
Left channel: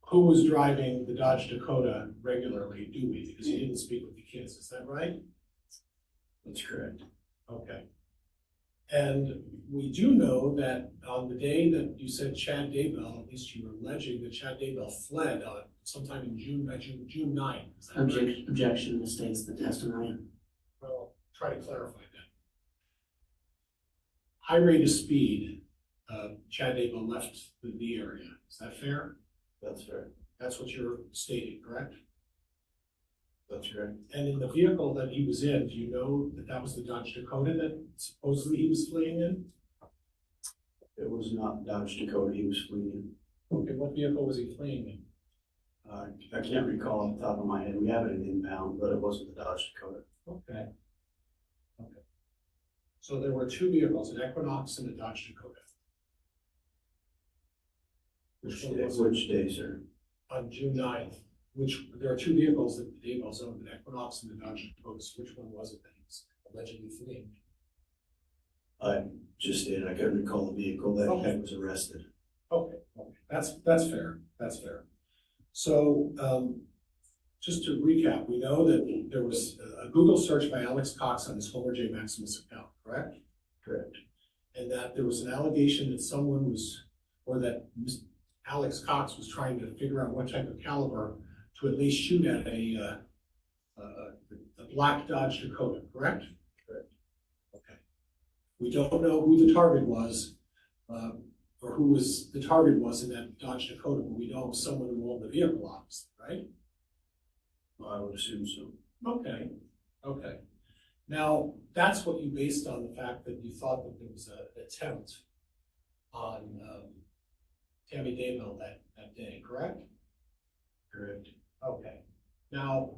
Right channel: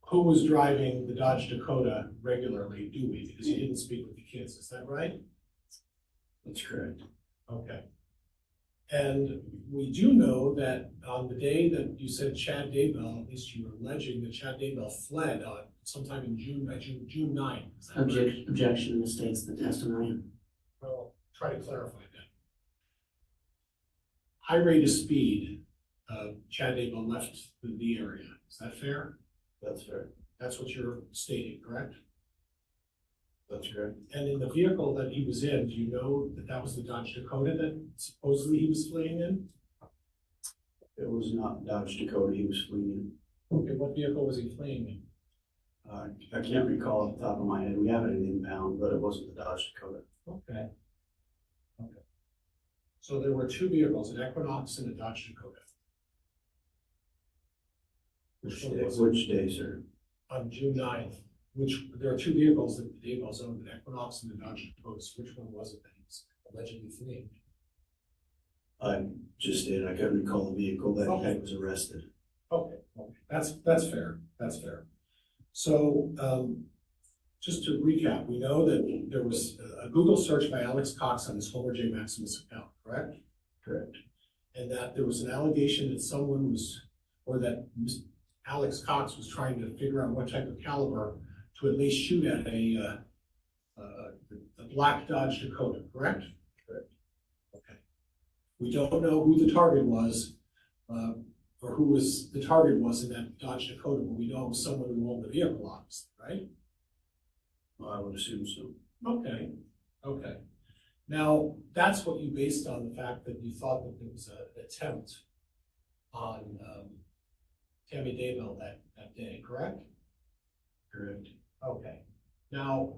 who was driving the Dodge Dakota regularly, do we? Because you didn't speak with the kids, is that right? That's correct. Okay. And we do know that on the day that you said Chad Daybell, at least you were alleging that Chad Daybell fled on sometime in June 9th. Is that correct? Objection misstates the testimony. Well, try to clarify that. High rate of speed, Chad Daybell left the area. Is that fair? That's fair. That's what you're stating, correct? That's correct. And in the vehicle that he was in, do you know that that was the Dodge Dakota that supposedly he was fleeing in? It was not Dodge Dakota he was fleeing. Okay, what vehicle was he fleeing in? I can't recall off the top of my head. We have it in inbound, but it wasn't the Dodge Dakota. Okay. Okay. So there were two vehicles, an Equinox and a Dodge Dakota. Which day, sir? On June 9th, there are two vehicles that the Daybells owned, an Equinox and a Dodge Dakota. So which one was it that he was allegedly fleeing? I just did. I couldn't recall the vehicle that Okay. was arrested. Okay, that's fair, that's fair. So, just to recap, we know that there was a Google search by Alex Cox on his Homer J. Maximus account, correct? Correct. And that there was an allegation that someone was, or that Alex Cox was trying to figure out what type of caliber to at least shoot at a black Dodge Dakota, correct? Correct. Okay. We don't know who the target was, or who the target was in that Dodge Dakota, but we know it was someone who owned the vehicle, obviously, right? Well, I would assume so. Okay, okay. Now, that's what you based on the fact that you thought that there was an attempt on Tammy Daybell that day, correct? Correct. Okay. Now,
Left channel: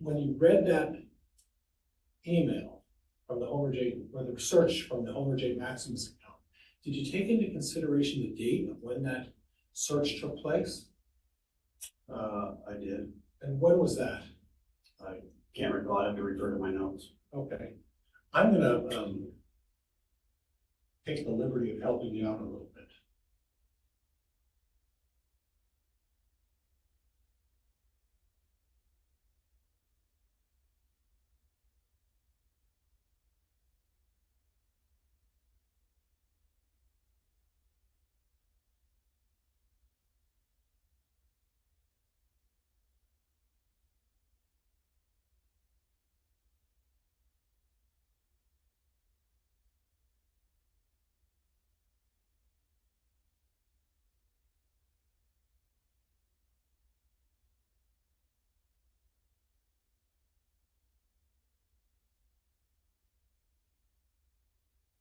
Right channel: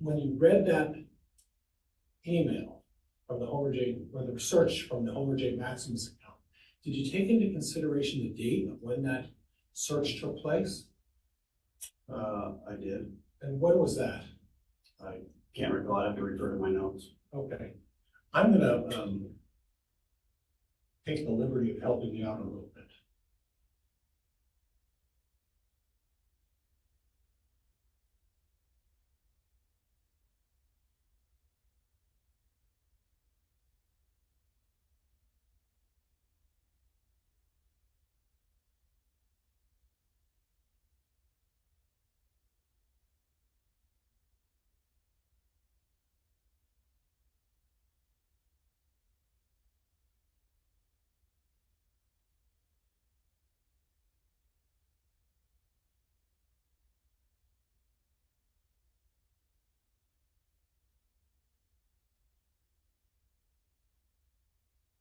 when you read that email from the Homer J, or the search from the Homer J. Maximus account, did you take into consideration the date of when that search took place? I did. And when was that? I can't recall. I have to refer to my notes. Okay. I'm gonna take the liberty of helping you out a little bit.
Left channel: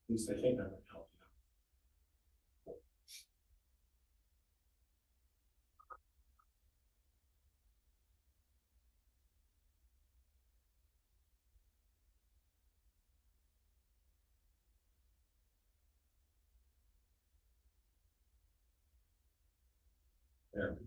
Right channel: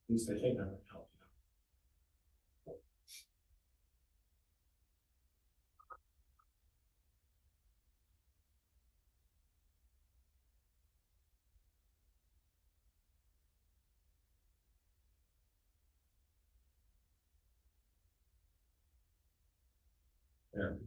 At least I think I'm gonna help you. There.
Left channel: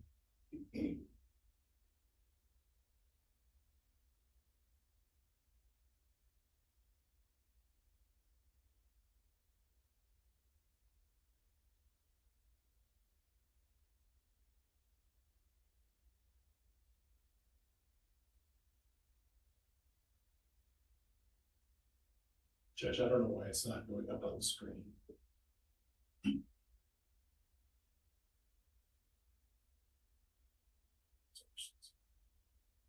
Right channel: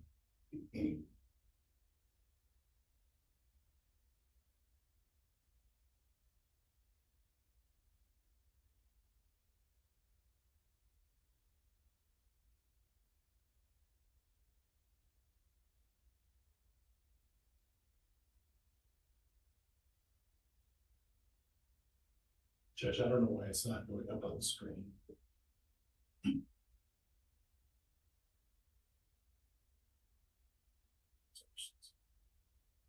Judge, I don't know why it's not going up on the screen.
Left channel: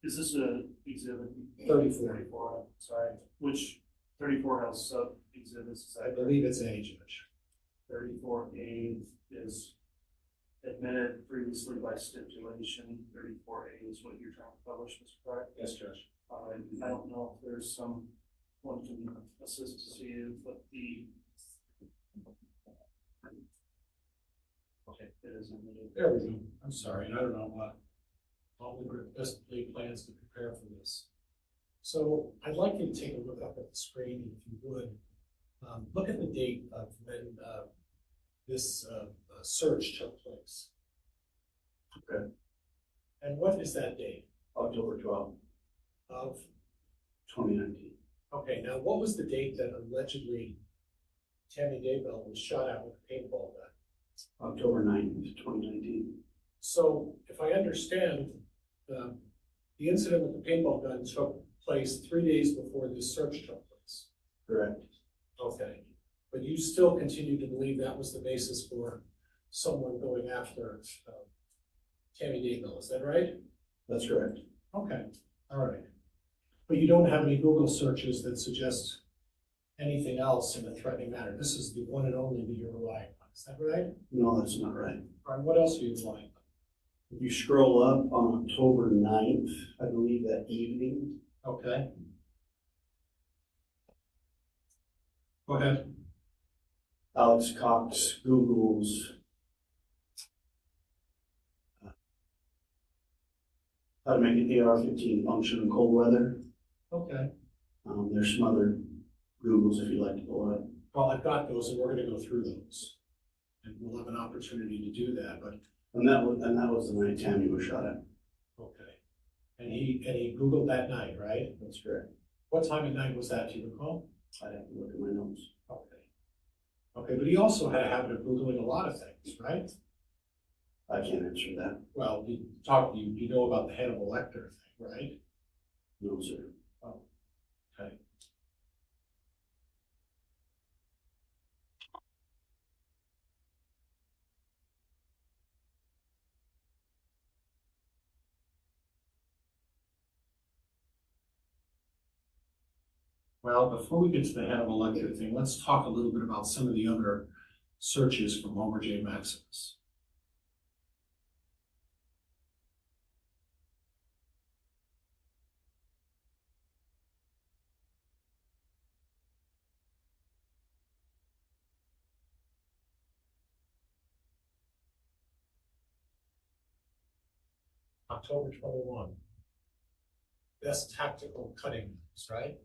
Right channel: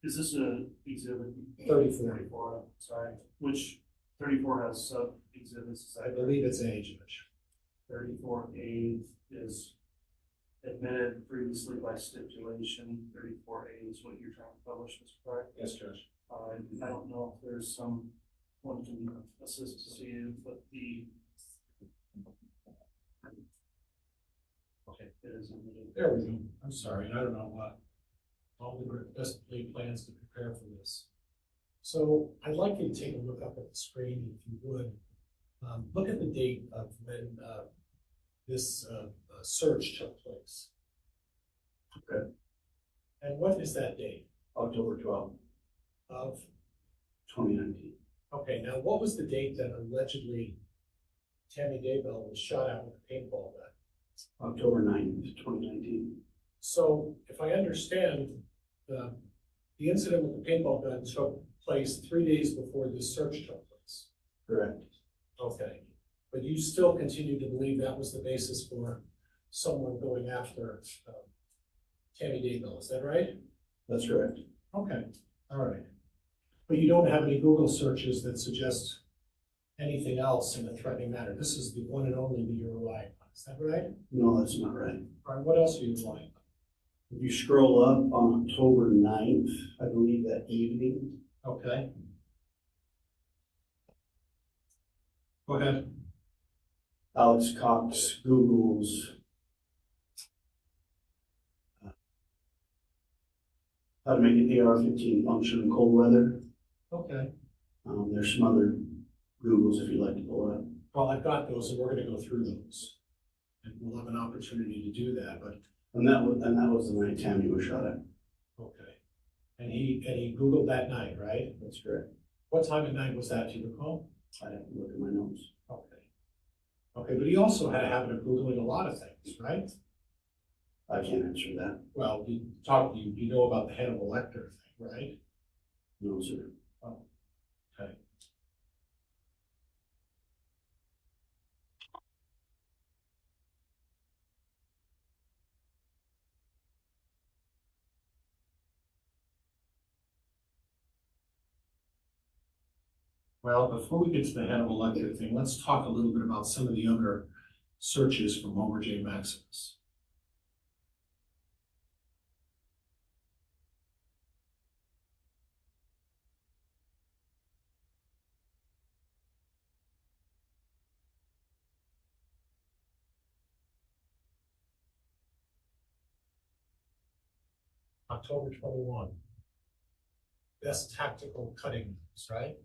Is this a exhibit? 34. Sorry, which 34 has sub exhibits? I believe it's A, Judge. 34A is admitted previously by stipulation. 34A is what you're trying to publish, is correct? Yes, Judge. I don't know if there's someone can assist you, but okay, it is admitted. There we go. I'm sorry, I don't know what. All the best laid plans to prepare for this. So I'd like you to take a look up at the screen, if you would. Look at the date of when this search took place. Okay. And what is that date? October 12th, Of, 2019. okay, now what was the date that allegedly Tammy Daybell was shot at with a paintball gun? October 9th, 2019. So if I understand, the incident with the paintball gun took place 3 days before this search took place. Correct. Okay, but you still continue to believe that was the basis for someone going after Tammy Daybell, is that right? That's correct. Okay, all right. But you don't have any Google searches that suggest anything else in a threatening manner? This is the one and only that you're relying on, is that right? No, that's not right. All right, what else are you relying If you scroll up on October 9th, I believe that evening, on? Okay. Go ahead. Alex Cox Googles how to make an AR-15 function in cold weather. Okay. There's some other Googles if you'd like to pull it up. Well, I've got those and we're gonna go through those. And we'll have an opportunity to do that, but, And that was the night Tammy was shot at. okay. And he Googled that night, right? That's correct. What time of night was that, do you recall? I'd have to look at my notes. Okay. Okay, but he also had a habit of Googling a lot of things, right? I can't answer that. Well, you know about the Hannibal Lecter thing, right? No, sir. Okay. Well, before we get to the Hannibal Lecter thing, let's talk a little bit about some of the other searches from Homer J. Maximus. October 21. Best tactical cutting moves, right?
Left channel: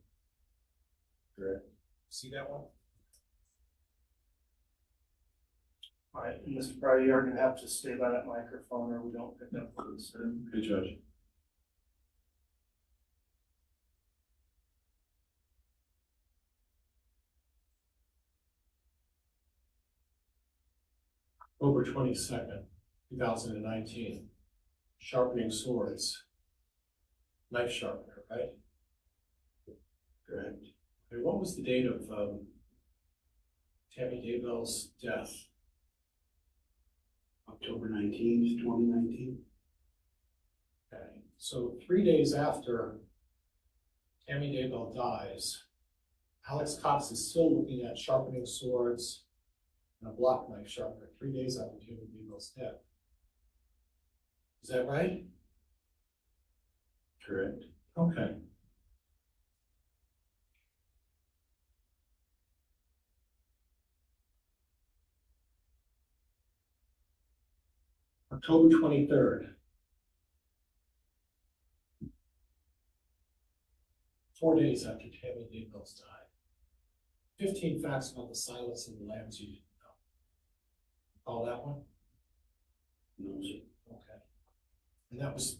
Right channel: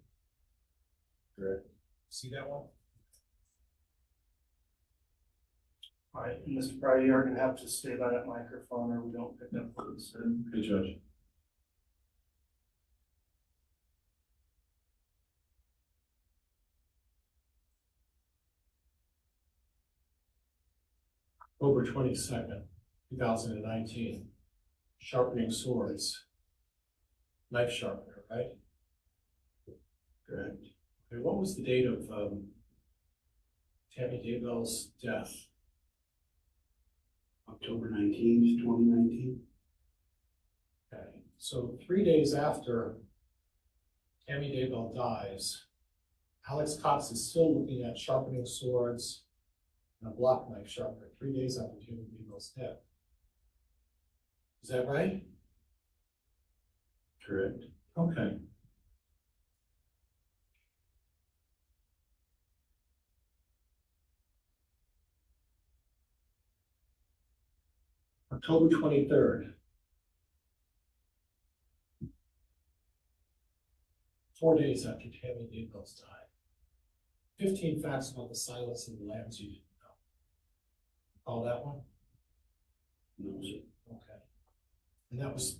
Correct. See that one? All right, and Mr. Pryor, you're gonna have to stay by that microphone or we don't pick up what you said. Good judge. October 22nd, 2019. Sharpening swords. Knife sharpener, right? Correct. Okay, what was the date of Tammy Daybell's death? October 19th, 2019. Okay, so 3 days after Tammy Daybell dies, Alex Cox is still looking at sharpening swords and a block knife sharpener 3 days after Tammy Daybell's death. Is that right? Correct. Okay. October 23rd. 4 days after Tammy Daybell's died. 15 facts about the silence of the lambs you didn't know. Call that one? No, sir. Okay. And that was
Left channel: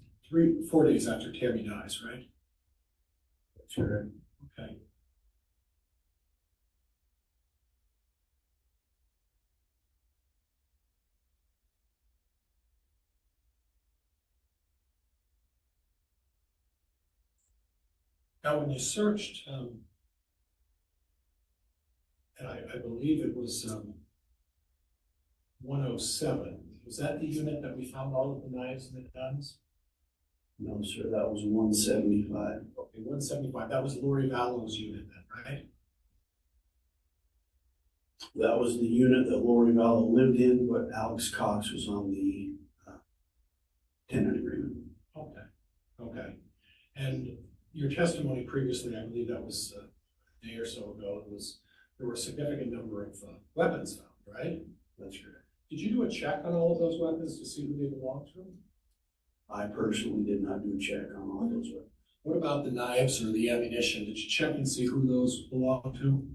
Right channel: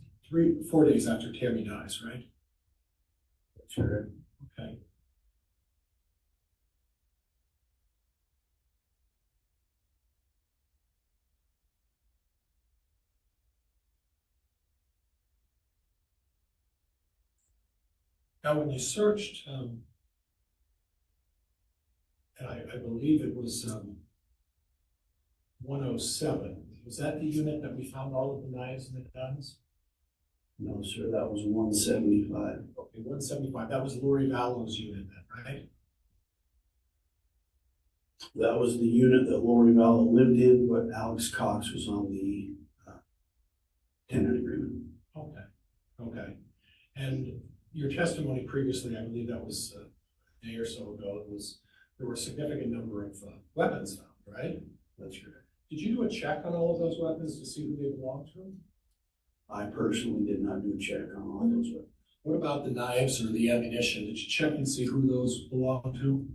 4 days after Tammy dies, right? That's correct. Okay. Now, when you searched, and I believe it was 107, was that the unit that we found all of the knives and the guns? No, sir, that was 175. Okay, 175, that was Lori Vallow's unit then, right? That was the unit that Lori Vallow lived in, but Alex Cox was on the tenant agreement. Okay, okay. And your testimony previously, I believe that was a day or so ago, there were a significant number of weapons found, right? That's correct. Did you do a check on all of those weapons to see who they belonged to? I personally did not do a check on all those weapons. What about the knives or the ammunition? Did you check and see who those belonged to?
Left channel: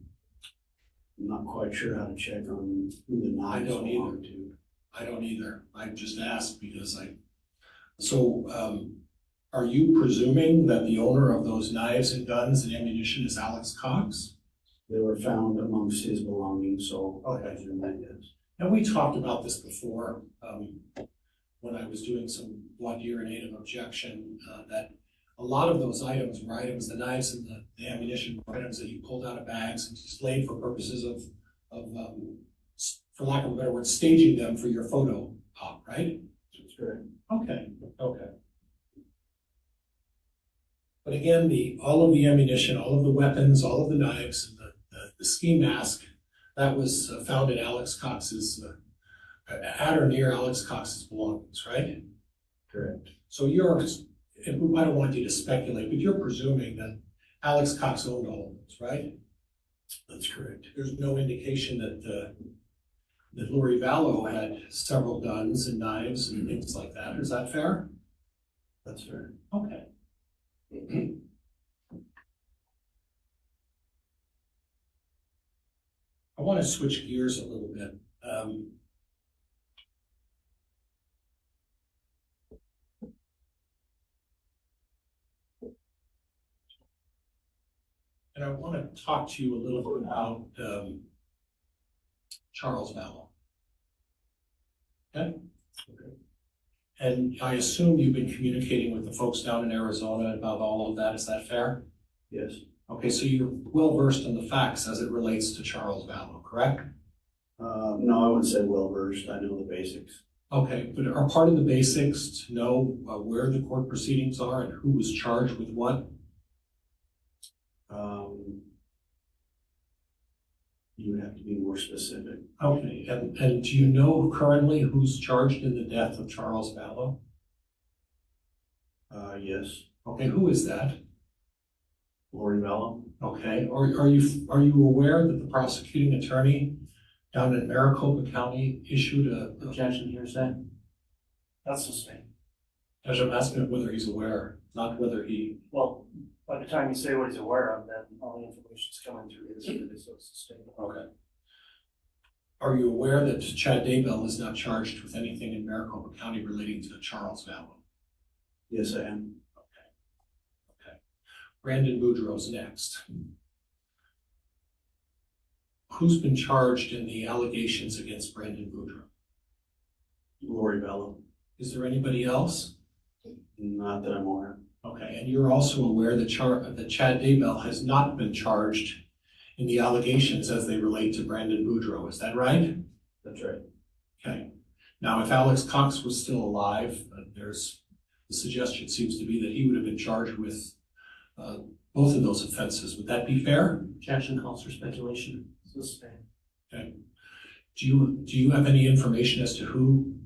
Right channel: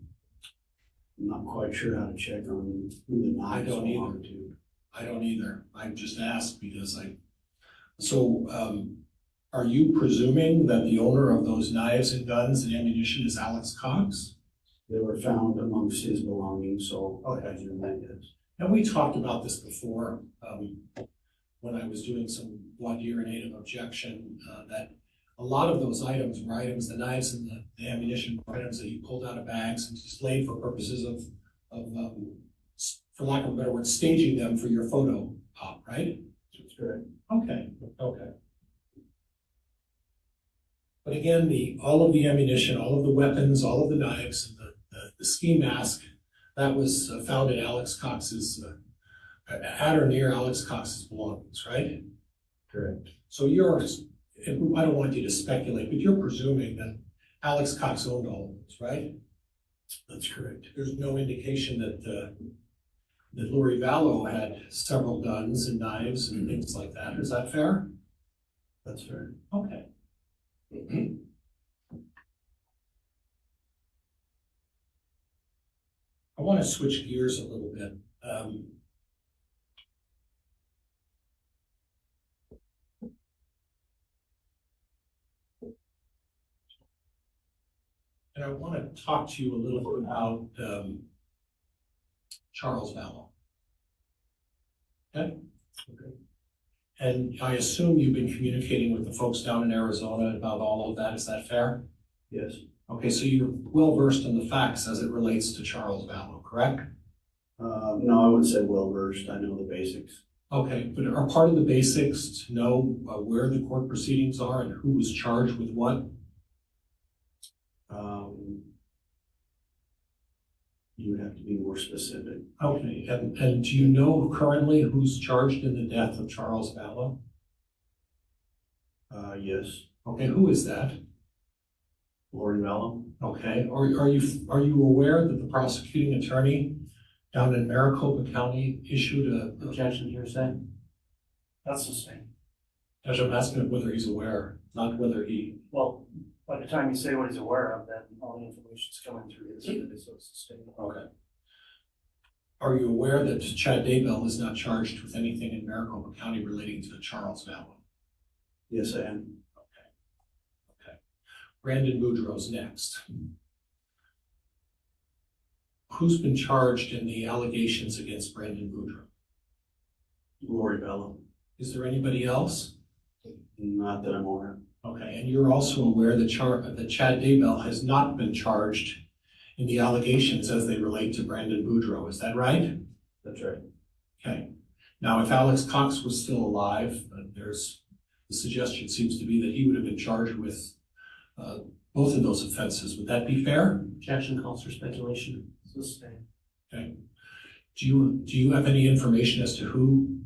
I'm not quite sure how to check on who the knives don't belong to. I don't either. I just asked because are you presuming that the owner of those knives and guns and ammunition is Alex Cox? They were found amongst his belongings, so Okay. I presume that is. And we talked about this before, when I was doing some voir dire and native objection, that a lot of those items were items, the knives and the ammunition were items that you pulled out of bags and displayed for purposes of for lack of a better word, staging them for your photo op, right? That's correct. Okay, okay. But again, all of the ammunition, all of the weapons, all of the knives, and the ski mask, that was found in Alex Cox's, at or near Alex Cox's belongings, right? Correct. So I don't want you to speculate, but you're presuming that Alex Cox owned all of those, right? That's correct. There's no indication that Lori Vallow had several guns and knives and things like that. Is that fair? That's fair. Okay. I want to switch gears a little bit. And I want to talk to you a little bit about Charles Vallow. Okay? And I assume you've been communicating with the folks down in Arizona about all of that. Is that fair? Yes. Okay, so you're well versed in the facts as it relates to Charles Vallow, correct? No, I wouldn't say well versed. I know the basics. Okay, but are part of the basics to know where the court proceedings are and who was charged with what? You would have to be more specific. Okay, and do you know currently who's charged in the death of Charles Vallow? Yes. Okay, who is that? Lori Vallow. Okay, are you aware that the prosecuting attorney down in Maricopa County issued a objection hearsay? That's his name. I'm asking whether he's aware, not whether he. Well, by the time you say what he's aware of, then all the information's coming through his, so it's the same. Okay. Are you aware that Chad Daybell is not charged with anything in Maricopa County relating to Charles Vallow? Yes, I am. Okay. Brandon Boudreaux's next. Who's been charged in the allegations against Brandon Boudreaux? Lori Vallow. Is there anybody else? Not that I'm aware of. Okay, and you're also aware that Chad Daybell has not been charged in the allegations as they relate to Brandon Boudreaux, is that right? That's right. Okay. Now, if Alex Cox was still alive, the suggestion seems to be that he would have been charged with both of those offenses. Would that be fair? Objection calls for speculation. It's the same. Okay. Do you have any information as to who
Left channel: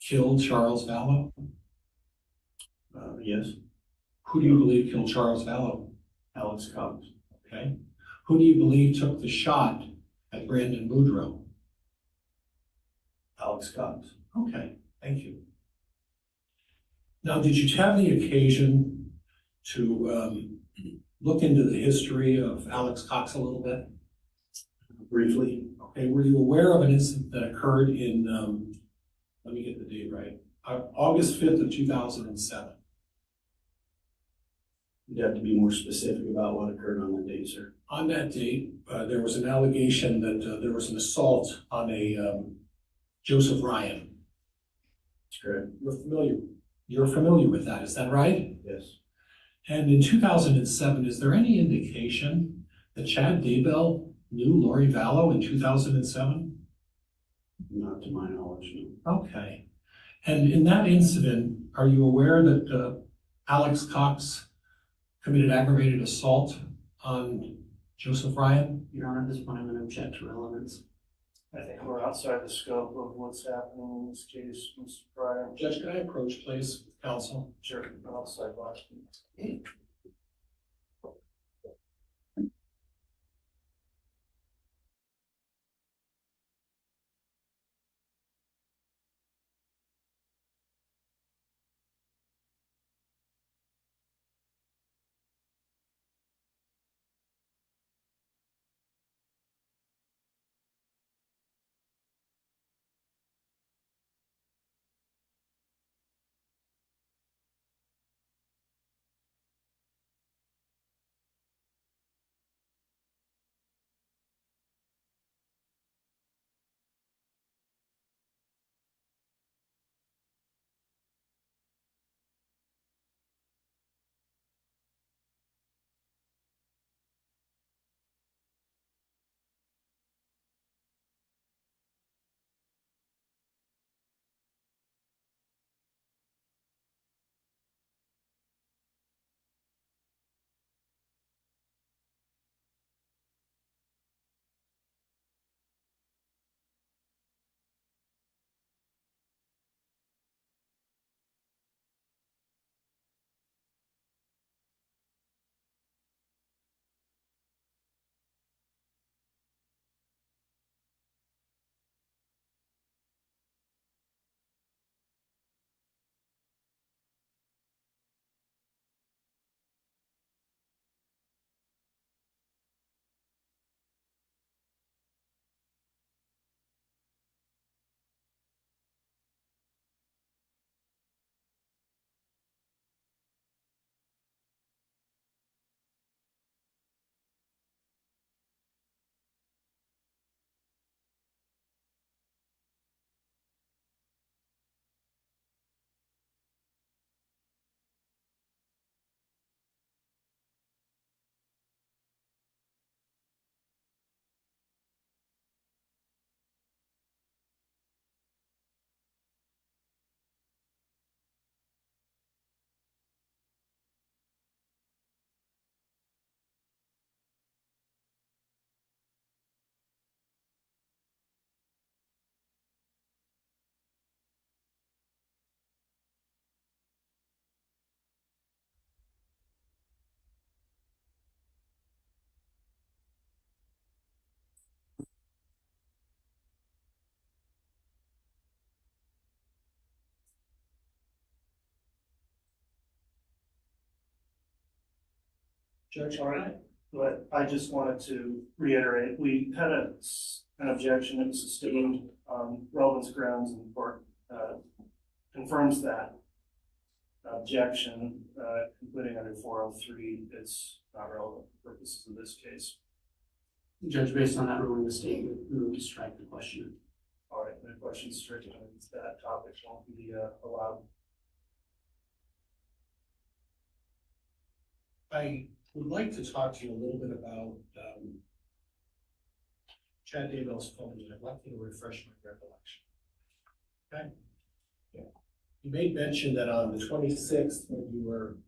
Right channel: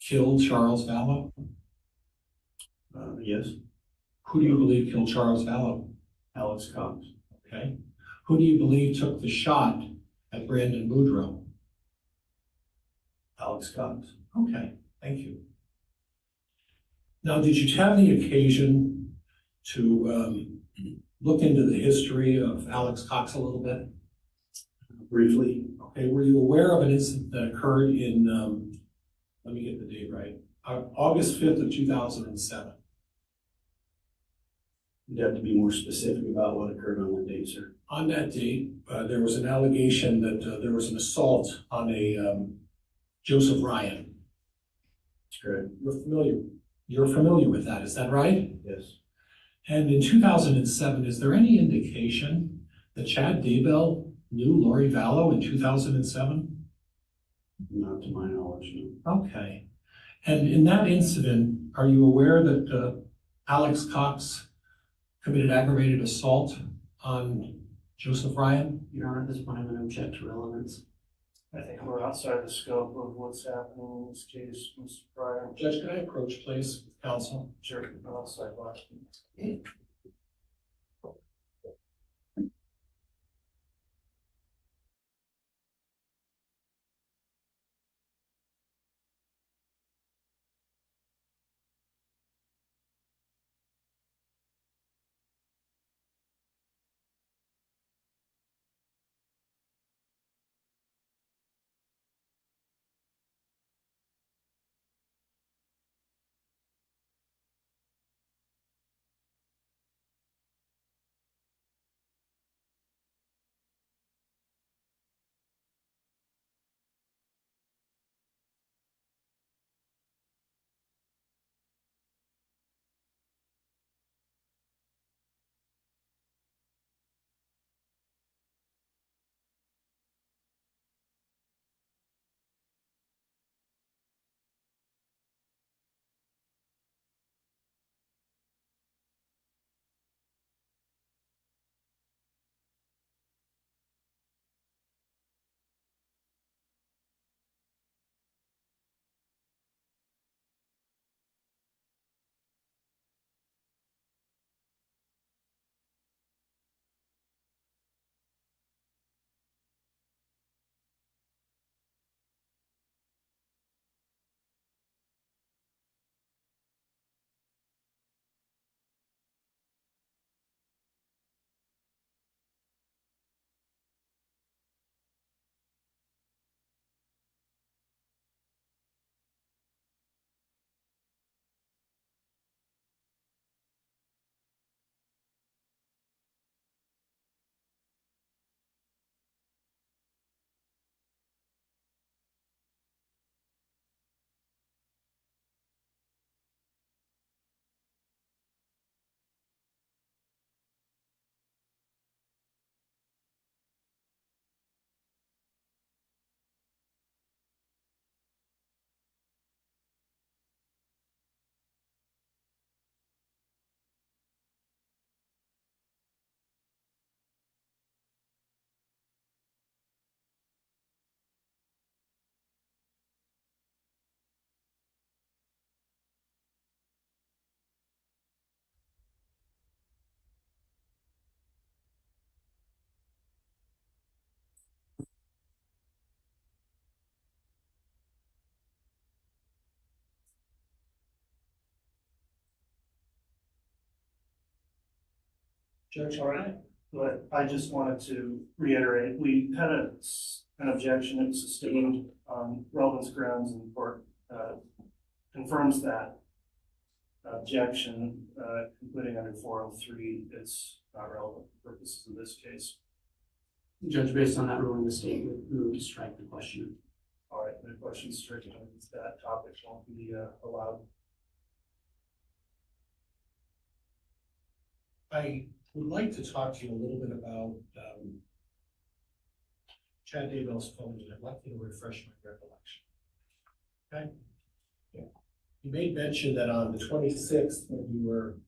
killed Charles Vallow? Yes. Who do you believe killed Charles Vallow? Alex Cox. Okay. Who do you believe took the shot at Brandon Boudreaux? Alex Cox. Okay, thank you. Now, did you have the occasion to look into the history of Alex Cox a little bit? Briefly. Okay, were you aware of an incident that occurred in, let me get the date right, August 5th of 2007? You'd have to be more specific about what occurred on that date, sir. On that date, there was an allegation that there was an assault on a Joseph Ryan. That's correct. You're familiar with that, is that right? Yes. And in 2007, is there any indication that Chad Daybell knew Lori Vallow in 2007? Not to my knowledge, no. Okay. And in that incident, are you aware that Alex Cox committed aggravated assault on Joseph Ryan? Your Honor, at this point, I'm going to object to relevance. I think we're outside the scope of what's happening in this case, Mr. Pryor. Judge, can I approach, please, counsel? Sure, we're outside box. Judge, All right, but I just wanted to reiterate, we had an objection that was sustained on relevance grounds, and the court confirms that objection, concluding under 403, it's not relevant for purposes of this case. Judge, based on that ruling, the state would move to strike the question. All right, the question stricken on that topic won't be allowed. I would like to talk to you a little bit about Chad Daybell's phone, and I'd like you to refresh my recollection. Okay? Yeah. You made mention that on the 26th, when you were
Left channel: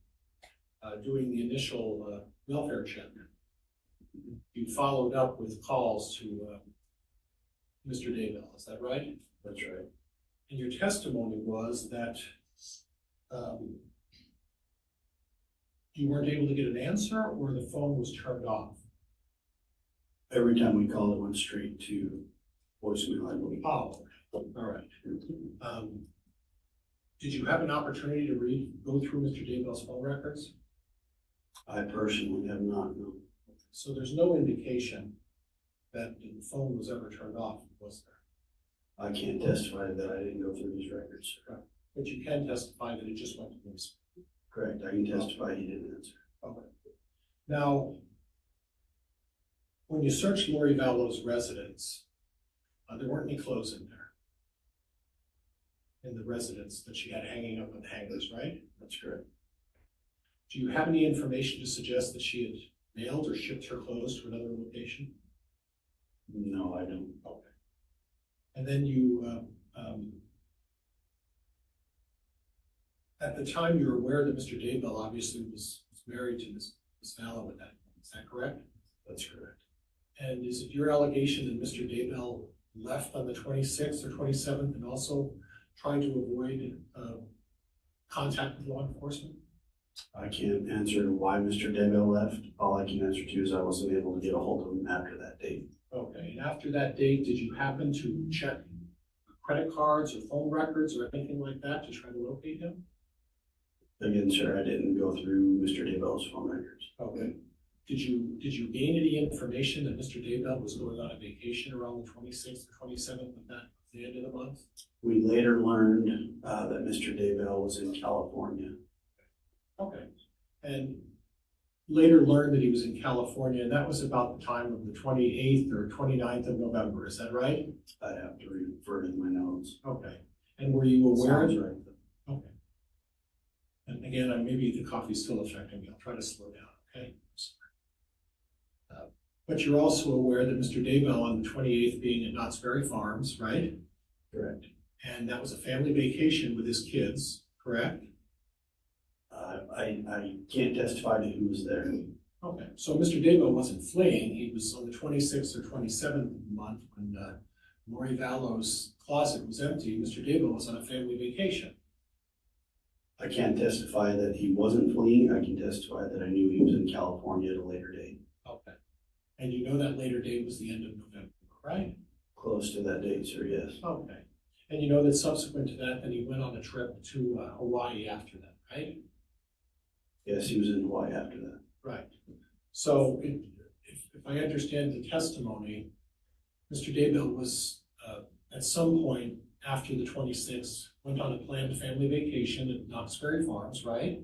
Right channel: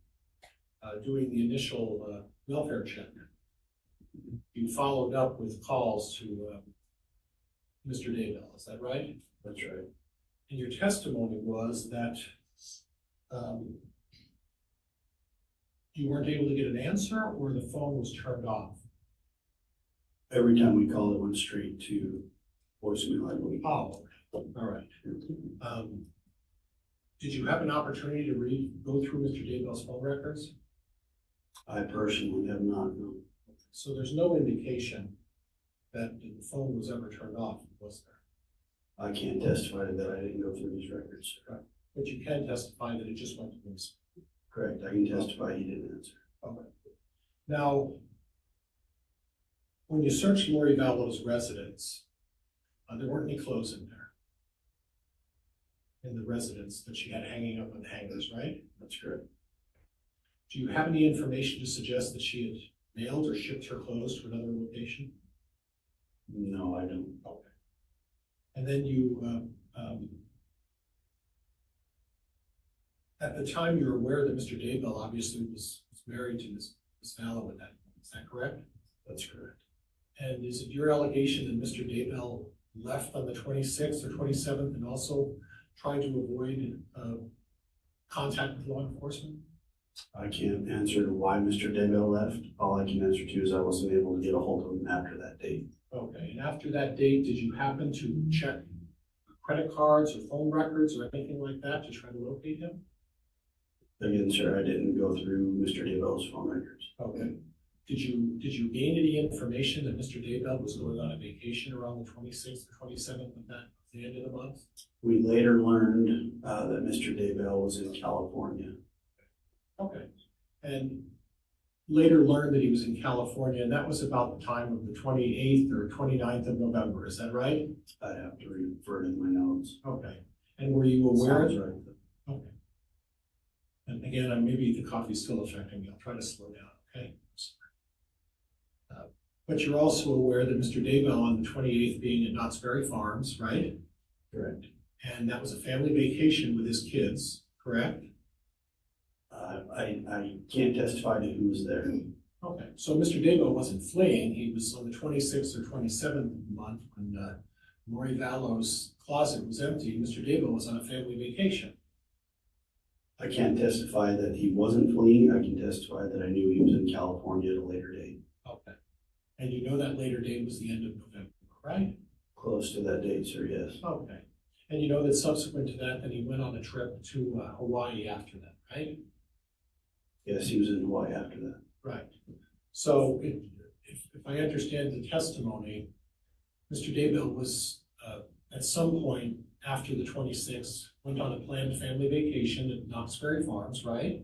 doing the initial welfare check, you followed up with calls to Mr. Daybell, is that right? That's right. And your testimony was that you weren't able to get an answer, or the phone was turned off? Every time we called, it went straight to voicemail, I believe. Oh, all right. Did you have an opportunity to go through Mr. Daybell's phone records? I personally have not, no. So there's no indication that the phone was ever turned off, was there? I can't testify to that. I didn't go through these records. But you can testify that it just went to voicemail. Correct. I can testify he didn't answer. Okay. Now, when you searched Lori Vallow's residence, there weren't any clothes in there. In the residence that she had hanging up on hangers, right? That's correct. Do you have any information to suggest that she had mailed or shipped her clothes to another location? No, I don't. Okay. And then you, at the time, you were aware that Mr. Daybell obviously was married to Ms. Vallow at that point, is that correct? That's correct. And is it your allegation that Mr. Daybell left on the 26th or 27th and also tried to avoid contact with law enforcement? I can't answer why Mr. Daybell left. All I can answer to is I wasn't able to get a hold of him after that date. Okay, and after that date, did you happen to check credit cards or phone records or anything like that to try to locate him? Again, sir, I didn't go through Mr. Daybell's phone records. Okay. Did you gain any information that Mr. Daybell was going on a vacation around the 26th or 27th of the end of the month? We later learned that Mr. Daybell was in California. Okay. And later learned that he was in California, and that was about the time of the 28th or 29th of November, is that right? I'd have to refer to my notes. Okay. And were you aware? Sounds right. Okay. And again, maybe the coffee's still affecting me. I'll try to slow down, okay? But you're also aware that Mr. Daybell on the 28th being at Knott's Berry Farms, right? Correct. And that was a family vacation with his kids, correct? I can't testify to who was there. Okay, so Mr. Daybell wasn't fleeing. He was on the 26th or 27th of the month when Lori Vallow's closet was empty. Mr. Daybell was on a family vacation. I can't testify that he wasn't fleeing. I can testify that I knew he was in California at a later date. Okay. And you know that later date was the end of November, right? Close to that date, sir, yes. Okay. And you know that subsequent to that, then he went on a trip to Hawaii after that, right? Yes, he was in Hawaii after that. Right. So if I understand the testimony, Mr. Daybell was at some point after the 26th, went on a planned family vacation at Knott's Berry Farms, right?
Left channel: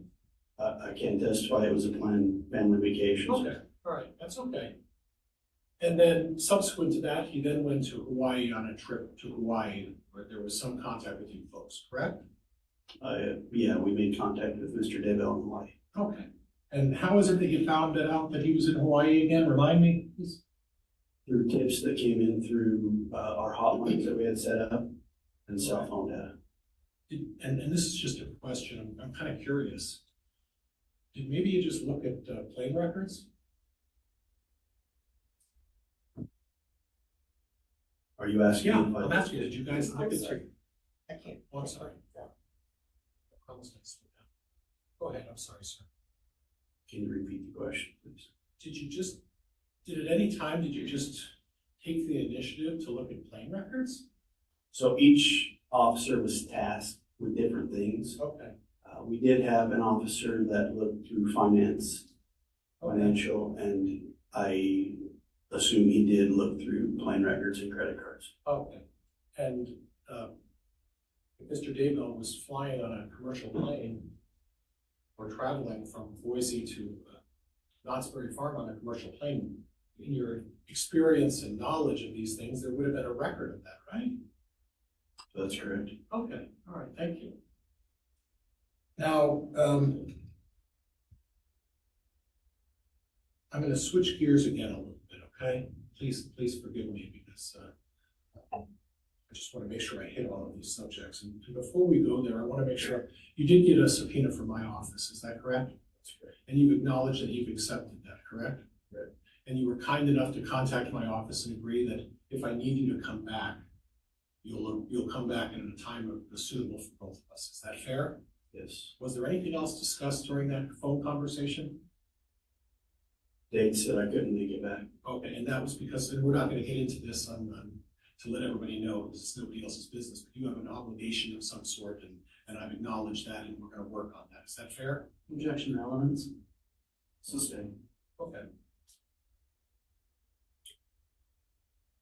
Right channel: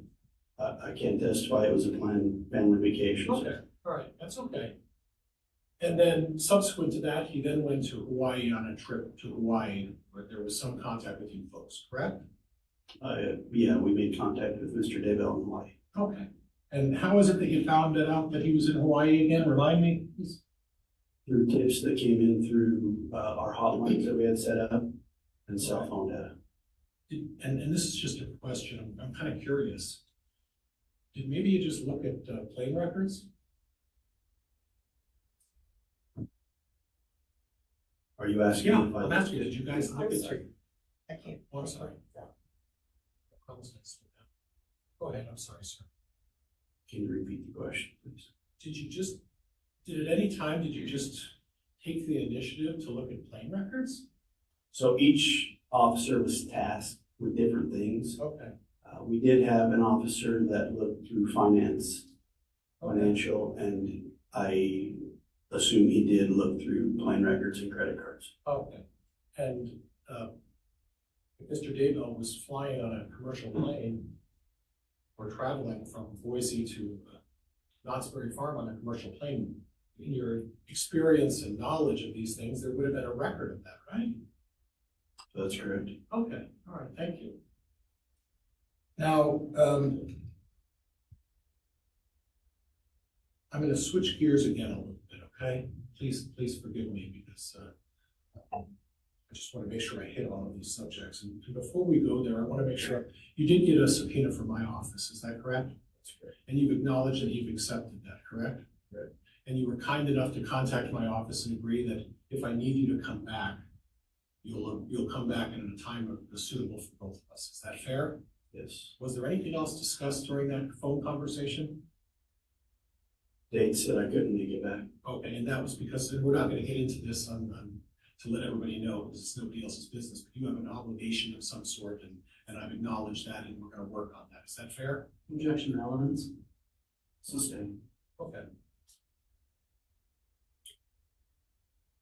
I can't testify it was a planned family vacation. Okay, all right, that's okay. And then subsequent to that, he then went to Hawaii on a trip to Hawaii where there was some contact with you folks, correct? Yeah, we made contact with Mr. Daybell in Hawaii. Okay. And how is it that you found out that he was in Hawaii again? Remind me. Through tips that came in through our hotlines that we had set up and cell phone data. And this is just a question, I'm kind of curious. Did maybe you just look at plane records? Are you asking? Yeah, if I'm asking, did you guys look I'm at? sorry. I can't. Oh, I'm sorry. Go ahead, I'm sorry, sir. Can you repeat the question, please? Did at any time, did you just take the initiative to look at plane records? So each officer was tasked with different things. Okay, We did have an officer that looked through finance financial, and I assume he did look through plane records and credit cards. Okay, and, if Mr. Daybell was flying on a commercial plane or traveling from Boise to Knott's Berry Farm on a commercial plane, in your experience and knowledge of these things, there would have been a record of that, right? That's correct. Okay, all right, thank you. Now, I'm gonna switch gears again a little bit, okay? Please forgive me because I just want to make sure I hit all of these subjects. And before we go there, I want to make sure, you did get a subpoena from my office, is that correct? That's correct. And you've acknowledged that you've accepted that, correct? Right. And you were kind enough to contact my office and agree that if I need you to come back, you'll come back at a time that's suitable for both of us. Is that fair? Yes. Was there anything else discussed during that phone conversation? Date said I couldn't make it back. Okay, and that was because, and we're not gonna get into this to let everybody know, because it's nobody else's business, but you have an obligation of some sort, and I've acknowledged that, and we're gonna work on that. Is that fair? Objection elements. Sustained. Okay.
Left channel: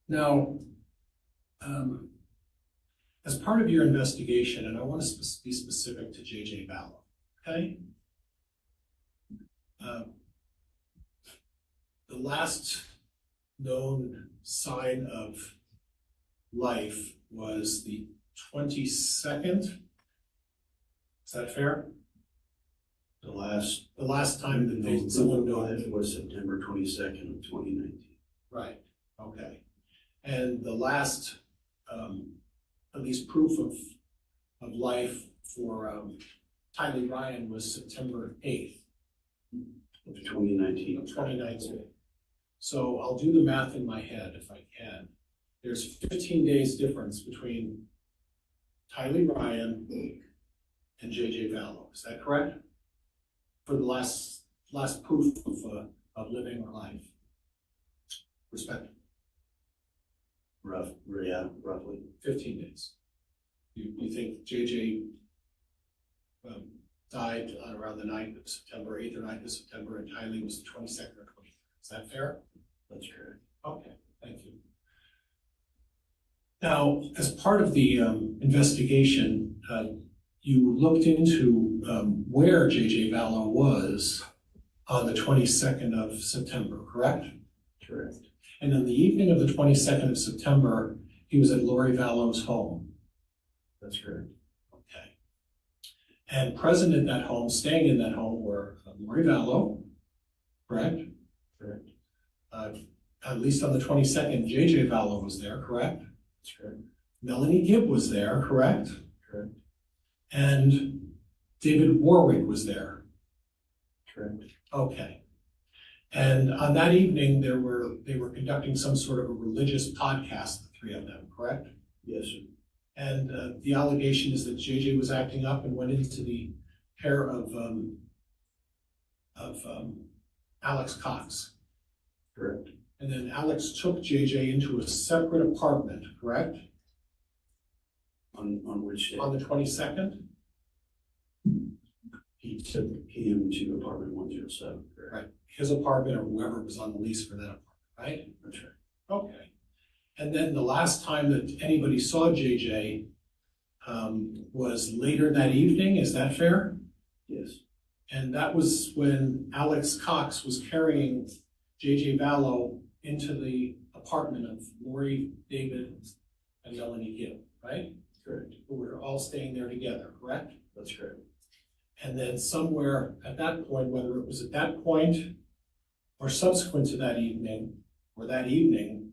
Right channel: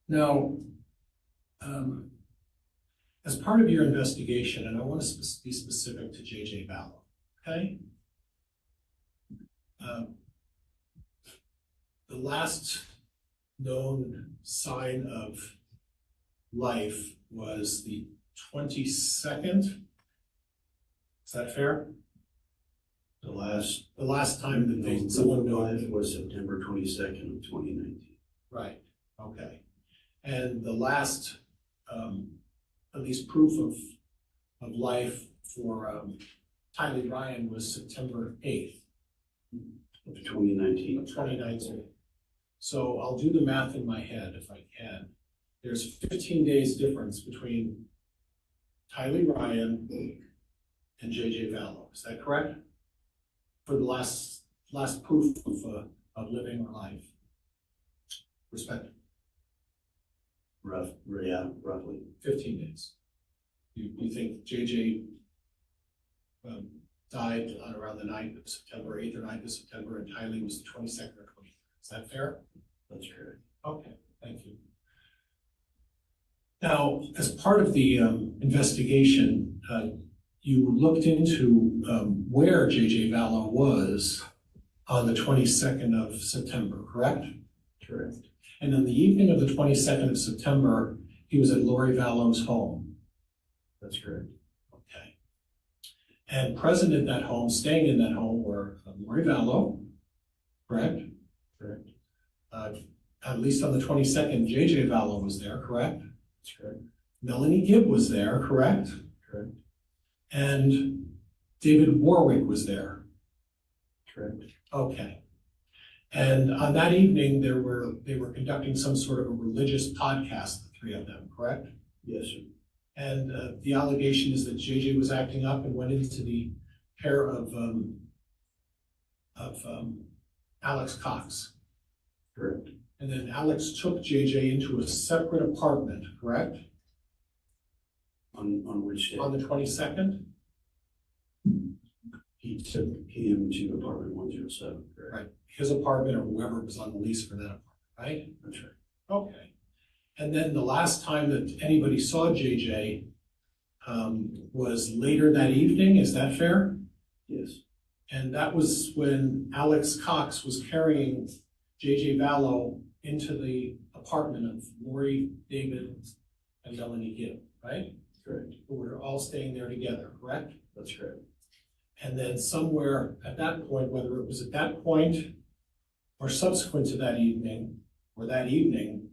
Now, as part of your investigation, and I want to be specific to J.J. Vallow, okay? The last known sign of life was the 22nd. Is that fair? The last time that someone known. It was September 22nd of 2019. Right, okay. And the last, at least proof of life for Tylee Ryan was September 8th. Of 2019. Of 2019. So I'll do the math in my head if I can. There's 15 days difference between Tylee Ryan and J.J. Vallow. Is that correct? For the last proof of living or life, respectively. Roughly. 15 days. You think J.J. Died on around the 9th of September, 8th or 9th of September, and Tylee was the 22nd or 23rd. Is that fair? That's correct. Okay, thank you. Now, as part of the investigation, you looked into where J.J. Vallow was on the 22nd of September, correct? Correct. And on the evening of the 22nd of September, he was at Lori Vallow's home. That's correct. Okay. And present at that home, staying in that home, were Lori Vallow, correct? Correct. At least on the 22nd, J.J. Vallow was there, correct? That's correct. Melanie Gibb was there, correct? Correct. And David Warwick was there. Correct. Okay. And on that evening, they were conducting some sort of a religious podcast, the three of them, correct? Yes, sir. And the allegation is that JJ was acting up and went into the care of Alex Cox. Correct. And then Alex took JJ into a separate apartment, correct? On which day? On the 22nd? He took him to apartment 107. Correct. Right. His apartment or whoever was on the lease for that apartment, right? That's right. Okay. And then the last time that anybody saw JJ was later that evening, is that fair? Yes. And that was when Alex Cox was carrying JJ Vallow into the apartment of Lori, David, and Melanie Gibb, right? Correct. Who were all staying there together, correct? That's correct. And then somewhere at that point, whether it was at that point or subsequent to that evening, or that evening,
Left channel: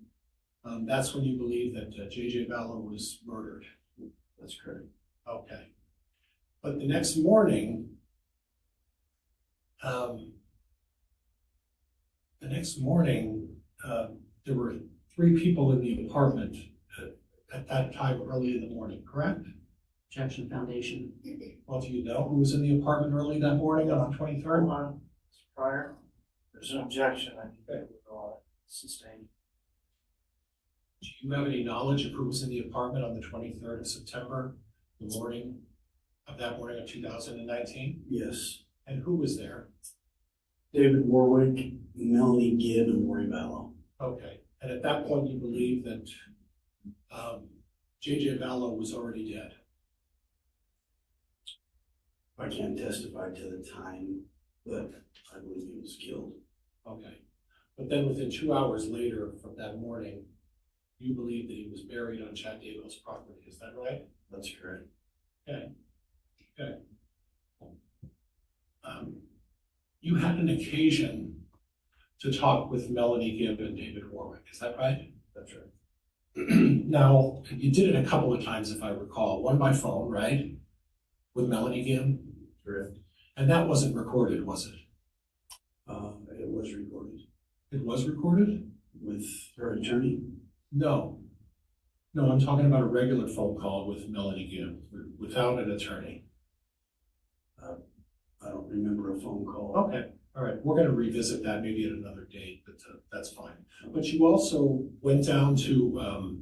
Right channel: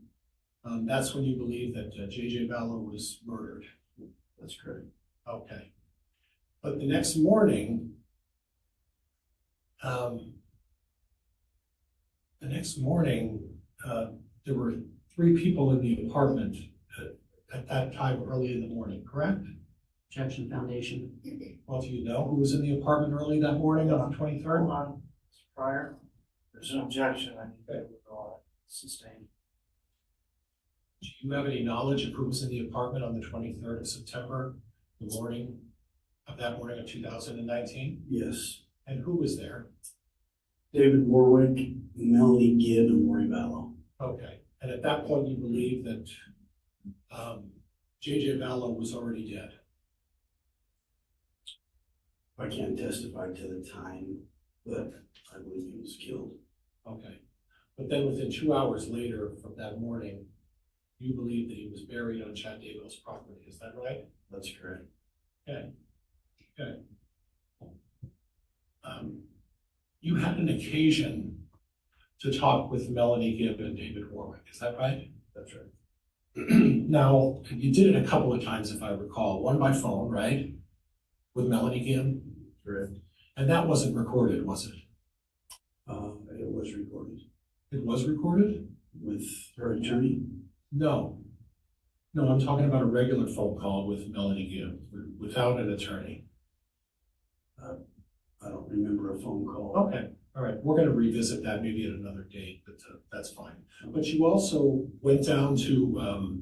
that's when you believe that J.J. Vallow was murdered. That's correct. Okay. But the next morning, there were three people in the apartment at that time early in the morning, correct? Objection foundation. Well, do you know who was in the apartment early that morning on the 23rd? Hold on, prior, there's an objection, I think that will sustain. Do you have any knowledge of who was in the apartment on the 23rd of September, the morning of 2019? Yes. And who was there? David Warwick, Melanie Gibb, and Maury Vallow. Okay, and at that point, you believe that J.J. Vallow was already dead? I can't testify to the time, but I believe he was killed. Okay, but then within 2 hours later from that morning, you believe that he was buried on Chad Daybell's property, is that right? That's correct. Okay, okay. You had an occasion to talk with Melanie Gibb and David Warwick, is that right? That's right. Now, you did it a couple of times, if I recall, one by phone, right? With Melanie Gibb? Correct. And that wasn't recorded, was it? It was recorded. It was recorded? With her attorney? No. No, I'm talking about a regular phone call with Melanie Gibb, without an attorney. I don't remember a phone call. Okay, all right, we're gonna revisit that maybe at another date, but that's fine. But you also went down to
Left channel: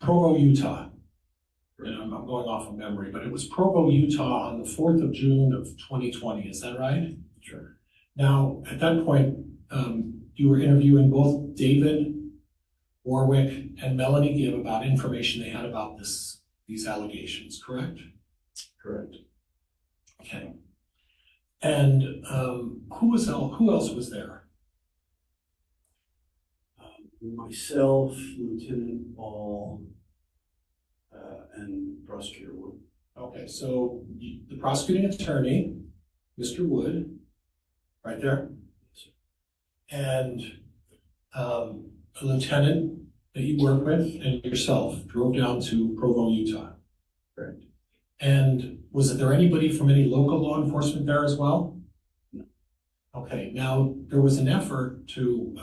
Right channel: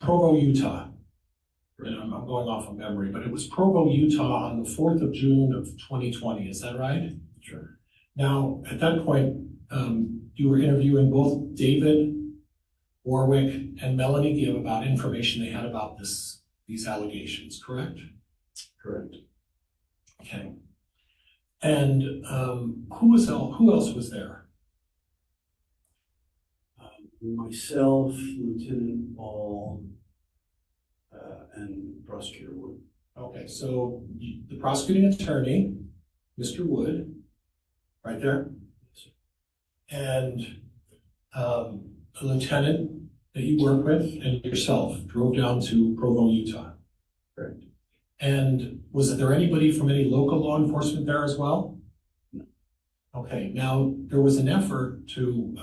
Provo, Utah. And I'm going off of memory, but it was Provo, Utah on the 4th of June of 2020, is that right? Sure. Now, at that point, you were interviewing both David Warwick and Melanie Gibb about information they had about these allegations, correct? Correct. Okay. And who else was there? Myself, Lieutenant Ball, and Prosecutor Wood. Okay, so the prosecuting attorney, Mr. Wood, right there, and a lieutenant that you work with and yourself drove down to Provo, Utah. Correct. And was there anybody from any local law enforcement there as well? No. Okay, now there was an effort to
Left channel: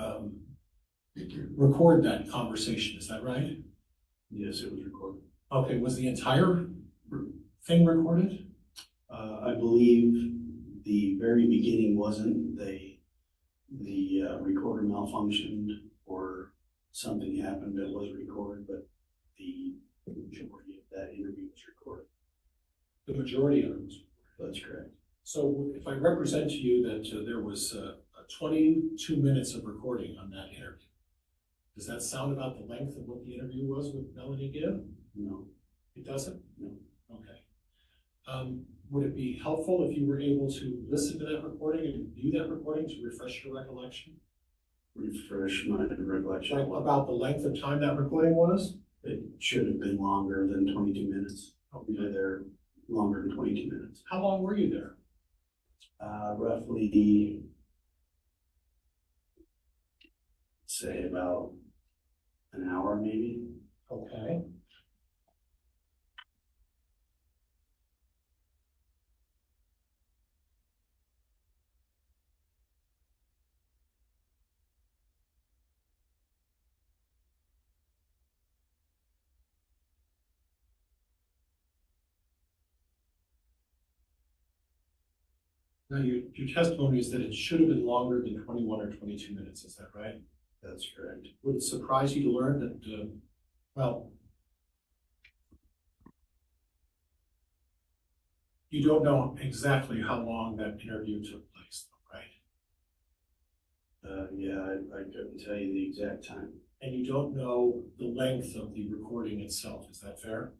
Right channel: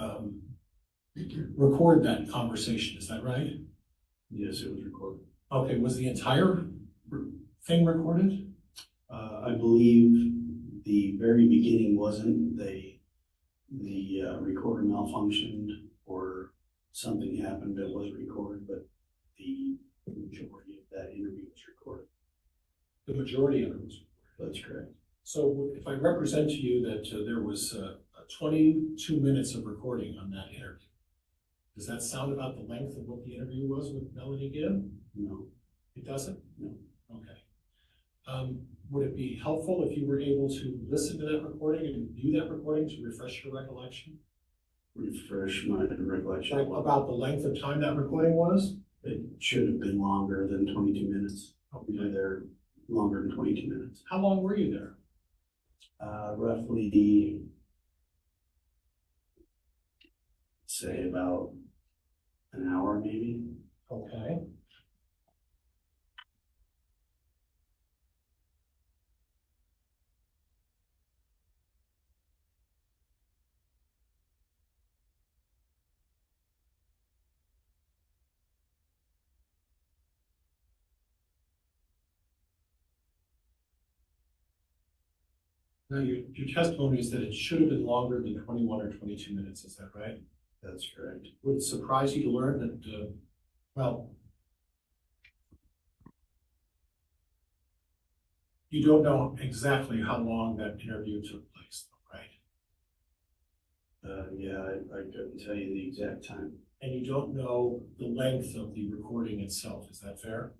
record that conversation, is that right? Yes, it was recorded. Okay, was the entire thing recorded? I believe the very beginning wasn't. The recorder malfunctioned or something happened that was recorded, but the majority of that interview was recorded. The majority of it was. That's correct. So if I represent to you that there was 22 minutes of recording on that interview, does that sound about the length of what the interview was with Melanie Gibb? No. It doesn't? No. Okay. Would it be helpful if you were able to listen to that recording and view that recording to refresh your recollection? Refresh my recollection. Like about the length of time that recording was? It should have been longer than 22 minutes. We were there longer than 22 minutes. How long were you there? Roughly, say about an hour maybe. Okay. Now, your testimony is that it should have been longer than 21 or 22 minutes, is that right? That's correct. Would it surprise you to learn that, well, you don't know exactly how long that interview took place, right? Yeah, I couldn't tell you the exact time. And you don't know the length of the recording itself, is that fair?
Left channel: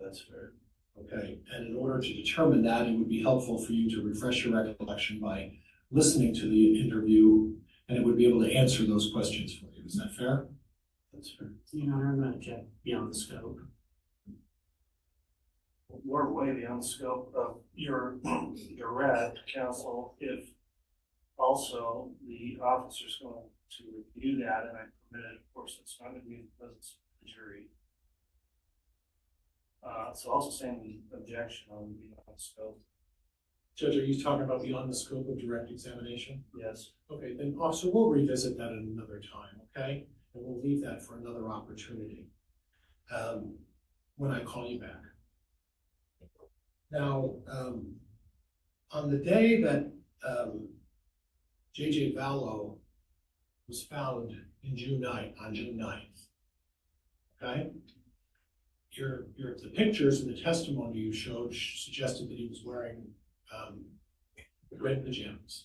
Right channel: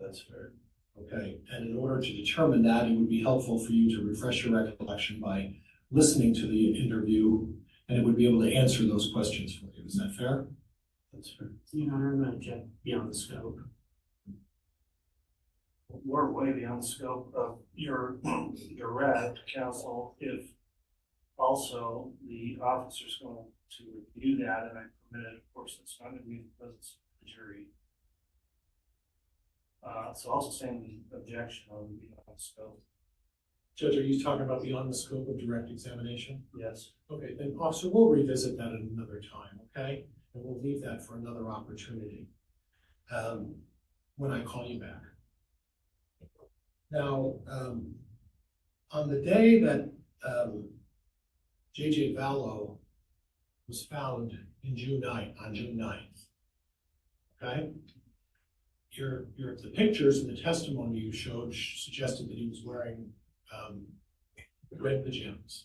That's fair. Okay, and in order to determine that, it would be helpful for you to refresh your recollection by listening to the interview, and it would be able to answer those questions for you. Is that fair? That's fair. Your Honor, I'm gonna object beyond the scope. We're way beyond the scope of your red, counsel, if also the officer's going to review that, and I permit it, of course, it's not going to be in the presence of the jury. So also saying the objection on beyond the scope. Judge, are you talking about beyond the scope of direct examination? Yes. Okay, then officer, we'll revisit that at another time, okay? And we'll leave that for another opportunity when I call you back. Now, on the day that J.J. Vallow was found on June 9th, okay? The pictures and the testimony you showed suggested that he was wearing red pajamas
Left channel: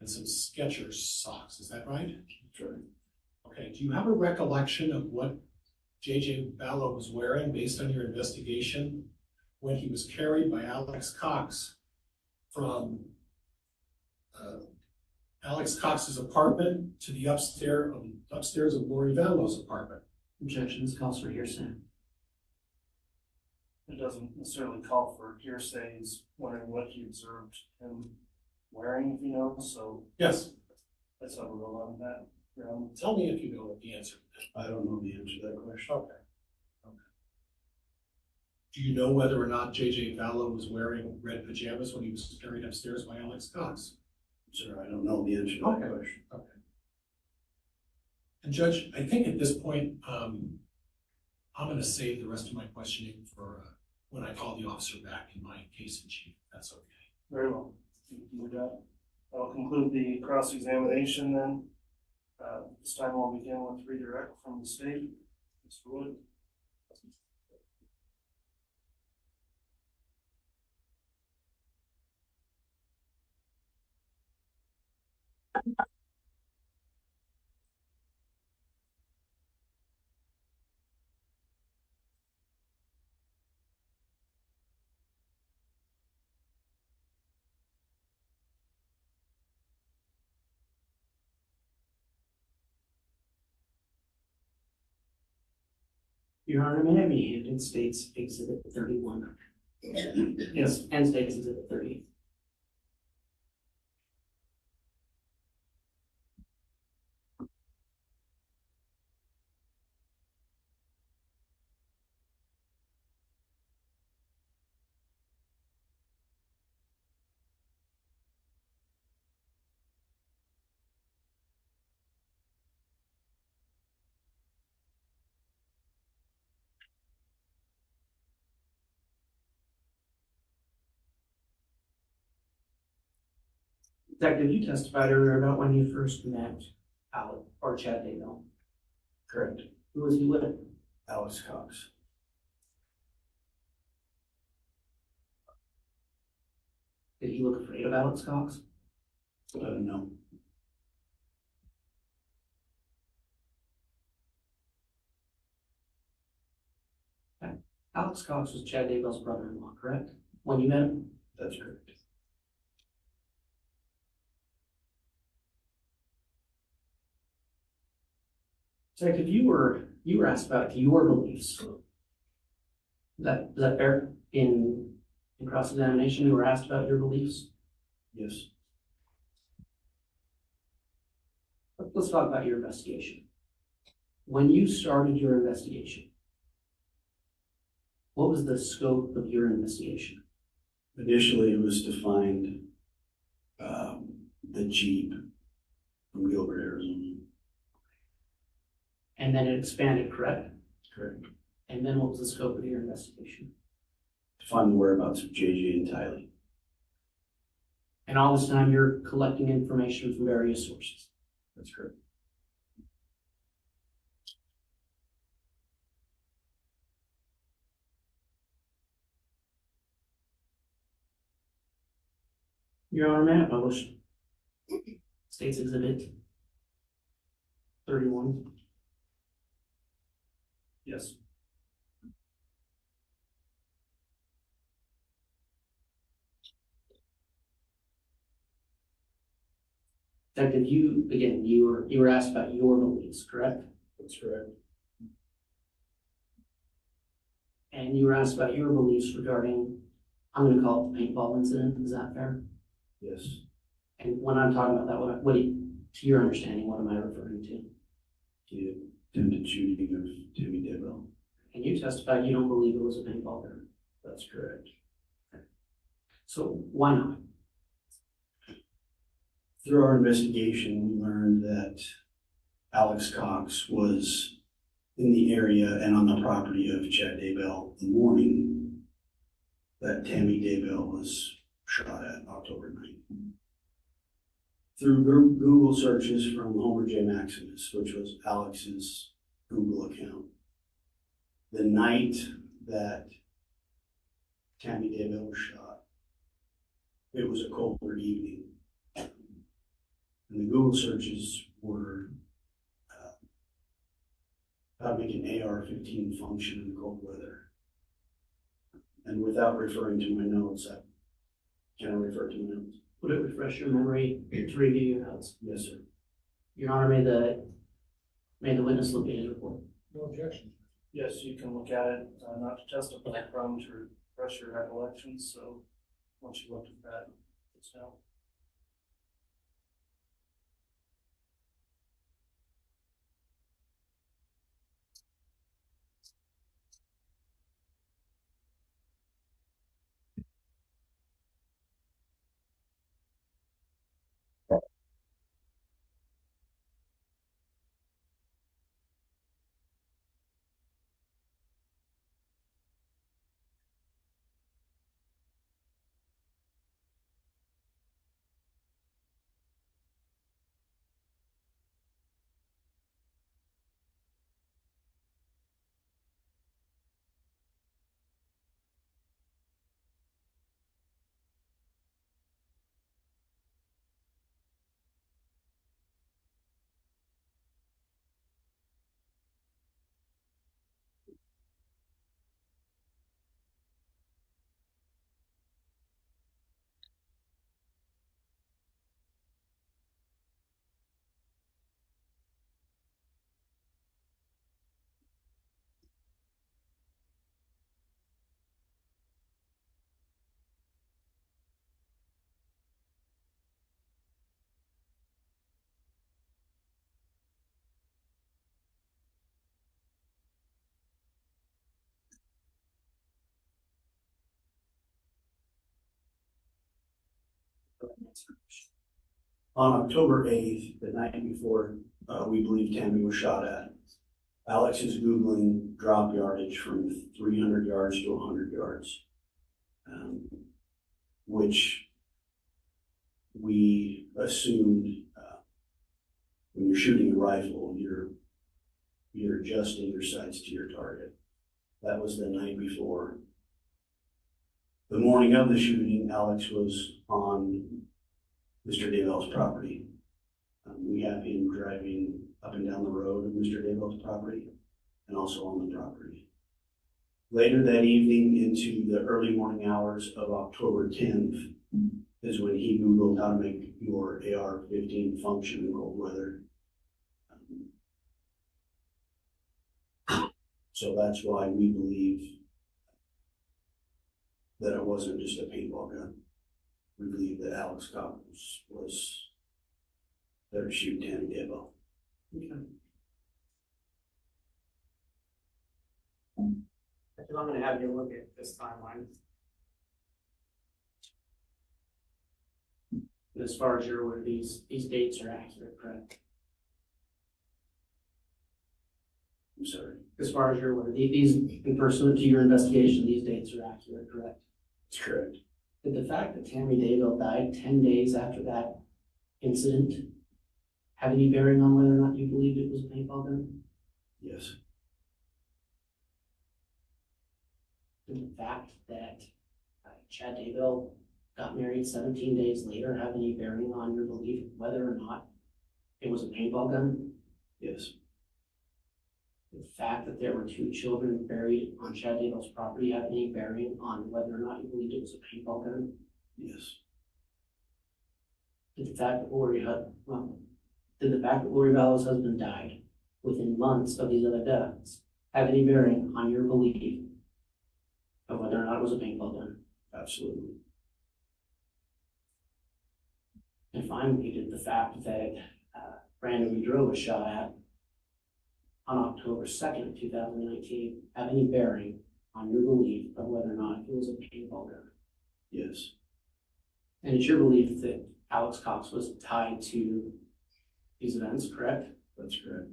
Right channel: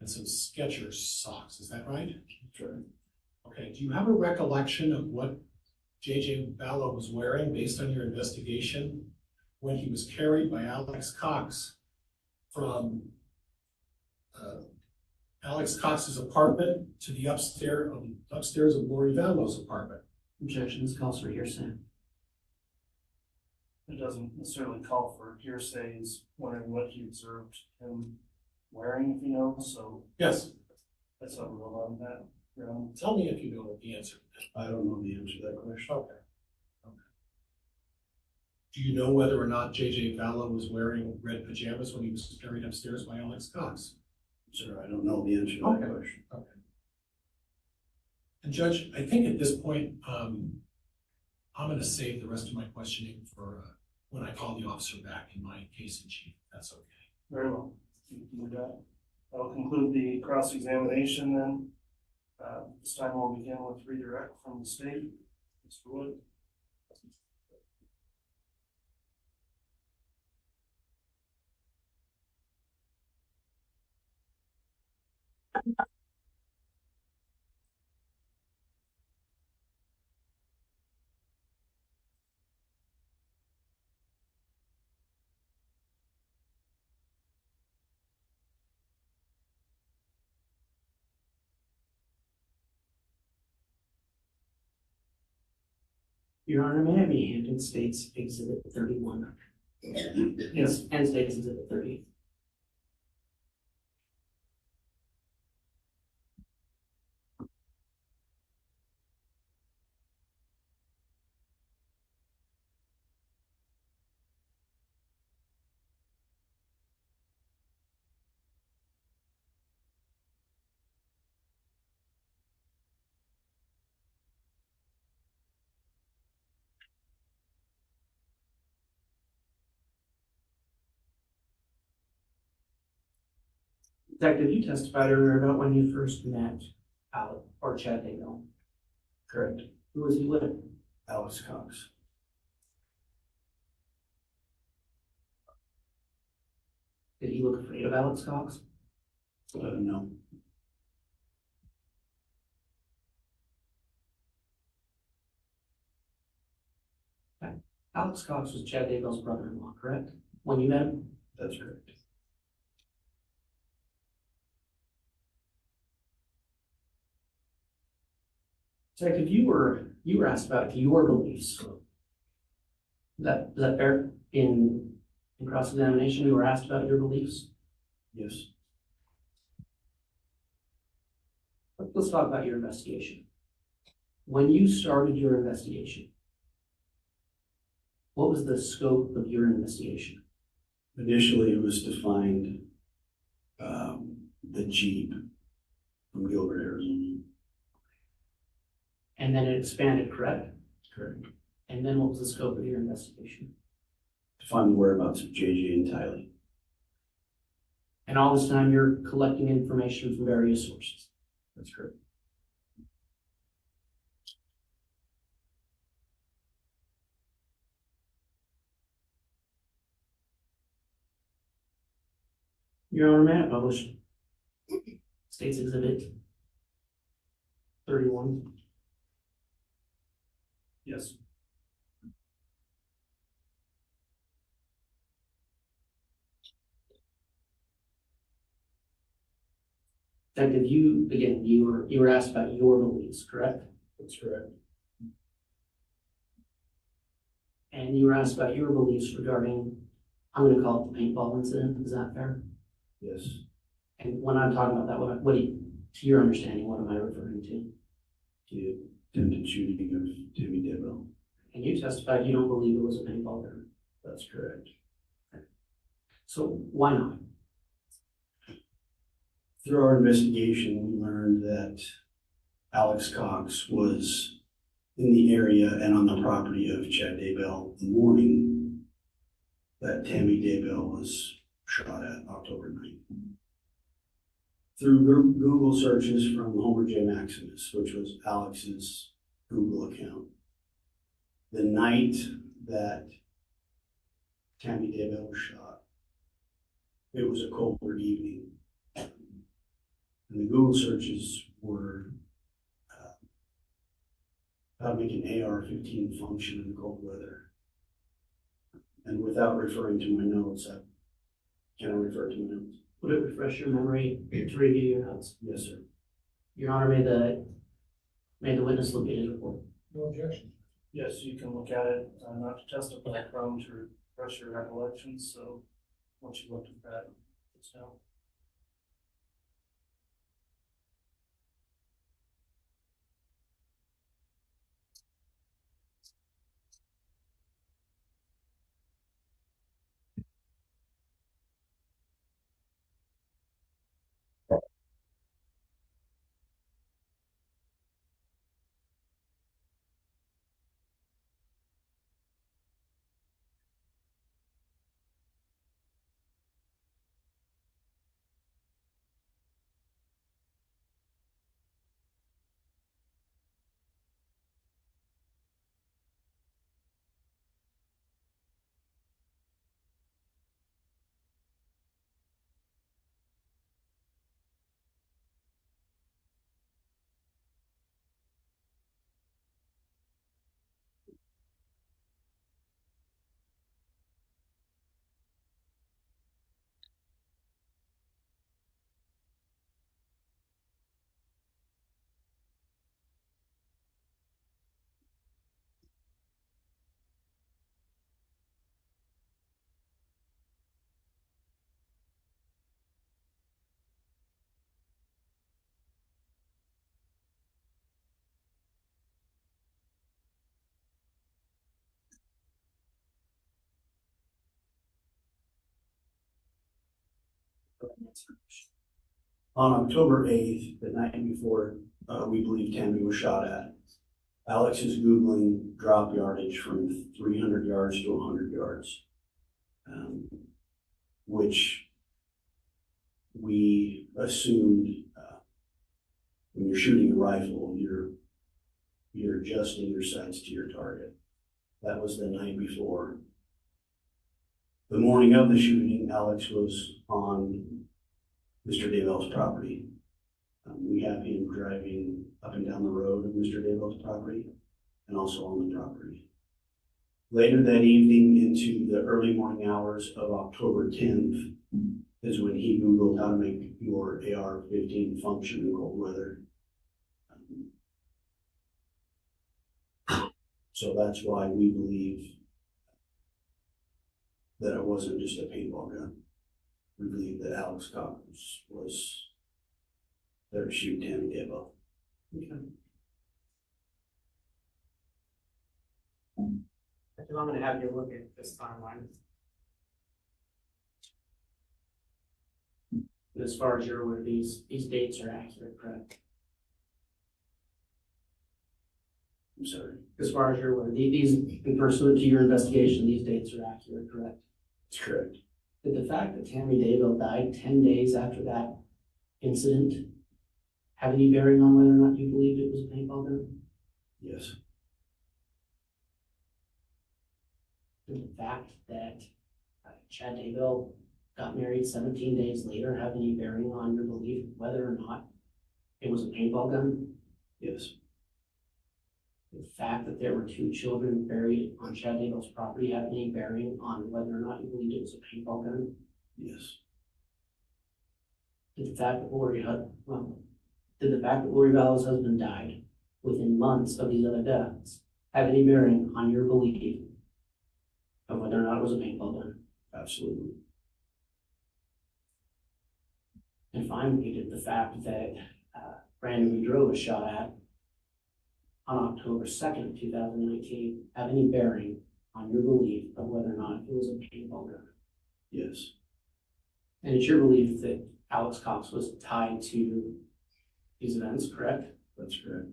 and some Skechers socks, is that right? Sure. Okay, do you have a recollection of what J.J. Ballo was wearing based on your investigation when he was carried by Alex Cox from Alex Cox's apartment to the upstairs of Lori Vallo's apartment? Objection, this calls for hearsay. It doesn't necessarily call for hearsay. He's wondering what he observed him wearing, if you know, so Yes, that's how we'll go on that. tell me if you know the answer. I don't know the answer to that question. Okay. Do you know whether or not J.J. Vallo was wearing red pajamas when he was carried upstairs by Alex Cox? Sir, I don't know the answer to that Okay. question. Okay. And Judge, I think at this point, I'm gonna save the rest of my questioning for when I call the officer back in my case in chief. That's okay. Very well. You can do that. I'll conclude the cross-examination then. This time we'll begin with redirect from the state. Mr. Wood. Your Honor, may I be handed State's Exhibit 31? Yes. And State's Exhibit 30. Detective, you testified earlier about when you first met Alec or Chad Daybell. Correct. Who was he with? Alex Cox. Did he look afraid of Alex Cox? No. Alex Cox was Chad Daybell's brother-in-law, correct? When you met him? That's correct. Detective, you were asked about your beliefs. Is that fair? In cross-examination, you were asked about your beliefs? Yes. Let's talk about your investigation. When you started your investigation, what was the scope of your investigation? Initially, it was to find the Jeep from Gilbert, Arizona. And then it expanded, correct? Correct. And then what was the scope of your investigation? To find the whereabouts of JJ and Tylee. And all this time you're collecting information from various sources. That's correct. Your Honor, may I publish State's Exhibit 31? Yes. Detective, you were asked about your beliefs, correct? That's correct. And you were asked about your beliefs regarding, I'm gonna call it the paintball incident, is that fair? Yes. And when I'm talking about that, to your understanding, what am I referring to? The attempted shooting of Timmy Daybell. And you testified you don't believe it was a paintball gun. That's correct. So why not? Through our investigation, we learned that Alex Cox was in the area and on the property of Chad Daybell the morning that Tammy Daybell was shot at October 9th. Through Google searches from Homer J. Maximus, which was Alex's Google account, the night that Tammy Daybell was shot, it was a colder evening. And the Google searches were how to make an AR-15 function in cold weather. And without referring to my notes, can I refer to my notes? Would it refresh your memory to review your notes? Yes, sir. Your Honor, may the witness look at his report. No objection. Yes, you can look at it, not to testify, prone to refresh your recollections, so once you looked at that, it's now. On October 8th, the night before we believe Tammy was shot at, Alex is Googling drop yardage from 300 yards to 100 yards, which we assumed when you're shooting a rifle, you're adjusting your sights to your target. That was the night before. The morning of the shooting, Alex was on Mr. Daybell's property. We have him driving up and down the road of Mr. Daybell's property and also on the property. Later that evening into the early morning hours of October 10th is when he Googled how to make your AR-15 function in cold weather. So that's why we believe that it wasn't just a paintball gun. We believe that Alex Cox was there to shoot Tammy Daybell. Okay. I'm going to have you look at this timeline. As far as you're aware, these dates are accurate, correct? I'm sorry. As far as you're aware, these, in pursuant to your investigation, these dates are accurate, correct? That's correct. Did the fact that Tammy Daybell died 10 days after that incident have any bearing on whether or not you believed it was a paintball gun? Yes. Did the fact that Chad Daybell got married 17 days later have any bearing on your belief whether or not it was a paintball gun? Yes. The fact that there were 2 children buried on Chad Daybell's property have any bearing on whether or not you believed it was a paintball gun? Yes. Did the fact that Lori Vallow's husband died within months of these other deaths have any bearing on your belief of whether or not it was a paintball gun? Absolutely. And finally, did the fact that Brandon Boudreaux was shot at on October 2nd, 2019 have any bearing on your belief of whether or not it was a paintball gun? Yes. And it's your belief that Alex Cox was tied to these events, correct? That's correct.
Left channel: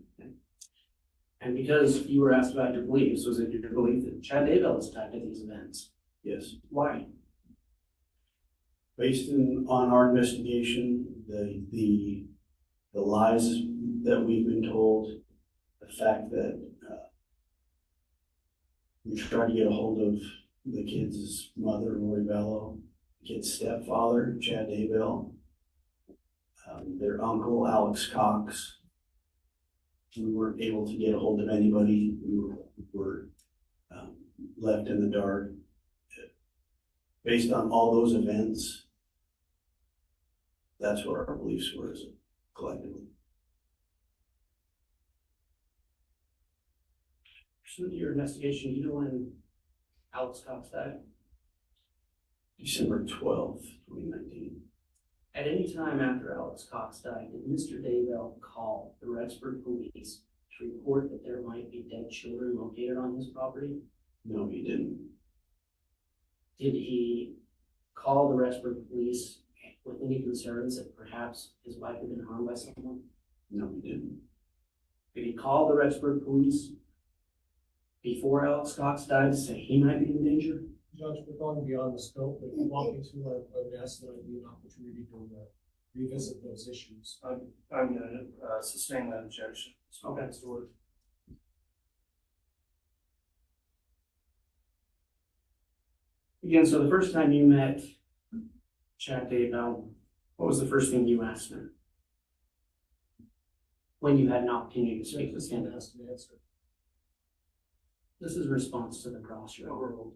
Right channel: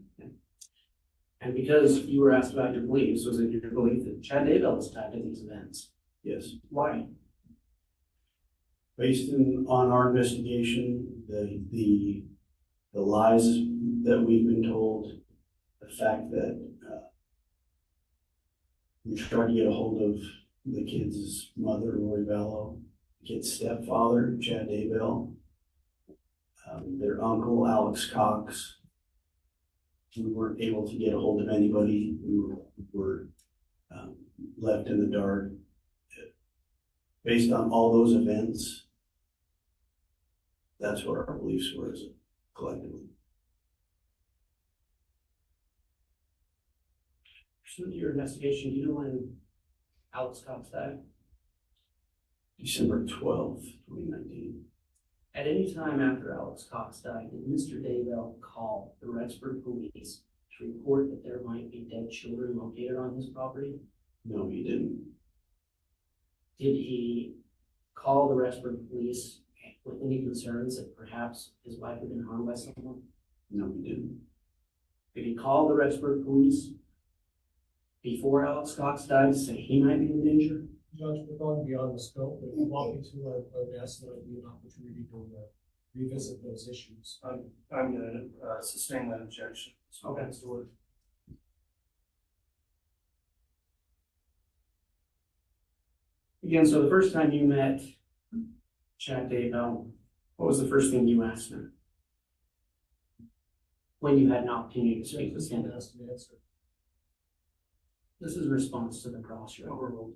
And because you were asked about your beliefs, was it your belief that Chad Daybell was tied to these events? Yes. Why? Based on our investigation, the lies that we've been told, the fact that we tried to get a hold of the kids' mother, Lori Vallow, kid's stepfather, Chad Daybell, their uncle, Alex Cox. We weren't able to get a hold of anybody. We were left in the dark. Based on all those events, that's what our beliefs were as a collectively. Pursuant to your investigation, you know when Alex Cox died? December 12th, 2019. At any time after Alex Cox died, did Mr. Daybell call the Rexburg police to report that there might be dead children located on his property? No, he didn't. Did he call the Rexburg police with any concerns that perhaps his wife had been harmed by someone? No, he didn't. Did he call the Rexburg police before Alex Cox died to say he might be in danger? Judge, we're going beyond the scope, but if you want me to, I'd ask that it be an opportunity to revisit those issues. I'm gonna sustain that objection. Okay. Again, so the first time you met Chad Daybell, what was the first thing you asked him? When you had an opportunity to speak with him? Ask an answer. This is a response to the cross, your overruled.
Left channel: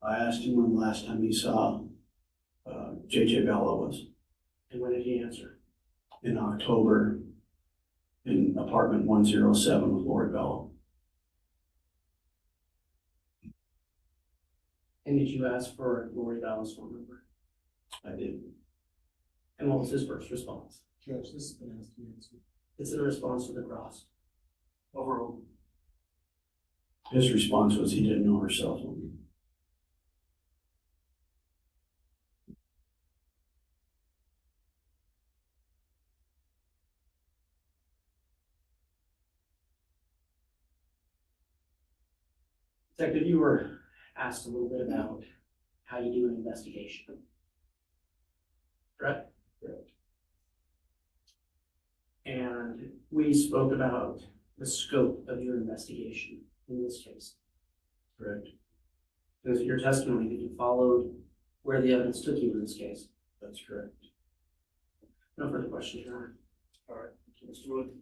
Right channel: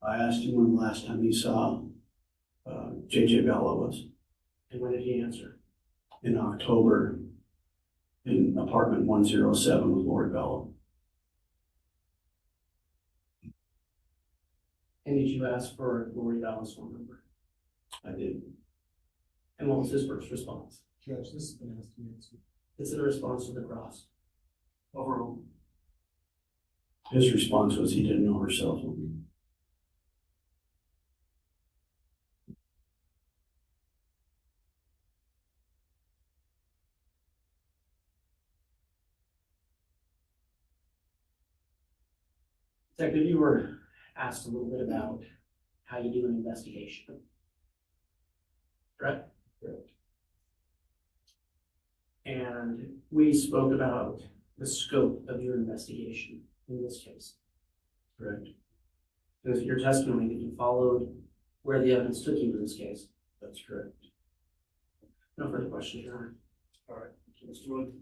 I asked him when the last time he saw JJ Bella was. And when did he answer? In October in apartment 107 with Lori Bella. And did you ask for Lori Bella's phone number? I did. And what was his first response? Judge, this has been asked to answer. It's a response to the cross. Overruled. His response was he didn't know her cell phone. Detective, you were asked a little bit about how you do an investigation. Correct? Correct. And we spoke about the scope of your investigation in this case. Correct. It was your testimony that you followed where the evidence took you in this case. That's correct. No further questions, Your Honor. All right, Mr. Wood.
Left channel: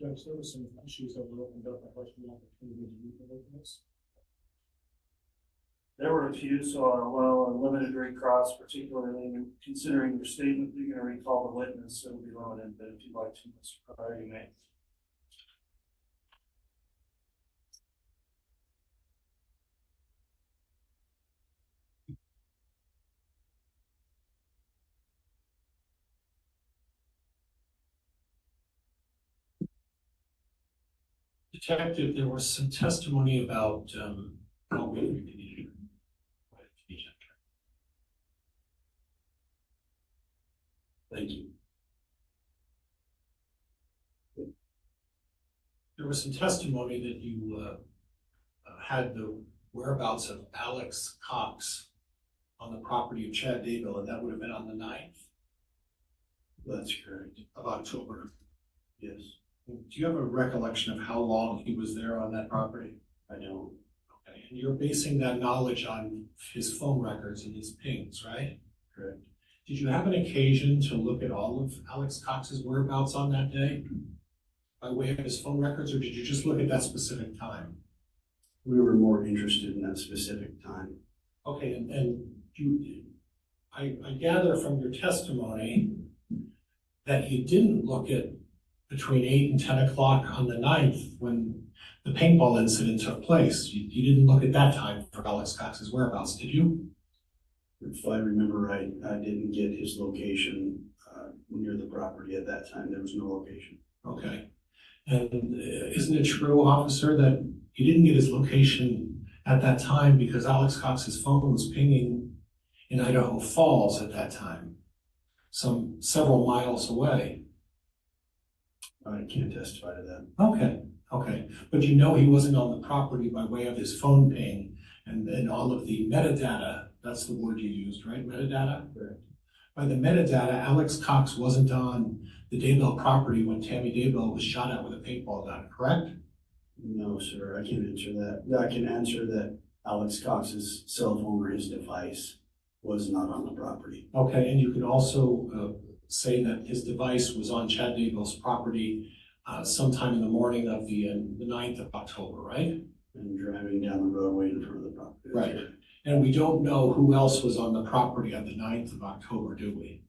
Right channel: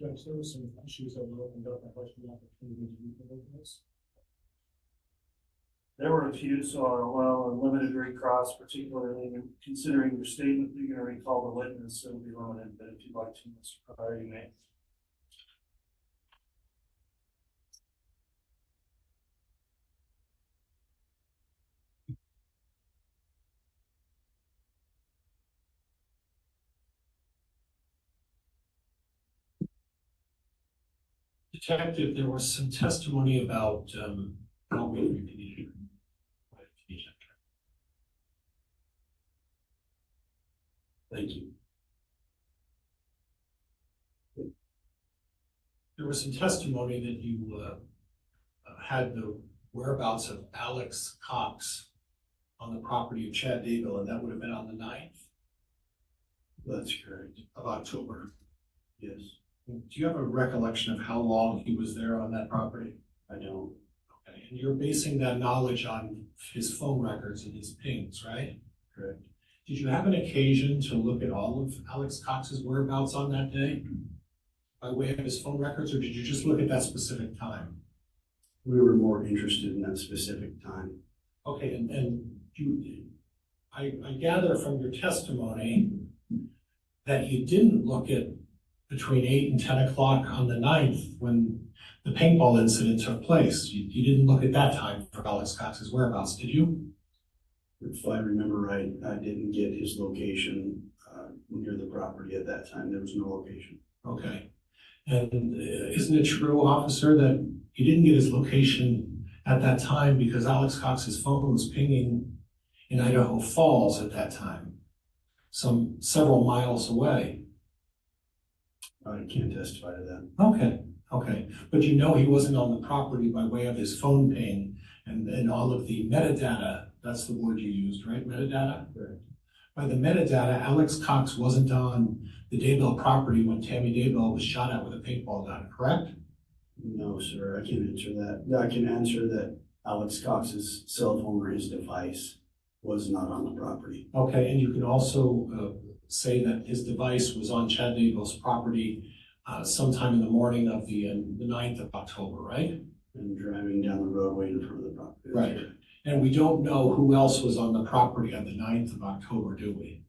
Judge, there were some issues that were opened up. I'd like the opportunity to meet with this. There were a few, so I'll allow unlimited recross, particularly considering your statement that you're gonna recall the witness, it'll be limited, but if you'd like to, Mr. Pryor, you may. Detective, there was some testimony about, I'll read it to you. Thank you. There was some testimony that you had the whereabouts of Alex Cox on the property of Chad Daybell, and that would have been on the 9th That's correct. of October. Yes. Do you have a recollection of how long he was there on that property? I don't. Okay, and you're basing that knowledge on his phone records and his pings, right? Correct. Did you have an occasion to look at all of Alex Cox's whereabouts on that day by way of his phone records, or did you just look at that specific time? We were more interested in that specific time. Okay, and I gather from your testimony that you didn't look at between 8 and 10 o'clock on the 9th when the paintball incident took place. You didn't look at that time for Alex Cox's whereabouts, did you? If I remember right, I didn't get his location near the property at that time. There was no location. Okay. And isn't it true, officer, that you didn't get his location at that time because Alex Cox's phone was pinging in Idaho Falls at that time, several miles away? I can't testify to that. Okay. But you know he wasn't on the property by way of his phone ping and all of the metadata. That's the word you used, right? Metadata? Correct. By the metadata, Alex Cox wasn't on the Daybell property when Tammy Daybell was shot at with a paintball gun, correct? No, sir, I can't answer that. I can answer that Alex Cox's cell phone or his device was not on the property. Okay, and you can also say that his device was on Chad Daybell's property sometime in the morning of the 9th of October, right? And driving down the roadway in front of the property. Right. And we don't know who else was on the property on the 9th of October, do we?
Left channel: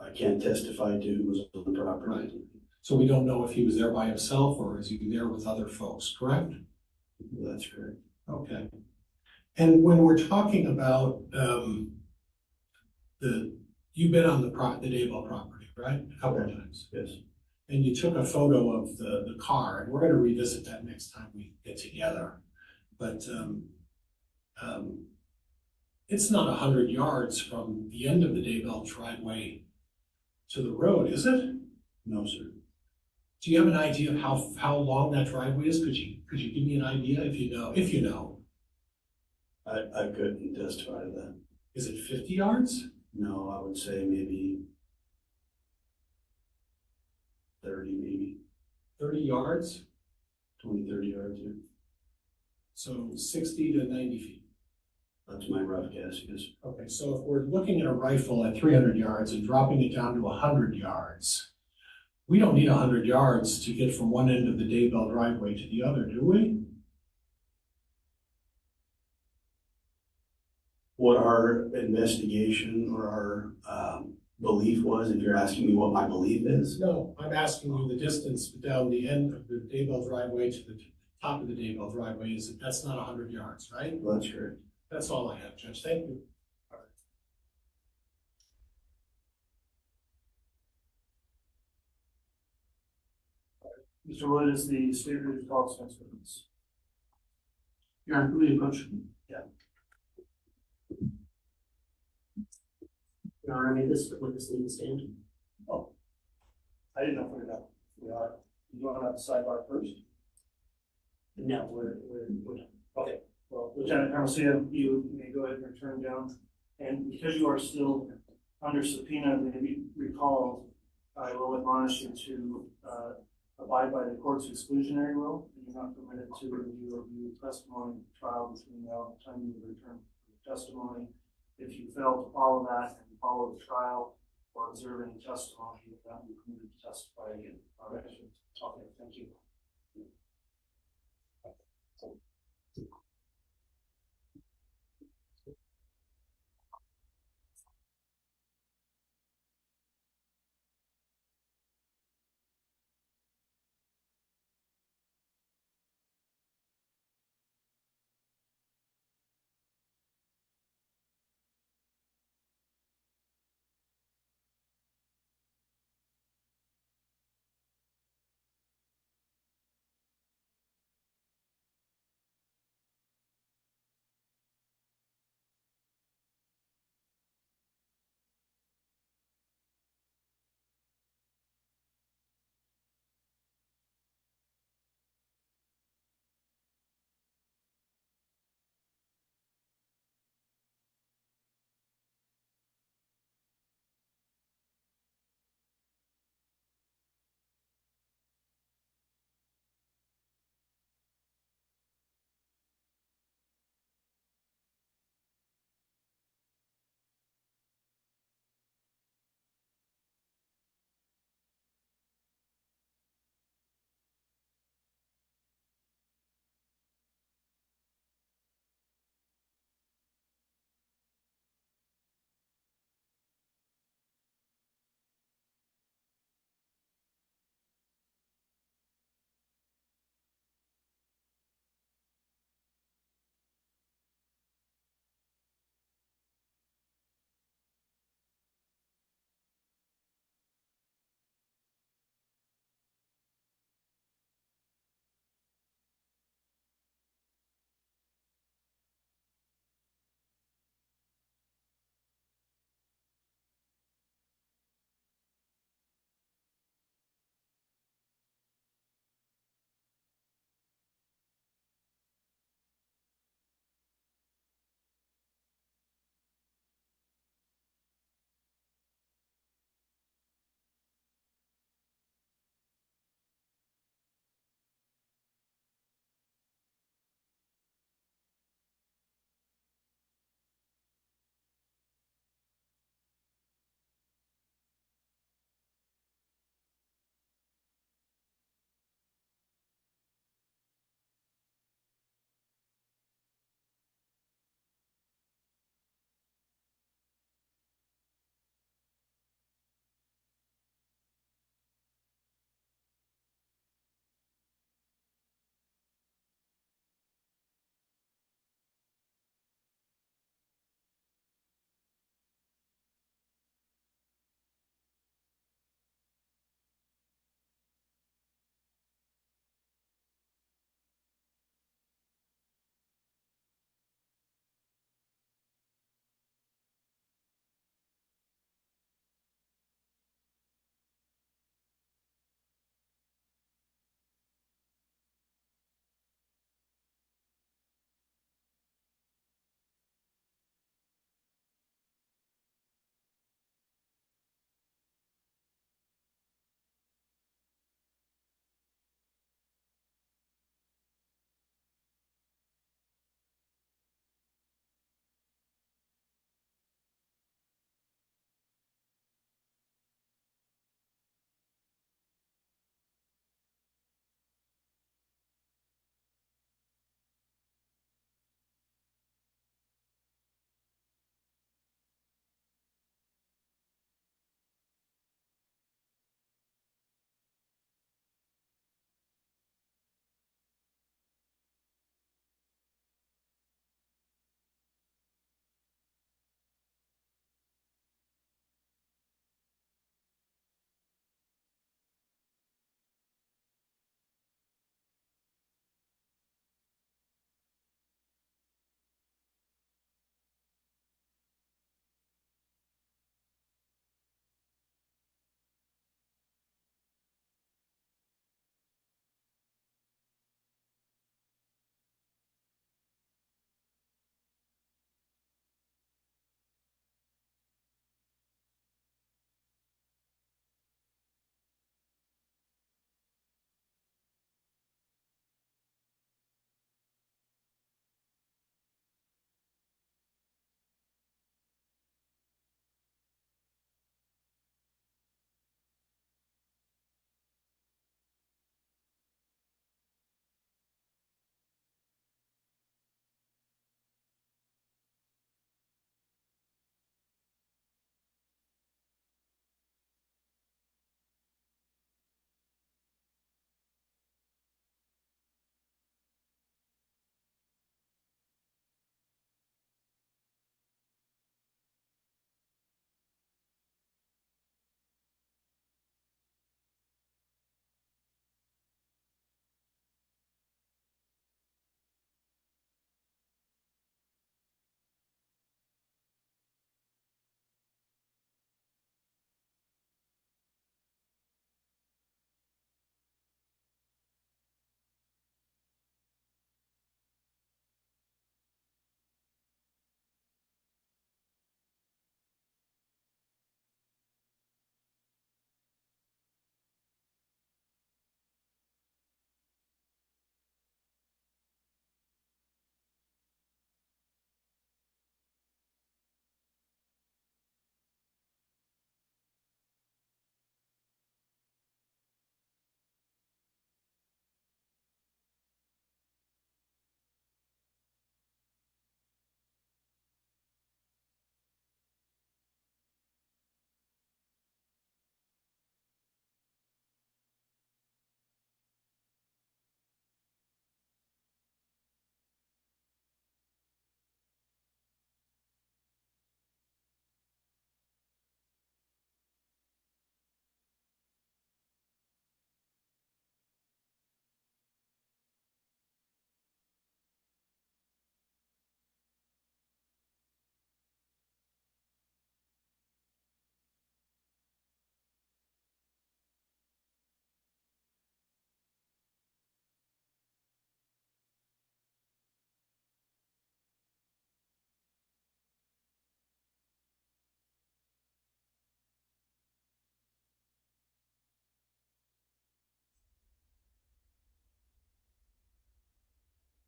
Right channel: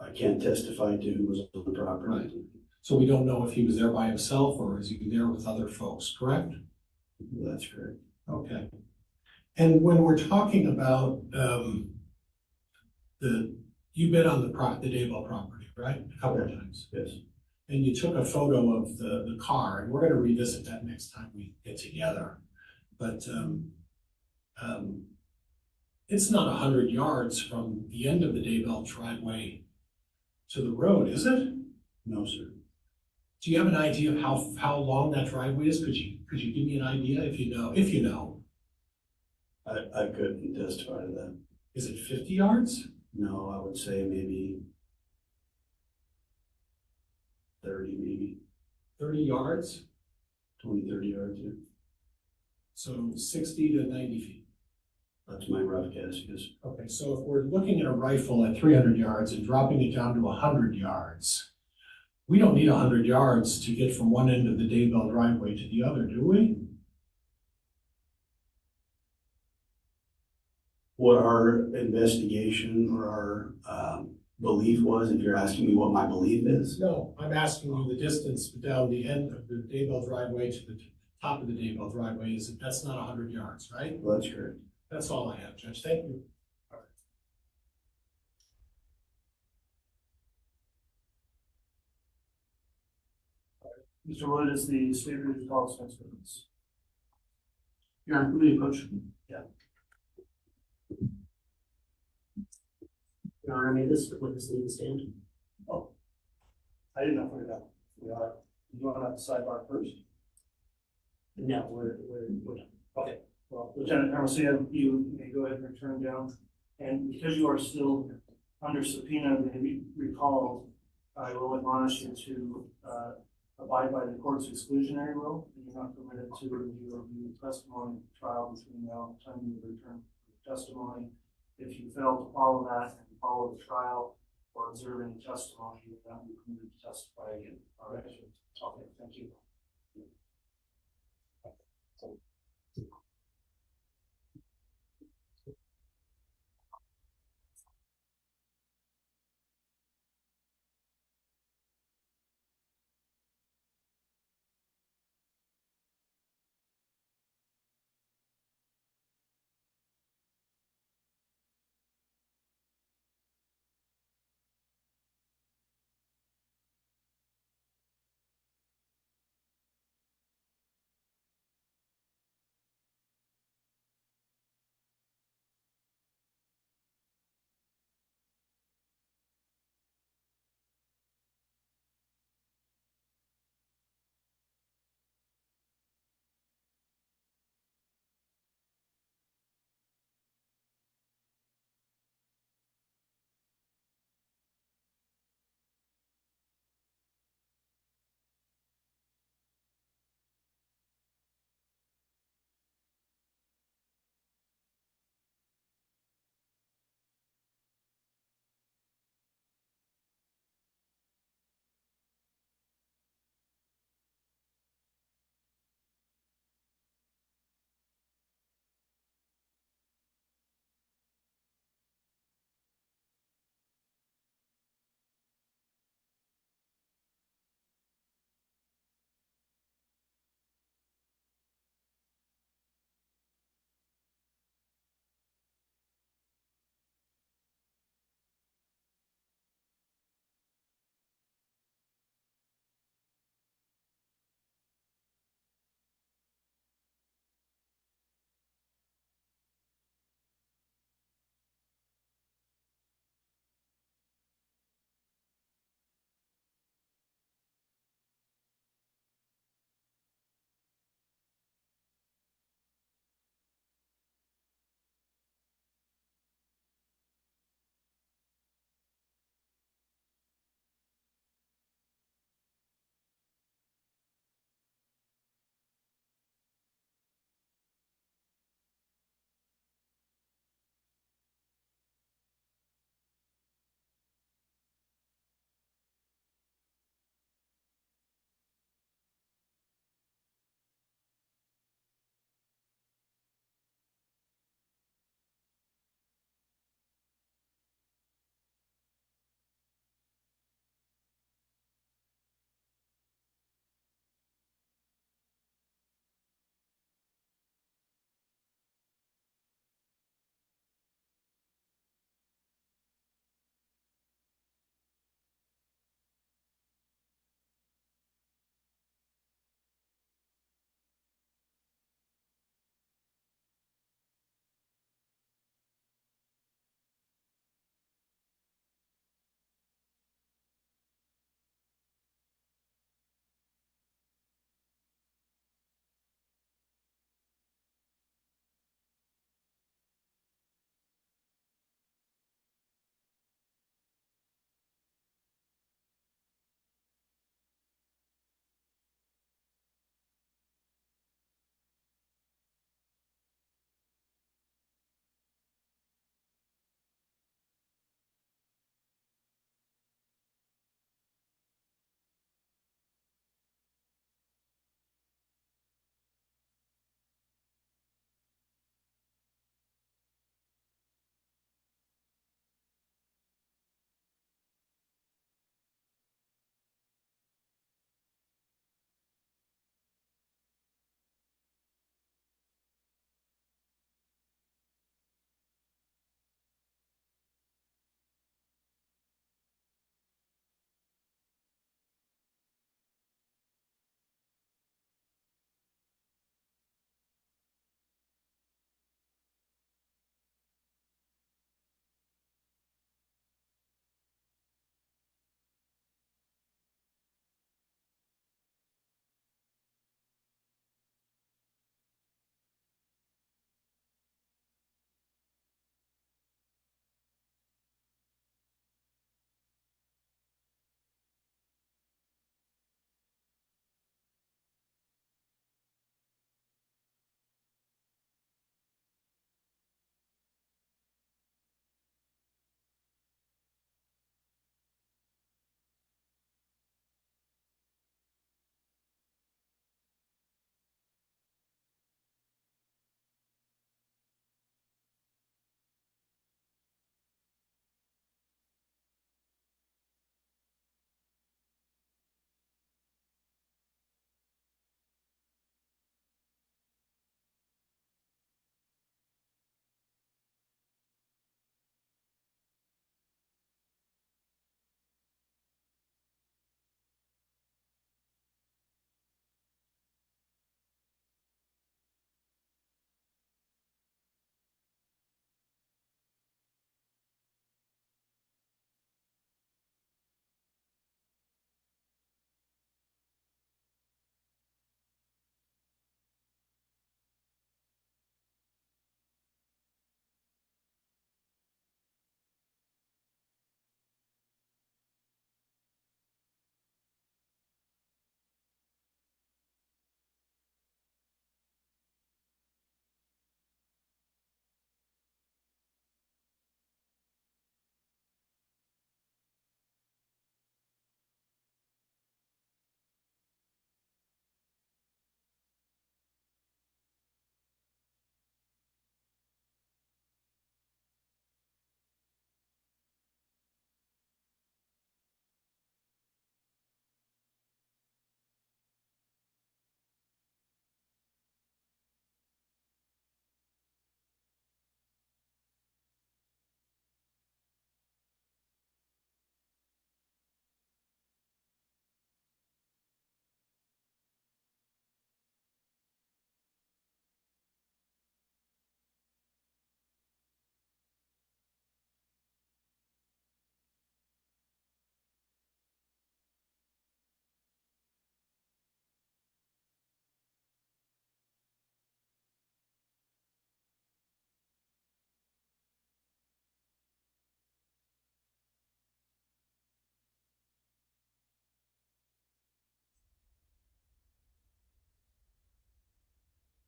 I can't testify to who was on the property. Right. So we don't know if he was there by himself or is he there with other folks, correct? That's correct. Okay. And when we're talking about you've been on the Daybell property, right? A couple of times. Yes. And you took a photo of the car, and we're gonna revisit that next time we get together. But it's not 100 yards from the end of the Daybell driveway to the road, is it? No, sir. Do you have an idea of how long that driveway is? Could you give me an idea if you know? If you know, I couldn't testify to that. is it 50 yards? No, I would say maybe 30, maybe 30 yards? 20, 30 yards. Yeah. So 60 to 90 feet. That's my rough guess, yes. Okay, so if we're looking at a rifle at 300 yards and dropping it down to 100 yards, we don't need 100 yards to get from one end of the Daybell driveway to the other, do we? What our investigation or our belief was, if you're asking me what my belief is, No, I'm asking you the distance down the end of the Daybell driveway to the top of the Daybell driveway that's not 100 yards, right? that's correct. That's all I have, Judge. Thank you. Mr. Wood is the state ready call us next witness. Your Honor, can we approach? Yeah. Your Honor, may this witness leave the stand? I didn't know if we are. You want to have the sidebar first? No, we're done. Okay, well, Lieutenant Garcia, you may go ahead and return down. And because you are still under subpoena, maybe recall, I will admonish you to abide by the court's exclusionary rule. You're not permitted to review testimony trial between now and the time you return for testimony. If you fail to follow that and follow the trial or observe any testimony, you will not be permitted to testify again. All right. Okay, thank you.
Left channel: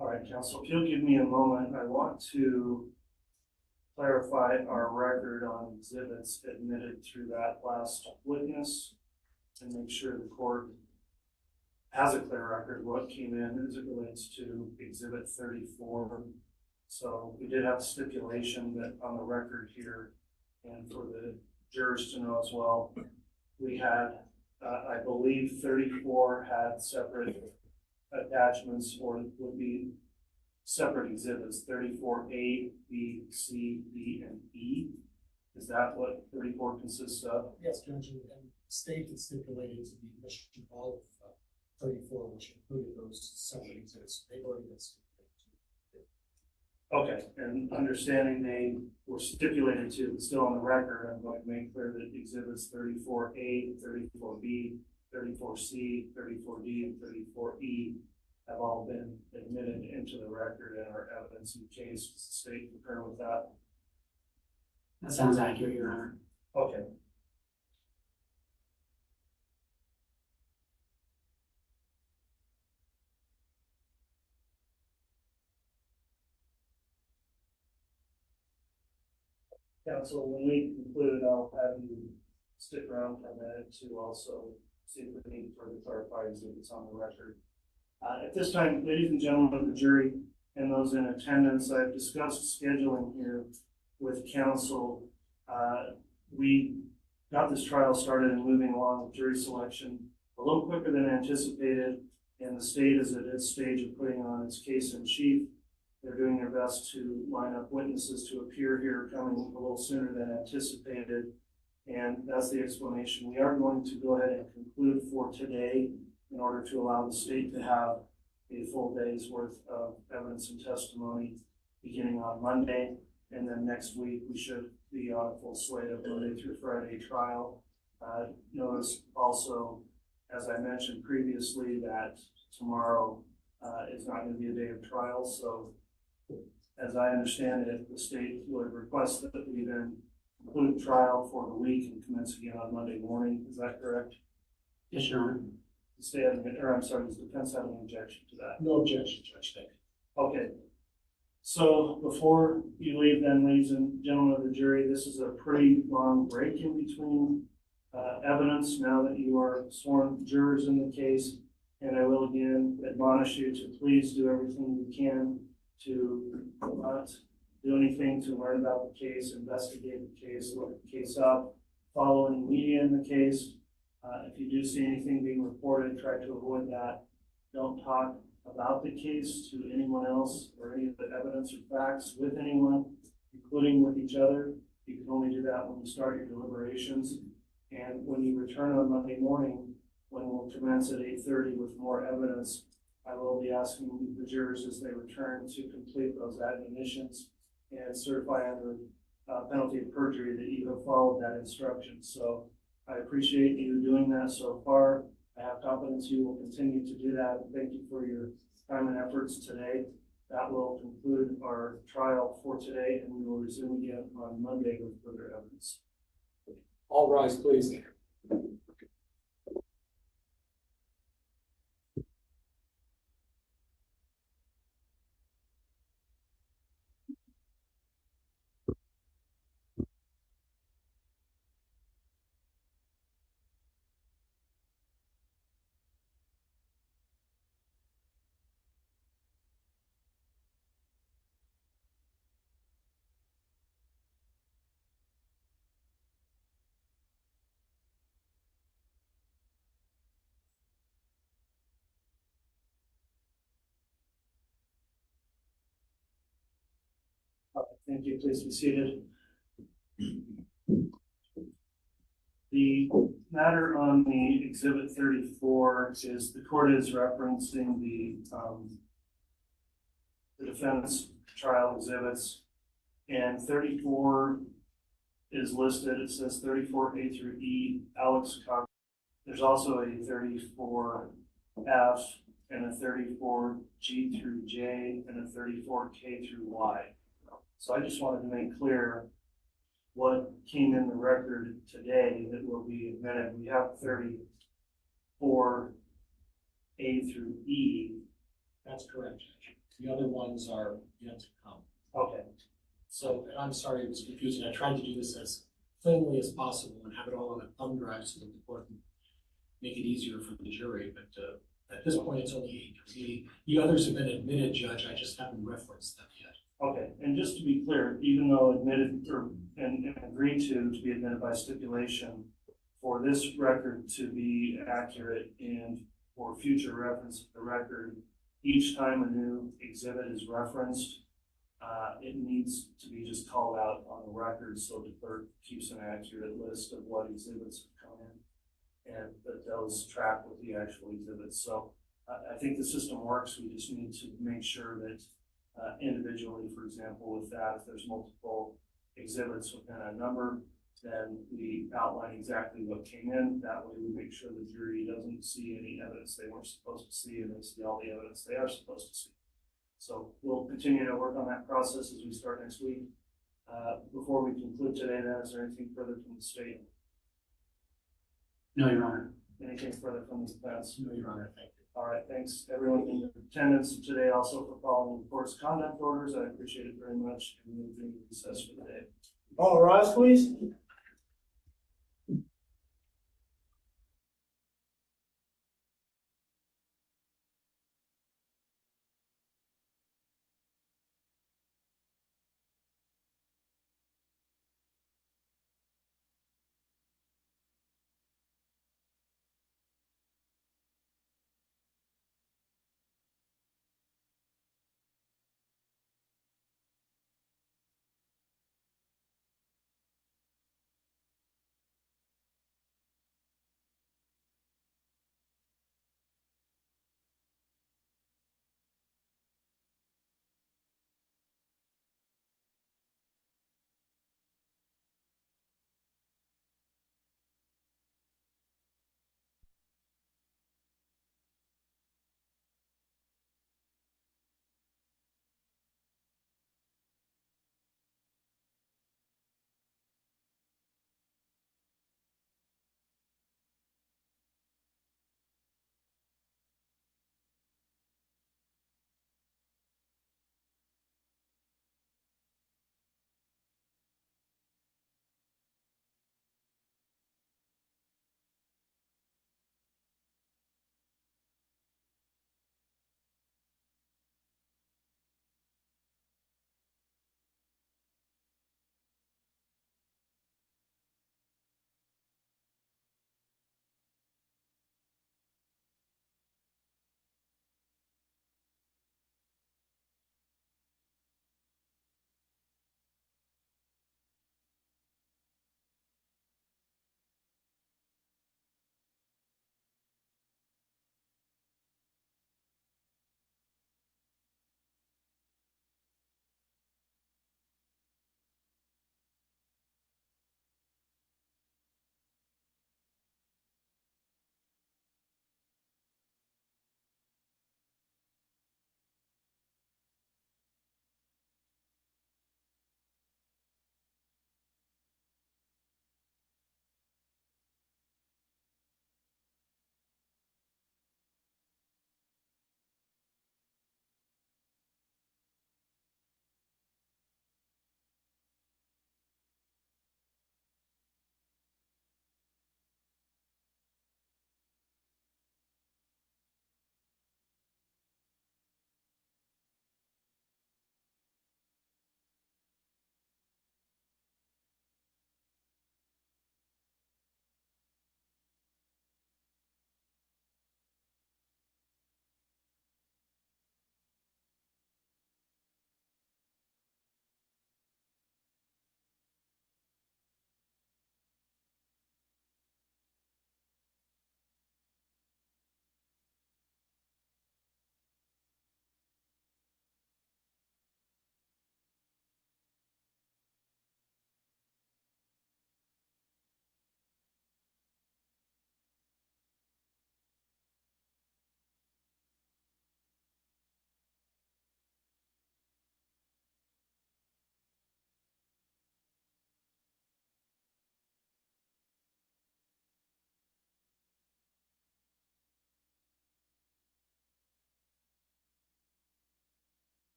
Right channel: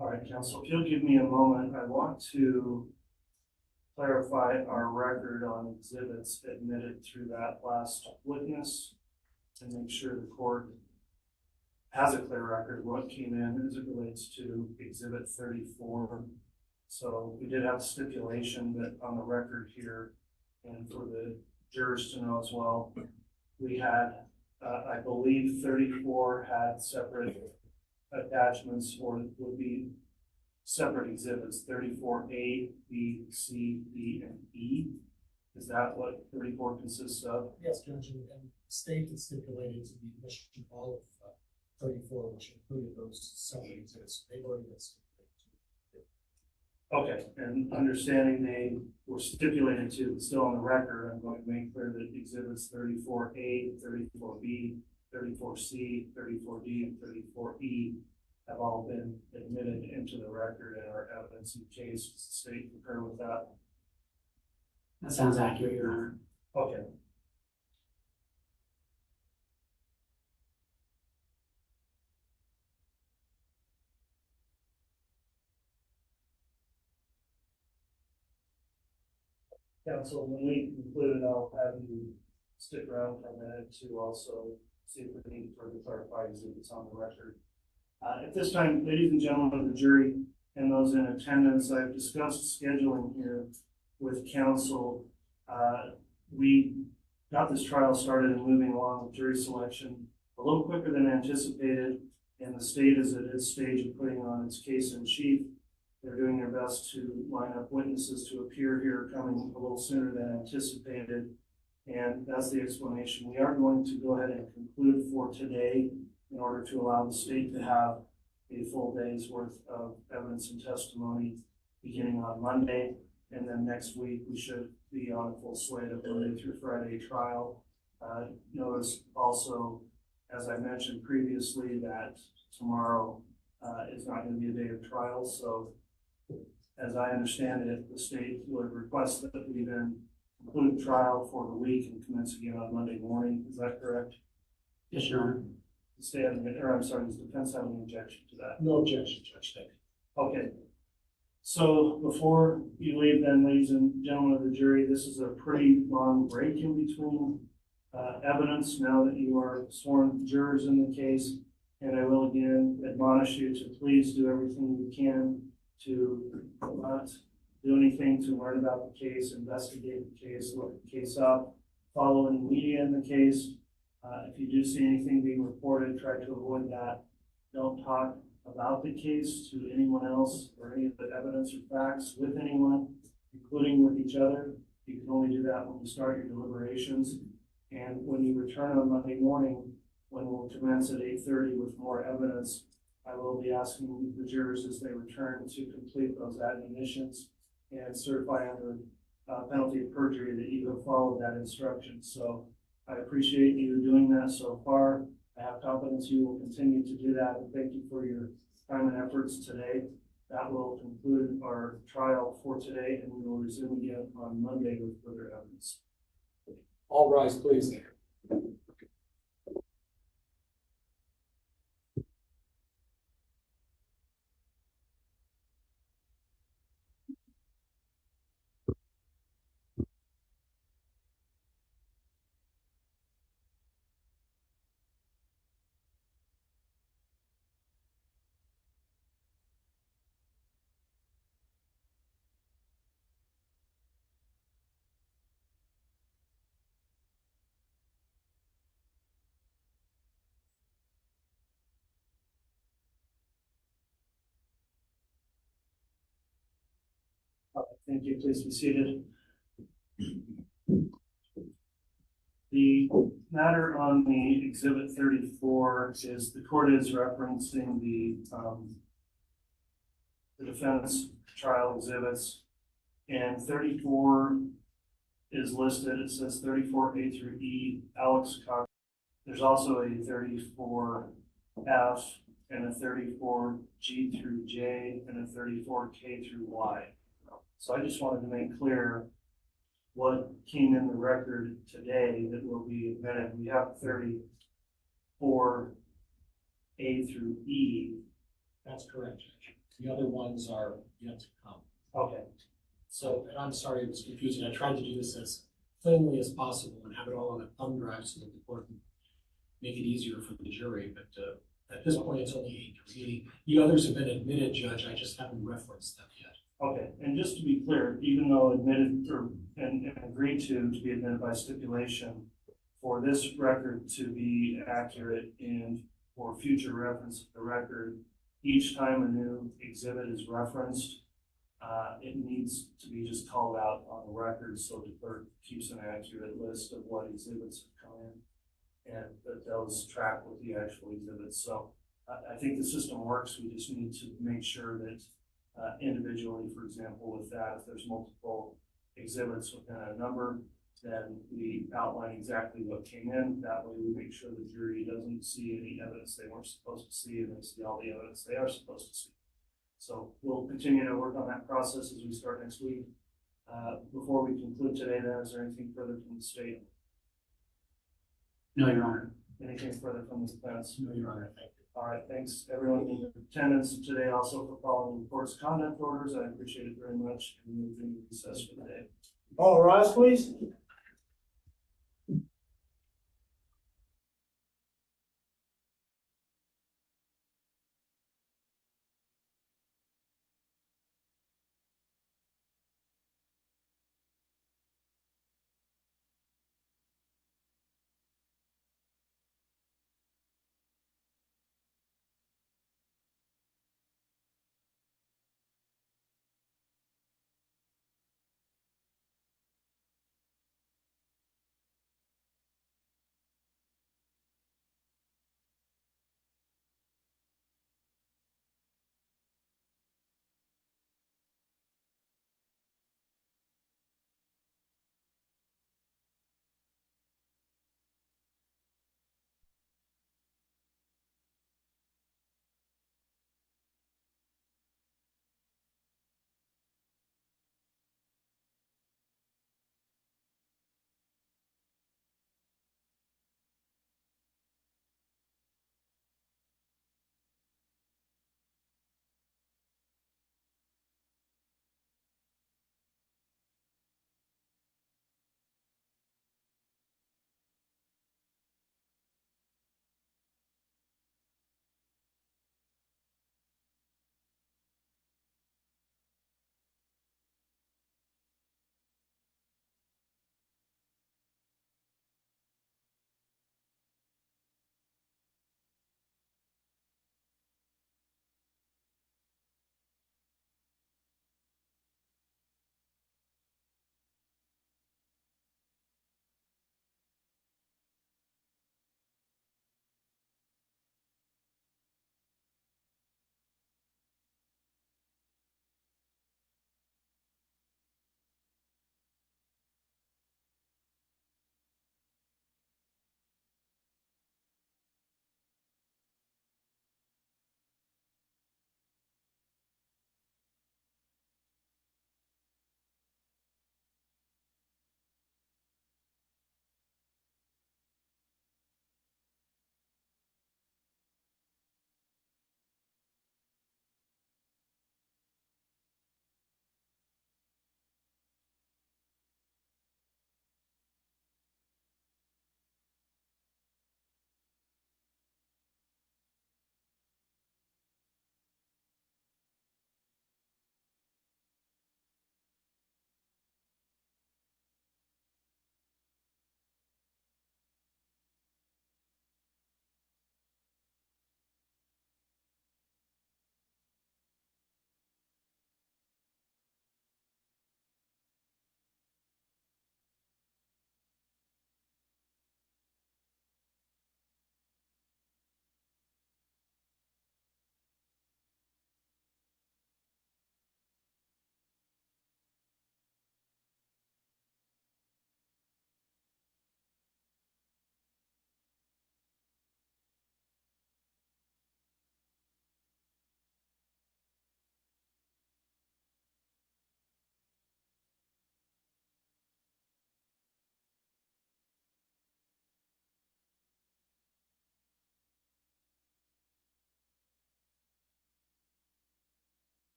All right, council, if you'll give me a moment, I want to clarify our record on exhibits admitted through that last witness and make sure the court has a clear record of what came in as it relates to exhibit 34. So we did have a stipulation that on the record here, and for the jurors to know as well, we had, I believe 34 had separate attachments or would be separate exhibits, 34A, B, C, D, and E. Is that what 34 consists of? Yes, Judge, and the state had stipulated to the admission of all of 34, which included those separate exhibits. They've already been stipulated. Okay, and understanding they were stipulated to, but still on the record, I'm going to make clear that exhibits 34A, 34B, 34C, 34D, and 34E have all been admitted into the record and are evidence in the case. Does the state concur with that? That sounds accurate, Your Honor. Okay. Council, when we conclude, I'll have you stick around for a minute to also see if we need further clarified exhibits on the record. At this time, ladies and gentlemen of the jury and those in attendance, I've discussed scheduling here with counsel. We got this trial started and moving along with jury selection a little quicker than anticipated, and the state is at its stage of putting on its case in chief. They're doing their best to line up witnesses to appear here, coming a little sooner than anticipated, and that's the explanation. We are going to go ahead and conclude for today in order to allow the state to have a full day's worth of evidence and testimony beginning on Monday, and then next week we should be on a full slate of Monday through Friday trial. Notice also, as I mentioned previously, that tomorrow is not going to be a day of trial, so as I understand it, the state would request that we then conclude trial for the week and commence again on Monday morning. Is that correct? Yes, Your Honor. The state, or I'm sorry, does the defense have any objection to that? No objection, Judge. Thank you. Okay. So before you leave then, ladies and gentlemen of the jury, this is a pretty long break in between evidence now that you are sworn jurors in the case. And I will again admonish you to please do everything you can to not do anything to learn about the case, investigate the case, look the case up, follow any media in the case. If you do see anything being reported, try to avoid that. Don't talk about the case to anyone else or any of the evidence or facts with anyone, including with each other. You can only do that when you start your deliberations. And when you return on Monday morning, when we'll commence at 8:30 with more evidence, I will be asking the jurors as they return to complete those admonitions and certify under penalty of perjury that you have followed that instruction. So I appreciate you doing that so far. I have confidence you will continue to do that. And thank you for your time and efforts today. That will conclude our trial for today, and we will resume again on Monday with further evidence. All rise, please. Thank you. Please be seated. The matter on the exhibit 34 is the court is referencing the defense trial exhibits, and 34 is listed. It says 34A through E, Alex Cox. There's also a 34F and a 34G through J and a 34K through Y. So I just wanted to make clear what came in the record today that will be admitted. We have 34A through E. That's correct, Judge. The other ones are yet to come. Okay, So, and I'm sorry it was confusing. I tried to do this as plainly as possible and have it all on a thumb drive so that the court can make it easier for the jury, but, at this point, it's only 8:30. The others have been admitted, Judge, I just haven't referenced them yet. okay, and just to be clear, even though admitted or, and agreed to be admitted by stipulation, for this record to be accurate and for future reference of the record, each time a new exhibit is referenced, it needs to be just called out on the record so the clerk keeps an accurate list of what exhibits have come in and that those track with the actual exhibits. So I think the system works. We just need to make sure that individually, for example, with that, if there's multiple exhibits within a number, then we outline exactly what came in. That way we make sure the jury doesn't see any evidence they weren't supposed to see and they see all the evidence they are supposed to see. So we'll continue to work on that process as we start next week. Before we conclude today, then, is there anything further from the state? No, Your Honor. Anything further from the defense? No, Your Honor, thank you. All right, thanks everyone in attendance today, also for following the court's conduct orders. I appreciate it very much, and we'll be in recess for the day. All rise, please.